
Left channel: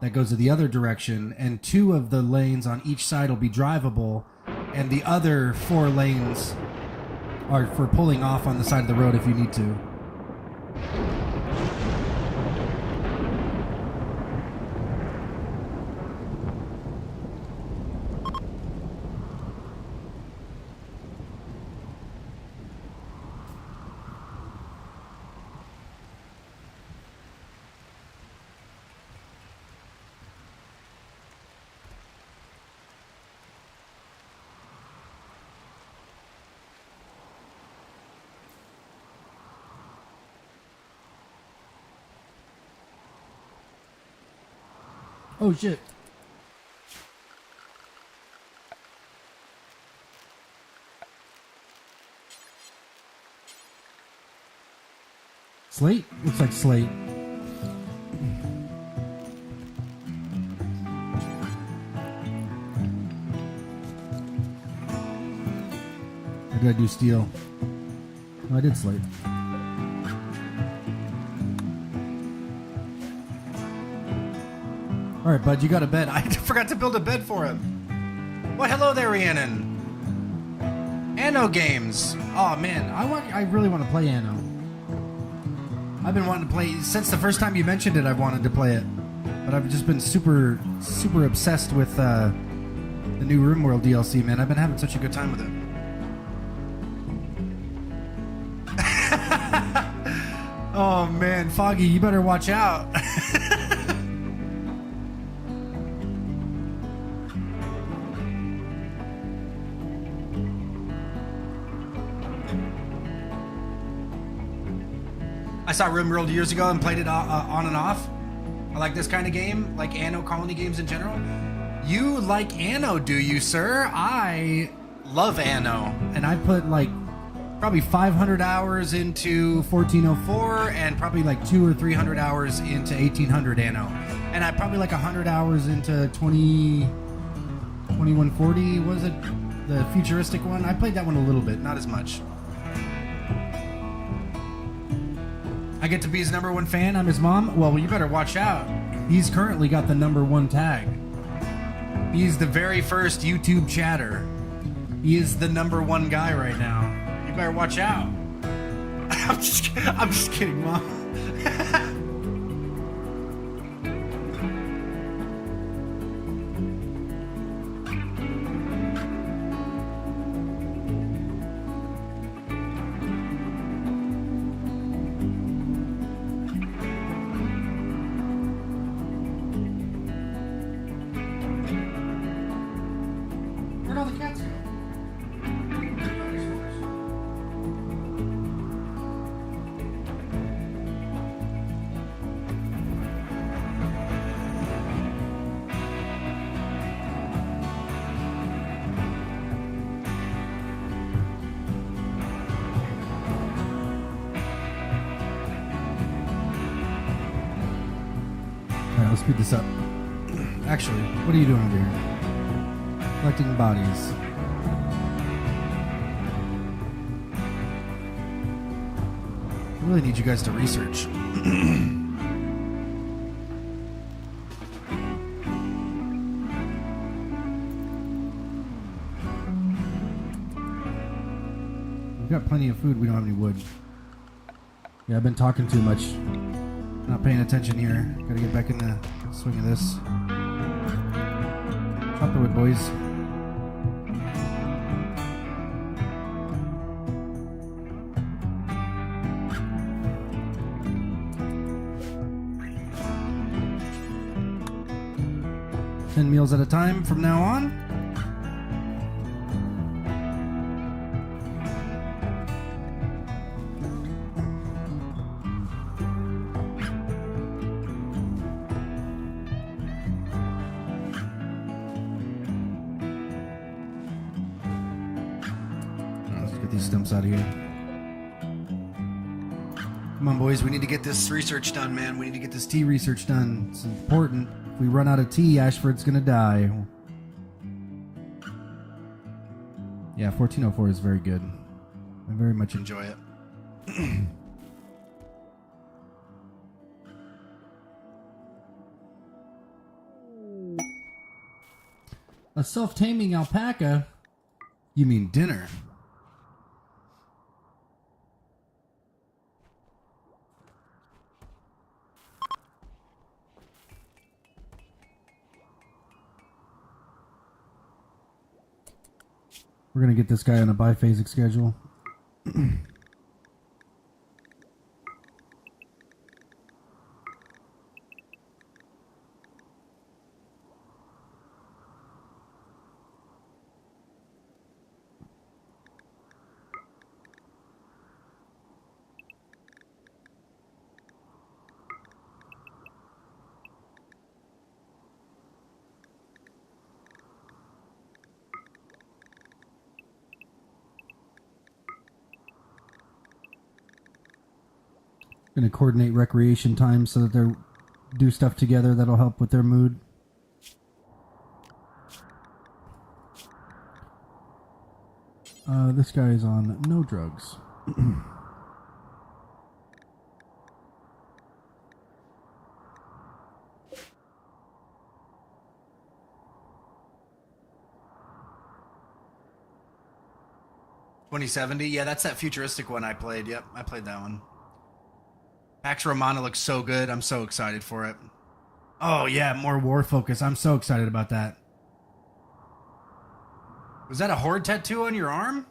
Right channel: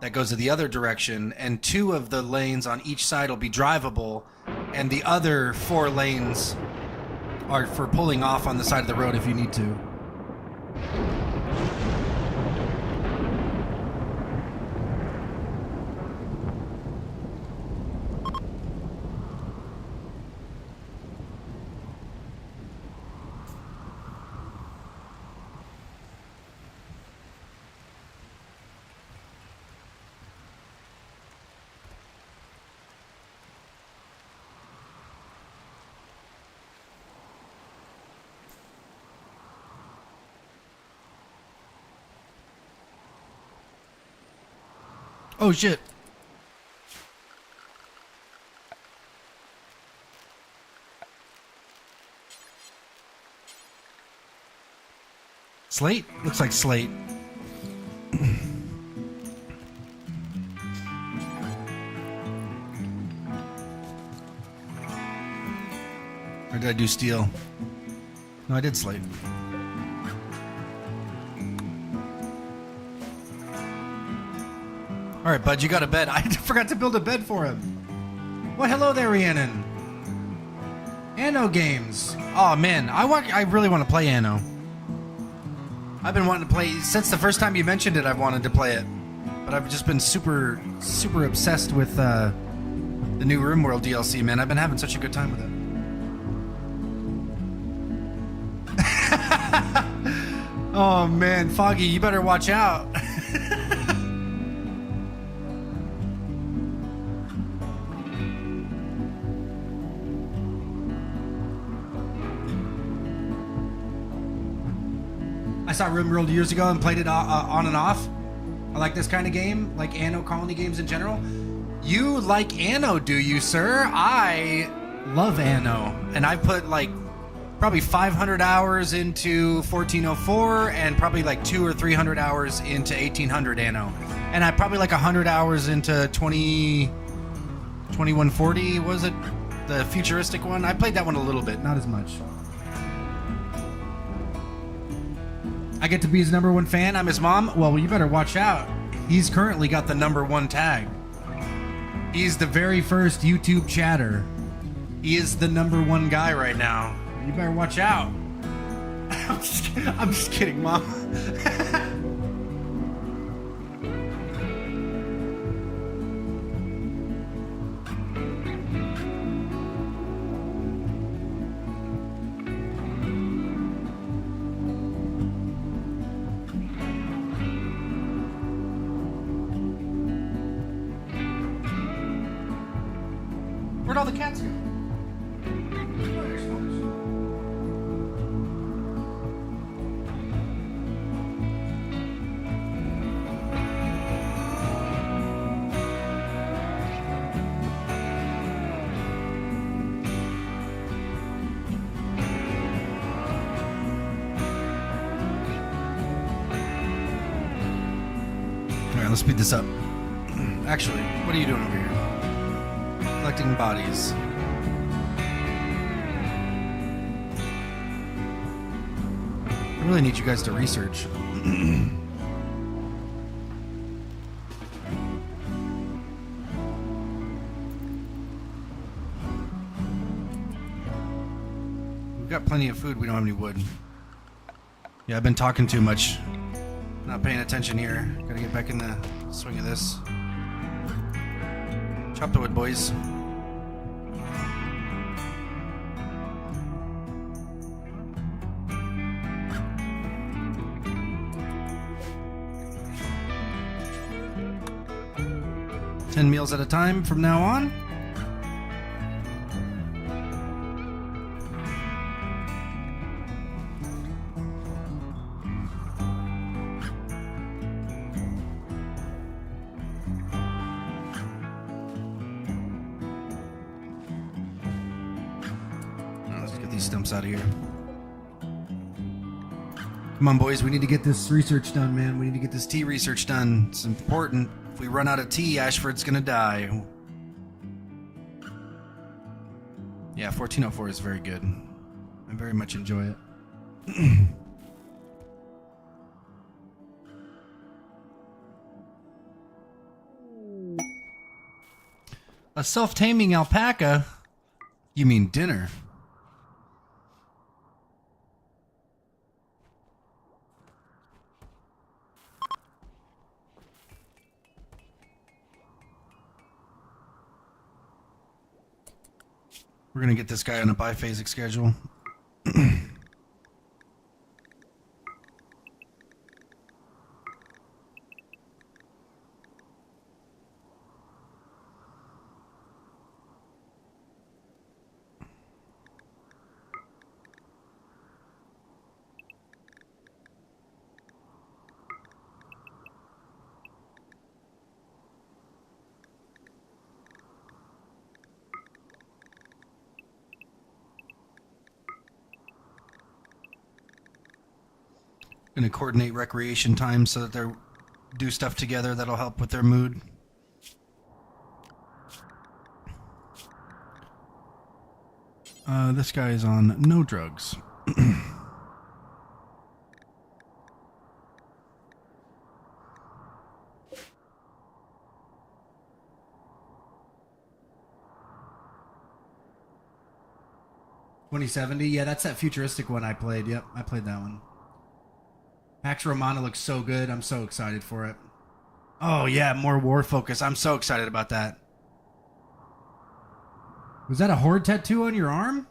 that goes to the other direction, and 2 of the lanes on each side will be drivable, and the other 4 lanes or for pulling off on the side of the road if you need to. Oh shit. Slate? Looks like slate. Or did I do steel? No, I did slate. All right, bud, you got a bed. I forgot to build a bed for him. Well, hello there, Rhiannon. Anno games. Oh man, I really want to play Anno. I've been wanting to play since the first time you mentioned it. I've wanted to play it, but I've just been super obsessed with the new RimWorld DLC. Man, I've been having such a good time with it. Oh man, Foggy, you better watch out. I saw RimWorld years ago and played it on and off. I like this kind of game, like Anno Colony games in general. You like Anno, do you, sir? I love Anno, and I put like probably 500 hours into 1404 and probably like 200 or 300 hours into 1800 Anno, and I probably like 100 hours into 2140. Was it the futuristic one? I played that one a little bit, not as much. I get to be his #1 fan. I'm his mom. Well, you better watch out. He's currently got the #1 tag. He's the very first YouTube chatter. He is the #1 guy right now. You better watch out. I'm just kidding, Mom. Where'd all the cats go? Alright, let's speed this up. Actually, what are you doing over here? Collecting bodies. I really need you guys to research. We've got plenty of food. We don't have any wood. Yeah, I've been talking too much. Not paying attention here. Gotta get back in the swing of this. Chop the wood, boys. Meals at a time from now on. Let's get these stumps out of here. Come on, boys. We need to get this research done, man. We need to get this tea research done. It's important. If we run out of tea, Ashford's gonna die. Yeah, 1404 is very good. I very much enjoy it. A self-taming alpaca? You mean dinner? We're gonna get this guy on a biphasic schedule. Gonna coordinate recreation time so that they do stuff together that'll help with their mood. This guy is on no drugs. $2070? Yeah, that's that futuristic one I played. Yep, I played that one. Pax Romana looks so good. I'm so excited for it. Oh, yeah, more war focus. I'm so excited about that. Was that a horde tattoo on your arm?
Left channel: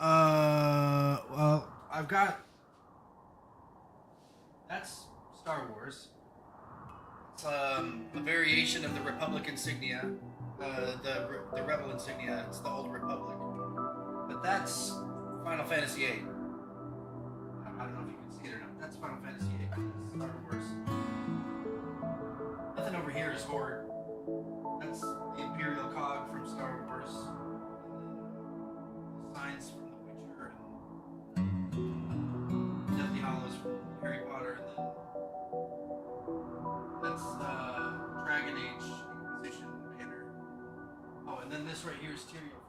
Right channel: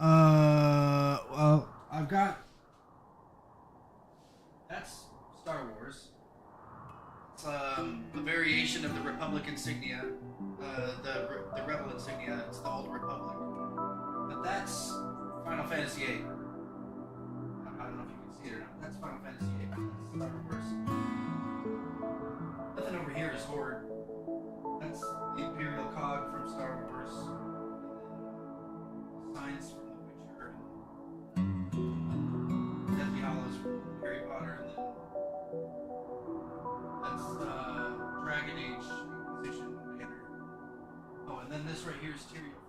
Well, I've got... That's Star Wars. It's a variation of the Republic insignia. The Rebel insignia. It's the Old Republic. But that's Final Fantasy VIII. I don't know if you can see it or not. That's Final Fantasy VIII. That's Star Wars. Nothing over here is Horde. That's the Imperial Cog from Star Wars. And then signs from The Witcher. And Deathly Hallows from Harry Potter. And then that's Dragon Age Inquisition banner. Oh, and then this right here is Tyrael.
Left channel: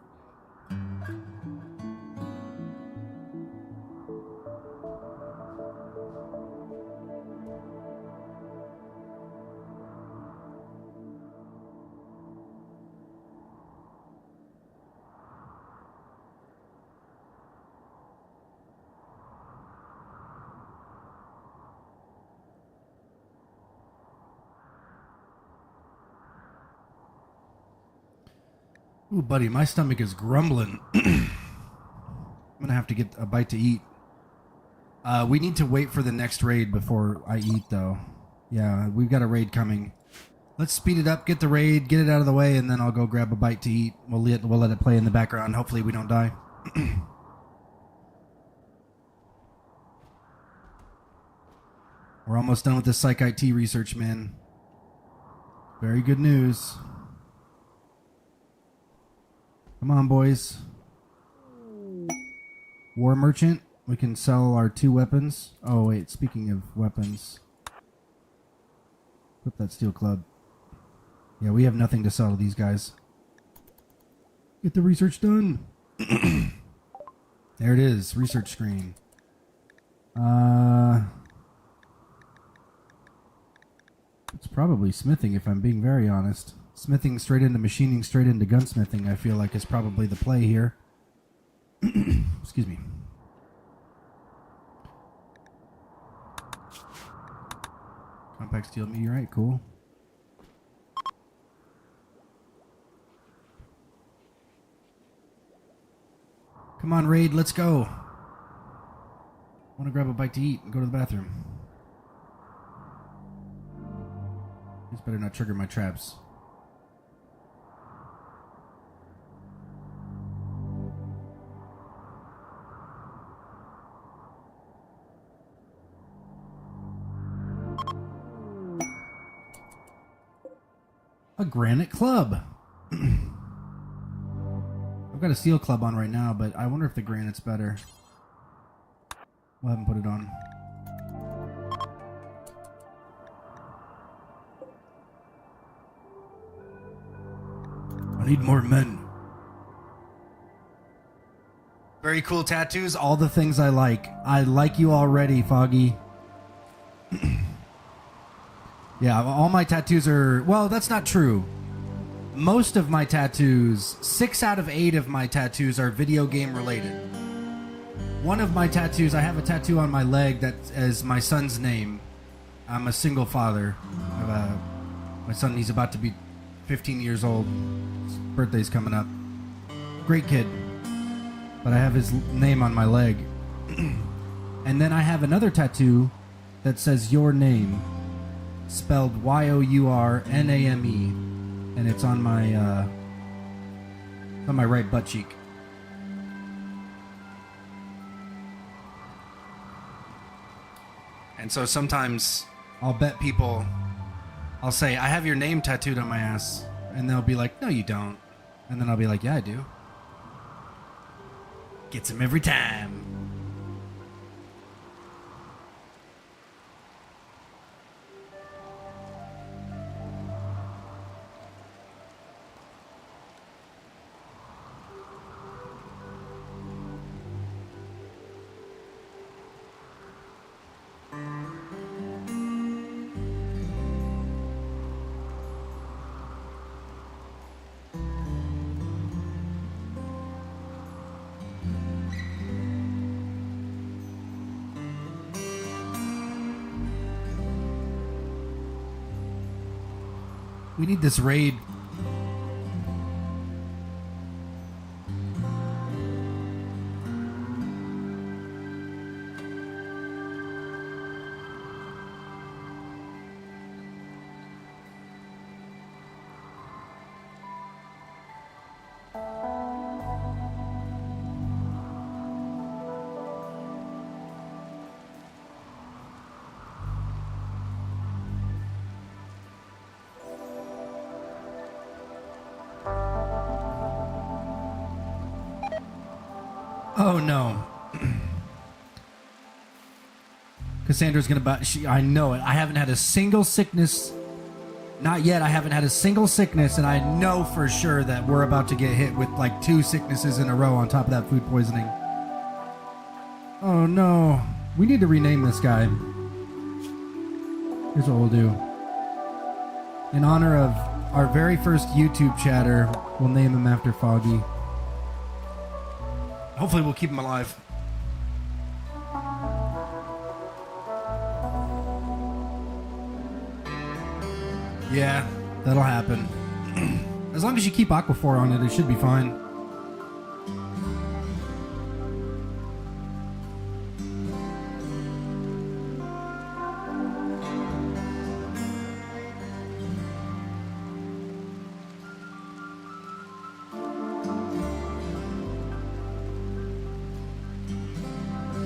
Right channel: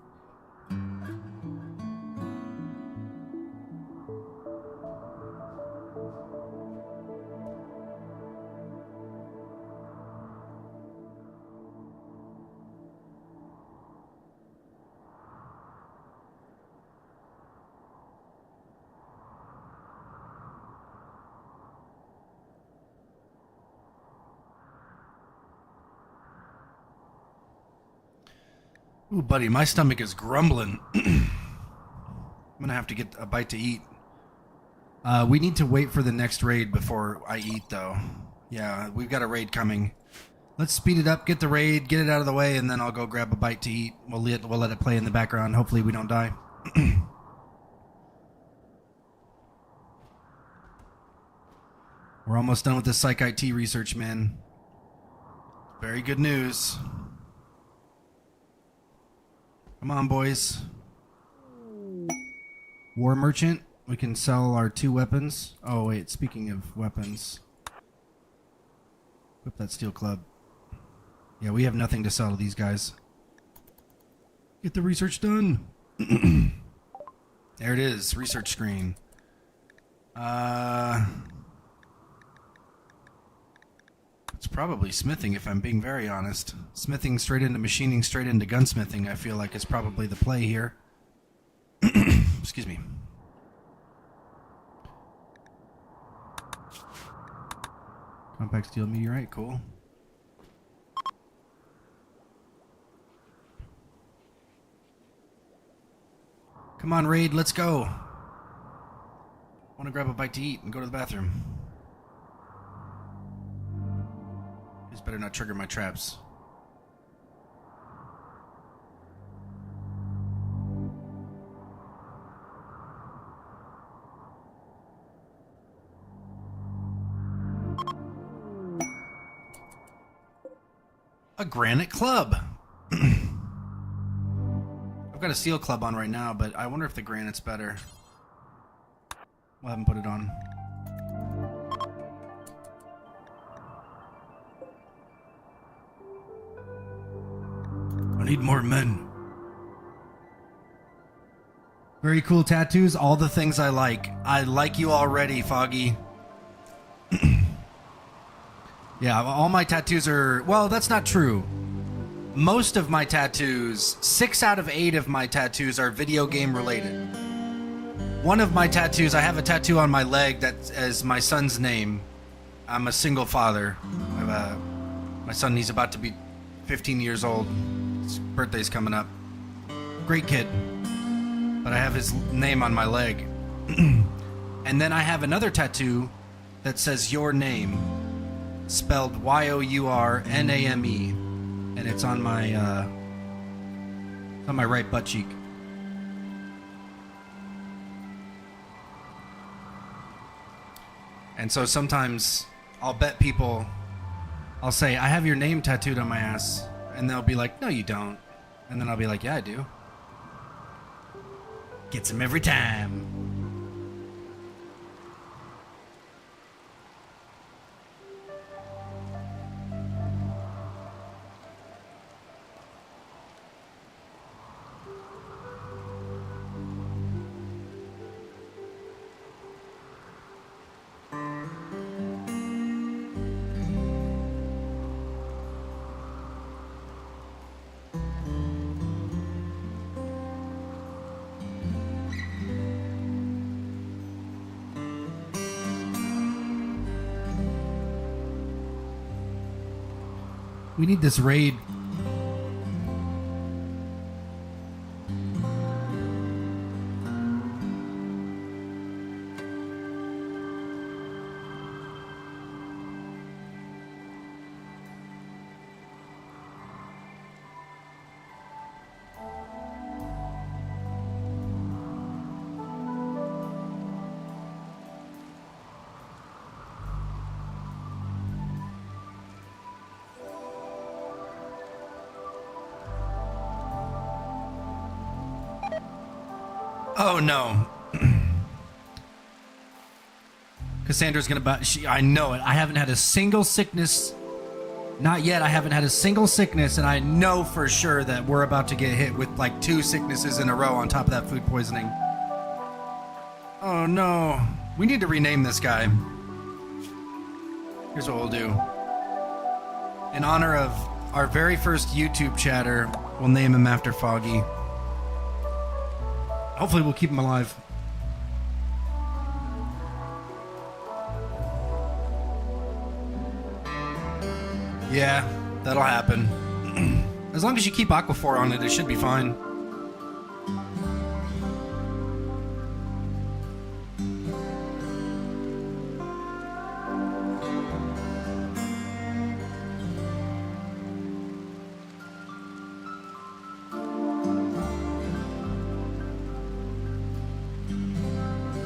Ooh, buddy, my stomach is grumbling. I'm gonna have to get a bite to eat. We need to wait for the next raid before I eat, though. Yeah, we've got a raid coming. Let's speed it up, get the raid, get it out of the way, and then I'll go grab a bite to eat. We'll let it play in the background. Hopefully we don't die. We're almost done with this Psych IT research, man. Very good news. Come on, boys. War Merchant. We can sell our 2 weapons. Oh, wait. Speaking of weapons. Equip that steel club. Yeah, we have nothing to sell to these guys. Get the research done. There it is. Research screen. It's probably smithing, if I'm being very honest. Smithing straight into machining, straight into gunsmithing, I feel like is probably the play here. Excuse me. Compact steel meteorite, cool. Come on, raid, let's go. I want to grab a bite to eat and go to the bathroom. This better not trigger my traps. A granite club. I've got a steel club on right now, but I wonder if the granite's better. We'll have him put it on. I need more men. Very cool tattoos. All the things I like. I like you already, Foggy. Yeah, all my tattoos are... Well, that's not true. Most of my tattoos, 6 out of 8 of my tattoos are video game related. One of my tattoos, I have a tattoo on my leg that is my son's name. I'm a single father. I have my son, he's about to be 15 years old. His birthday's coming up. Great kid. But I have his name on my leg. And then I have another tattoo that says your name, spelled Yourname, and it's on my right butt cheek. And so sometimes I'll bet people, I'll say, I have your name tattooed on my ass, and they'll be like, no, you don't. And then I'll be like, yeah, I do. Gets him every time. We need this raid. Oh no. Cassandra's gonna buy. I know it. I haven't had a single sickness. Not yet. I haven't had a single sickness, and I know for sure that we're about to get hit with like 2 sicknesses in a row on top of that food poisoning. Oh no. We need to rename this guy. Here's what we'll do. In honor of our very first YouTube chatter, we'll name him after Foggy. Hopefully we'll keep him alive. Yeah, that'll happen. As long as you keep Aquaphor on it, it should be fine.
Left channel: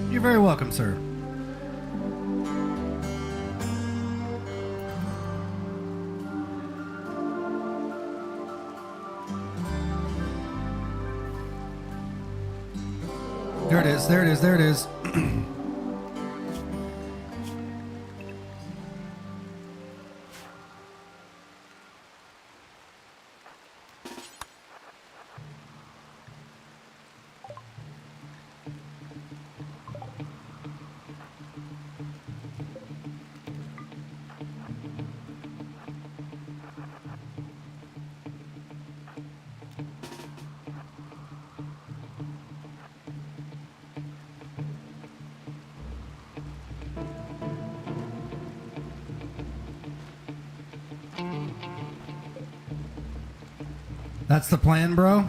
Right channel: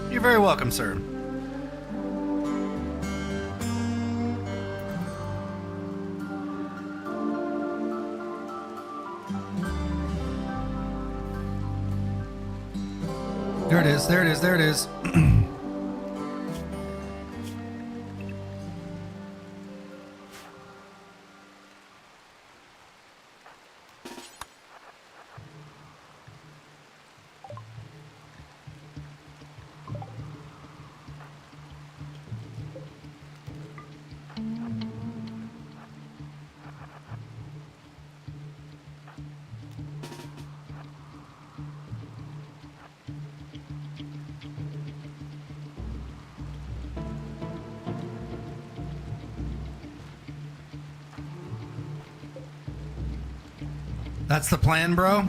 You're very welcome, sir. There it is, there it is, there it is. That's the plan, bro?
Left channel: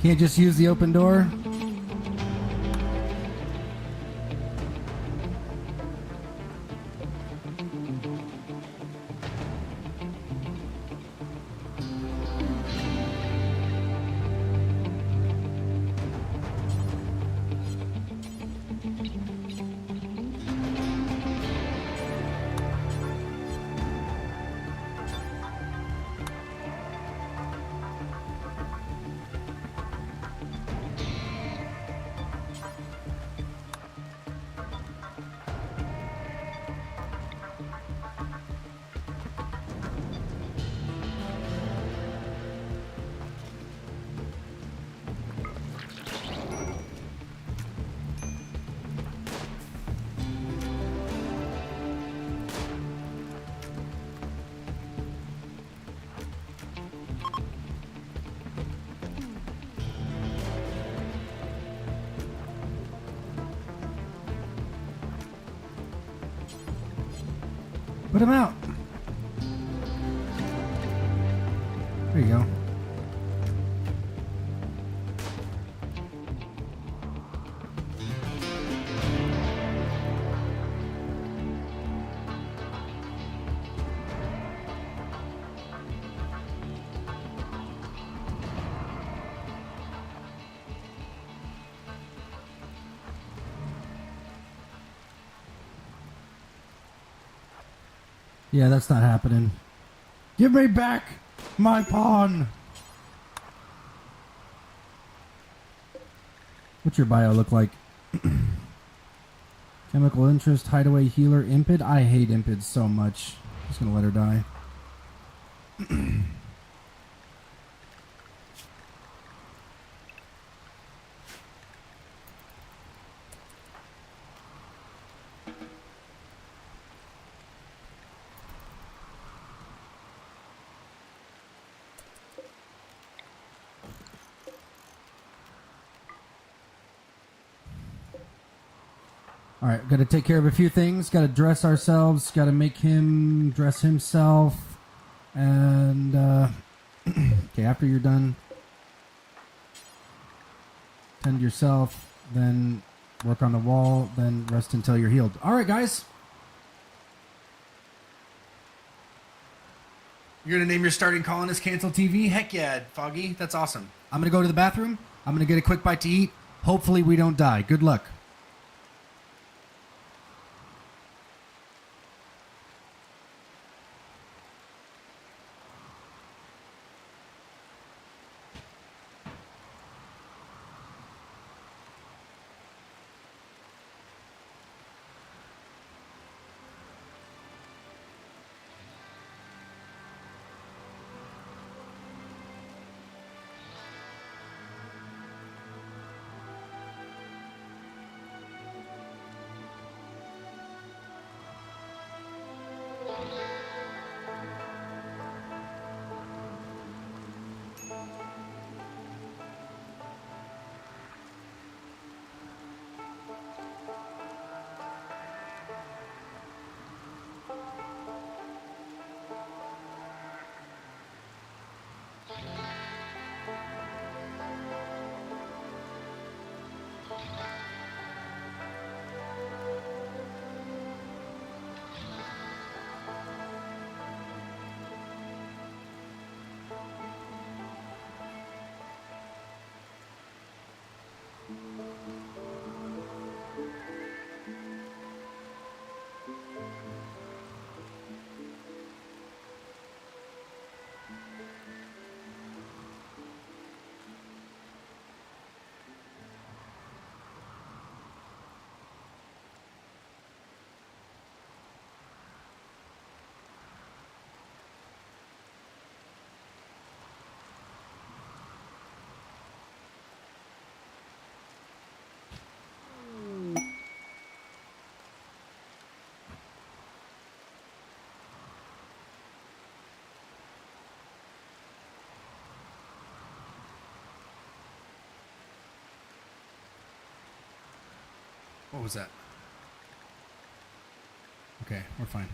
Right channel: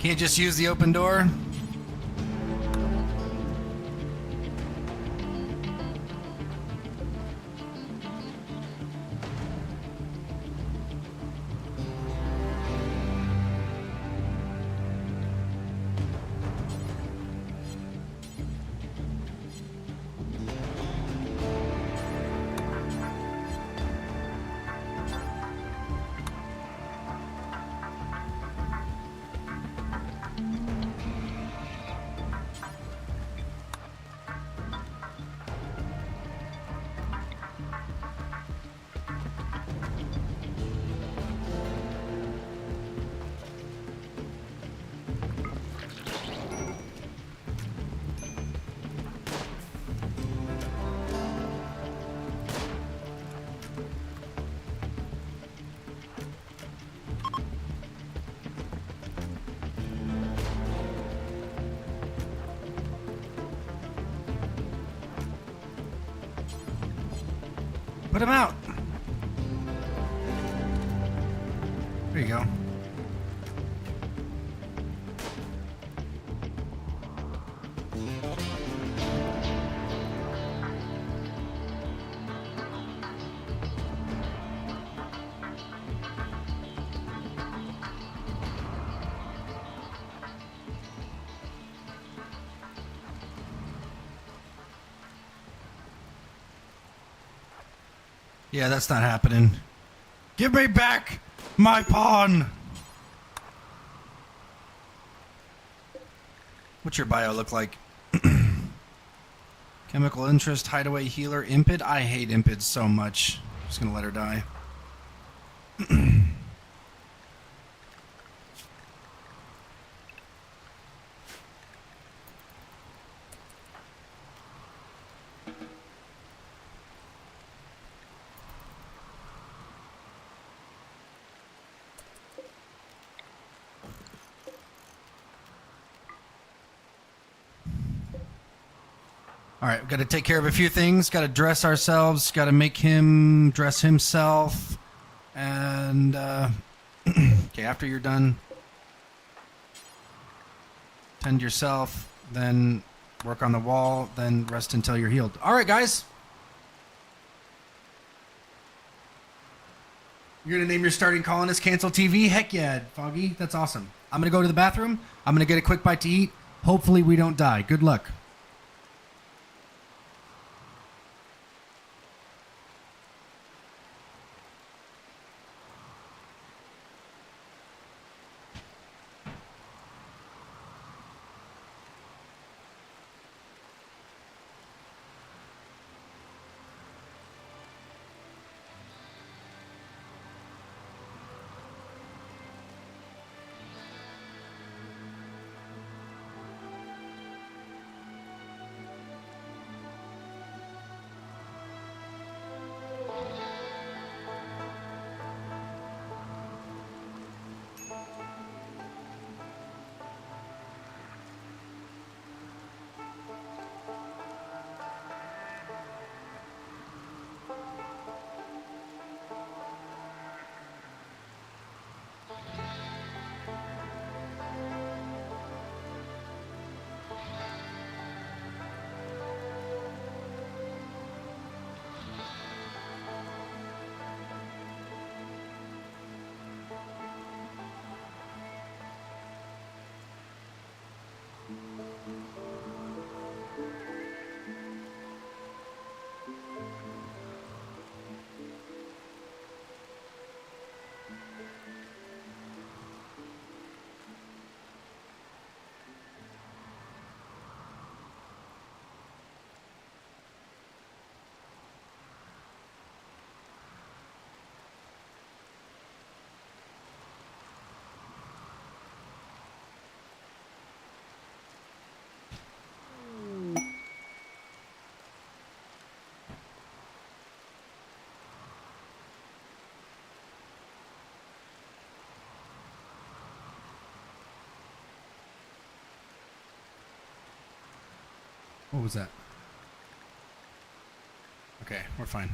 Can't just use the open door? Put him out. There you go. Yeah, that's not happening. Give me back my pawn! What's your bio look like? Chemical interest, hideaway, healer, impid? I hate impids so much. I'm just gonna let her die. All right, got to take care of a few things. Got to dress ourselves. Got to make him dress himself. And, okay, after you're done, tend yourself, then work on the wall, then rest until you're healed. All right, guys. You're going to name your starting colonist Cancel TV? Heck yeah, Foggy. That's awesome. I'm going to go to the bathroom. I'm going to get a quick bite to eat. Hopefully we don't die. Good luck. What was that? Okay, we're fine.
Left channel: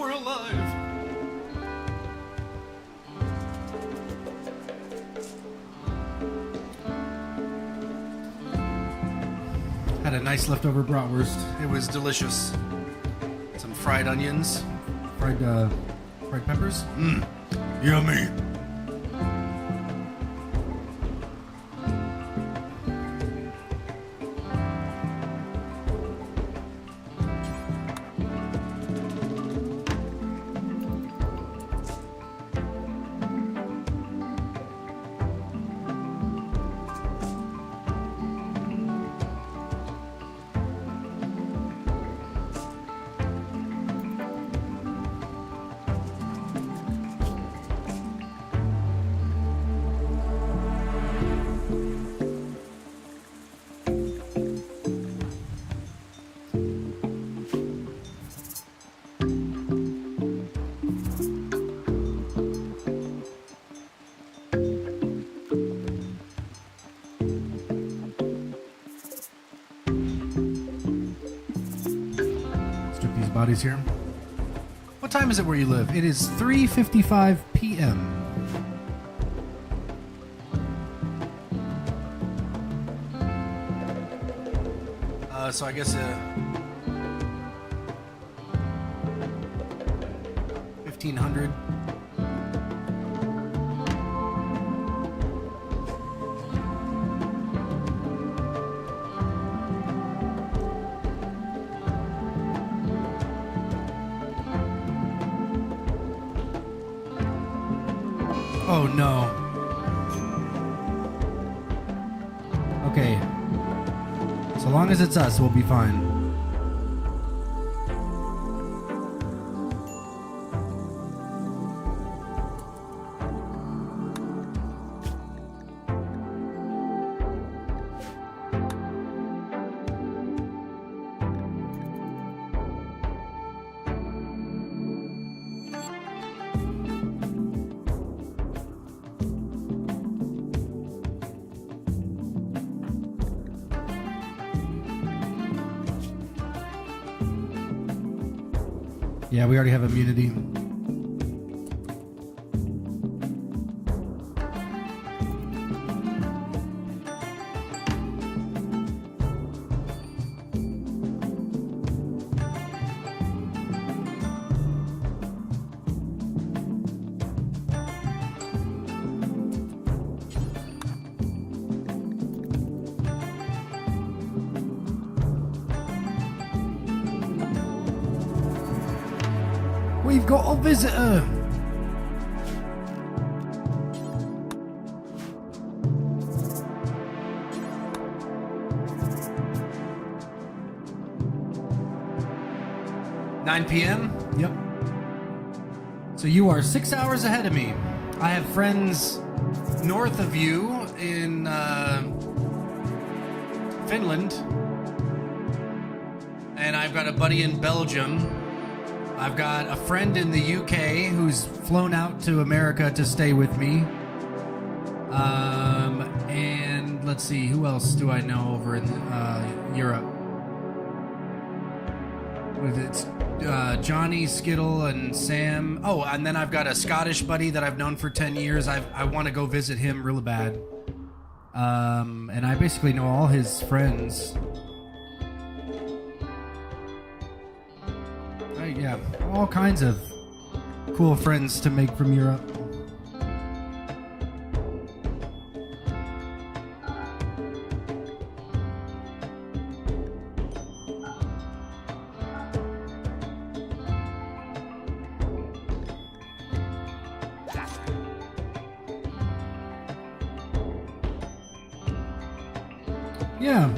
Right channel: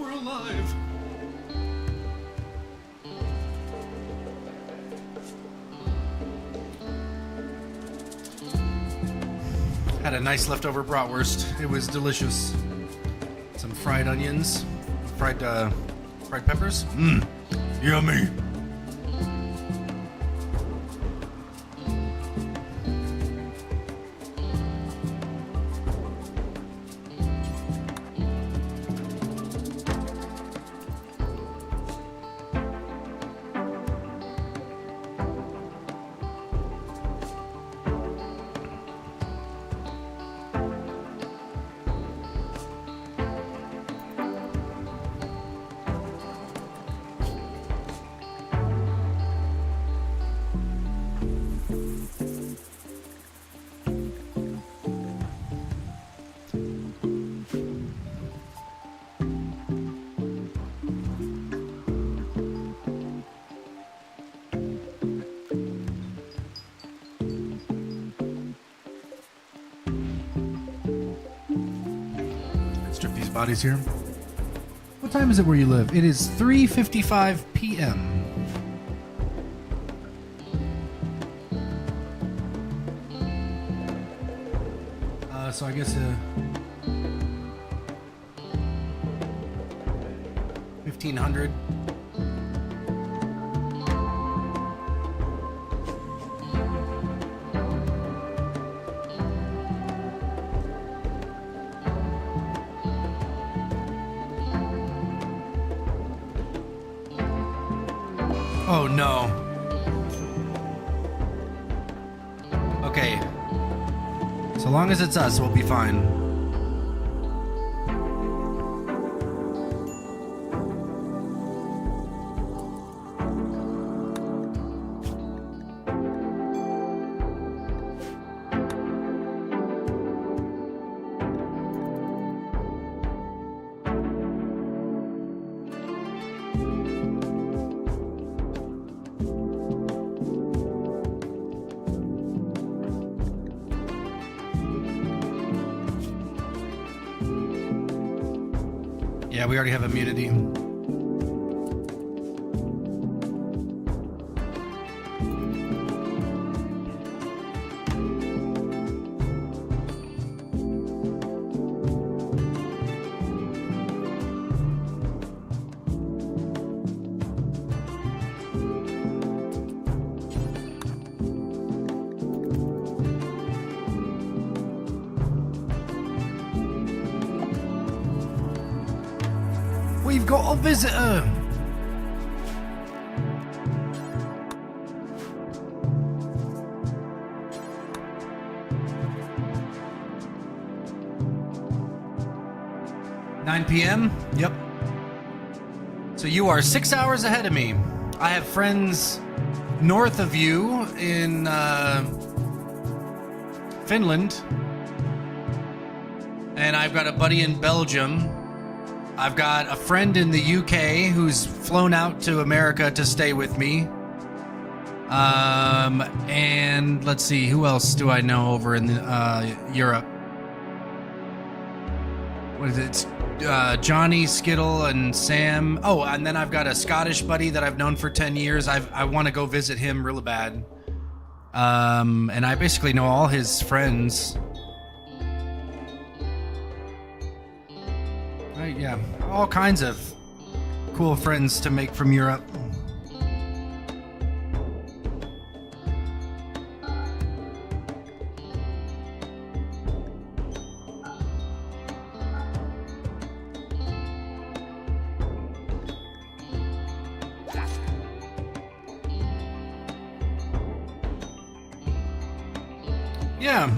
we're alive. Had a nice leftover bratwurst. It was delicious. Some fried onions, fried peppers. Yummy. Strip these bodies here. What time is it where you live? It is 3:55 p.m. So I guess 1500. Oh no. Okay. So long as it's us, we'll be fine. Yeah, we already have immunity. We've got a visitor. (9 p.m.) Yep. So you are 6 hours ahead of me. I have friends north of you in Finland, and I've got a buddy in Belgium. I've got a friend in the UK who's flown out to America to stay with me. And let's see, who else do I know over in Europe? What is it? Johnny, Skittle, and Sam. Oh, and then I've got a Scottish buddy that I've known for 10 years. I want to go visit him really bad. And I basically know all his friends. Yeah, all kinds of cool friends to make from Europe. Yeah.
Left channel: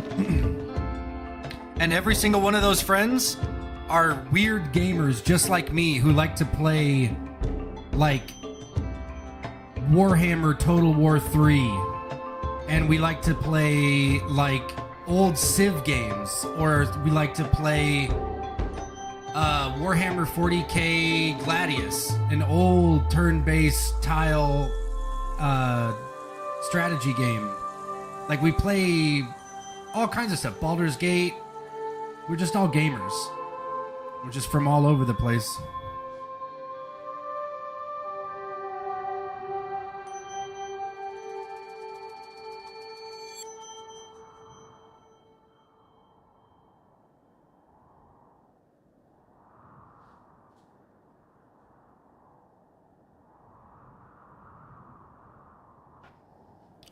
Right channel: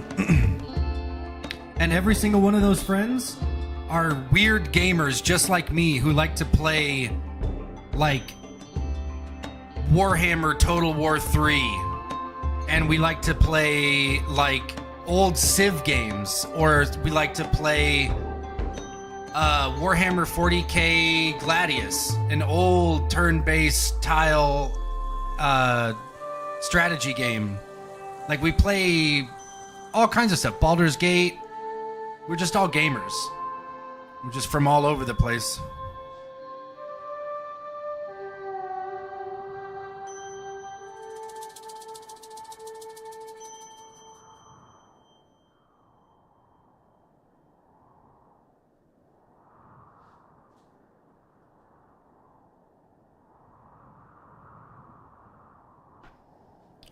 And every single one of those friends are weird gamers just like me who like to play like Warhammer Total War 3, and we like to play like old Civ games, or we like to play Warhammer 40k Gladius, an old turn-based tile strategy game. Like, we play all kinds of stuff. Baldur's Gate. We're just all gamers. We're just from all over the place.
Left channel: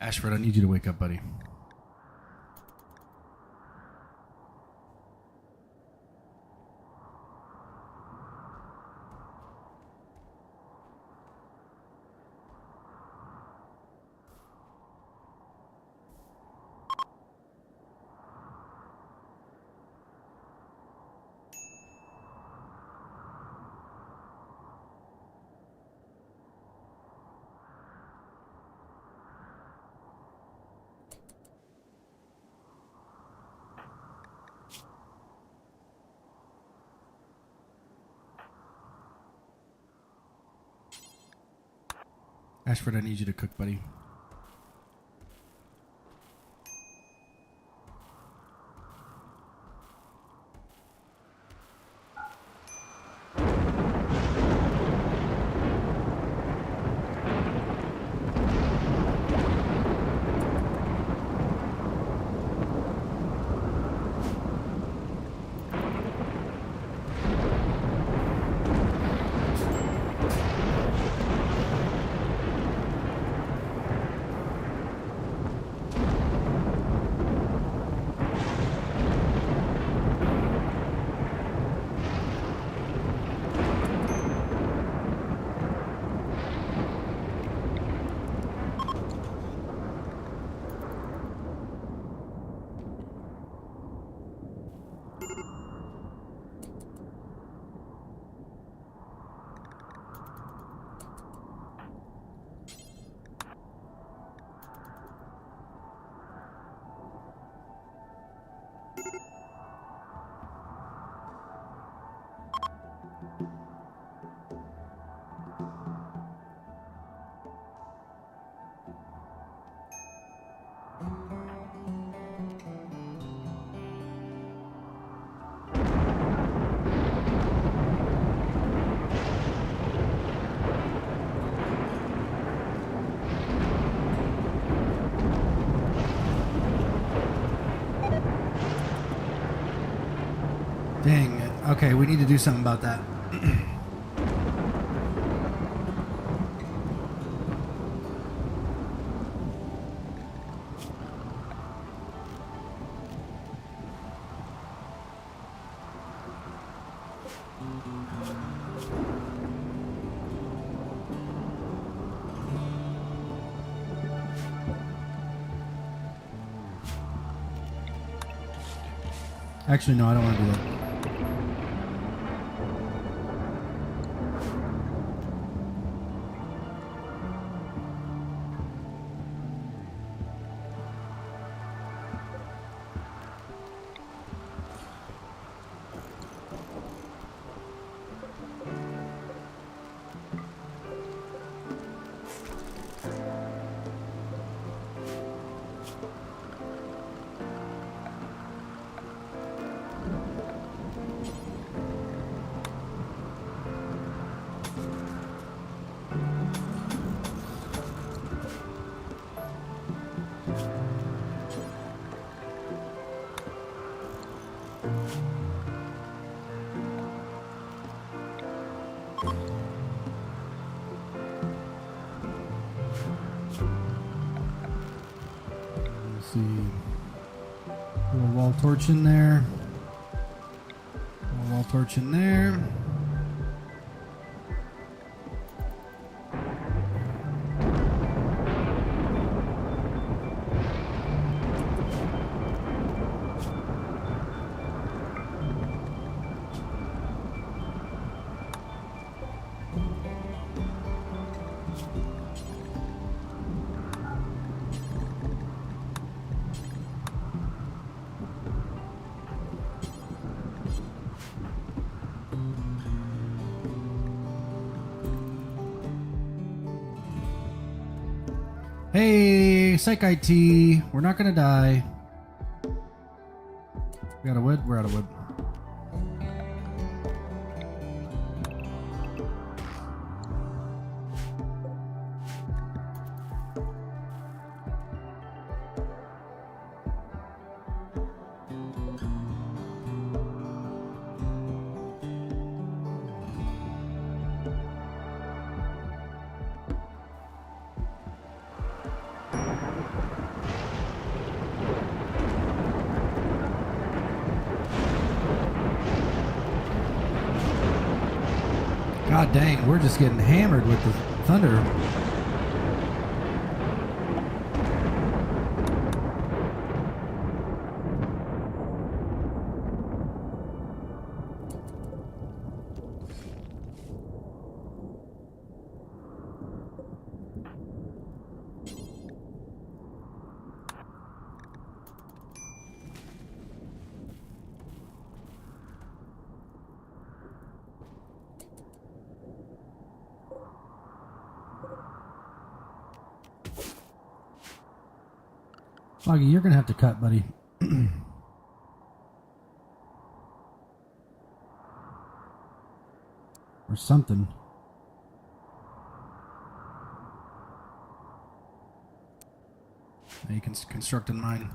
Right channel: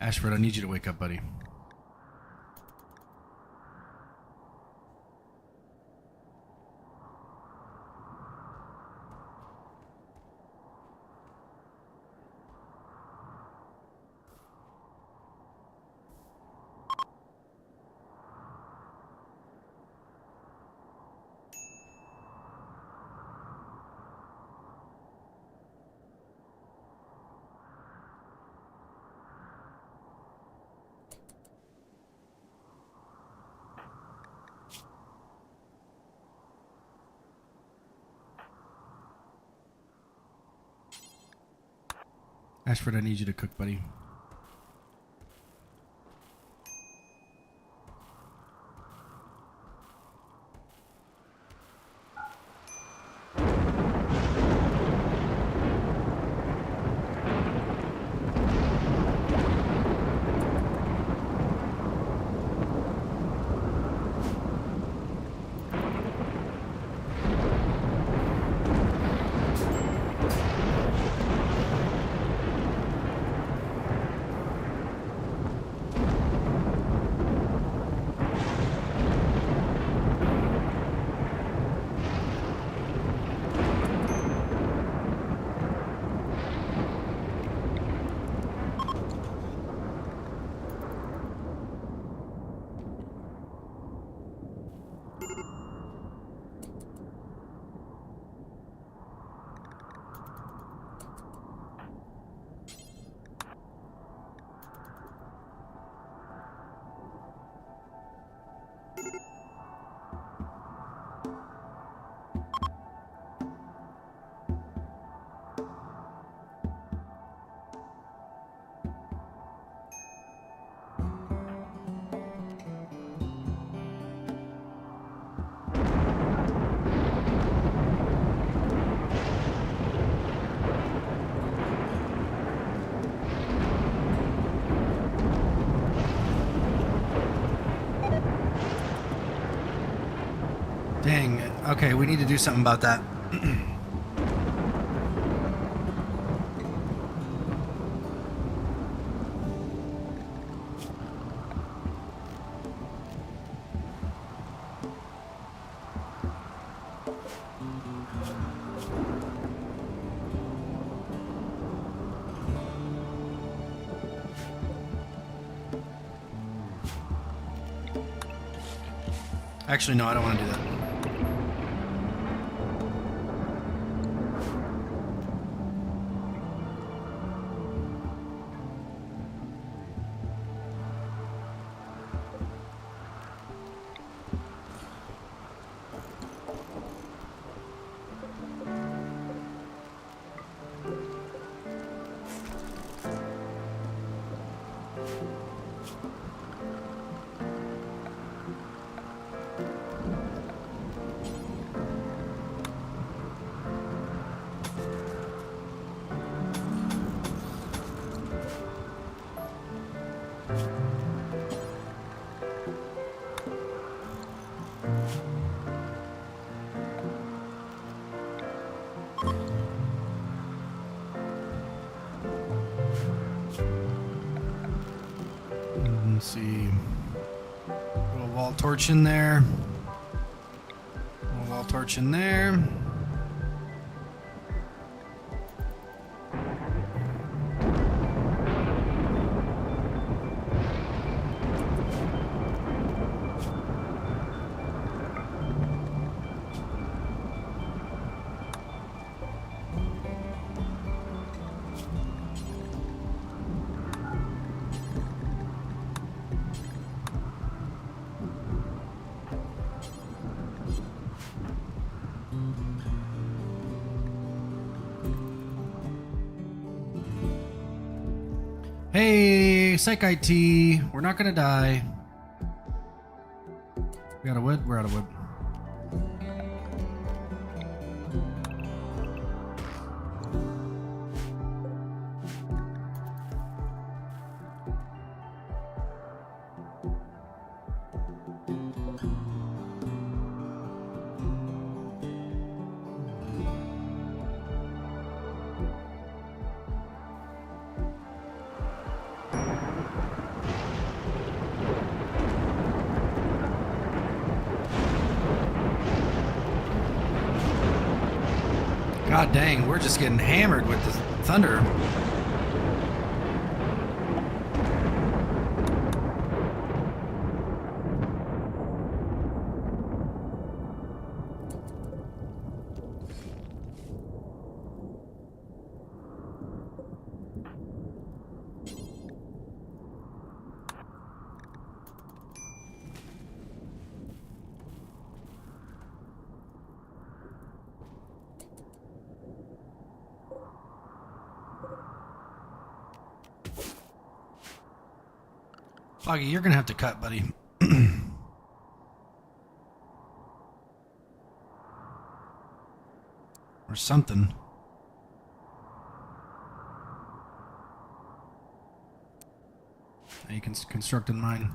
Ashford, I need you to wake up, buddy. Ashford, I need you to cook, buddy. Dang. Okay, we need to do something about that. Actually, no, I don't want to do that. Let's see. Little wall torch in there. Wall torch in there. Hey, Psych IT, we're not gonna die. We out of wood? We're out of wood. God dang, we're just getting hammered with the thunder. Foggy, you're gonna have to cut, buddy. Or something. You can construct in mine.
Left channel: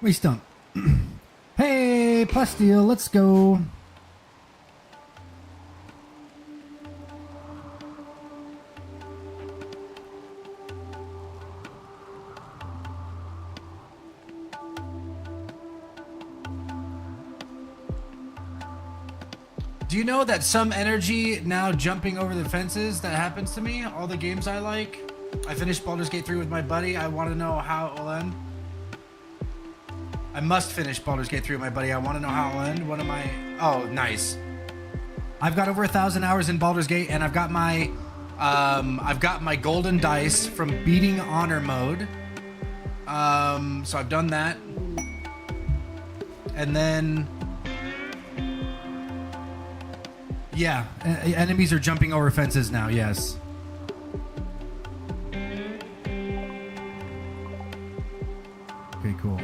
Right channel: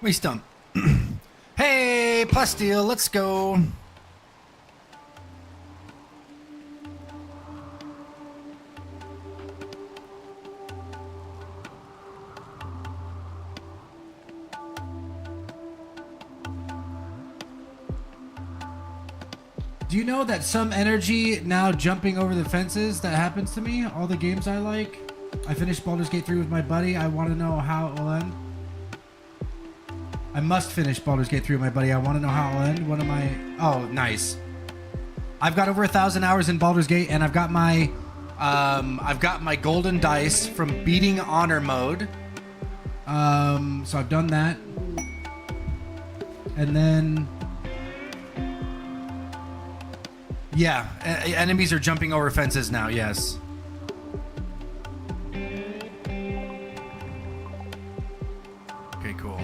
We stunk. Hey, Plasteel, let's go. Do you know that some energy now jumping over the fences that happens to me? All the games I like. I finished Baldur's Gate 3 with my buddy. I want to know how it will end. I must finish Baldur's Gate 3 with my buddy. I want to know how it'll end. What am I... Oh, nice. I've got over 1,000 hours in Baldur's Gate, and I've got my golden dice from beating honor mode. So I've done that. And then... Yeah, enemies are jumping over fences now, yes. Okay, cool.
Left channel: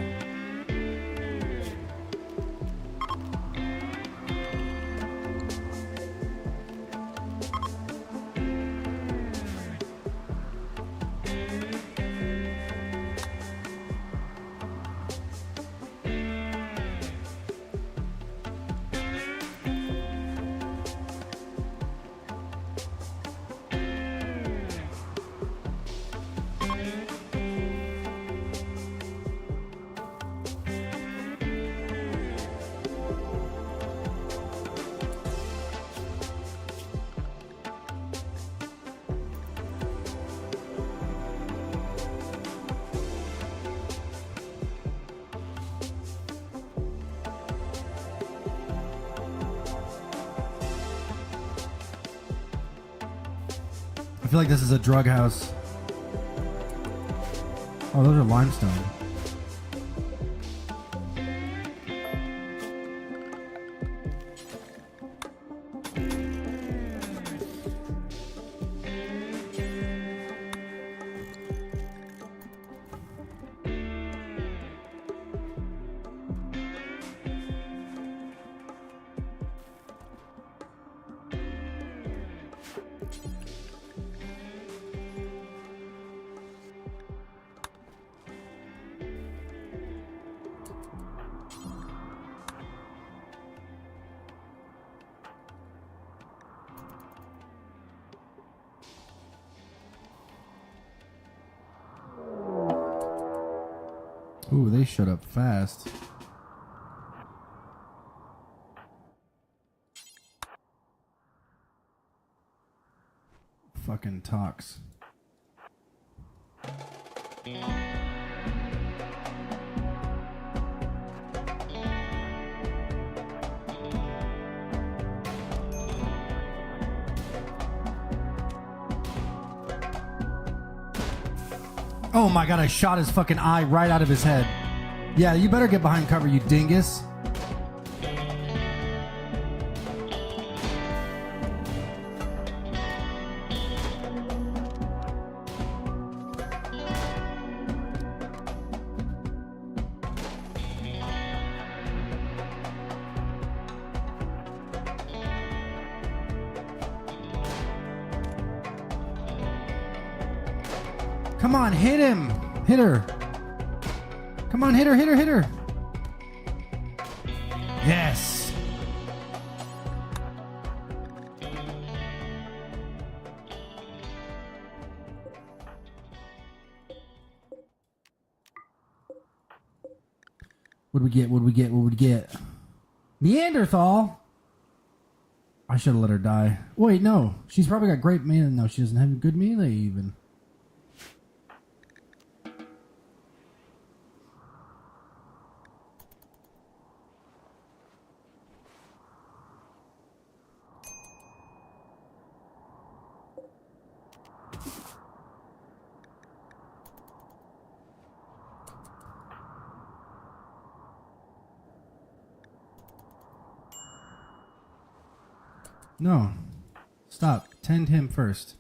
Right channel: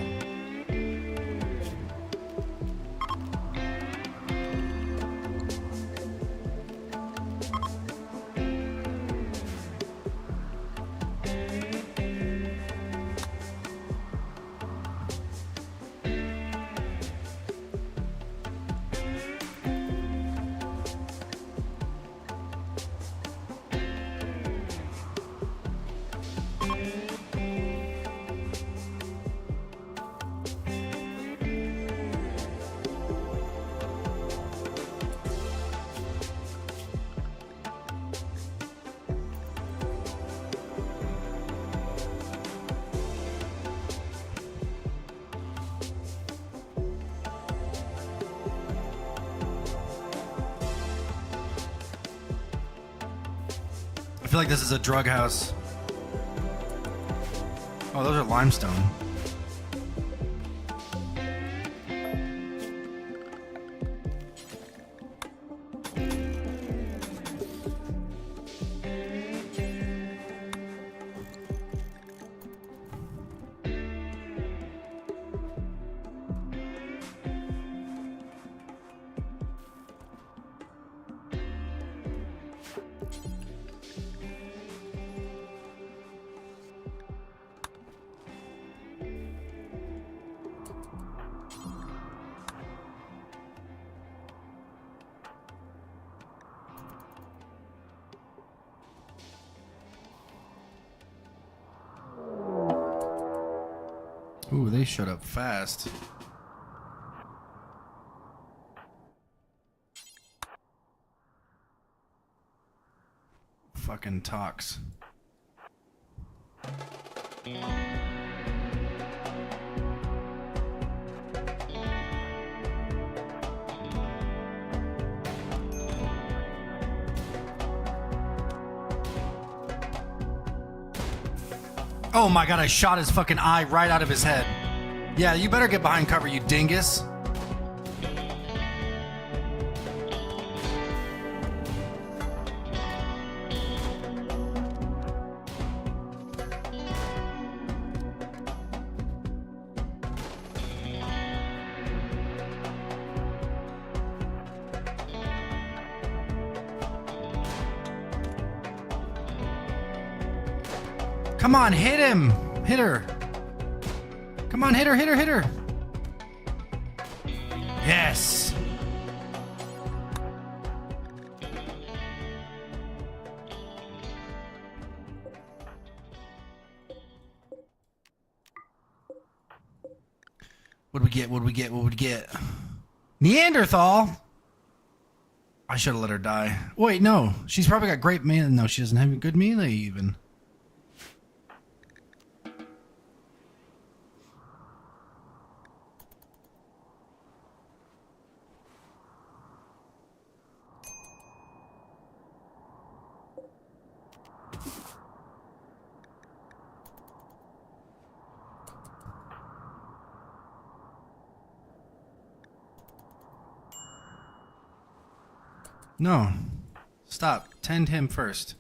I feel like this is a drug house. Oh, those are limestone. Ooh, they shut up fast. Fucking talks. Oh my god, I shot his fucking eye right out of his head. Yeah, you better get behind cover, you dingus. Come on, hit him. Hit her. Come on, hit her, hit her, hit her. Yes. What'd we get? What'd we get? What would we get? Neanderthal? I should have let her die. Wait, no. She's probably got great melee. No, she doesn't have good melee even. No. Stop. Tend him first.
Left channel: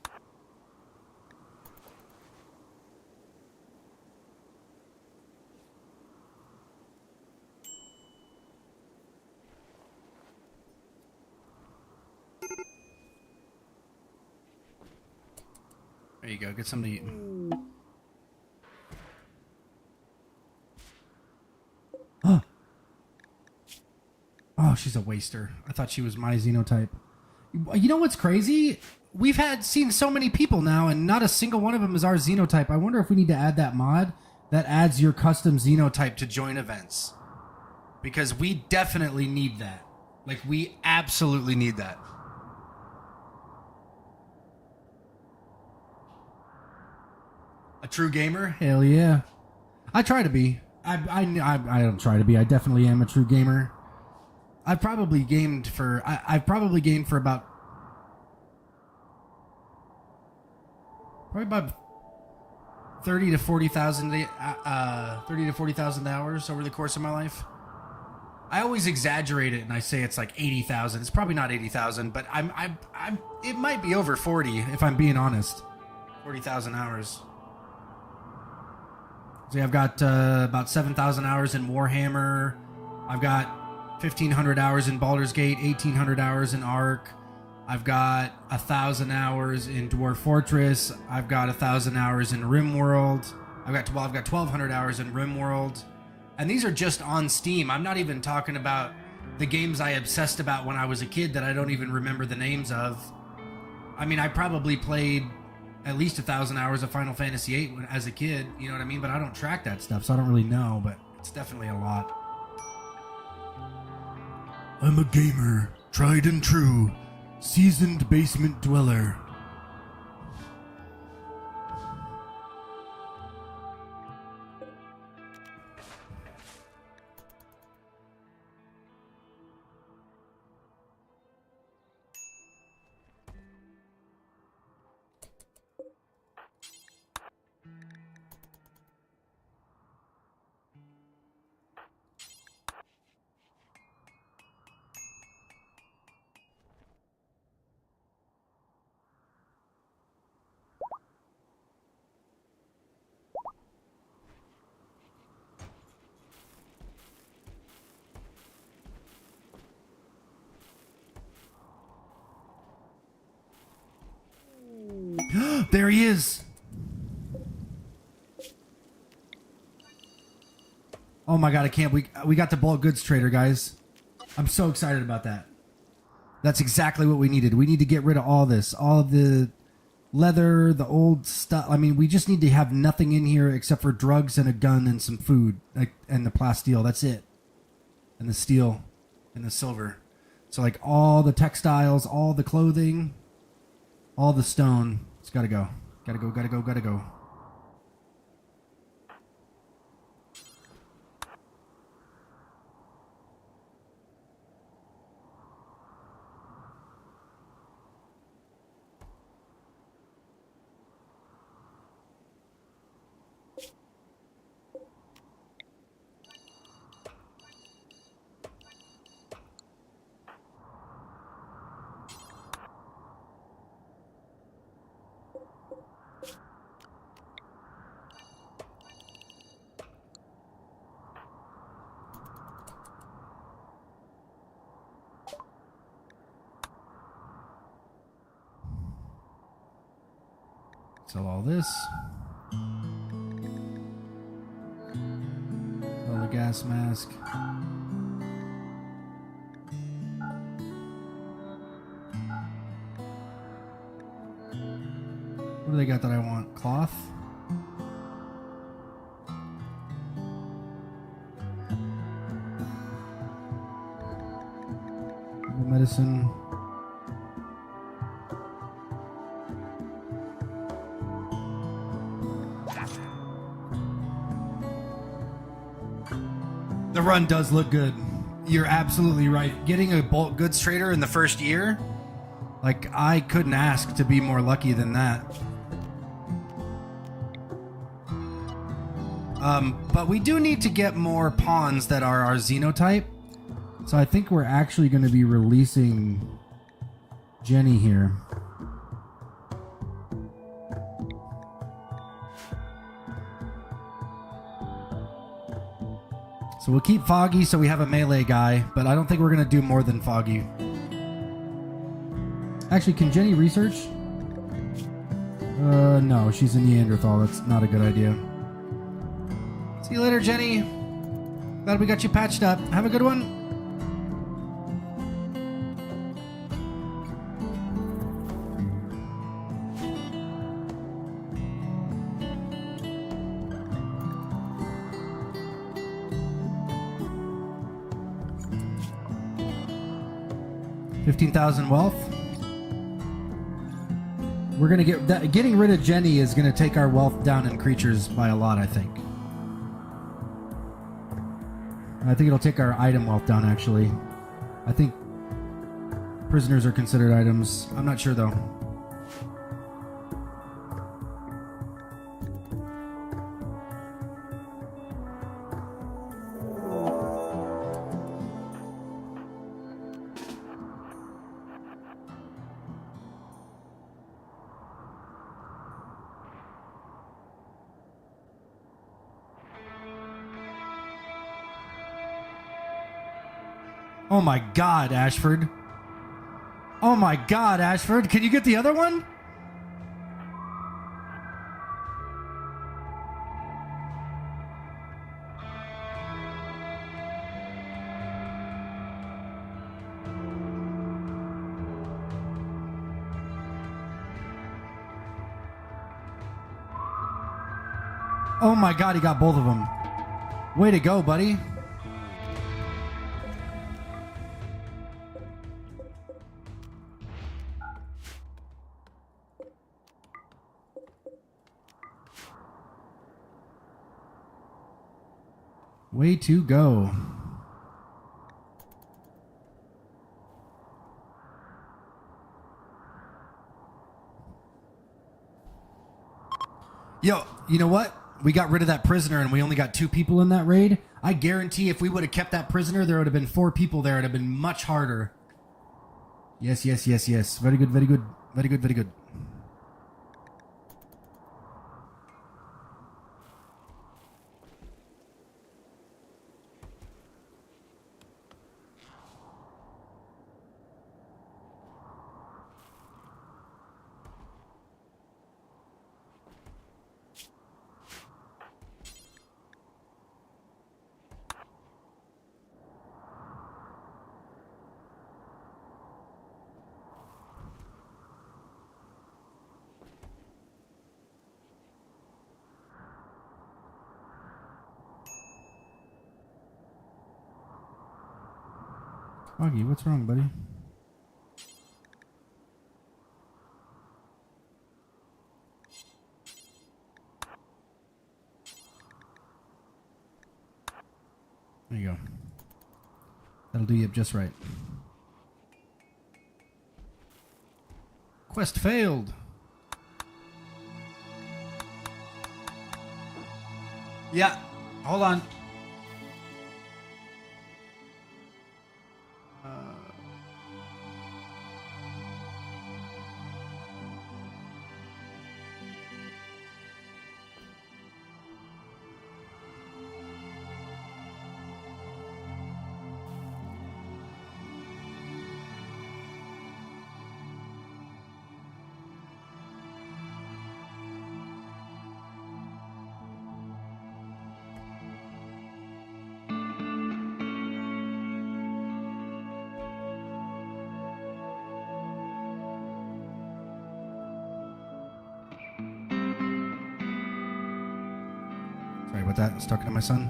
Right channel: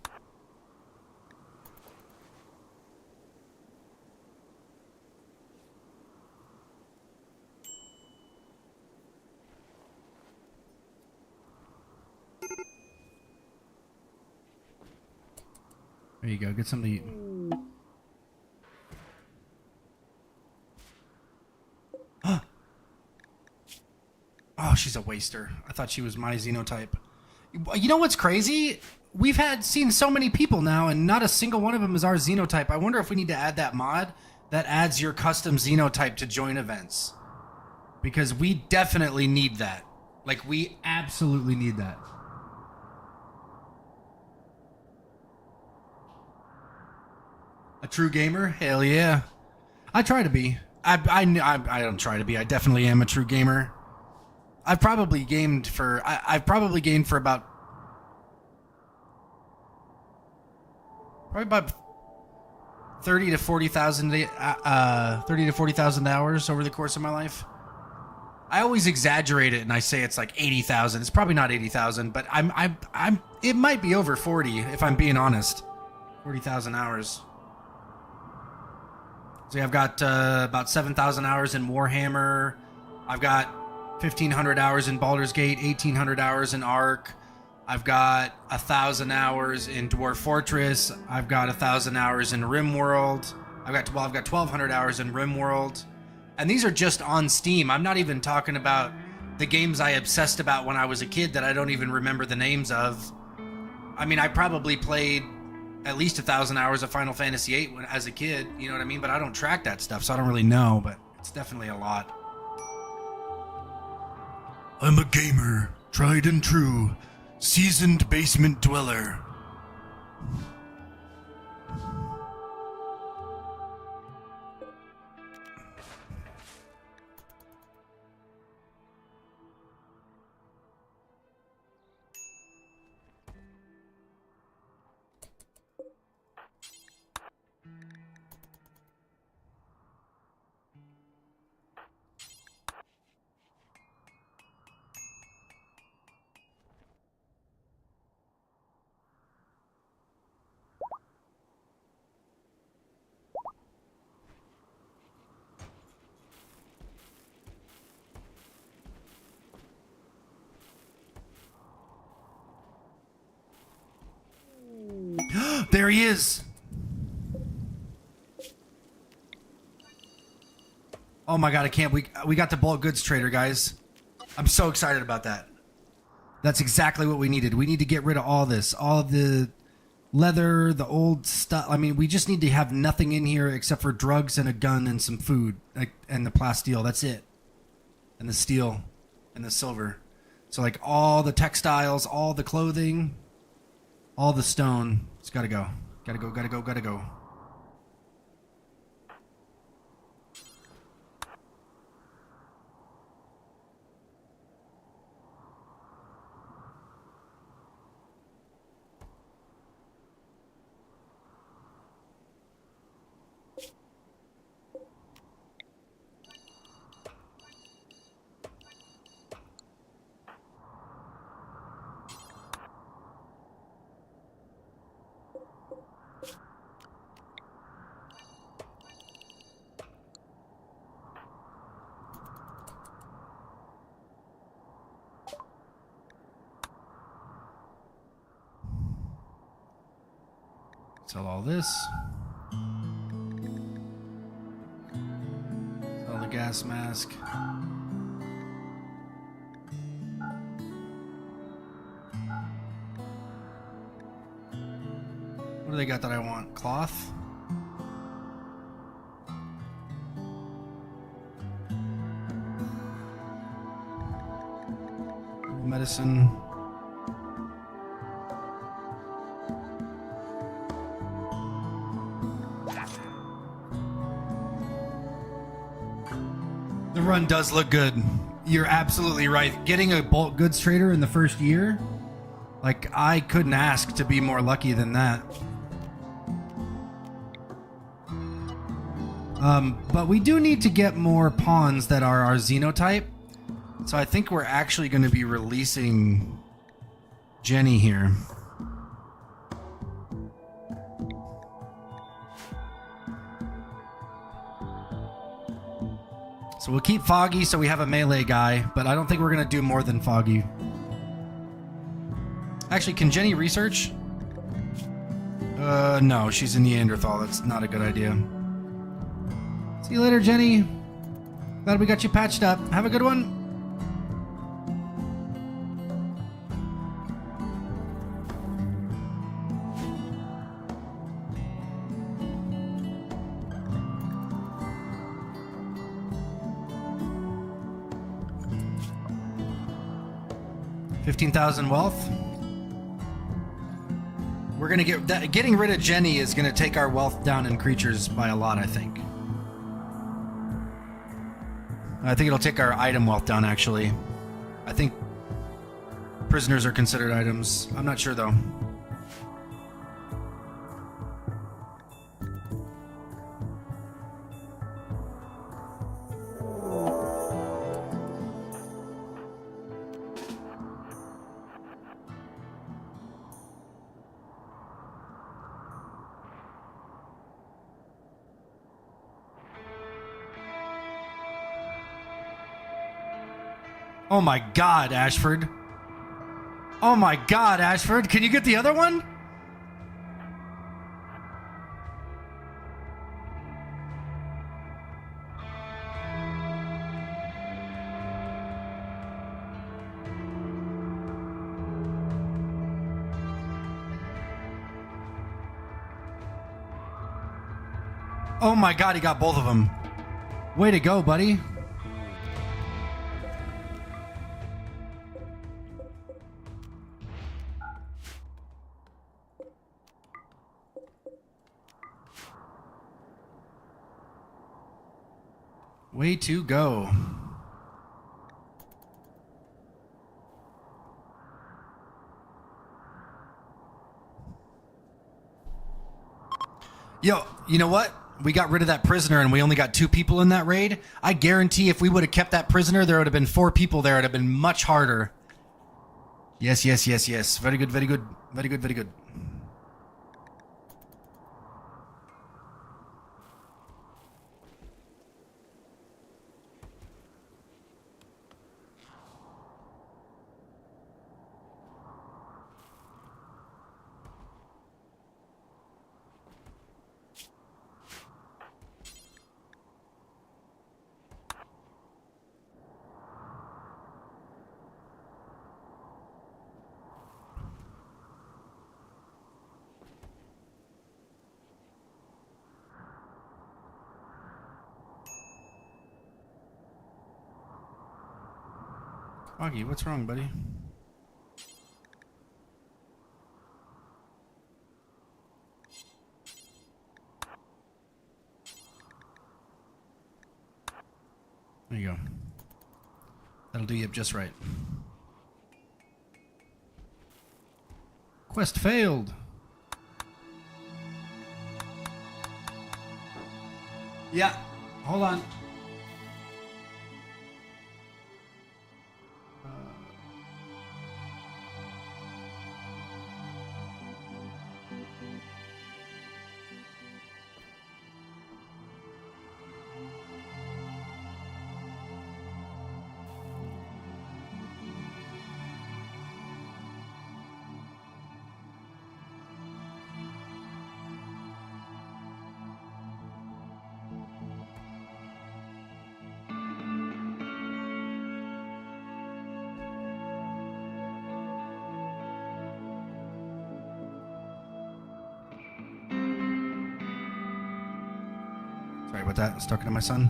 There you go. Get something to eat. Oh, she's a waster. I thought she was my xenotype. You know what's crazy? We've seen so many people now, and not a single one of them is our xenotype. I wonder if we need to add that mod that adds your custom xenotype to join events. Because we definitely need that. Like, we absolutely need that. A true gamer? Hell yeah. I try to be. I don't try to be. I definitely am a true gamer. I've probably gamed for about 30 to 40,000 hours over the course of my life. I always exaggerate it and I say it's like 80,000. It's probably not 80,000, but it might be over 40 if I'm being honest. 40,000 hours. So I've got about 7,000 hours in Warhammer. I've got 1,500 hours in Baldur's Gate, 1,800 hours in Ark. I've got 1,000 hours in Dwarf Fortress. I've got 1,000 hours in Rimworld. I've got 1,200 hours in Rimworld. And these are just on Steam. I'm not even talking about the games I obsessed about when I was a kid that I don't even remember the names of. I mean, I probably played at least 1,000 hours of Final Fantasy VIII as a kid, you know what I mean? But I don't track that stuff, so I don't really know, but it's definitely a lot. I'm a gamer, tried and true, seasoned basement dweller. There he is. Oh my god, I can't. We got the bulk goods trader, guys. I'm so excited about that. That's exactly what we needed. We need to get rid of all this. All of the leather, the old stuff. I mean, we just need to have nothing in here except for drugs and a gun and some food. And the plasteel. That's it. And the steel. And the silver. So like all the textiles, all the clothing, all the stone. It's gotta go. Gotta go, gotta go, gotta go. Sell all this. Sell the gas mask. What do they got that I want? Cloth? Medicine. The run does look good. You're absolutely right. Getting a bulk goods trader in the first year, like, I couldn't ask to be more lucky than that. But we do need to get more pawns that are our Xenotype. So I think we're actually going to be releasing Jenny here. So we'll keep Foggy so we have a melee guy, but I don't think we're going to do more than Foggy. Actually, can Jenny research? No, she's a Neanderthal. That's not a good idea. See you later, Jenny. Glad we got you patched up. Have a good one. $15,000 wealth. We're gonna get that. Getting rid of Jenny is gonna take our wealth down in creatures by a lot, I think. I think it'll take our item wealth down, actually. I think prisoners are considered items. I'm not sure, though. Oh my God, Ashford. Oh my God, Ashford. Can you get the other one? Oh my God, he got both of them. Way to go, buddy. Way to go. Yo, you know what? We got rid of that prisoner and we only got 2 people in that raid. I guarantee if we would have kept that prisoner, there would have been 4 people there. It would have been much harder. Yes, yes, yes, yes. Very good, very good. Very good, very good. Foggy, what's wrong, buddy? There you go. That'll do you up just right. Quest failed. Yeah, hold on. Sorry about that. I was talking to my son.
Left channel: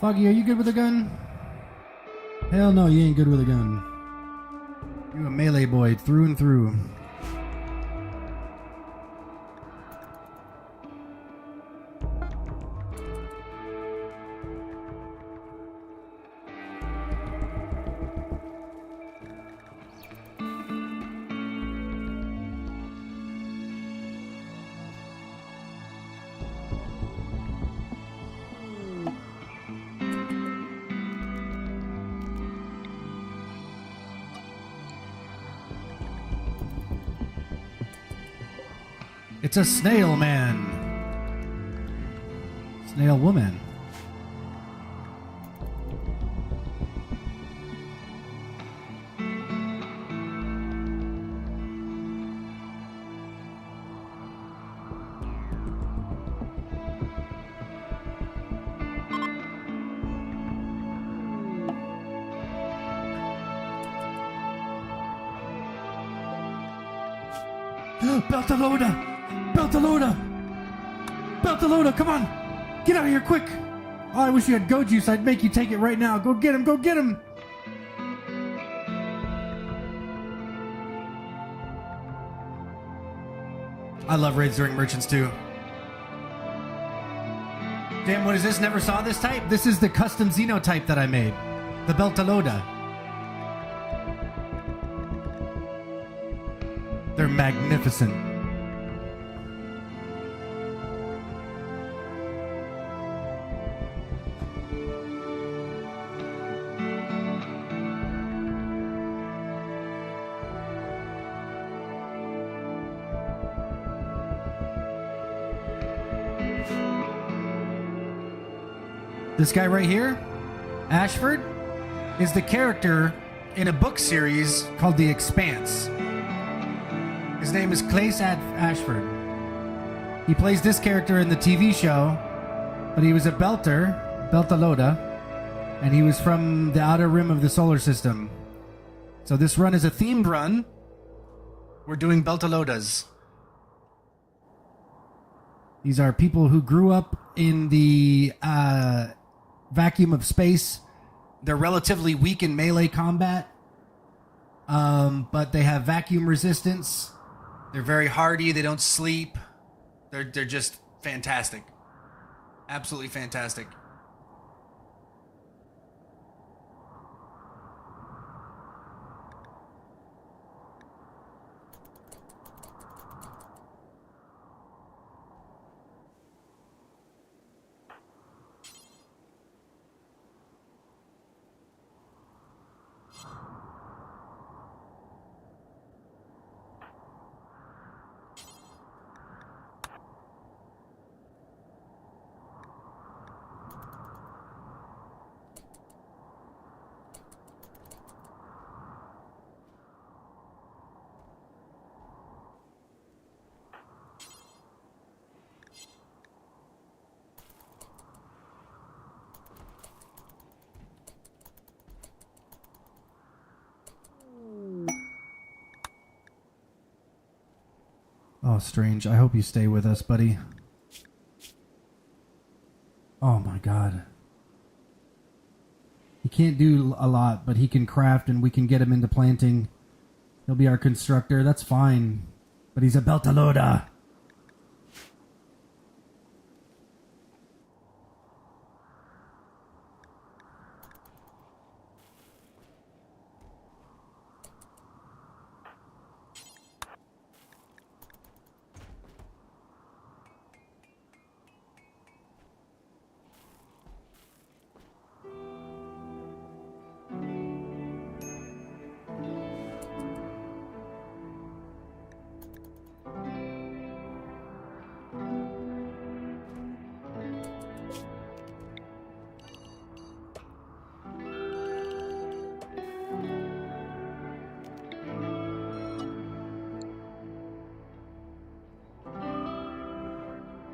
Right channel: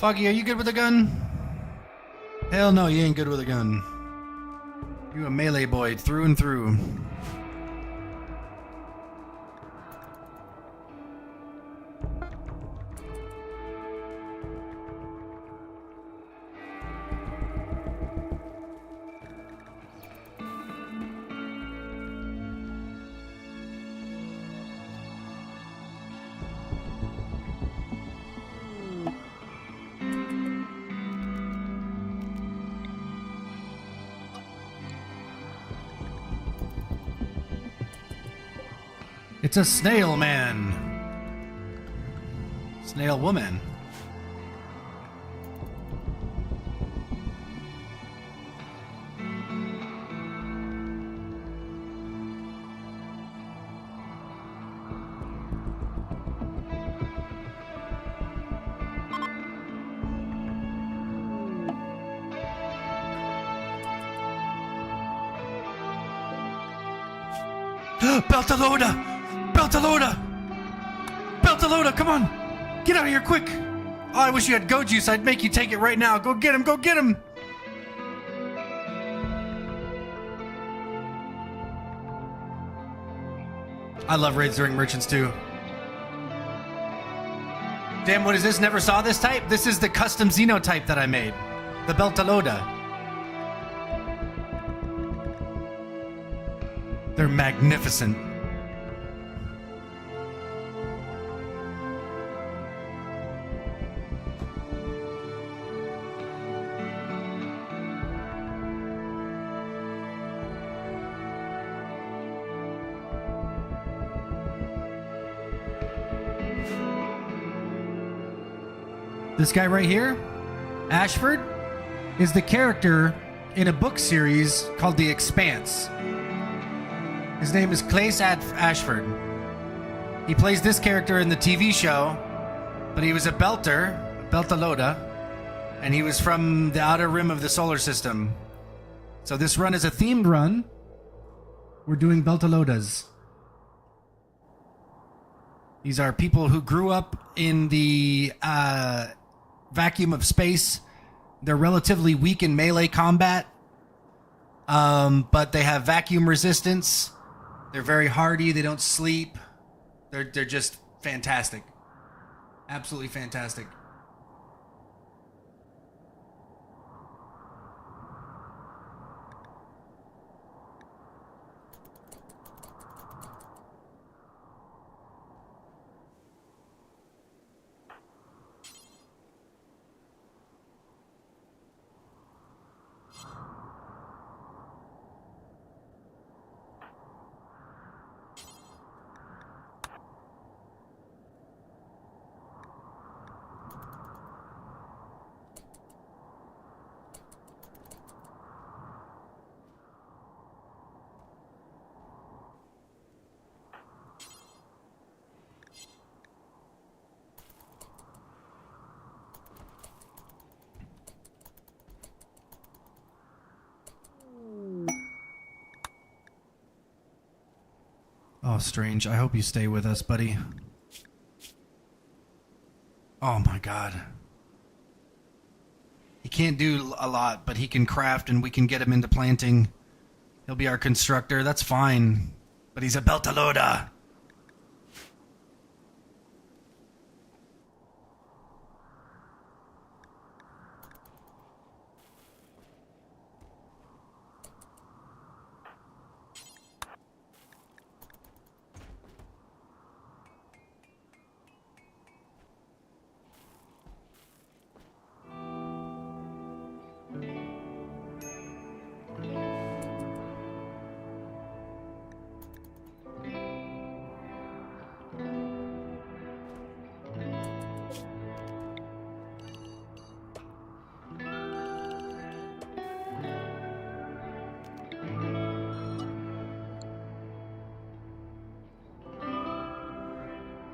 Foggy, are you good with a gun? Hell no, you ain't good with a gun. You a melee boy through and through. It's a snail man. Snail woman. Beltalowda! Beltalowda! Beltalowda, come on! Get out of here quick! Oh, I wish you had go juice. I'd make you take it right now. Go get him! Go get him! I love raids during merchants too. Damn, what is this? Never saw this type? This is the custom Xenotype that I made. The Beltalowda. They're magnificent. This guy right here, Ashford, is the character in a book series called The Expanse. His name is Klaes Ashford. He plays this character in the TV show, but he was a Beltalowda, and he was from the outer rim of the solar system. So this run is a themed run. We're doing Beltalowdas. These are people who grew up in the vacuum of space. They're relatively weak in melee combat, but they have vacuum resistance. They're very hardy. They don't sleep. They're just fantastic. Absolutely fantastic. Oh, Strange. I hope you stay with us, buddy. Oh my god. He can't do a lot, but he can craft and we can get him into planting. He'll be our constructor. That's fine. But he's a Beltalowda.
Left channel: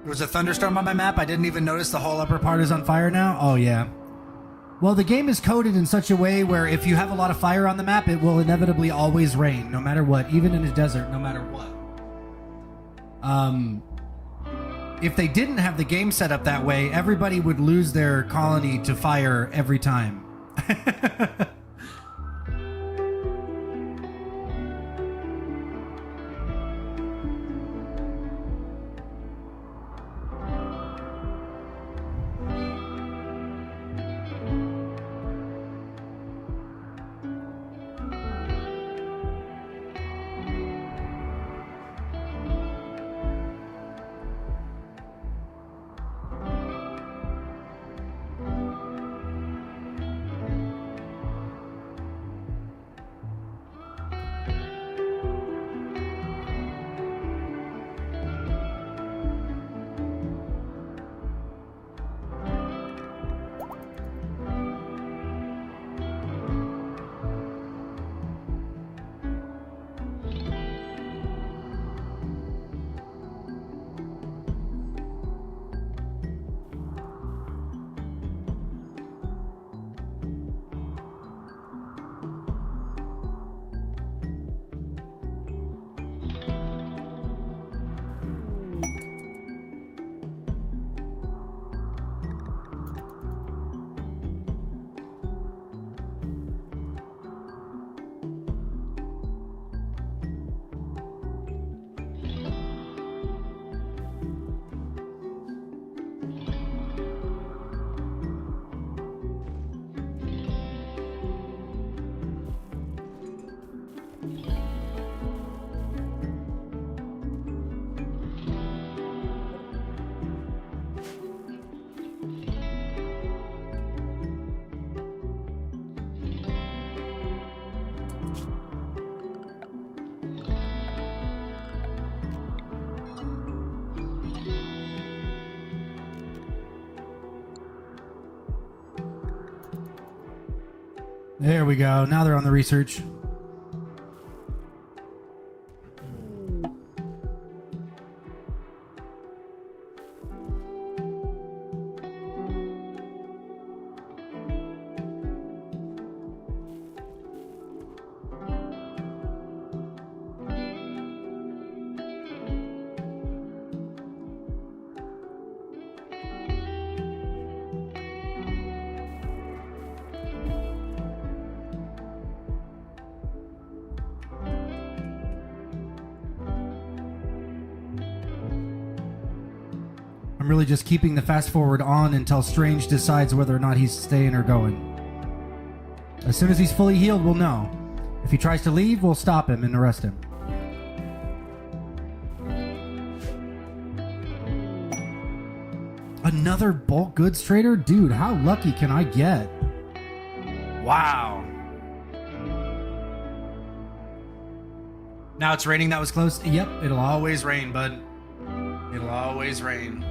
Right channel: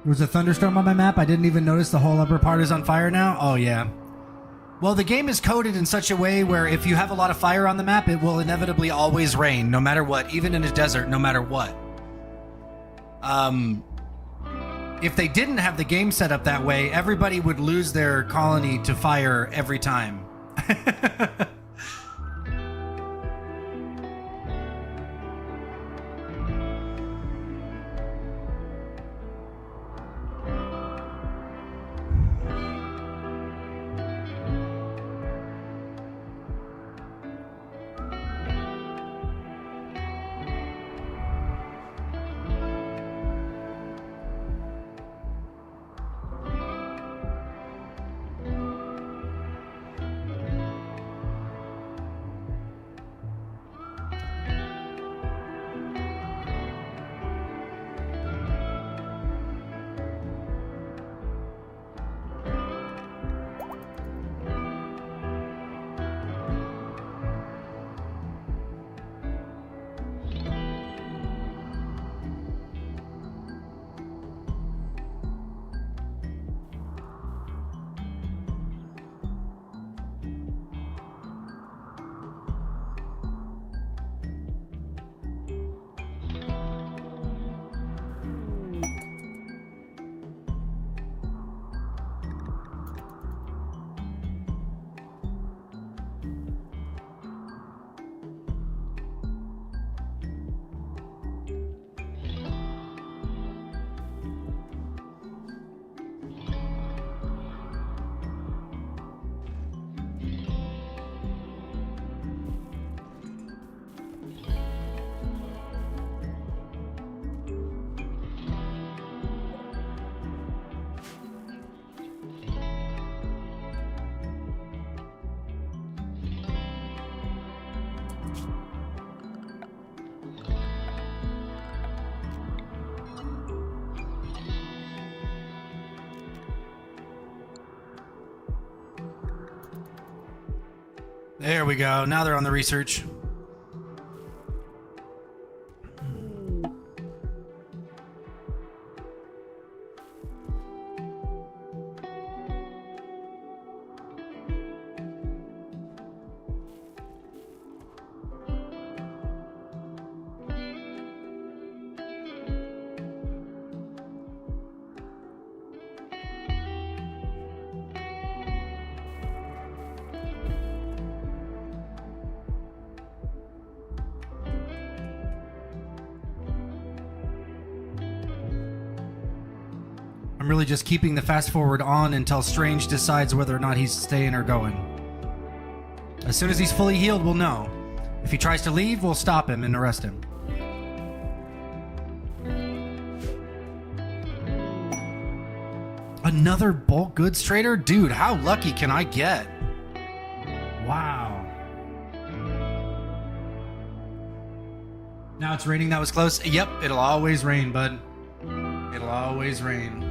There was a thunderstorm on my map. I didn't even notice the whole upper part is on fire now. Oh, yeah. Well, the game is coded in such a way where if you have a lot of fire on the map, it will inevitably always rain, no matter what, even in a desert, no matter what. If they didn't have the game set up that way, everybody would lose their colony to fire every time. There we go. Now they're on the research. I'm really just keeping the fast forward on until Strange decides whether or not he's staying or going. As soon as he's fully healed, we'll know. If he tries to leave, we'll stop him and arrest him. Another bulk goods trader? Dude, how lucky can I get? Wow. Now it's raining. That was close. Yep, it'll always rain, bud. It'll always rain.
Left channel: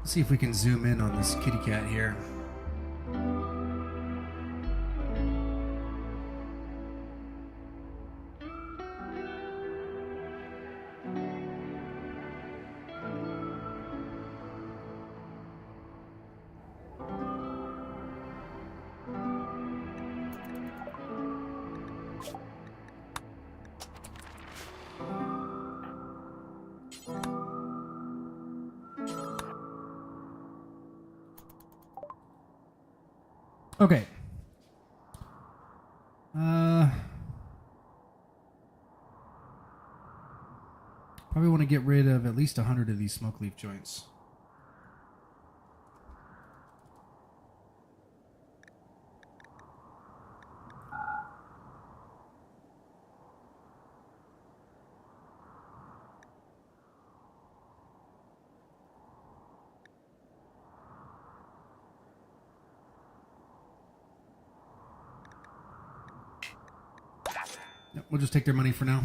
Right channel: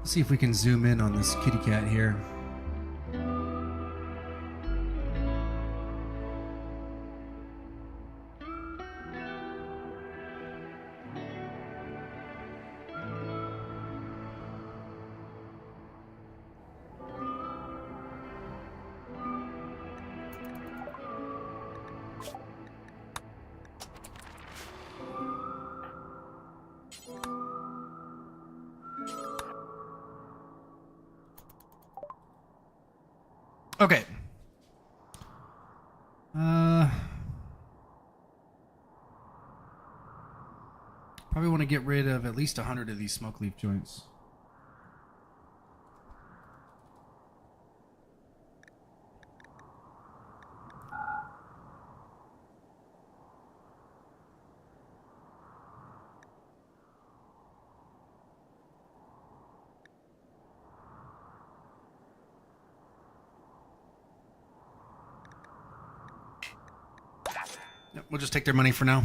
Let's see if we can zoom in on this kitty cat here. Okay. Probably want to get rid of at least 100 of these smoke leaf joints. Yep, we'll just take their money for now.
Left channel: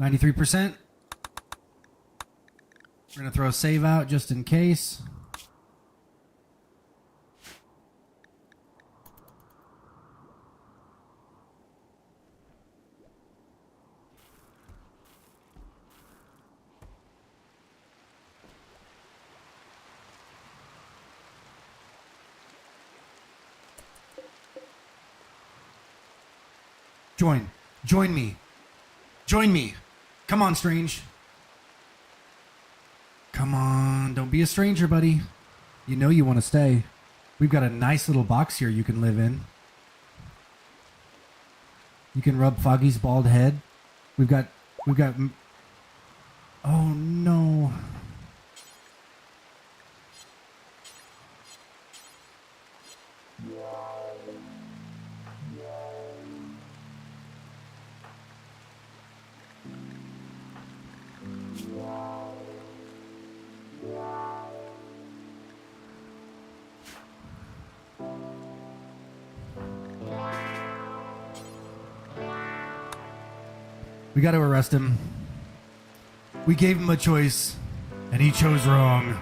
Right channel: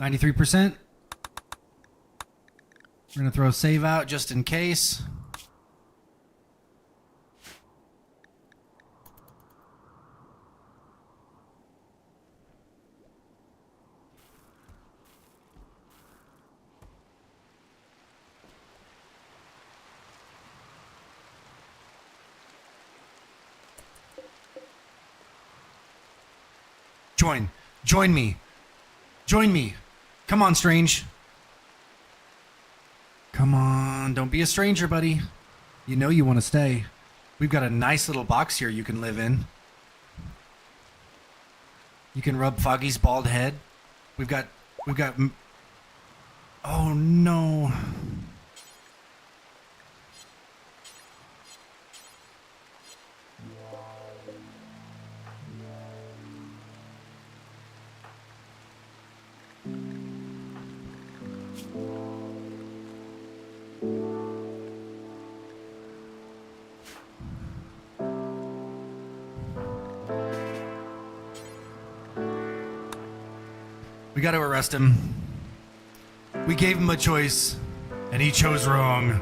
93%. We're going to throw save out just in case. Join me. Join me. Come on, Strange. Come on, don't be a stranger, buddy. You know you want to stay. We've got a nice little box here you can live in. You can rub Foggy's bald head. We've got... Oh, no. We got to arrest him. We gave him a choice, and he chose wrong.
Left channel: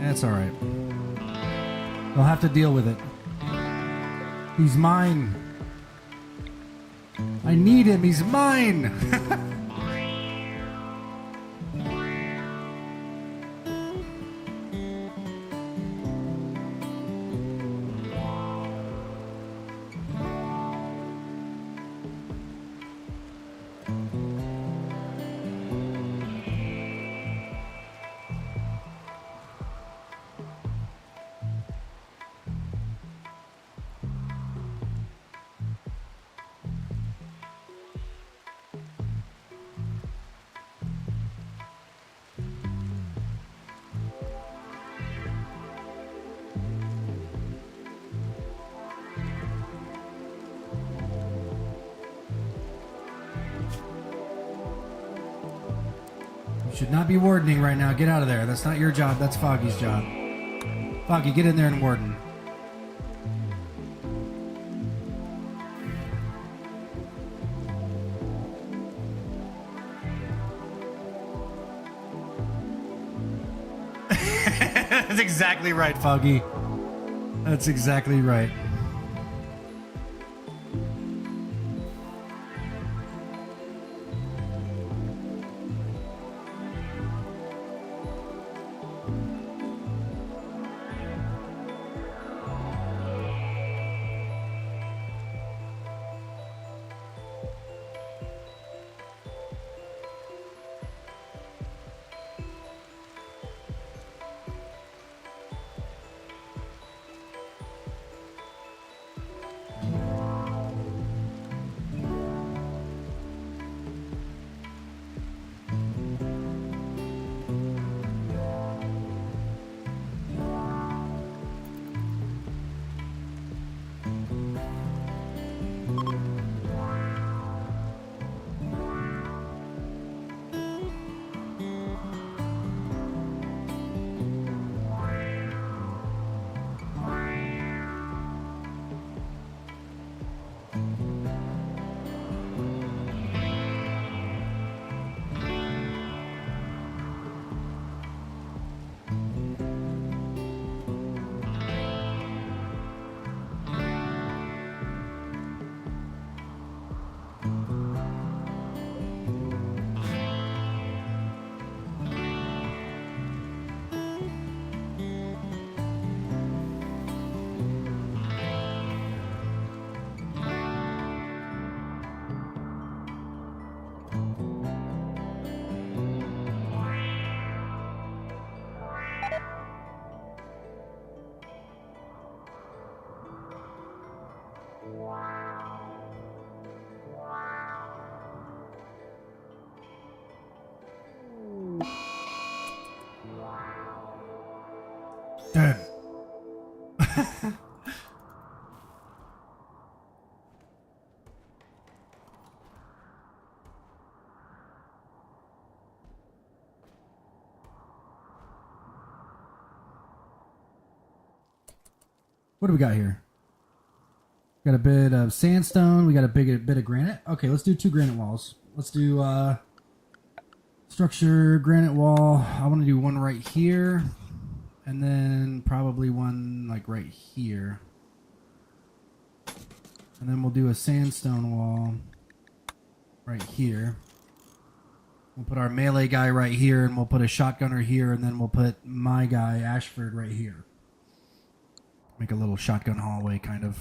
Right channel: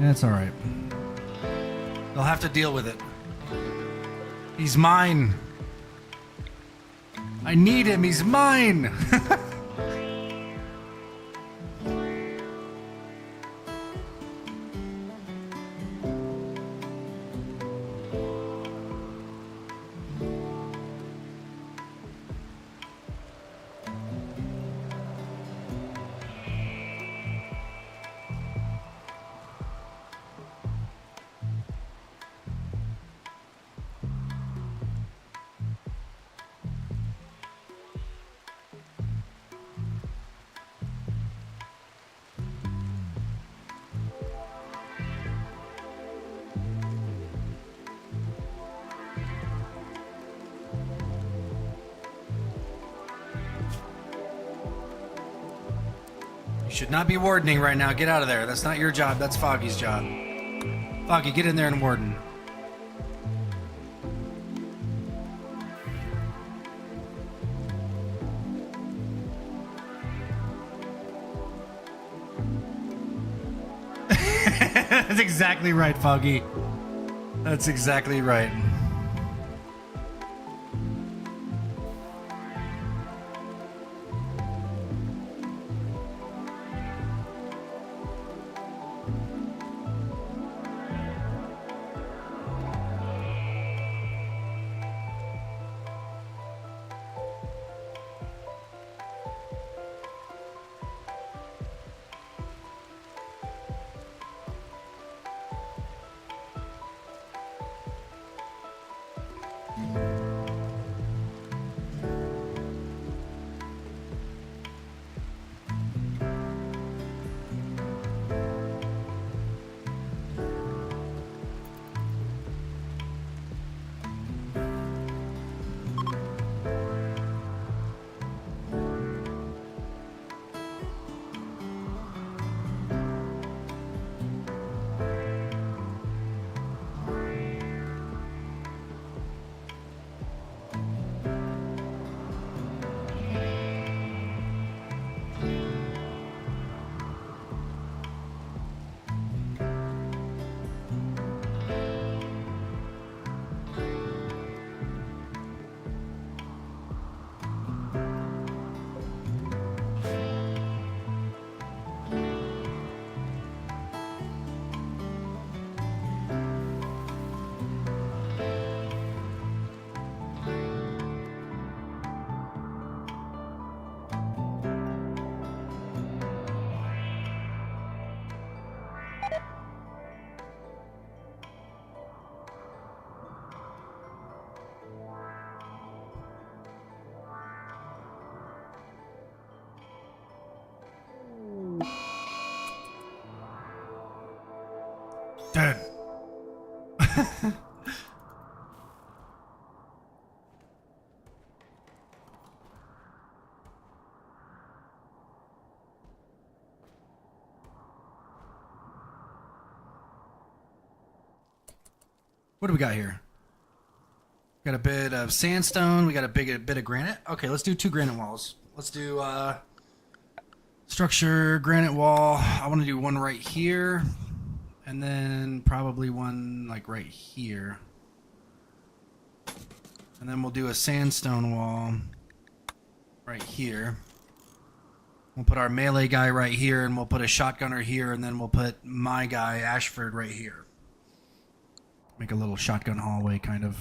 That's all right. They'll have to deal with it. He's mine. I need him. He's mine. Should not be wardening right now. Get out of there. That's not your job. That's Foggy's job. Foggy, get in there and warden. That's exactly right, Foggy. That's exactly right. Dead. What do we got here? Got a bit of sandstone. We got a bit of granite. Okay, let's do 2 granite walls. Let's do structure, granite wall. I want to do one right here. And then probably one like right here. And then we'll do a sandstone wall right here. We'll put our melee guy right here, and we'll put a shotgunner here, and then we'll put my guy, Ashford, right here. Make a little shotgun hallway, kind of.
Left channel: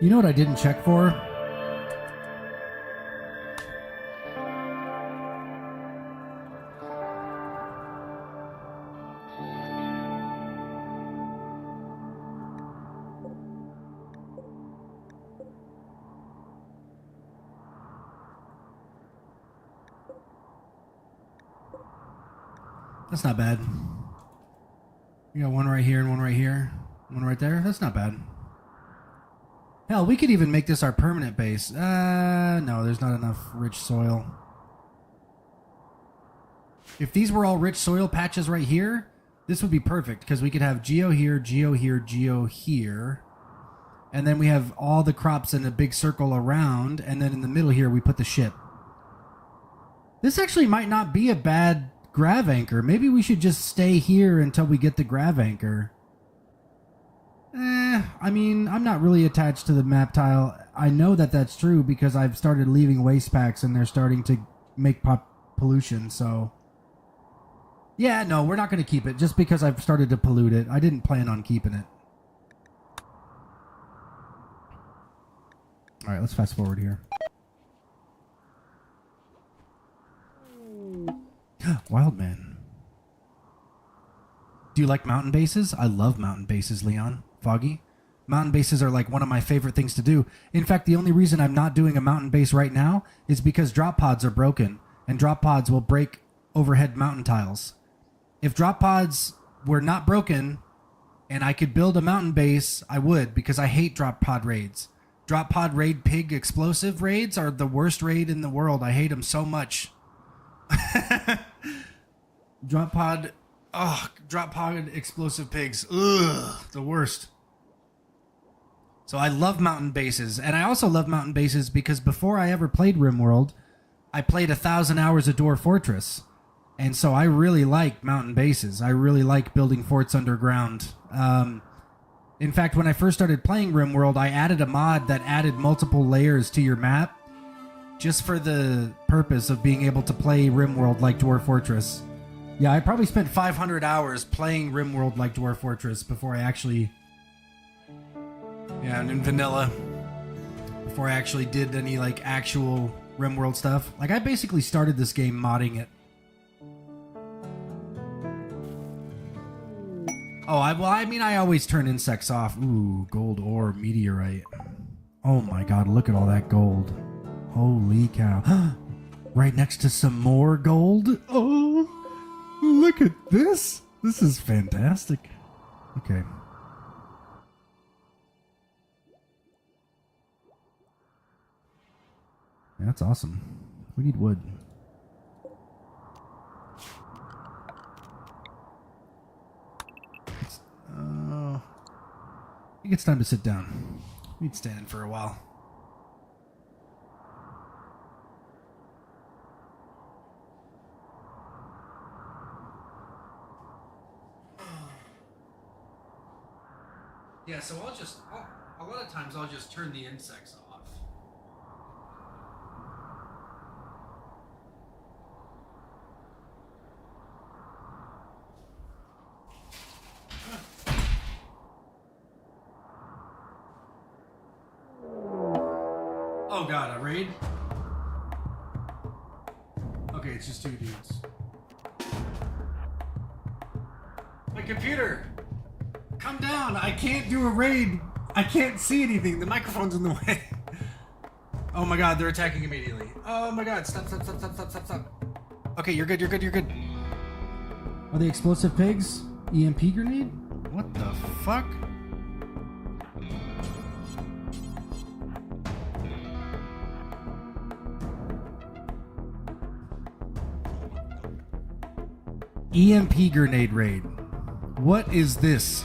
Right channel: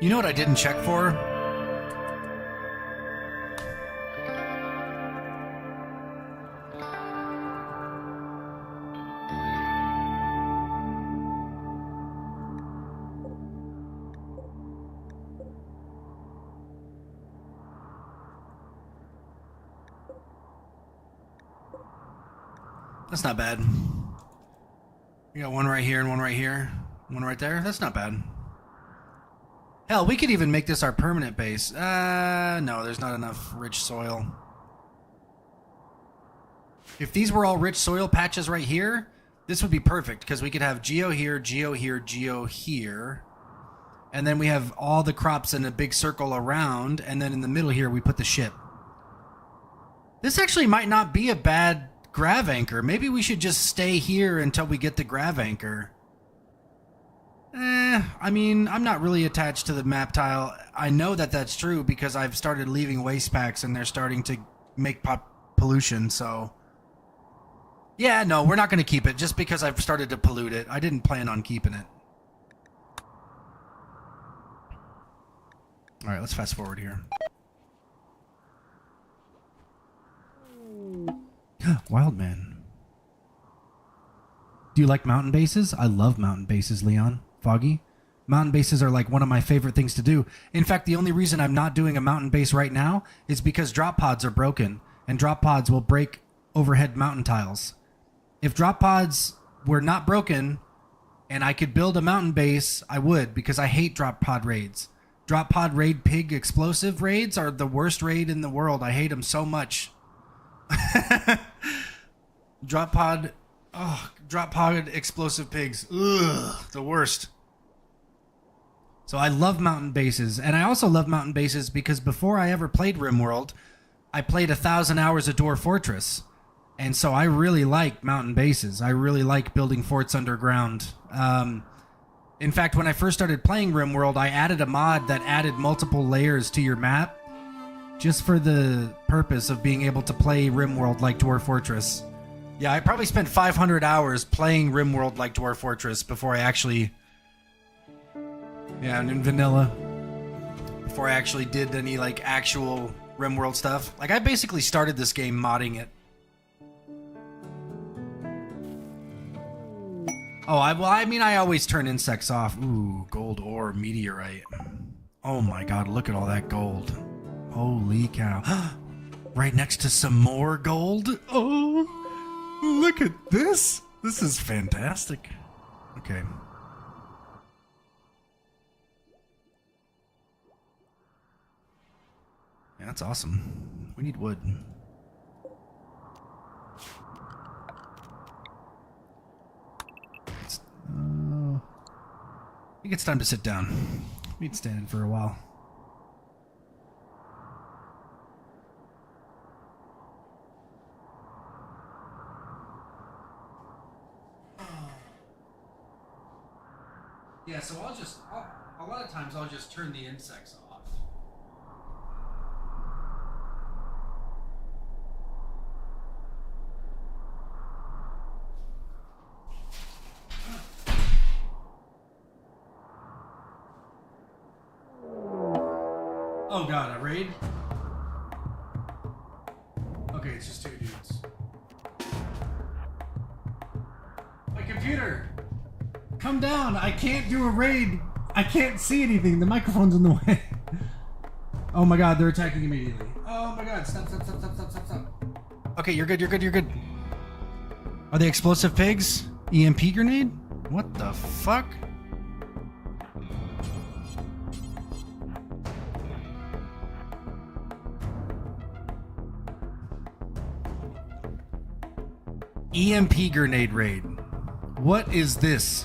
You know what I didn't check for? That's not bad. We got one right here and one right here. One right there. That's not bad. Hell, we could even make this our permanent base. No, there's not enough rich soil. If these were all rich soil patches right here, this would be perfect because we could have geo here, geo here, geo here. And then we have all the crops in a big circle around. And then in the middle here, we put the ship. This actually might not be a bad grav anchor. Maybe we should just stay here until we get the grav anchor. I mean, I'm not really attached to the map tile. I know that that's true because I've started leaving waste packs and they're starting to make pollution, so... Yeah, no, we're not going to keep it just because I've started to pollute it. I didn't plan on keeping it. Alright, let's fast forward here. Wildman. Do you like mountain bases? I love mountain bases, Leon. Foggy? Mountain bases are like one of my favorite things to do. In fact, the only reason I'm not doing a mountain base right now is because drop pods are broken, and drop pods will break overhead mountain tiles. If drop pods were not broken and I could build a mountain base, I would, because I hate drop pod raids. Drop pod raid pig explosive raids are the worst raid in the world. I hate them so much. Drop pod explosive pigs. Ugh, the worst. So I love mountain bases, and I also love mountain bases because before I ever played RimWorld, I played 1,000 hours of Dwarf Fortress, and so I really like mountain bases. I really like building forts underground. In fact, when I first started playing RimWorld, I added a mod that added multiple layers to your map just for the purpose of being able to play RimWorld like Dwarf Fortress. Yeah, I probably spent 500 hours playing RimWorld like Dwarf Fortress before I actually... Yeah, and in vanilla. Before I actually did any, like, actual RimWorld stuff. Like, I basically started this game modding it. Oh, I mean, I always turn insects off. Ooh, gold ore, meteorite. Oh my god, look at all that gold. Holy cow. Right next to some more gold? Oh, look at this. This is fantastic. Okay. Yeah, that's awesome. We need wood. I think it's time to sit down. We'd stand in for a while. Yeah, so a lot of times I'll just turn the insects off. Oh god, a raid? Okay, it's just 2 dudes. My computer! Come down! I can't do a raid! I can't see anything! The microphone's in the way. Oh my god, they're attacking immediately. Oh my god, stop. Okay, you're good, you're good, you're good. Are they explosive pigs? EMP grenade? What the fuck? EMP grenade raid. What is this?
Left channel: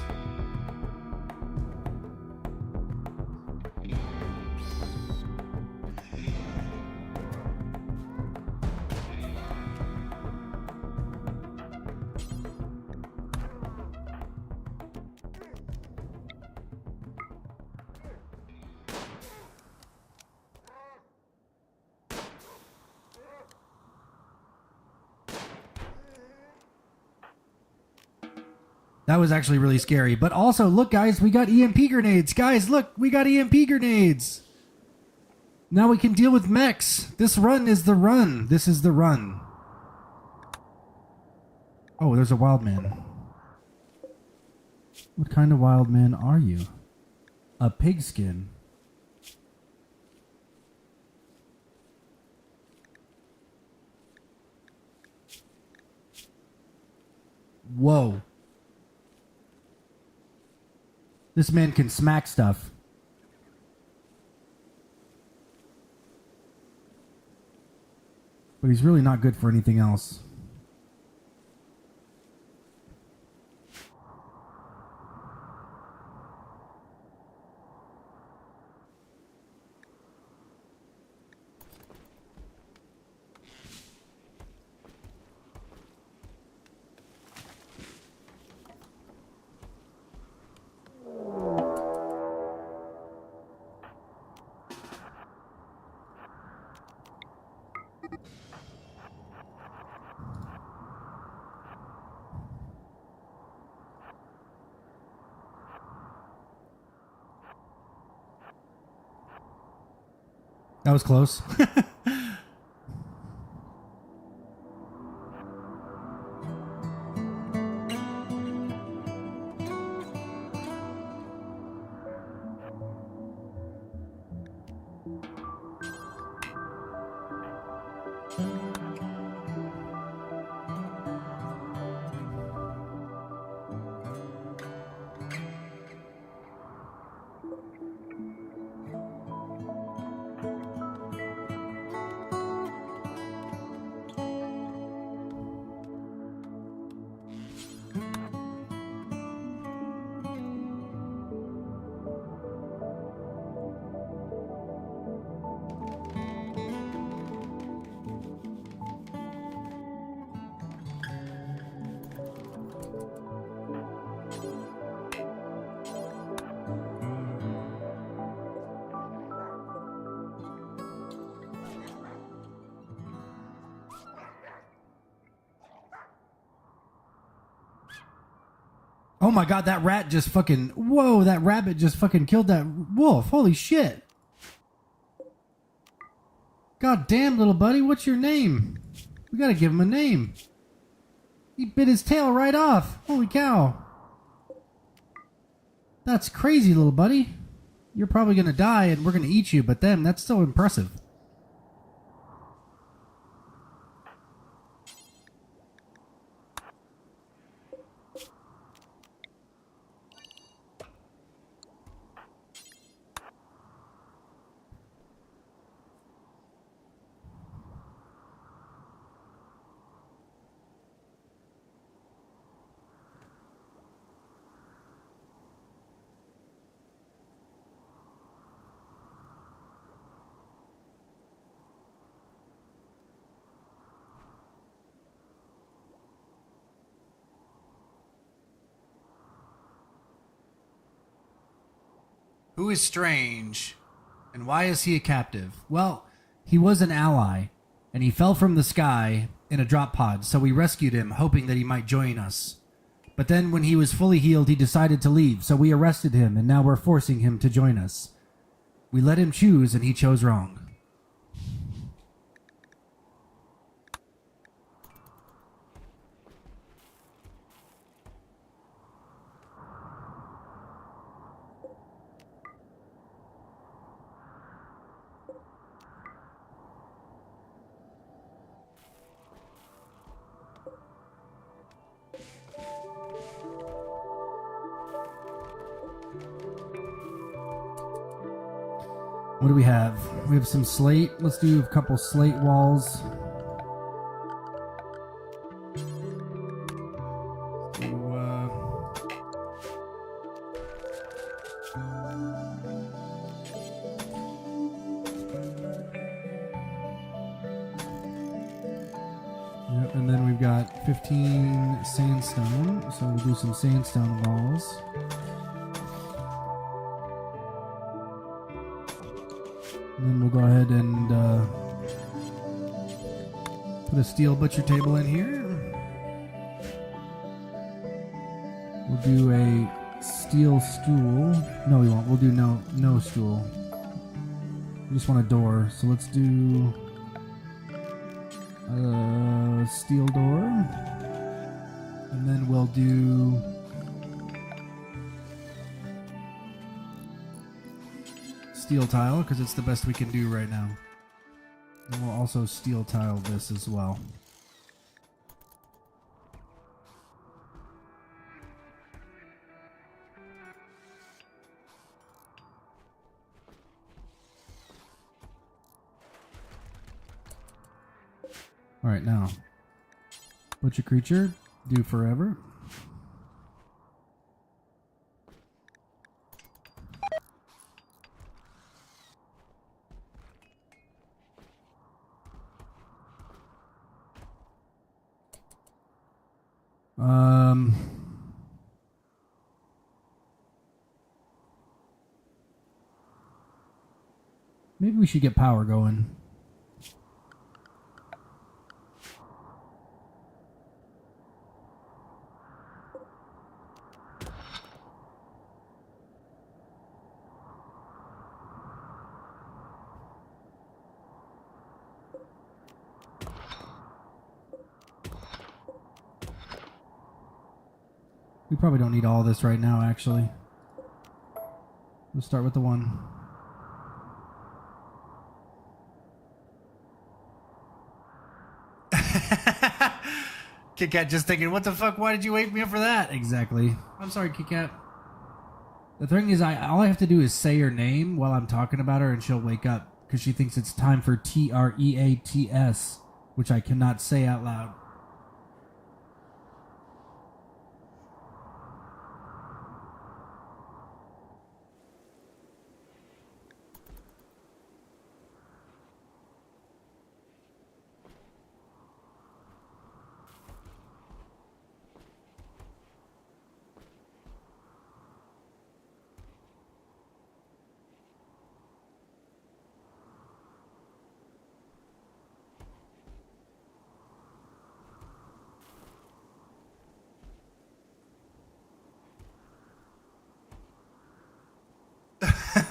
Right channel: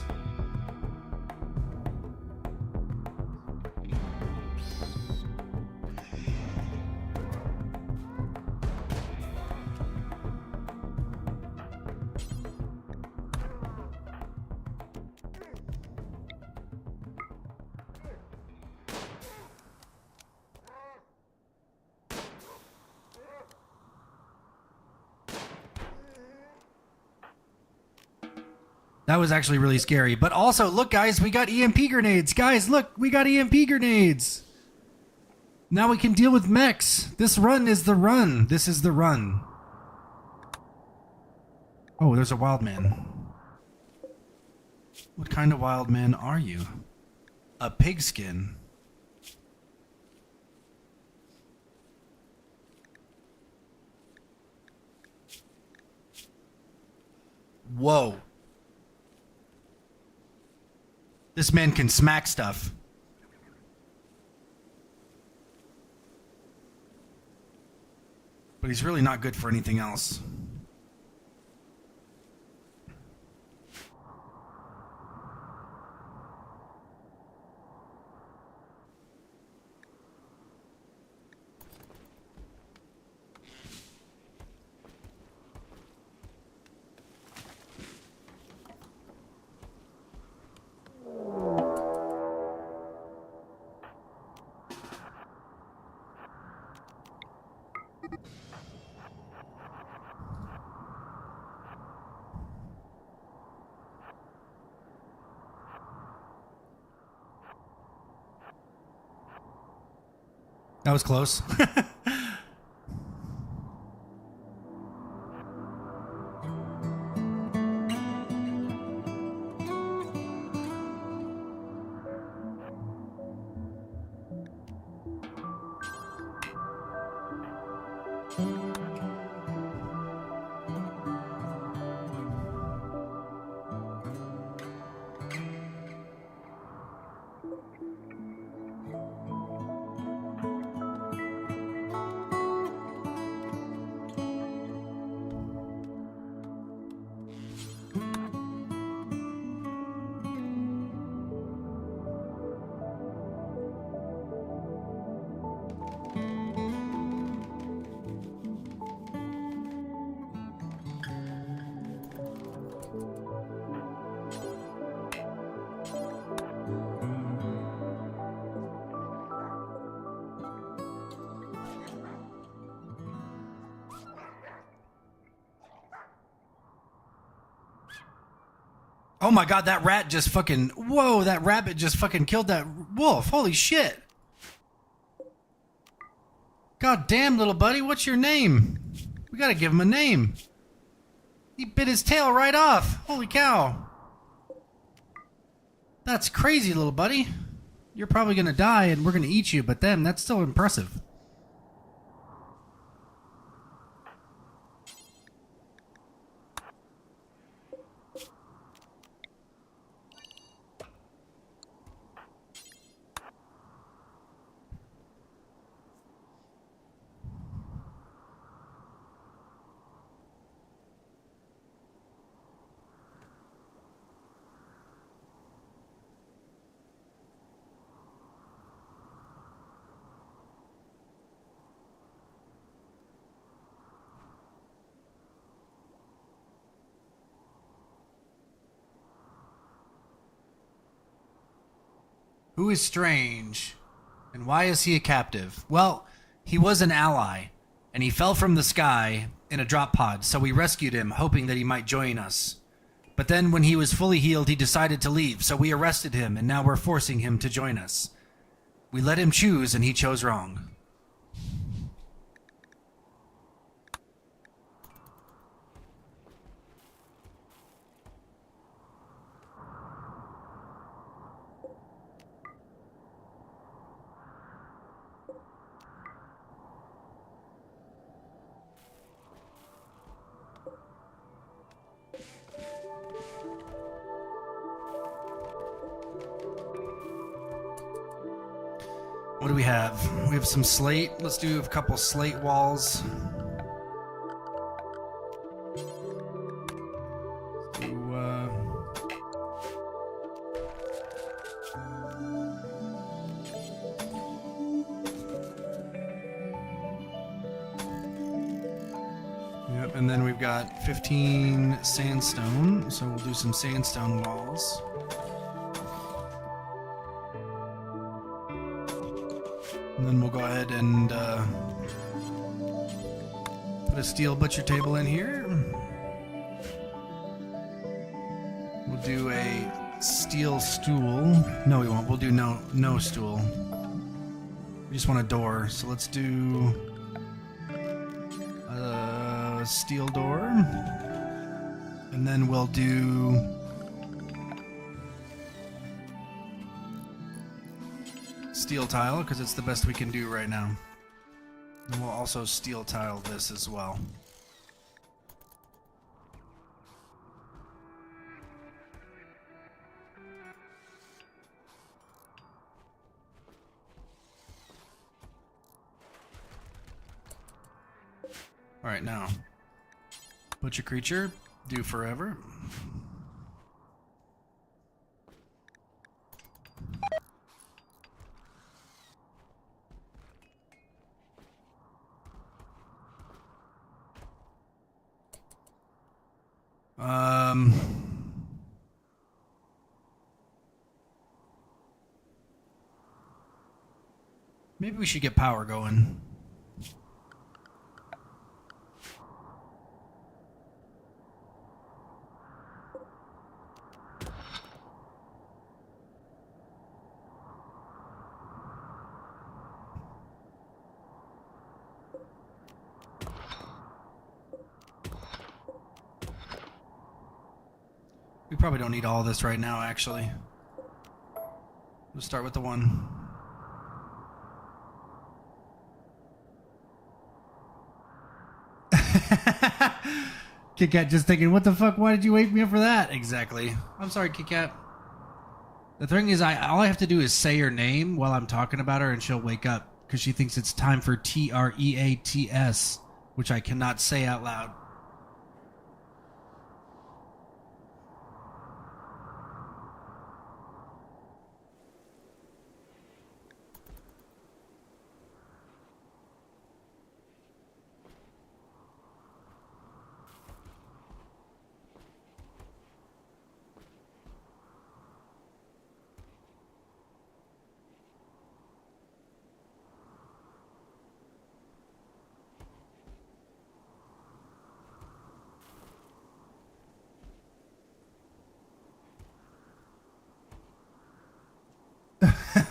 That was actually really scary. But also, look, guys, we got EMP grenades. Guys, look, we got EMP grenades. Now we can deal with mechs. This run is the run. This is the run. Oh, there's a wild man. What kind of wild man are you? A pigskin. Whoa. This man can smack stuff. But he's really not good for anything else. That was close. Oh my god, that rat just fucking... Whoa, that rabbit just fucking killed that wolf. Holy shit. God damn, little buddy, what's your name? We gotta give him a name. He bit his tail right off. Holy cow. That's crazy, little buddy. You're probably gonna die and we're gonna eat you, but then that's still impressive. Who is Strange? And why is he a captive? Well, he was an ally, and he fell from the sky in a drop pod, so we rescued him, hoping that he might join us. But then when he was fully healed, he decided to leave, so we arrested him, and now we're forcing him to join us. We let him choose, and he chose wrong. What do we have? We have some slate. Let's do a couple slate walls. Yep, and then we've got 15 sandstone, so we'll do some sandstone walls. Then we'll go ahead and put a steel butcher table in here. We'll do a steel stool. No, we won't. We'll do no stool. We just want a door. So let's do a steel door. And then we'll do steel tile, because it's the best we can do right now. And we'll also steel tile this as well. All right, now butcher creature, do forever. Maybe we should get power going. We probably don't need all this right now, actually. We'll start with the one. Kit Kat just thinking, what the fuck? Why did you wake me up for that? Exactly. I'm sorry, Kit Kat. The thing is, all I have to do is say her name while I'm talking about her, and she'll wake up because she thinks it's time for TREATS, which I cannot say out loud.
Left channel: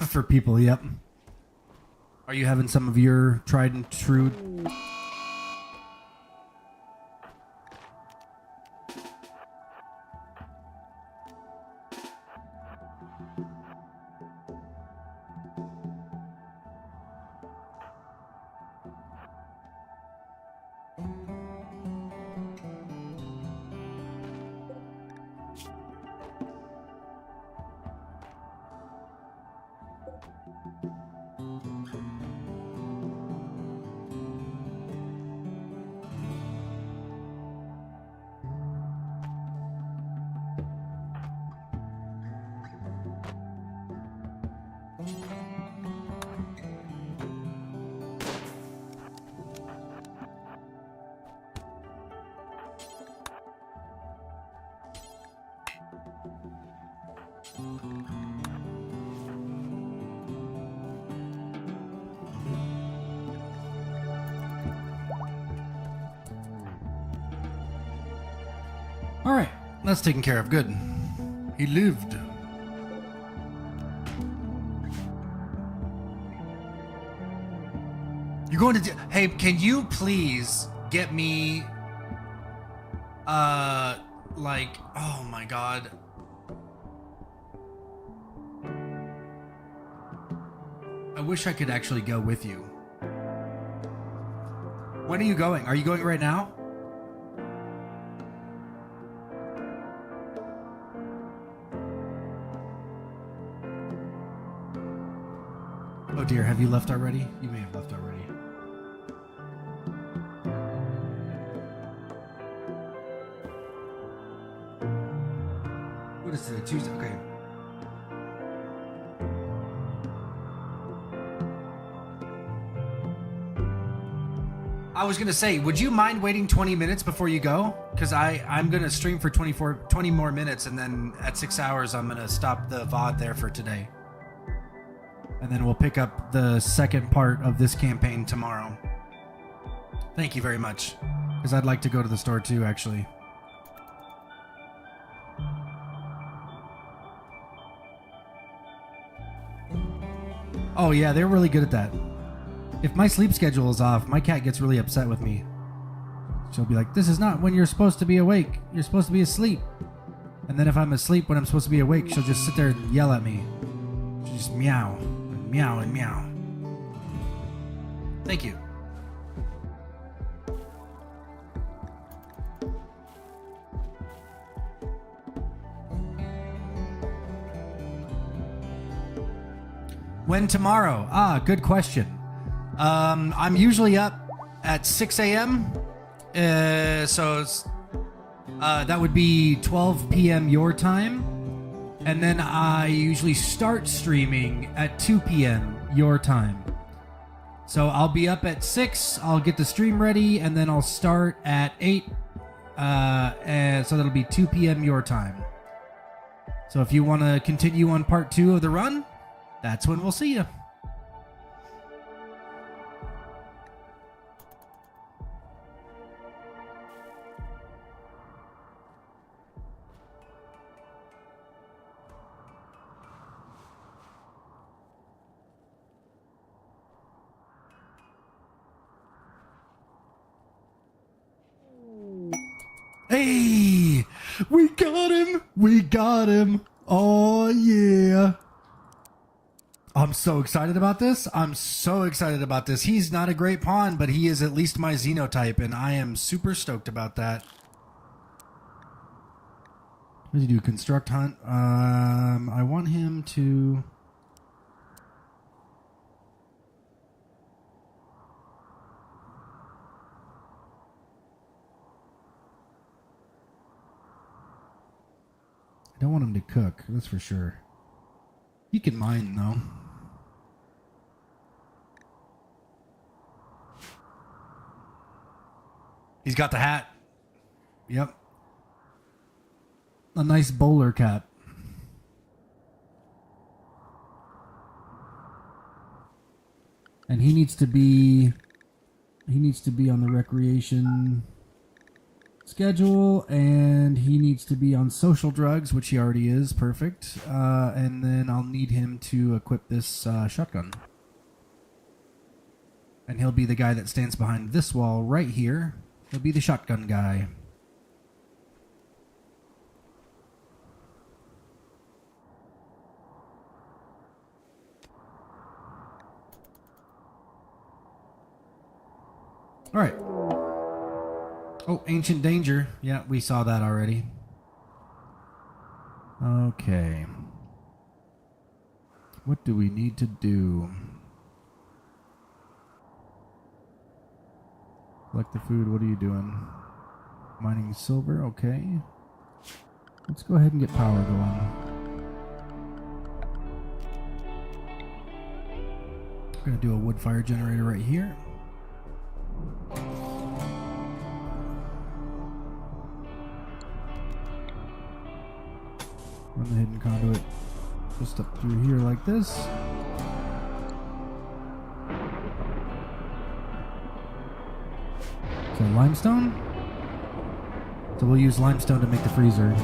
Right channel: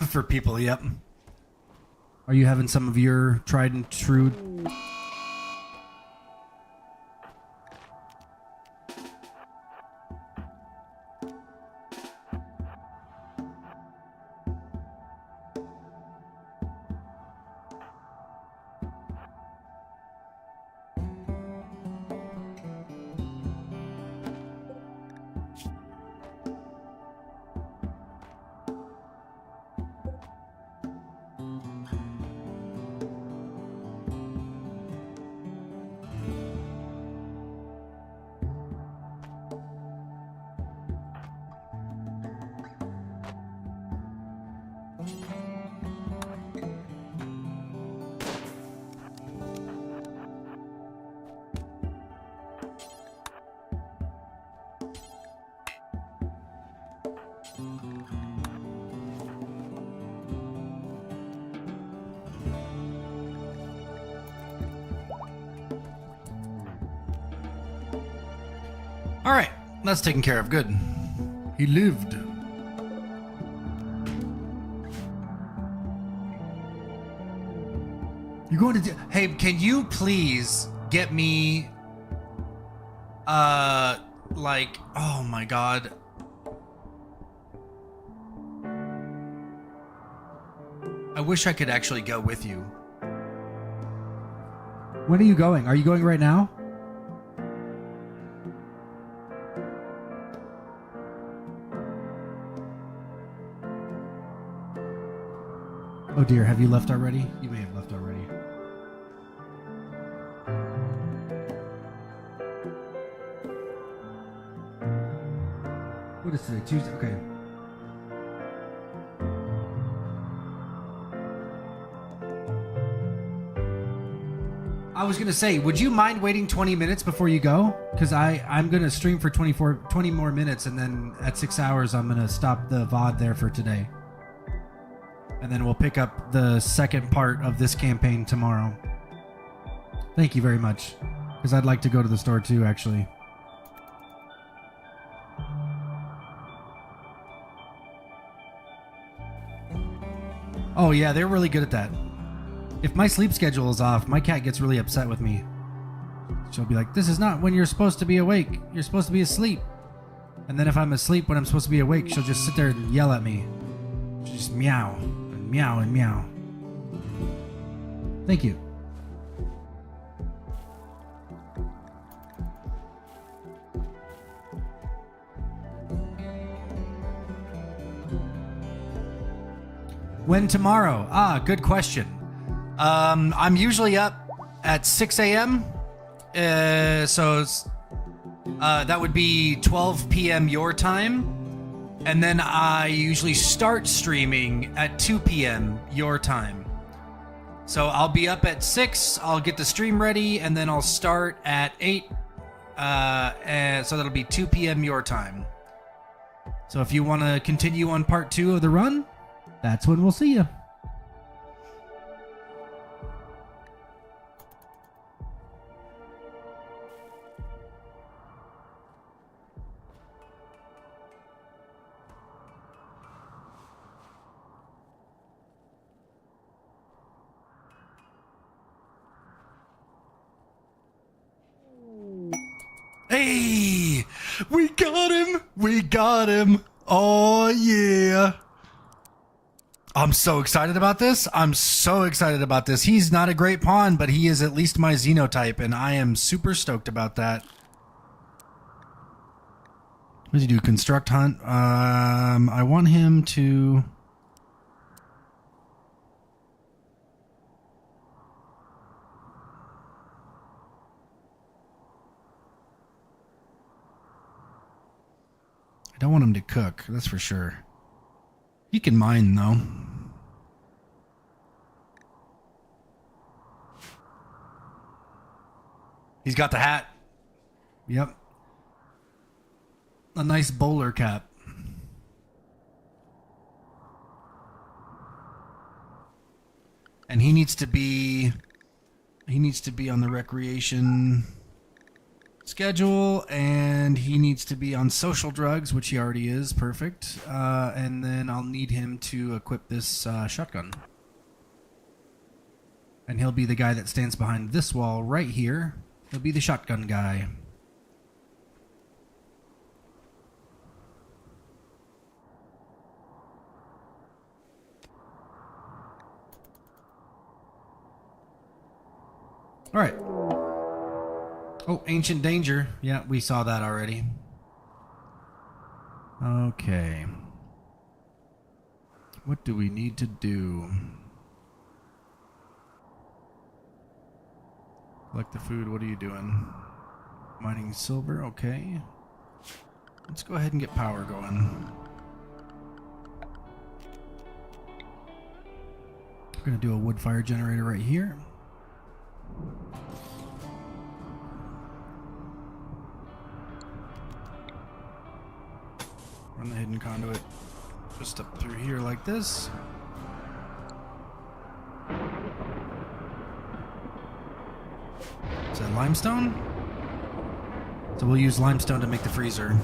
For people, yep. Are you having some of your tried and true? All right, that's taken care of. Good. He lived. You're going to do... Hey, can you please get me... like... Oh, my God. I wish I could actually go with you. When are you going? Are you going right now? Oh dear, have you left already? You may have left already. What is today? Tuesday? Okay. I was gonna say, would you mind waiting 20 minutes before you go? Because I'm gonna stream for 20 more minutes, and then at 6 hours I'm gonna stop the VOD there for today. And then we'll pick up the second part of this campaign tomorrow. Thank you very much. Because I'd like to go to the store too, actually. Oh yeah, they're really good at that. If my sleep schedule is off, my cat gets really upset with me. She'll be like, this is not when you're supposed to be awake. You're supposed to be asleep. And then if I'm asleep when I'm supposed to be awake, she'll just sit there and yell at me. She'll just meow and meow and meow. Thank you. When tomorrow? Ah, good question. I'm usually up at 6 a.m. So it's, that would be 12 p.m. your time. And then I usually start streaming at 2 p.m. your time. So I'll be up at 6, I'll get the stream ready, and then I'll start at 8. And so that'll be 2 p.m. your time. So if you want to continue on part 2 of the run, that's when we'll see you. Hey, we got him. We got him. Oh, yeah. I'm so excited about this. I'm so excited about this. He's not a great pawn, but he is at least my Xenotype, and I am super stoked about that. What does he do? Construct hunt? I want him to... I don't want him to cook, that's for sure. He can mine, though. He's got the hat. Yep. A nice bowler cap. And he needs to be on the recreation schedule, and he needs to be on social drugs, which he already is. Perfect. And then I'll need him to equip this shotgun. And he'll be the guy that stands behind this wall right here. He'll be the shotgun guy. All right. Oh, Ancient Danger. Yeah, we saw that already. Okay. What do we need to do? Collect the food. What are you doing? Mining silver. Okay. Let's go ahead and get power going. We're going to do a wood fire generator right here. Run the hidden conduit just up through here like this. Is that limestone? Is So we'll use limestone to make the freezer.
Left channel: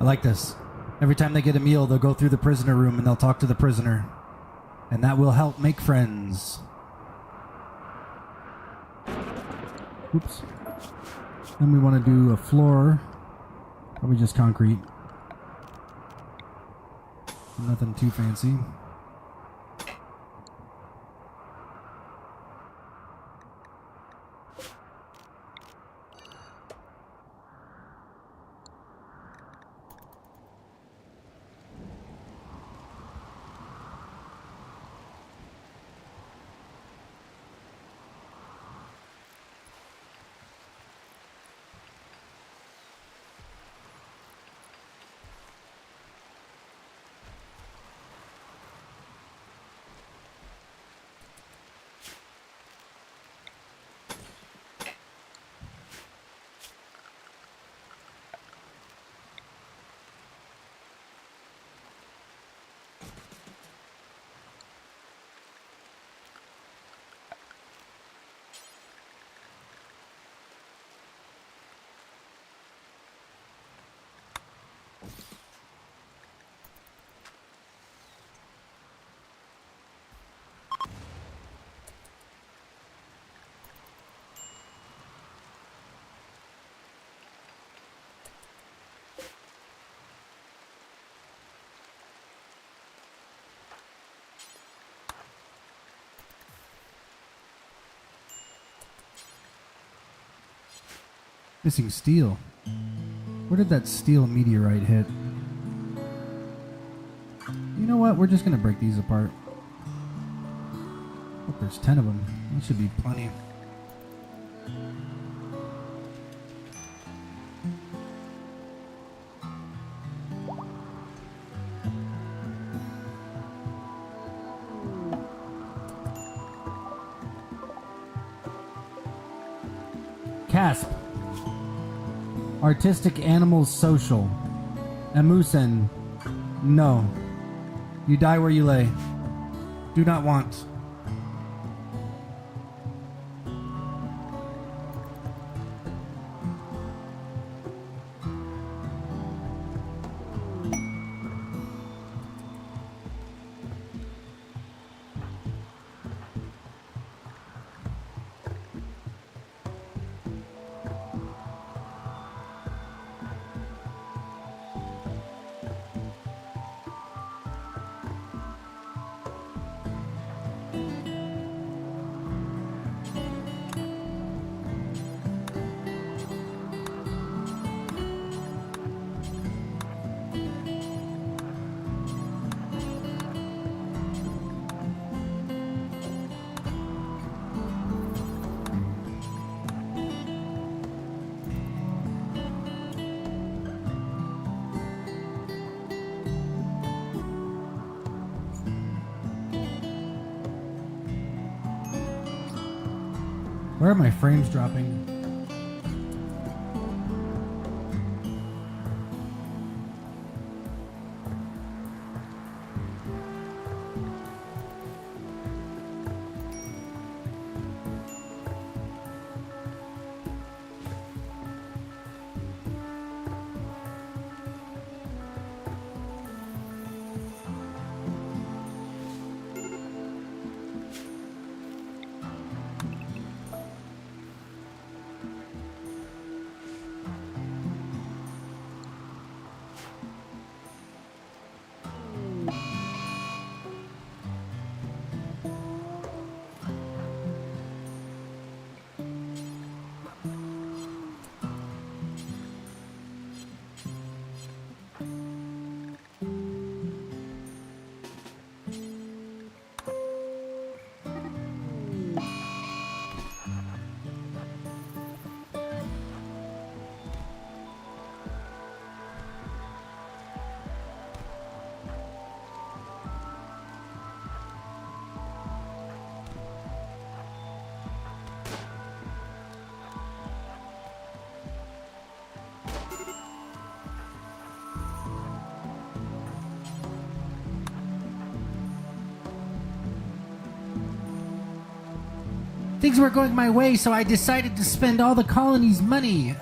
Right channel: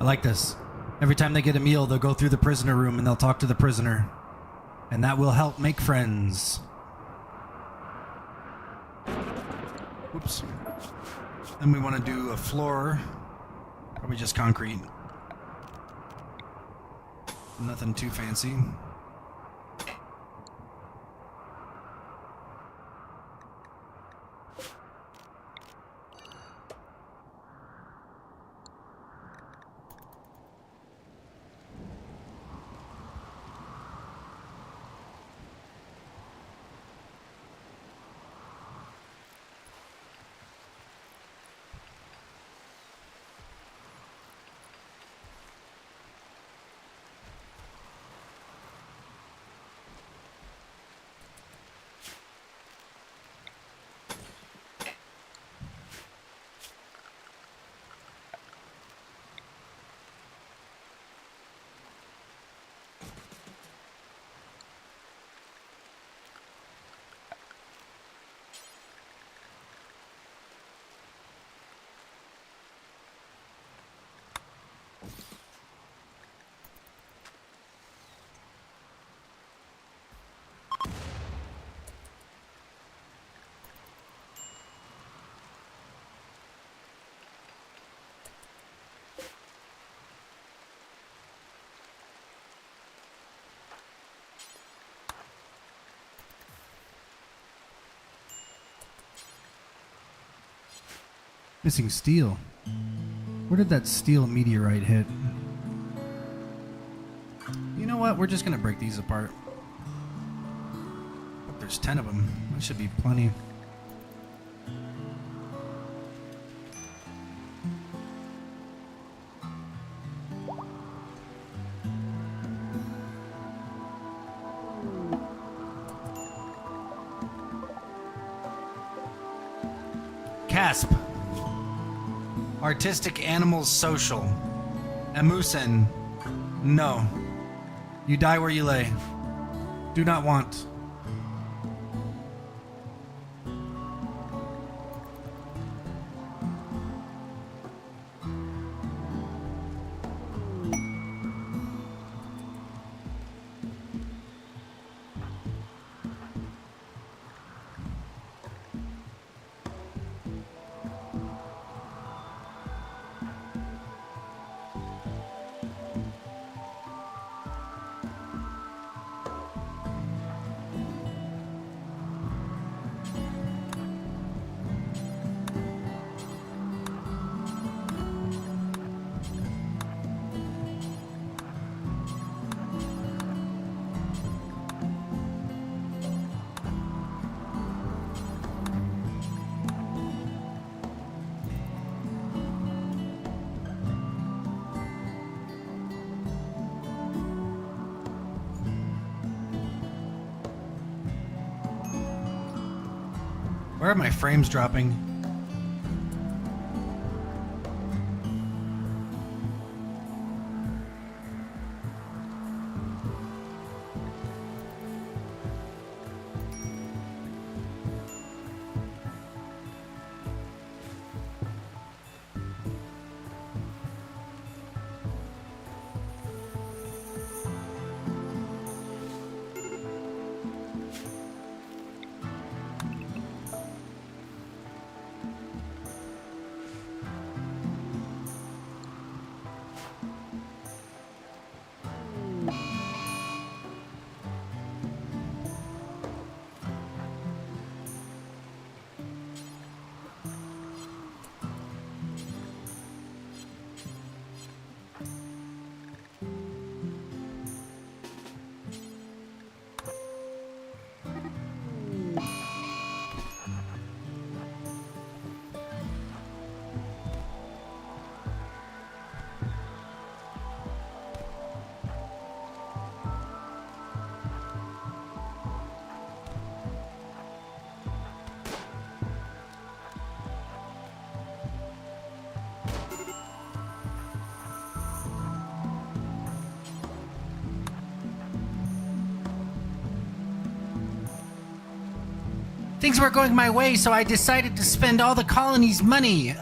I like this. Every time they get a meal, they'll go through the prisoner room and they'll talk to the prisoner. And that will help make friends. Oops. Then we want to do a floor. Probably just concrete. Nothing too fancy. Missing steel. Where did that steel meteorite hit? You know what? We're just gonna break these apart. Oh, there's 10 of them. That should be plenty. Casp. Artistic animals social. Amusen. No. You die where you lay. Do not want. Where are my frames dropping? Things weren't going my way, so I decided to spend all the colony's money.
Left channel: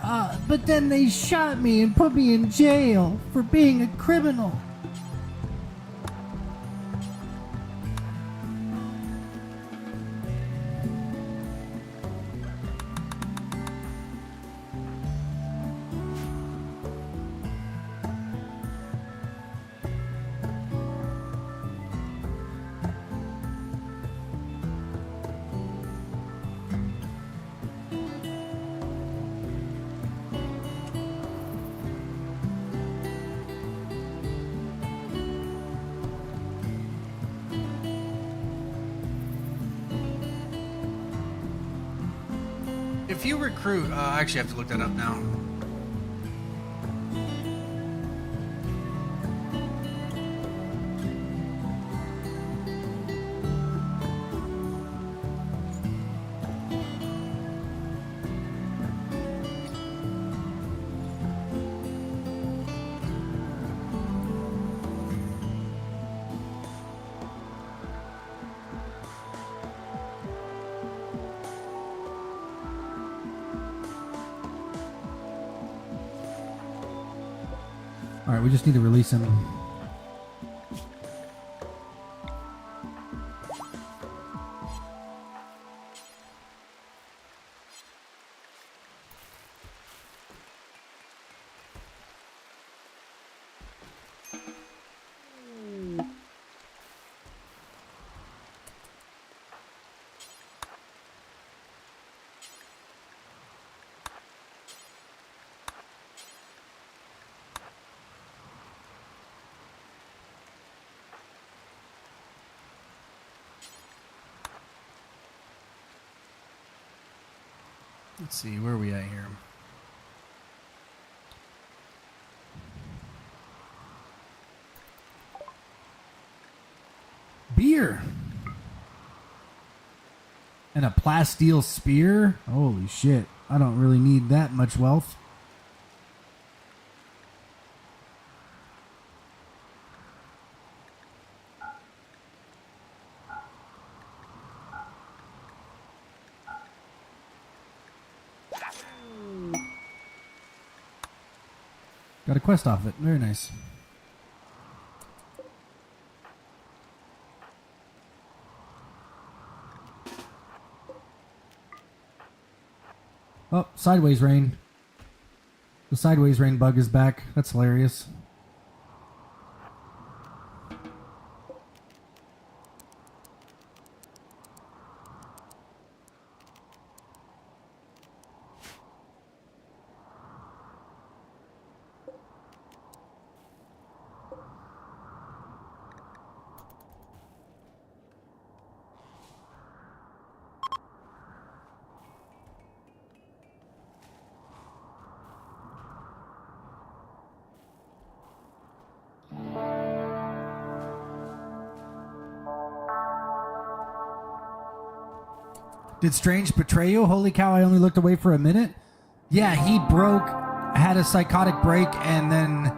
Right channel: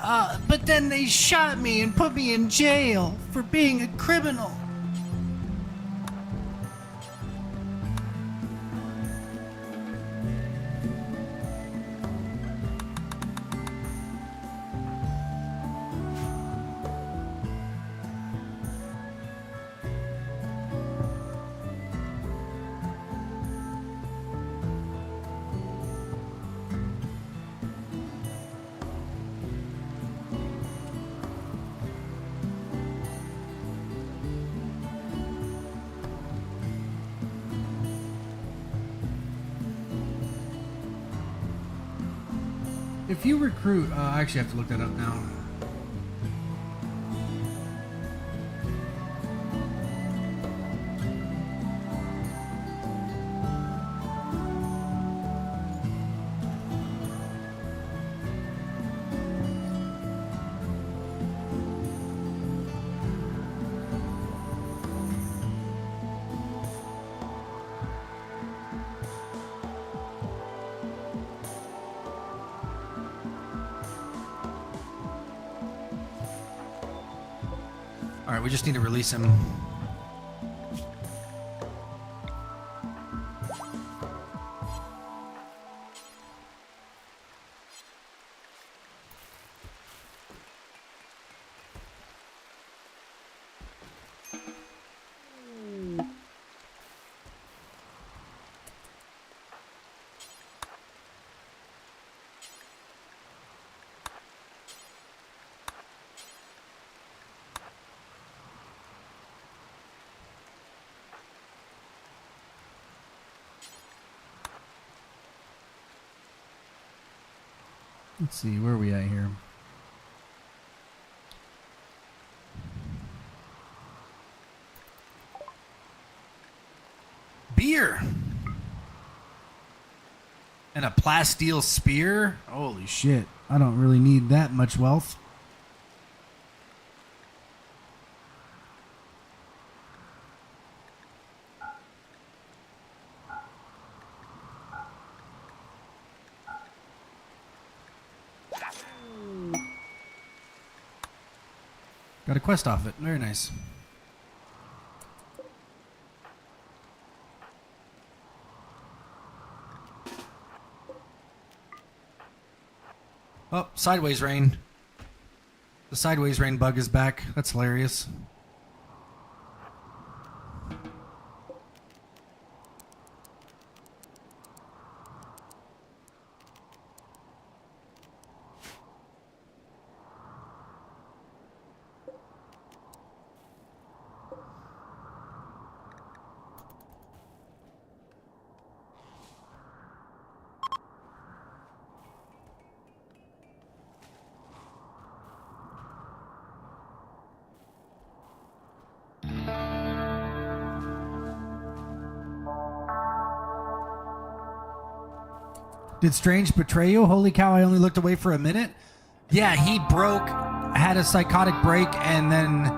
But then they shot me and put me in jail for being a criminal. If you recruit, I actually have to look that up now. All right, we just need to release him. Let's see, where are we at here? Beer! And a plasteel spear? Holy shit. I don't really need that much wealth. Got a quest off it. Very nice. Oh, sideways rain. The sideways rain bug is back. That's hilarious. Did Strange betray you? Holy cow, I only looked away for a minute. Yeah, he had a psychotic break, and then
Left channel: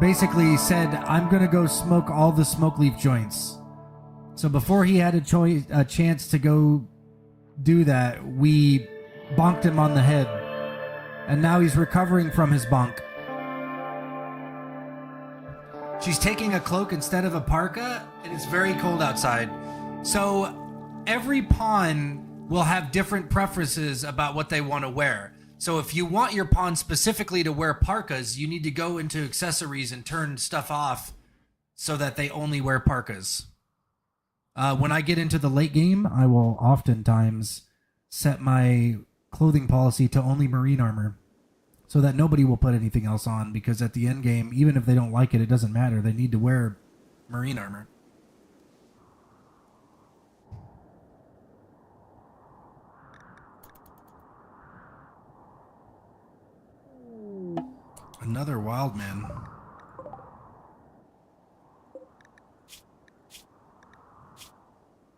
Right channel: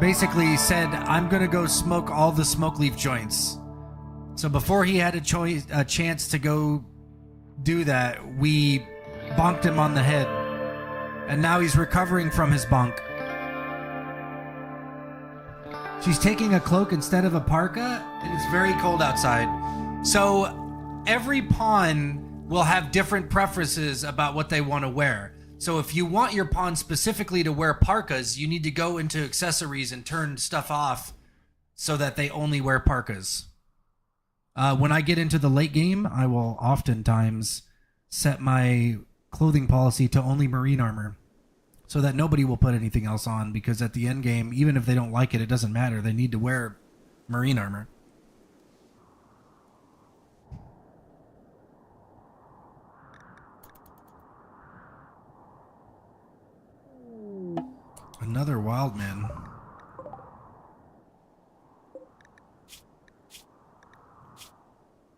basically said, I'm going to go smoke all the smoke leaf joints. So before he had a chance to go do that, we bonked him on the head. And now he's recovering from his bonk. She's taking a cloak instead of a parka, and it's very cold outside. So every pawn will have different preferences about what they want to wear. So if you want your pawn specifically to wear parkas, you need to go into accessories and turn stuff off so that they only wear parkas. When I get into the late game, I will oftentimes set my clothing policy to only marine armor so that nobody will put anything else on, because at the end game, even if they don't like it, it doesn't matter. They need to wear marine armor. Another wild man.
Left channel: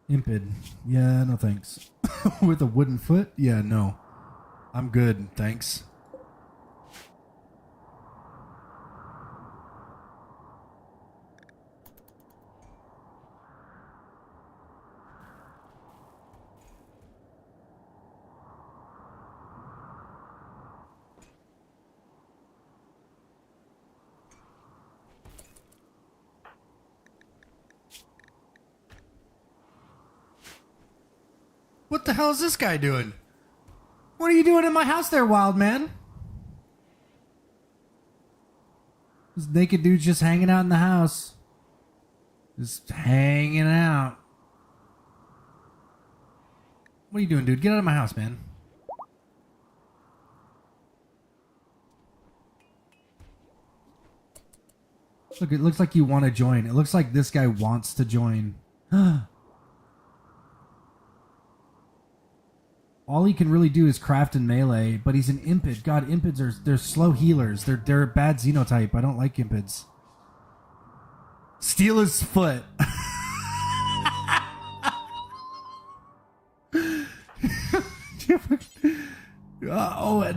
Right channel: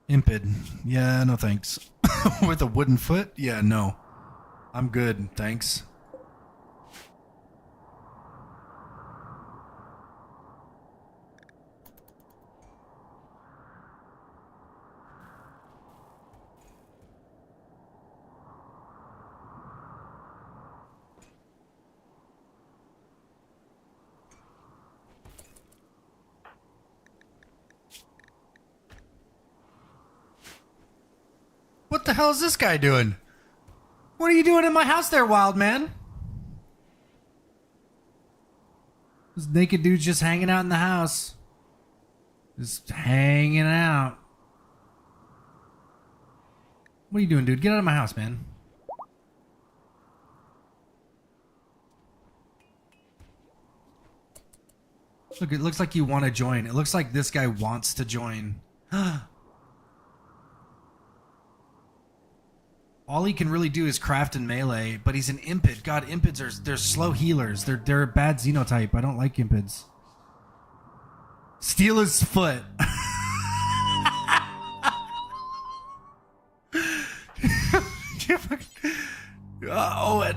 Impid. Yeah, no thanks. With a wooden foot? Yeah, no. I'm good, thanks. What the hell is this guy doing? What are you doing in my house there, wild man? This naked dude's just hanging out in the house. Just hanging out. What are you doing, dude? Get out of my house, man. Look, it looks like you want to join. It looks like this guy wants to join. All he can really do is craft and melee, but he's an impid. God, impids they're slow healers. They're a bad xenotype. I don't like impids. Steal his foot. Oh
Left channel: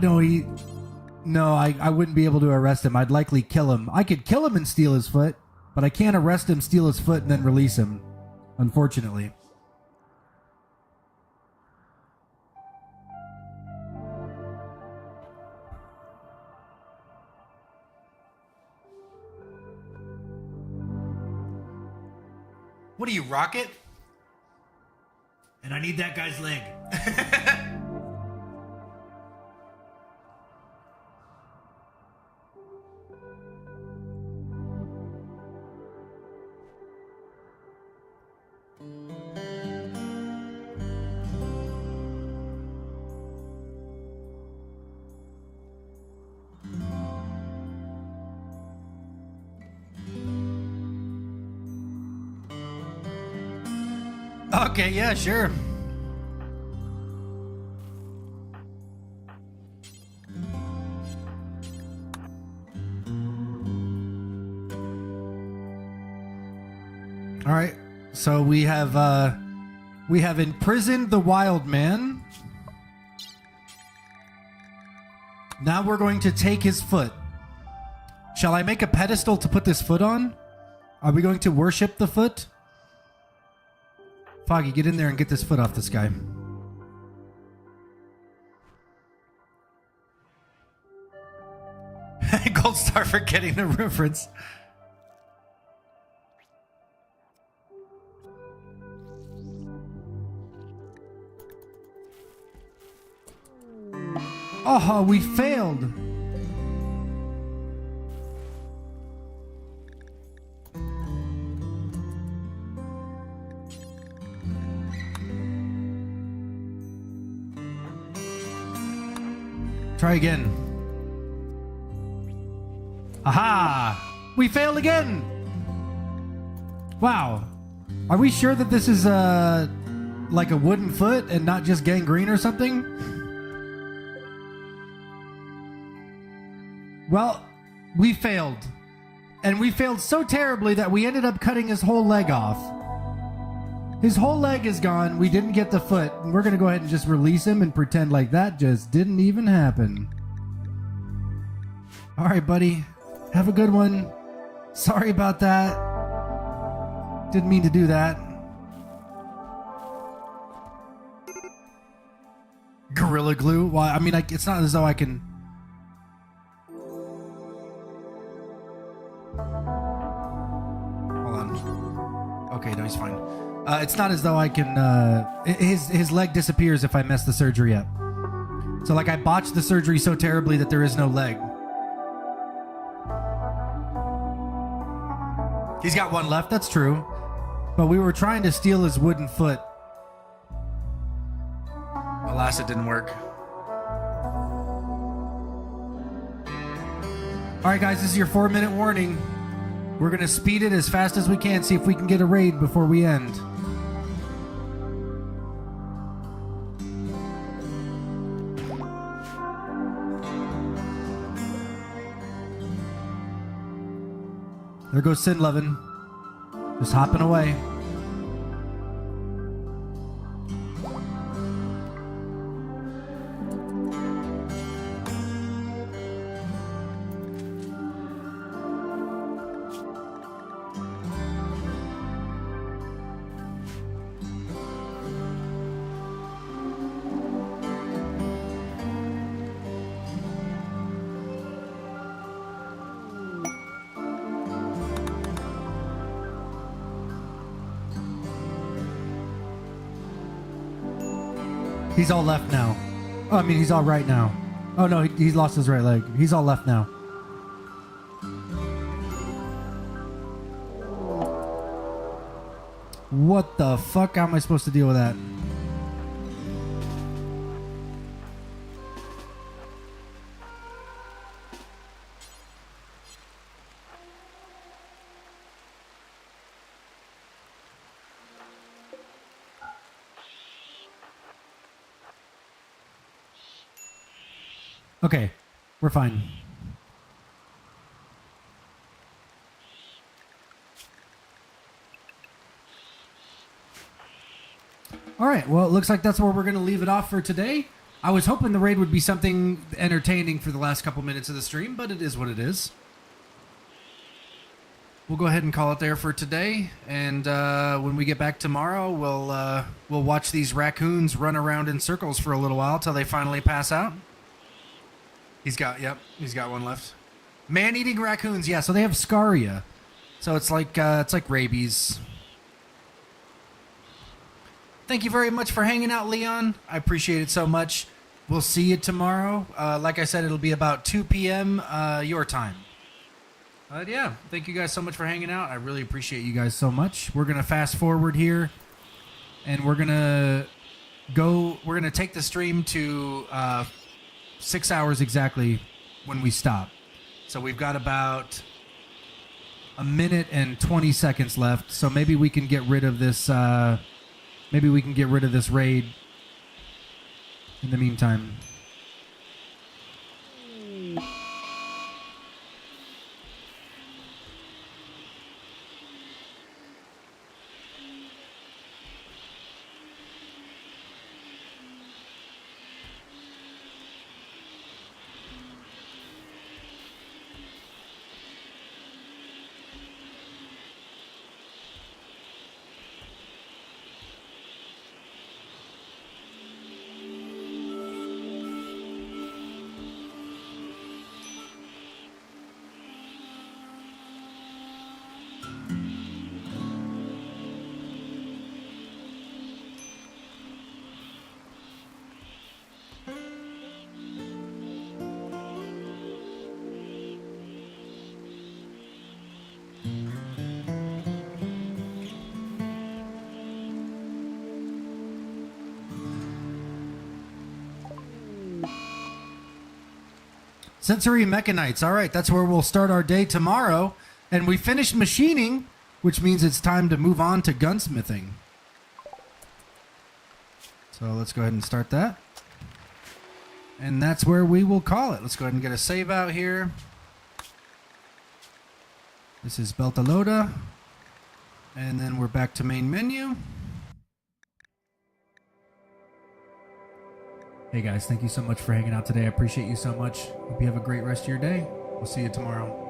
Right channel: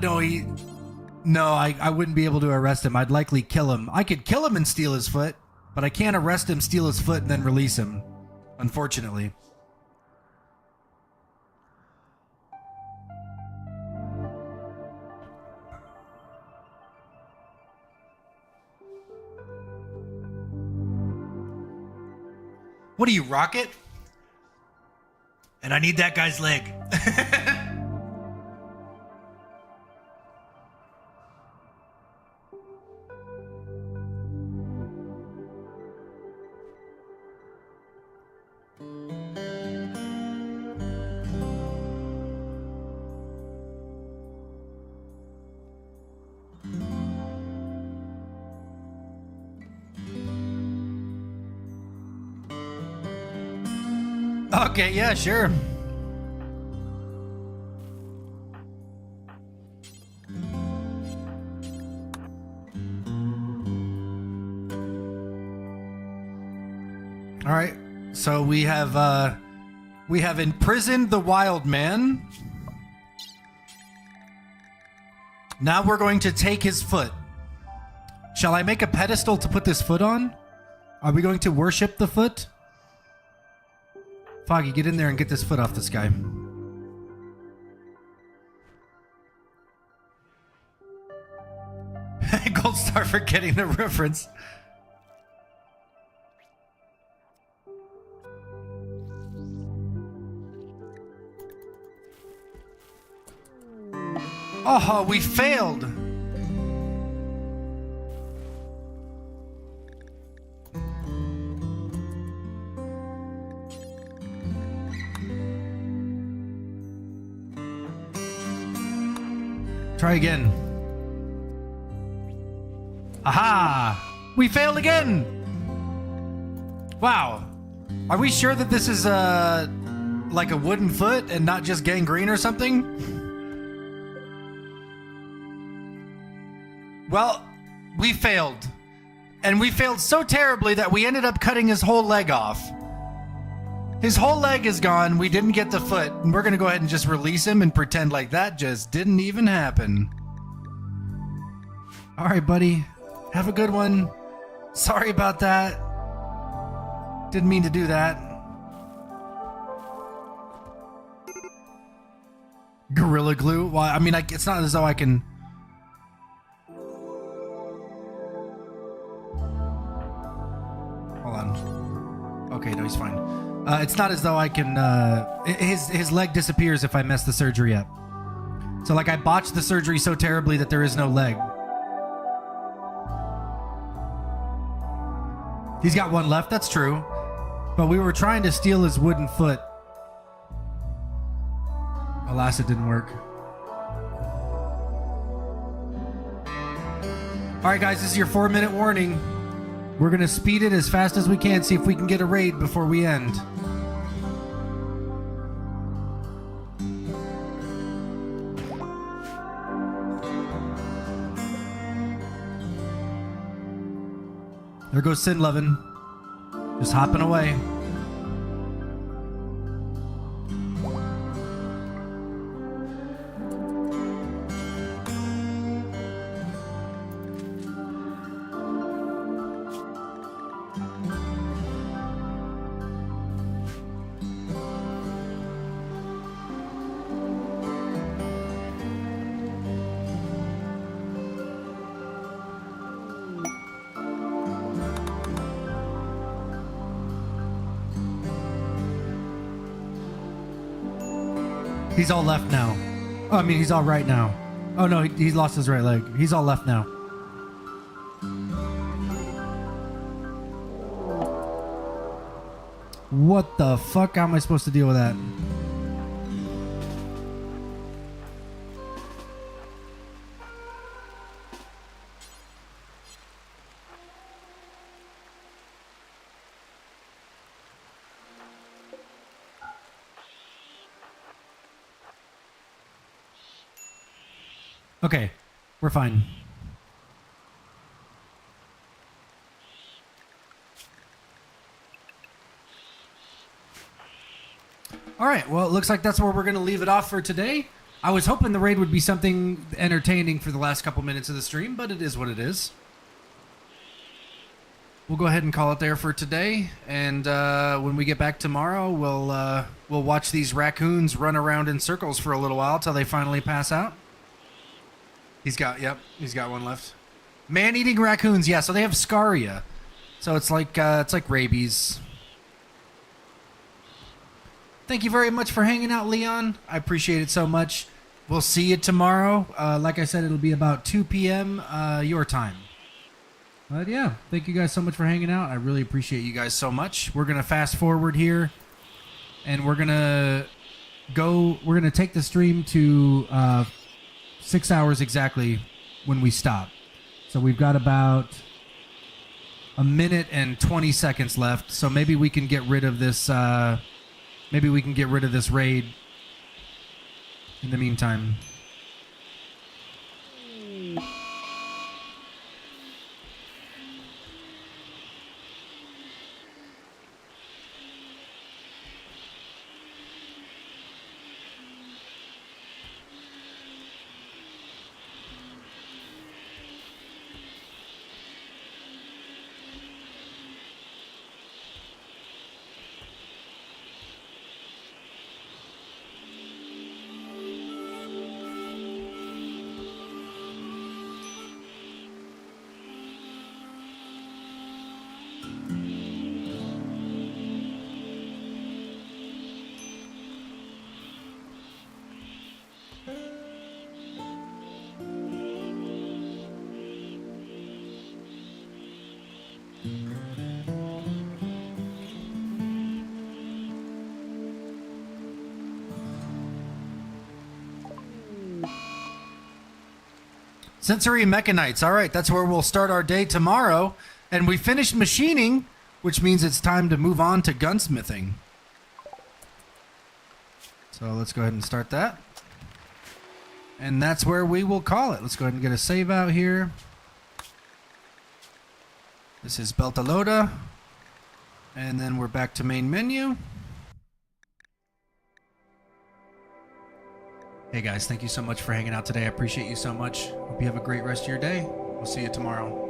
no, I wouldn't be able to arrest him. I'd likely kill him. I could kill him and steal his foot, but I can't arrest him, steal his foot, and then release him. Unfortunately. What are you, Rocket? And I need that guy's leg. Okay, yeah, sure. All right. So we have imprisoned the wild man. Now we're going to take his foot. Shall I make a pedestal to put this foot on? Are we going to worship the foot? Foggy, get in there and get this foot off this guy. Gold star for getting the reference. Oh, we failed. Try again. Aha! We failed again! Wow. Are we sure that this is like a wooden foot and not just gangrene or something? Well, we failed. And we failed so terribly that we ended up cutting his whole leg off. His whole leg is gone. We didn't get the foot. And we're going to go ahead and just release him and pretend like that just didn't even happen. All right, buddy. Have a good one. Sorry about that. Didn't mean to do that. Gorilla glue? Well, I mean, it's not as though I can... Hold on. Okay, no, he's fine. It's not as though I can... His leg disappears if I mess the surgery up. So, like, I botched the surgery so terribly that there is no leg. He's got one left, that's true. But we were trying to steal his wooden foot. Alas, it didn't work. Alright guys, this is your 4-minute warning. We're going to speed it as fast as we can, see if we can get a raid before we end. There goes Sin Lovin'. Just hopping away. He's all left now. Oh, I mean, he's all right now. Oh, no, he lost his right leg. He's all left now. What the fuck? How am I supposed to deal with that? Okay, we're fine. All right, well, it looks like that's where we're going to leave it off for today. I was hoping the raid would be something entertaining for the last couple minutes of the stream, but it is what it is. We'll go ahead and call it there for today, and when we get back tomorrow, we'll watch these raccoons run around in circles for a little while till they finally pass out. He's got one left. Man-eating raccoons, yeah. So they have scaria, so it's like rabies. Thank you very much for hanging out, Leon. I appreciate it so much. We'll see you tomorrow. Like I said, it'll be about 2 p.m. Your time. But yeah, thank you guys so much for hanging out. I really appreciate you guys so much. We're gonna fast forward here, and we're gonna take the stream to 6 hours exactly when we stop. So we've got about a minute and 20 seconds left. So maybe we can get rid of this. Maybe we can get rid of this raid in the meantime. Sensory Mechanites. All right, that's where we'll start our day tomorrow. And we finished machining, which means it's time to move on to gunsmithing. So let's go ahead and start that. And that's where we will call it. Let's go ahead and get a save out here. This is Beltalowda. And then we're back to main menu. Hey guys, thank you so much for hanging out today. I appreciate you so much. Hope you have a great rest of your day. We'll see you tomorrow.